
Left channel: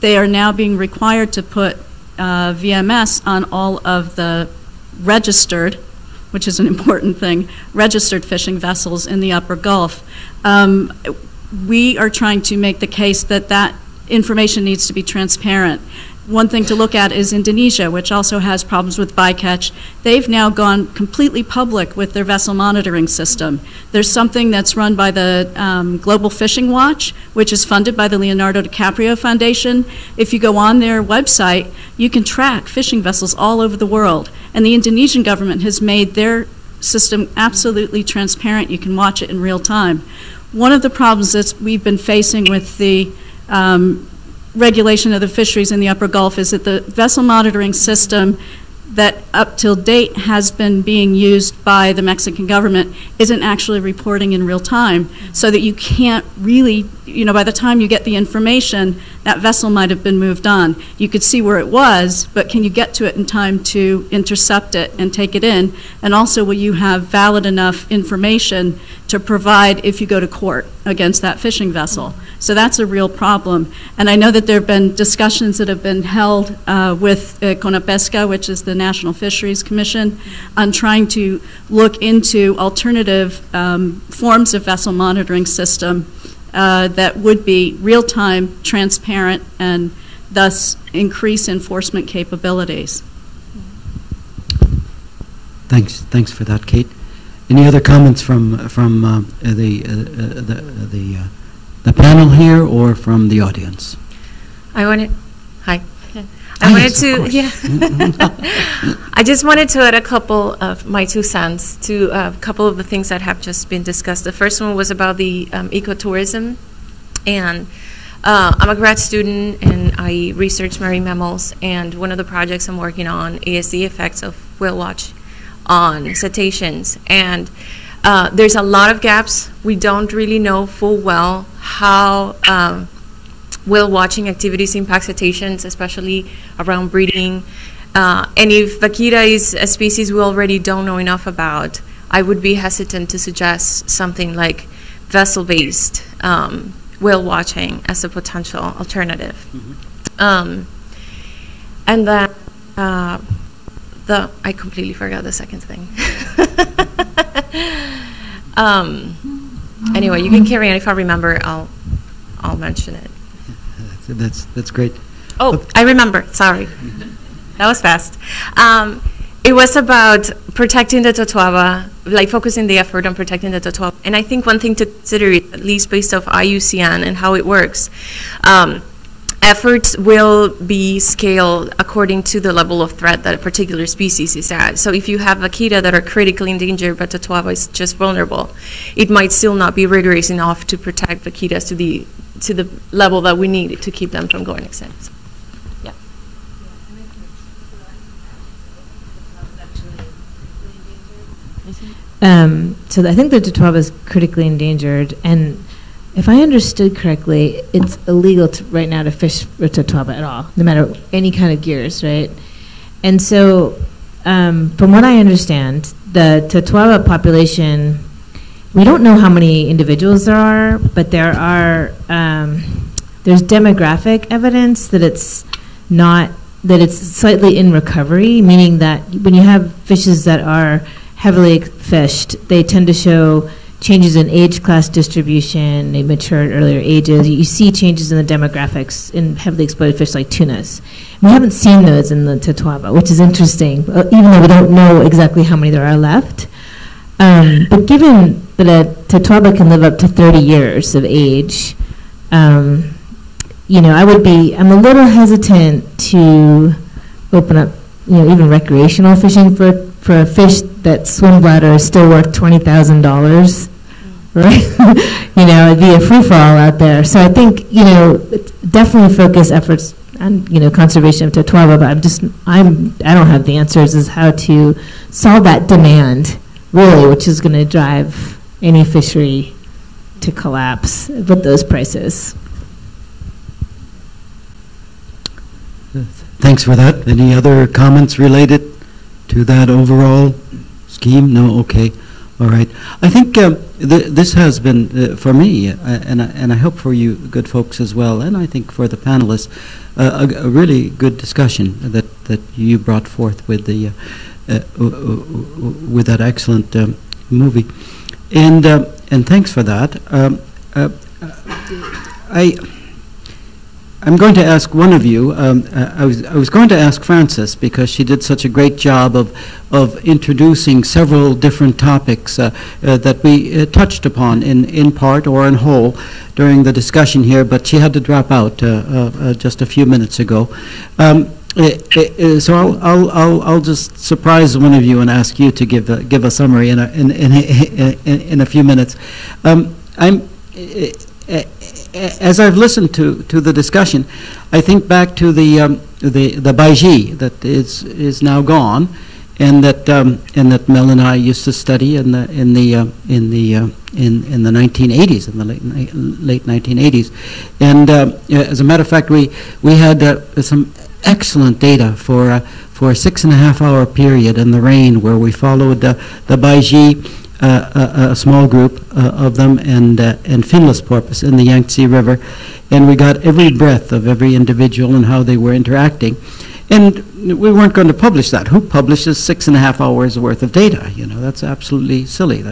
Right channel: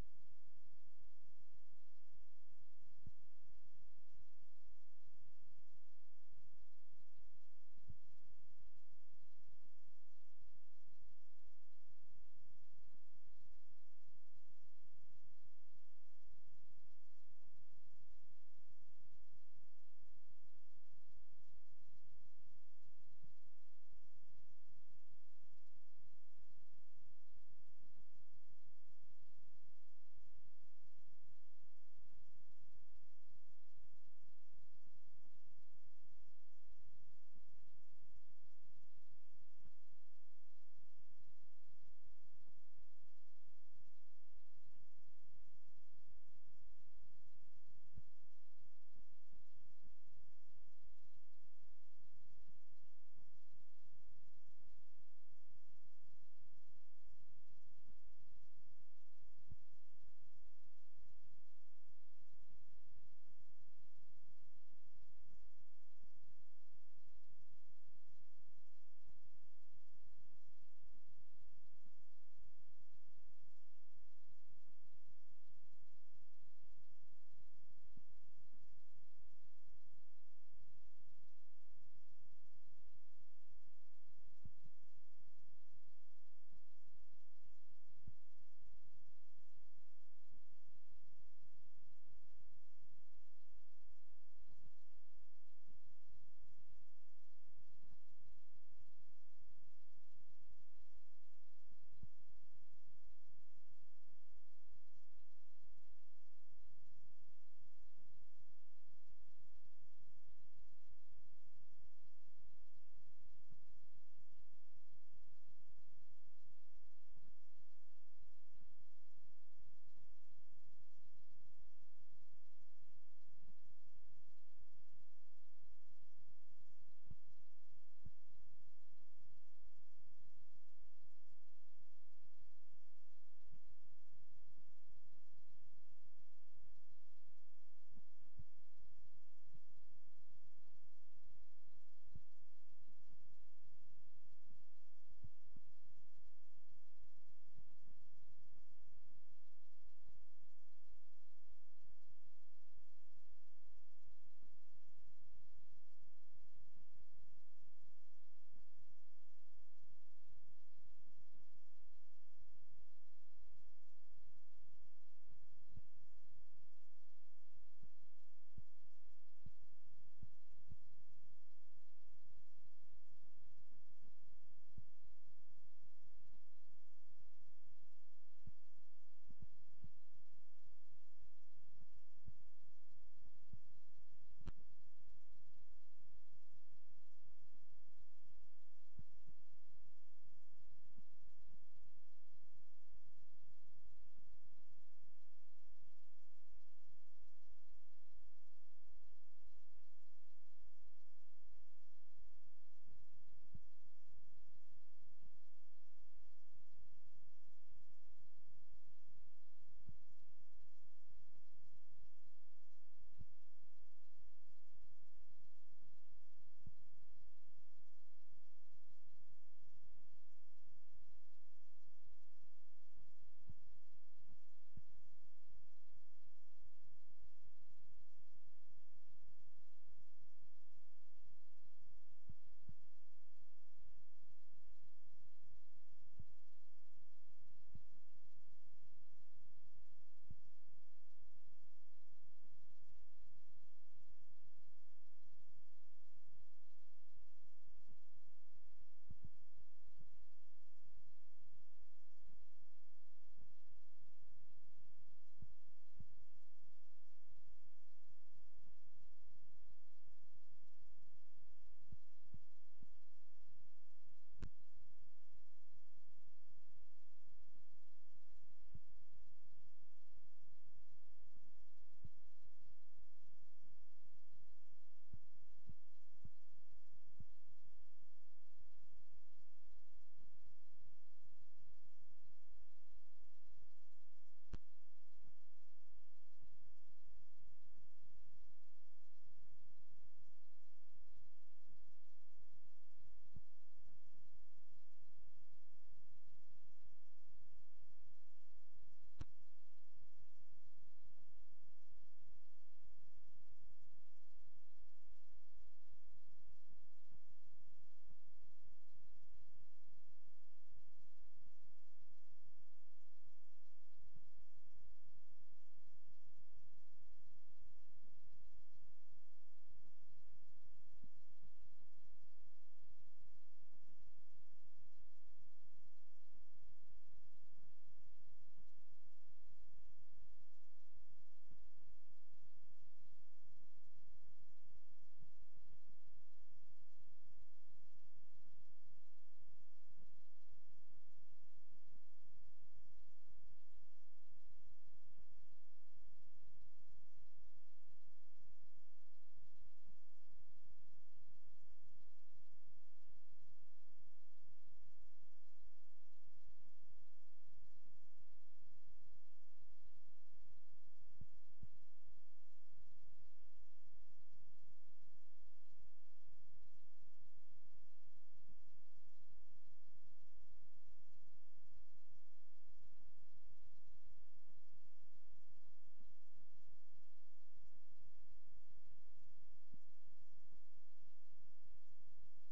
They are now being required to put VMS on all of the registered, which is an important thing, registered fishing vessels in the Upper Gulf. We are trying to make the case that that information needs to be transparent. One thing to look at is Indonesia, which also has problems with bycatch. They've now gone completely public with their vessel monitoring system. There's something that's run by the Global Fishing Watch, which is funded by the Leonardo DiCaprio Foundation. If you go on their website, you can track fishing vessels all over the world. And the Indonesian government has made their system absolutely transparent. You can watch it in real time. One of the problems that we've been facing with the regulation of the fisheries in the Upper Gulf is that the vessel monitoring system that up till date has been being used by the Mexican government isn't actually reporting in real time, so that you can't really, by the time you get the information, that vessel might have been moved on. You could see where it was, but can you get to it in time to intercept it and take it in? And also, will you have valid enough information to provide if you go to court against that fishing vessel? So that's a real problem. And I know that there have been discussions that have been held with CONAPESCA, which is the National Fisheries Commission, on trying to look into alternative forms of vessel monitoring system that would be real-time, transparent, and thus increase enforcement capabilities. Thanks for that, Kate. Any other comments from the panel here or from the audience? Hi. I wanted to, I just wanted to add a couple of my 2 cents to a couple of the things that have just been discussed. The first one was about the ecotourism, and I'm a grad student and I research marine mammals, and one of the projects I'm working on is the effects of whale watch on cetaceans. And there's a lot of gaps. We don't really know full well how whale watching activities impact cetaceans, especially around breeding. And if vaquita is a species we already don't know enough about, I would be hesitant to suggest something like vessel-based whale watching as a potential alternative. Mm-hmm. And then I completely forgot the second thing. Anyway, you can carry on. If I remember, I'll mention it. That's great. Oh, I remember. Sorry. That was fast. It was about protecting the Totoaba, like focusing the effort on protecting the Totoaba. And I think one thing to consider, at least based off IUCN and how it works, efforts will be scaled according to the level of threat that a particular species is at. So if you have vaquita that are critically endangered, but Totoaba is just vulnerable, it might still not be rigorous enough to protect vaquitas to the level that we need to keep them from going extinct. Yeah. So I think the Totoaba is critically endangered, and if I understood correctly, it's illegal right now to fish for Totoaba at all, no matter any kind of gears, right? And so, from what I understand, the Totoaba population we don't know how many individuals there are, but there are, there's demographic evidence that it's not, that it's slightly in recovery, meaning that when you have fishes that are heavily fished, they tend to show changes in age class distribution, they mature at earlier ages. You see changes in the demographics in heavily exploited fish like tunas. We haven't seen those in the Totoaba, which is interesting, even though we don't know exactly how many there are left. But given that a Totoaba can live up to 30 years of age, you know, I'm a little hesitant to open up, you know, even recreational fishing for a fish that swim bladder is still worth $20,000, right? You know, it'd be a free-for-all out there. So I think, you know, definitely focus efforts on, you know, conservation of Totoaba, but I don't have the answers as how to solve that demand, really, which is going to drive any fishery to collapse with those prices. Thanks for that. Any other comments related to that overall scheme? No? Okay. All right. I think this has been, for me, and I hope for you good folks as well, and I think for the panelists, a really good discussion that you brought forth with the with that excellent movie, and thanks for that. I'm going to ask one of you. I was going to ask Frances, because she did such a great job of introducing several different topics that we touched upon in part or in whole during the discussion here, but she had to drop out just a few minutes ago. So I'll just surprise one of you and ask you to give a summary in a few minutes. As I've listened to the discussion, I think back to the Baiji that is now gone, and that Mel and I used to study in the 1980s, in the late 1980s, and as a matter of fact, we had some excellent data for a 6.5-hour period in the rain, where we followed the Baiji. A small group of them, and finless porpoise in the Yangtze River, and we got every breath of every individual and how they were interacting. And we weren't going to publish that. Who publishes 6.5 hours worth of data? You know, that's absolutely silly.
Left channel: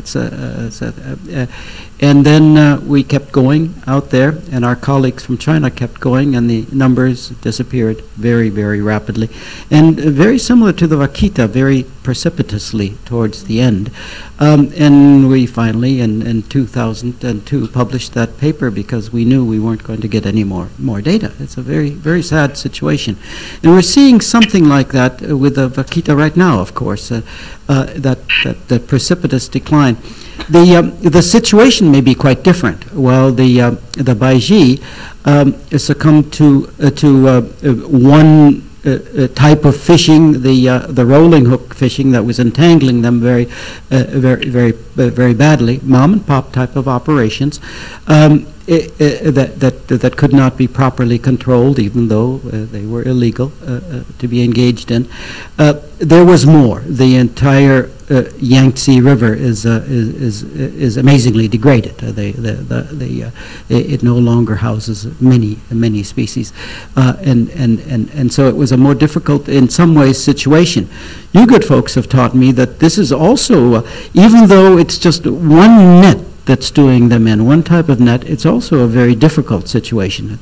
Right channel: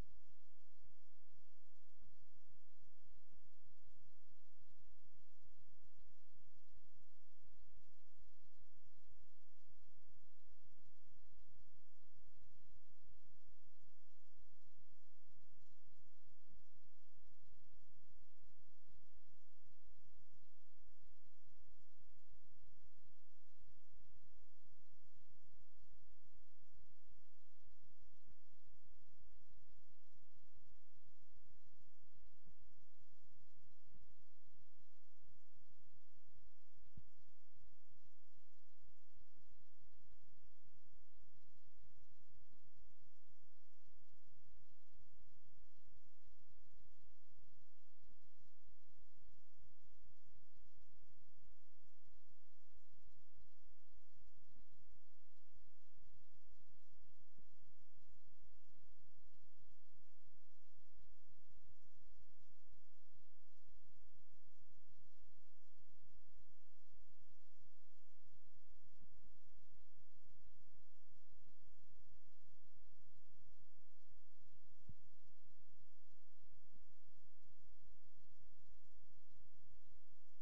And then we kept going out there, and our colleagues from China kept going, and the numbers disappeared very, very rapidly. And very similar to the vaquita, very precipitously towards the end. And we finally, in 2002, published that paper because we knew we weren't going to get any more data. It's a very, very sad situation. And we're seeing something like that with the vaquita right now, of course, that precipitous decline. The situation may be quite different. While the Baiji succumbed to one type of fishing, the rolling hook fishing that was entangling them very badly, mom and pop type of operations that could not be properly controlled, even though they were illegal to be engaged in. There was more. The entire Yangtze River is amazingly degraded. It no longer houses many species, and so it was a more difficult, in some ways, situation. You good folks have taught me that this is also, even though it's just one net that's doing them in, one type of net, it's also a very difficult situation,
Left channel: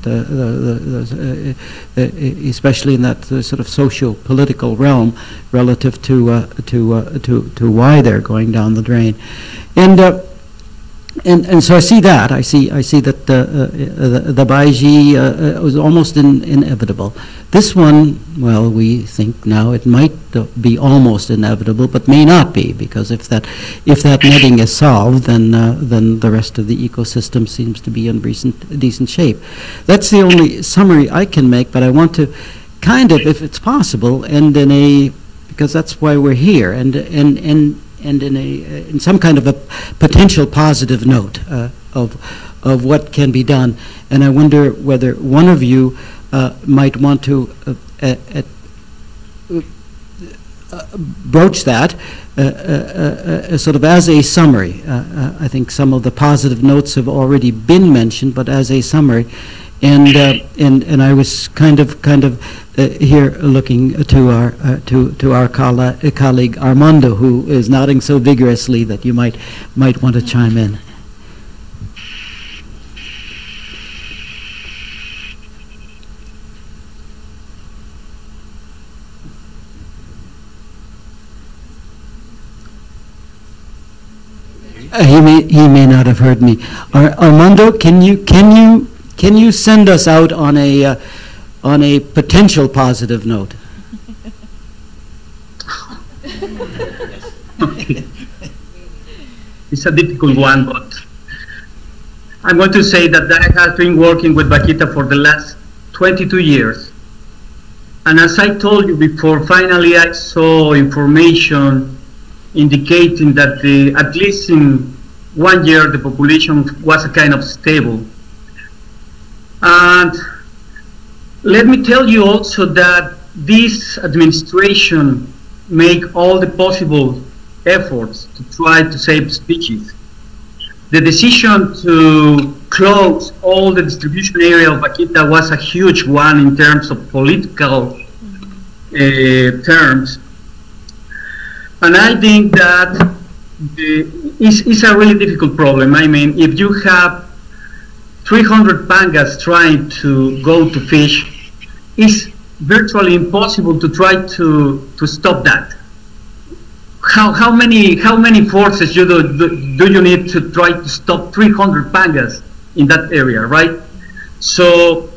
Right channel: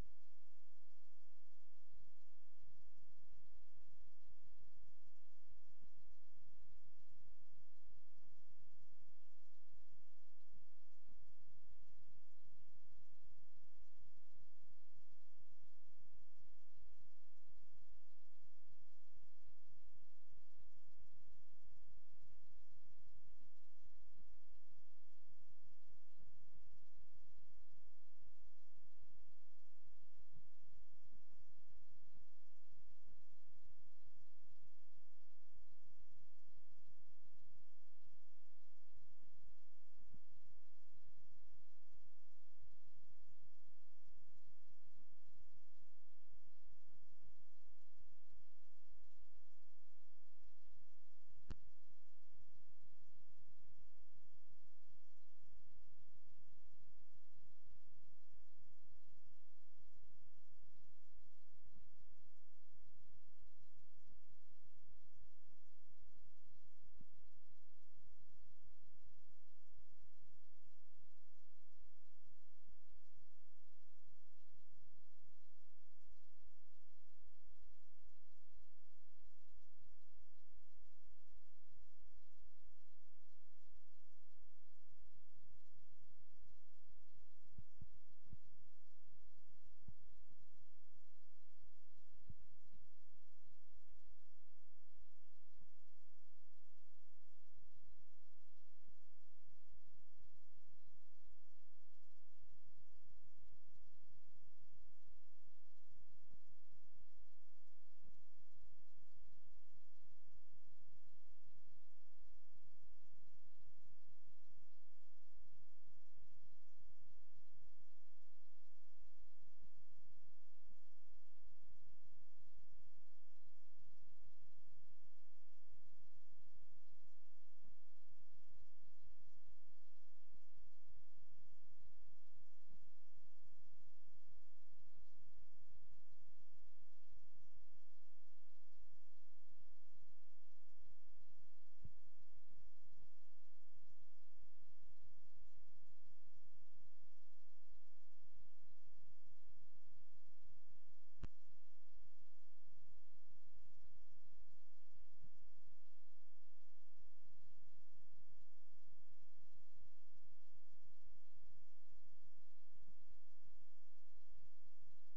especially in that sort of socio-political realm relative to why they're going down the drain. And so I see that. I see that the Baiji was almost inevitable. This one, well, we think now it might be almost inevitable, but may not be, because if that netting is solved, then the rest of the ecosystem seems to be in decent shape. That's the only summary I can make, but I want to kind of, if it's possible, end in a, because that's why we're here, and in some kind of a potential positive note of what can be done. And I wonder whether one of you might want to broach that sort of as a summary. I think some of the positive notes have already been mentioned, but as a summary. And I was kind of here looking to our colleague Armando, who is nodding so vigorously that you might want to chime in. He may not have heard me. Armando, can you send us out on a potential positive note? Okay. It's a difficult one, but I'm going to say that I have been working with Vaquita for the last 22 years. And as I told you before, finally I saw information indicating that at least in 1 year the population was a kind of stable. And let me tell you also that this administration make all the possible efforts to try to save species. The decision to close all the distribution area of Vaquita was a huge one in terms of political terms. And I think that it's a really difficult problem. I mean, if you have 300 pangas trying to go to fish, it's virtually impossible to try to stop that. How many forces do you need to try to stop 300 pangas in that area, right? So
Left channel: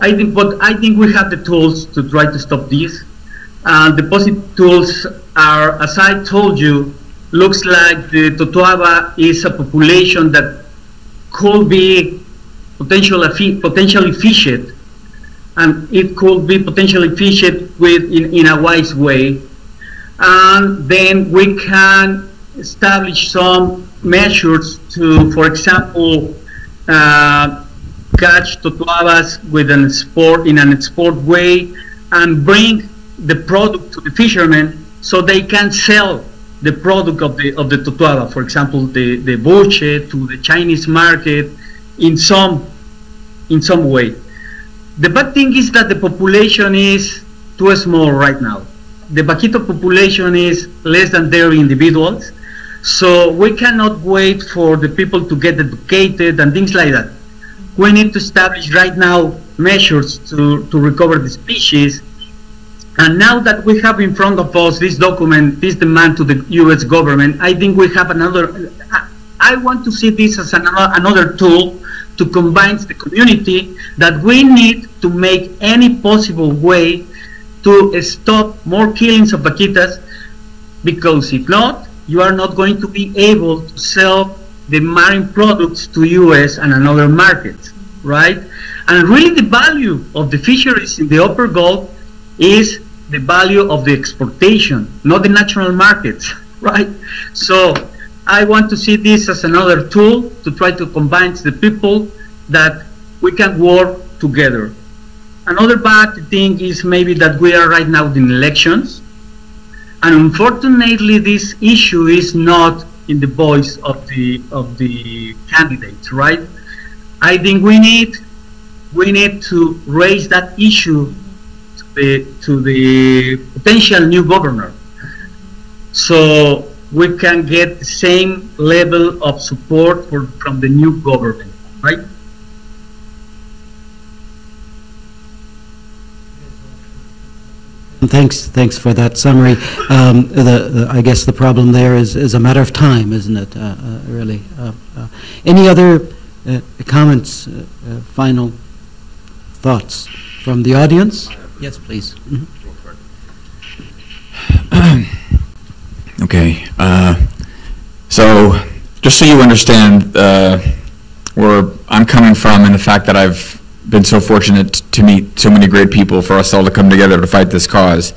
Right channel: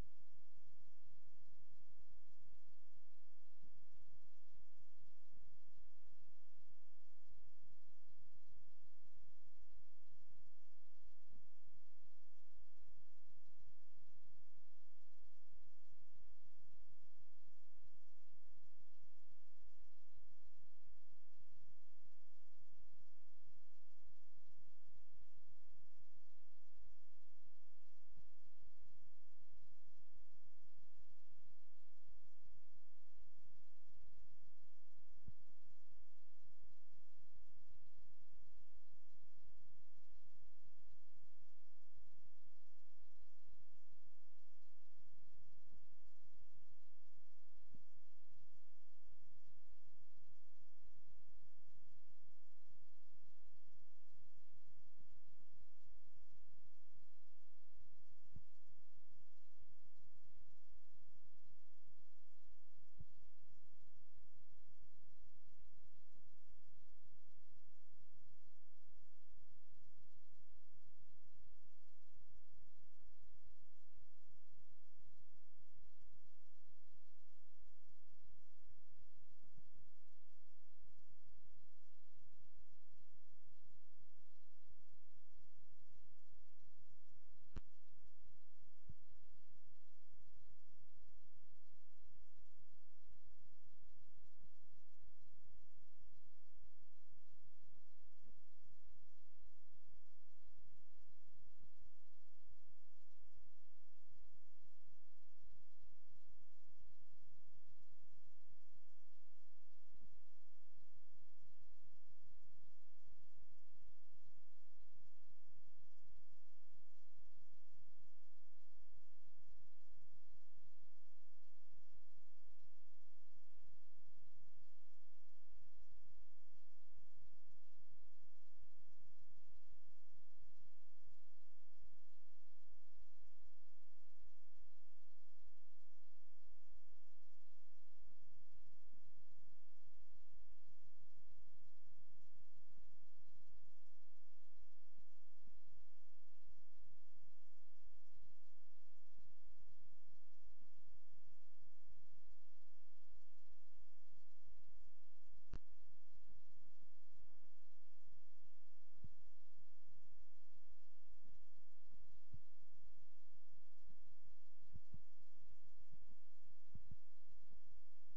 I think we have the tools to try to stop this. And the positive tools are, as I told you, looks like the totoaba is a population that could be potentially fished, and it could be potentially fished in a wise way. And then we can establish some measures to, for example, catch totoabas in an export way and bring the product to the fishermen so they can sell the product of the totoaba, for example, the buche to the Chinese market in some way. The bad thing is that the population is too small right now. The Vaquita population is less than 30 individuals, so we cannot wait for the people to get educated and things like that. We need to establish right now measures to recover the species. And now that we have in front of us this document, this demand to the U.S. government, I think we have another. I want to see this as another tool to combine the community, that we need to make any possible way to stop more killings of vaquitas, because if not, you are not going to be able to sell the marine products to U.S. and another markets, right? And really the value of the fisheries in the upper Gulf is the value of the exportation, not the national markets, right? So I want to see this as another tool to try to combine the people, that we can work together. Another bad thing is maybe that we are right now in elections, and unfortunately this issue is not in the voice of the candidates, right? I think we need to raise that issue to the potential new governor, so we can get the same level of support from the new government, right? Thanks for that summary. I guess the problem there is a matter of time, isn't it? Really. Any other comments? Final thoughts from the audience? Yes, please. Okay. So just so you understand where I'm coming from, and the fact that I've been so fortunate to meet so many great people, for us all to come together to fight this cause.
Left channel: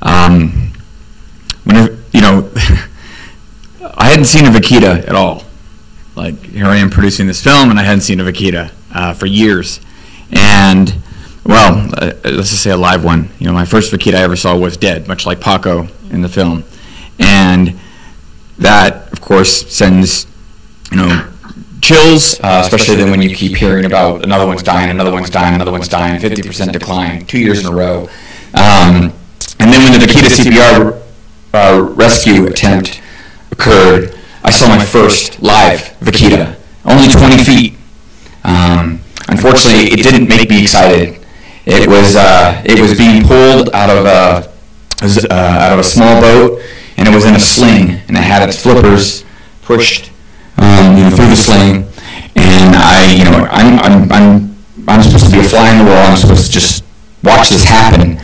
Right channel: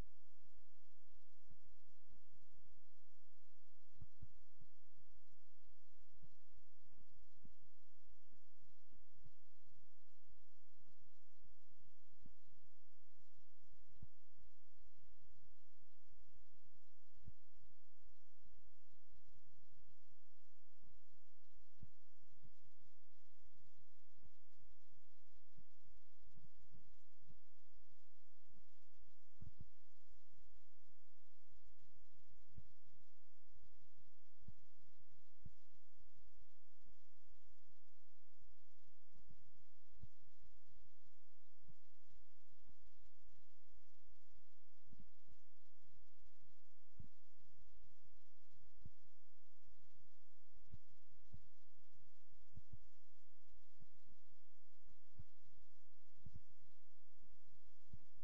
Whenever, I hadn't seen a vaquita at all. Like, here I am producing this film, and I hadn't seen a vaquita for years. And well, let's just say a live one. You know, my first vaquita I ever saw was dead, much like Paco in the film. And that, of course, sends, you know, chills, especially then when you keep hearing about another one's dying, another one's dying, another one's dying, 50% decline, 2 years in a row. And then when the vaquita CPR rescue attempt occurred, I saw my first live vaquita, only 20 feet. Unfortunately, it didn't make me excited. It was being pulled out of a small boat, and it was in a sling, and it had its flippers pushed through the sling. And I'm supposed to be a fly in the wall. I'm supposed to just watch this happen.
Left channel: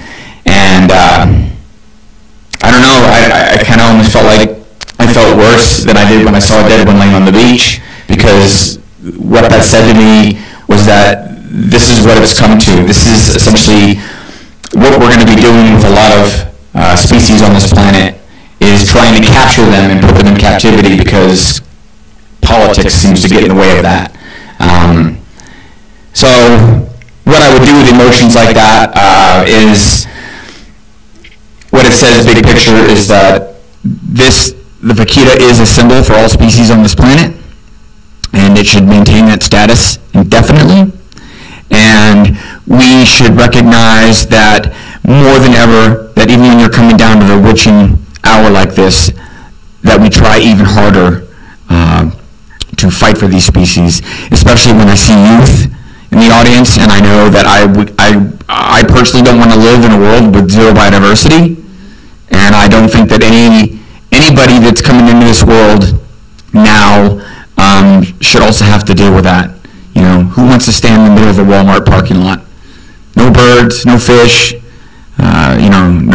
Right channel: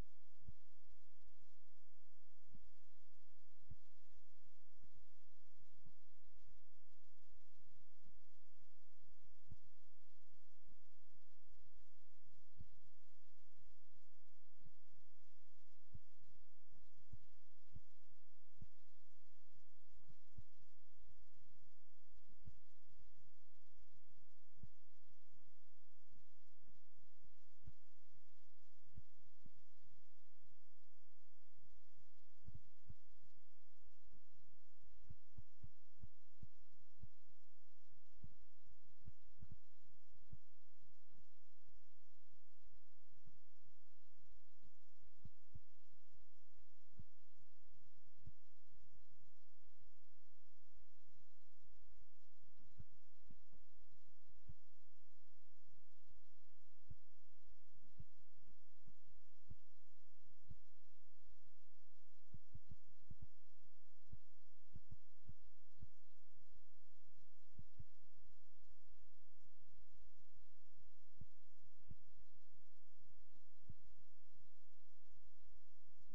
And I don't know. I kind of almost felt like I felt worse than I did when I saw a dead one laying on the beach, because what that said to me was that this is what it's come to. This is essentially what we're going to be doing with a lot of species on this planet, is trying to capture them and put them in captivity, because politics seems to get in the way of that. So what I would do with emotions like that is, what it says big picture is that the vaquita is a symbol for all species on this planet, and it should maintain that status indefinitely. And we should recognize that more than ever, that even when you're coming down to the witching hour like this, that we try even harder to fight for these species, especially when I see youth in the audience, and I know that I personally don't want to live in a world with zero biodiversity, and I don't think that anybody that's coming into this world now should also have to deal with that. You know, who wants to stand in the middle of a Walmart parking lot? No birds, no fish, no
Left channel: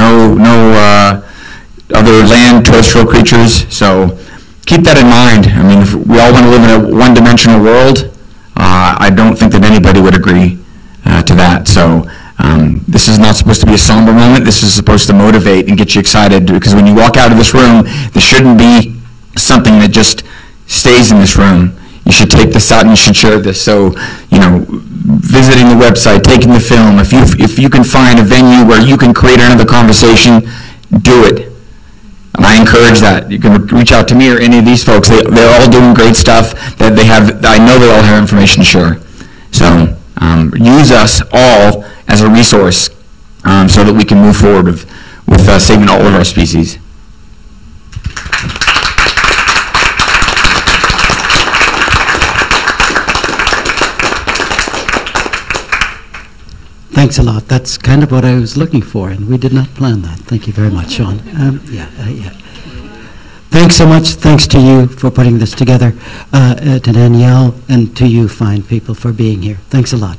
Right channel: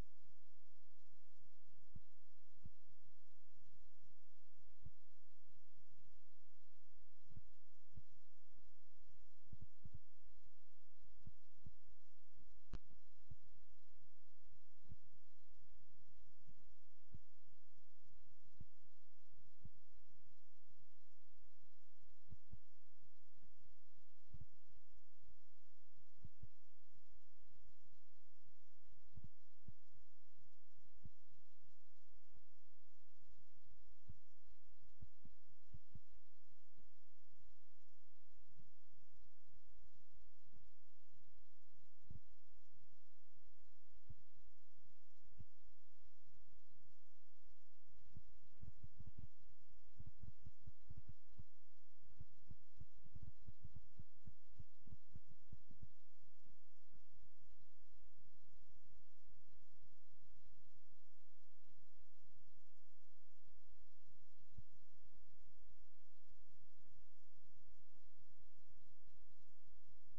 other land terrestrial creatures. So keep that in mind. I mean, if we all want to live in a one-dimensional world, I don't think that anybody would agree to that. So this is not supposed to be a somber moment. This is supposed to motivate and get you excited, because when you walk out of this room, there shouldn't be something that just stays in this room. You should take this out and you should share this. So, you know, visiting the website, taking the film, if you can find a venue where you can create another conversation, do it. And I encourage that. You can reach out to me or any of these folks. They're all doing great stuff. That they have. I know they all have information to share. So use us all as a resource so that we can move forward with saving all of our species. Thanks a lot. That's kind of what I was looking for, and we did not plan that. Thank you very much, Sean. Yeah. Thanks so much. Thanks to you for putting this together, to Danielle, and to you fine people for being here. Thanks a lot.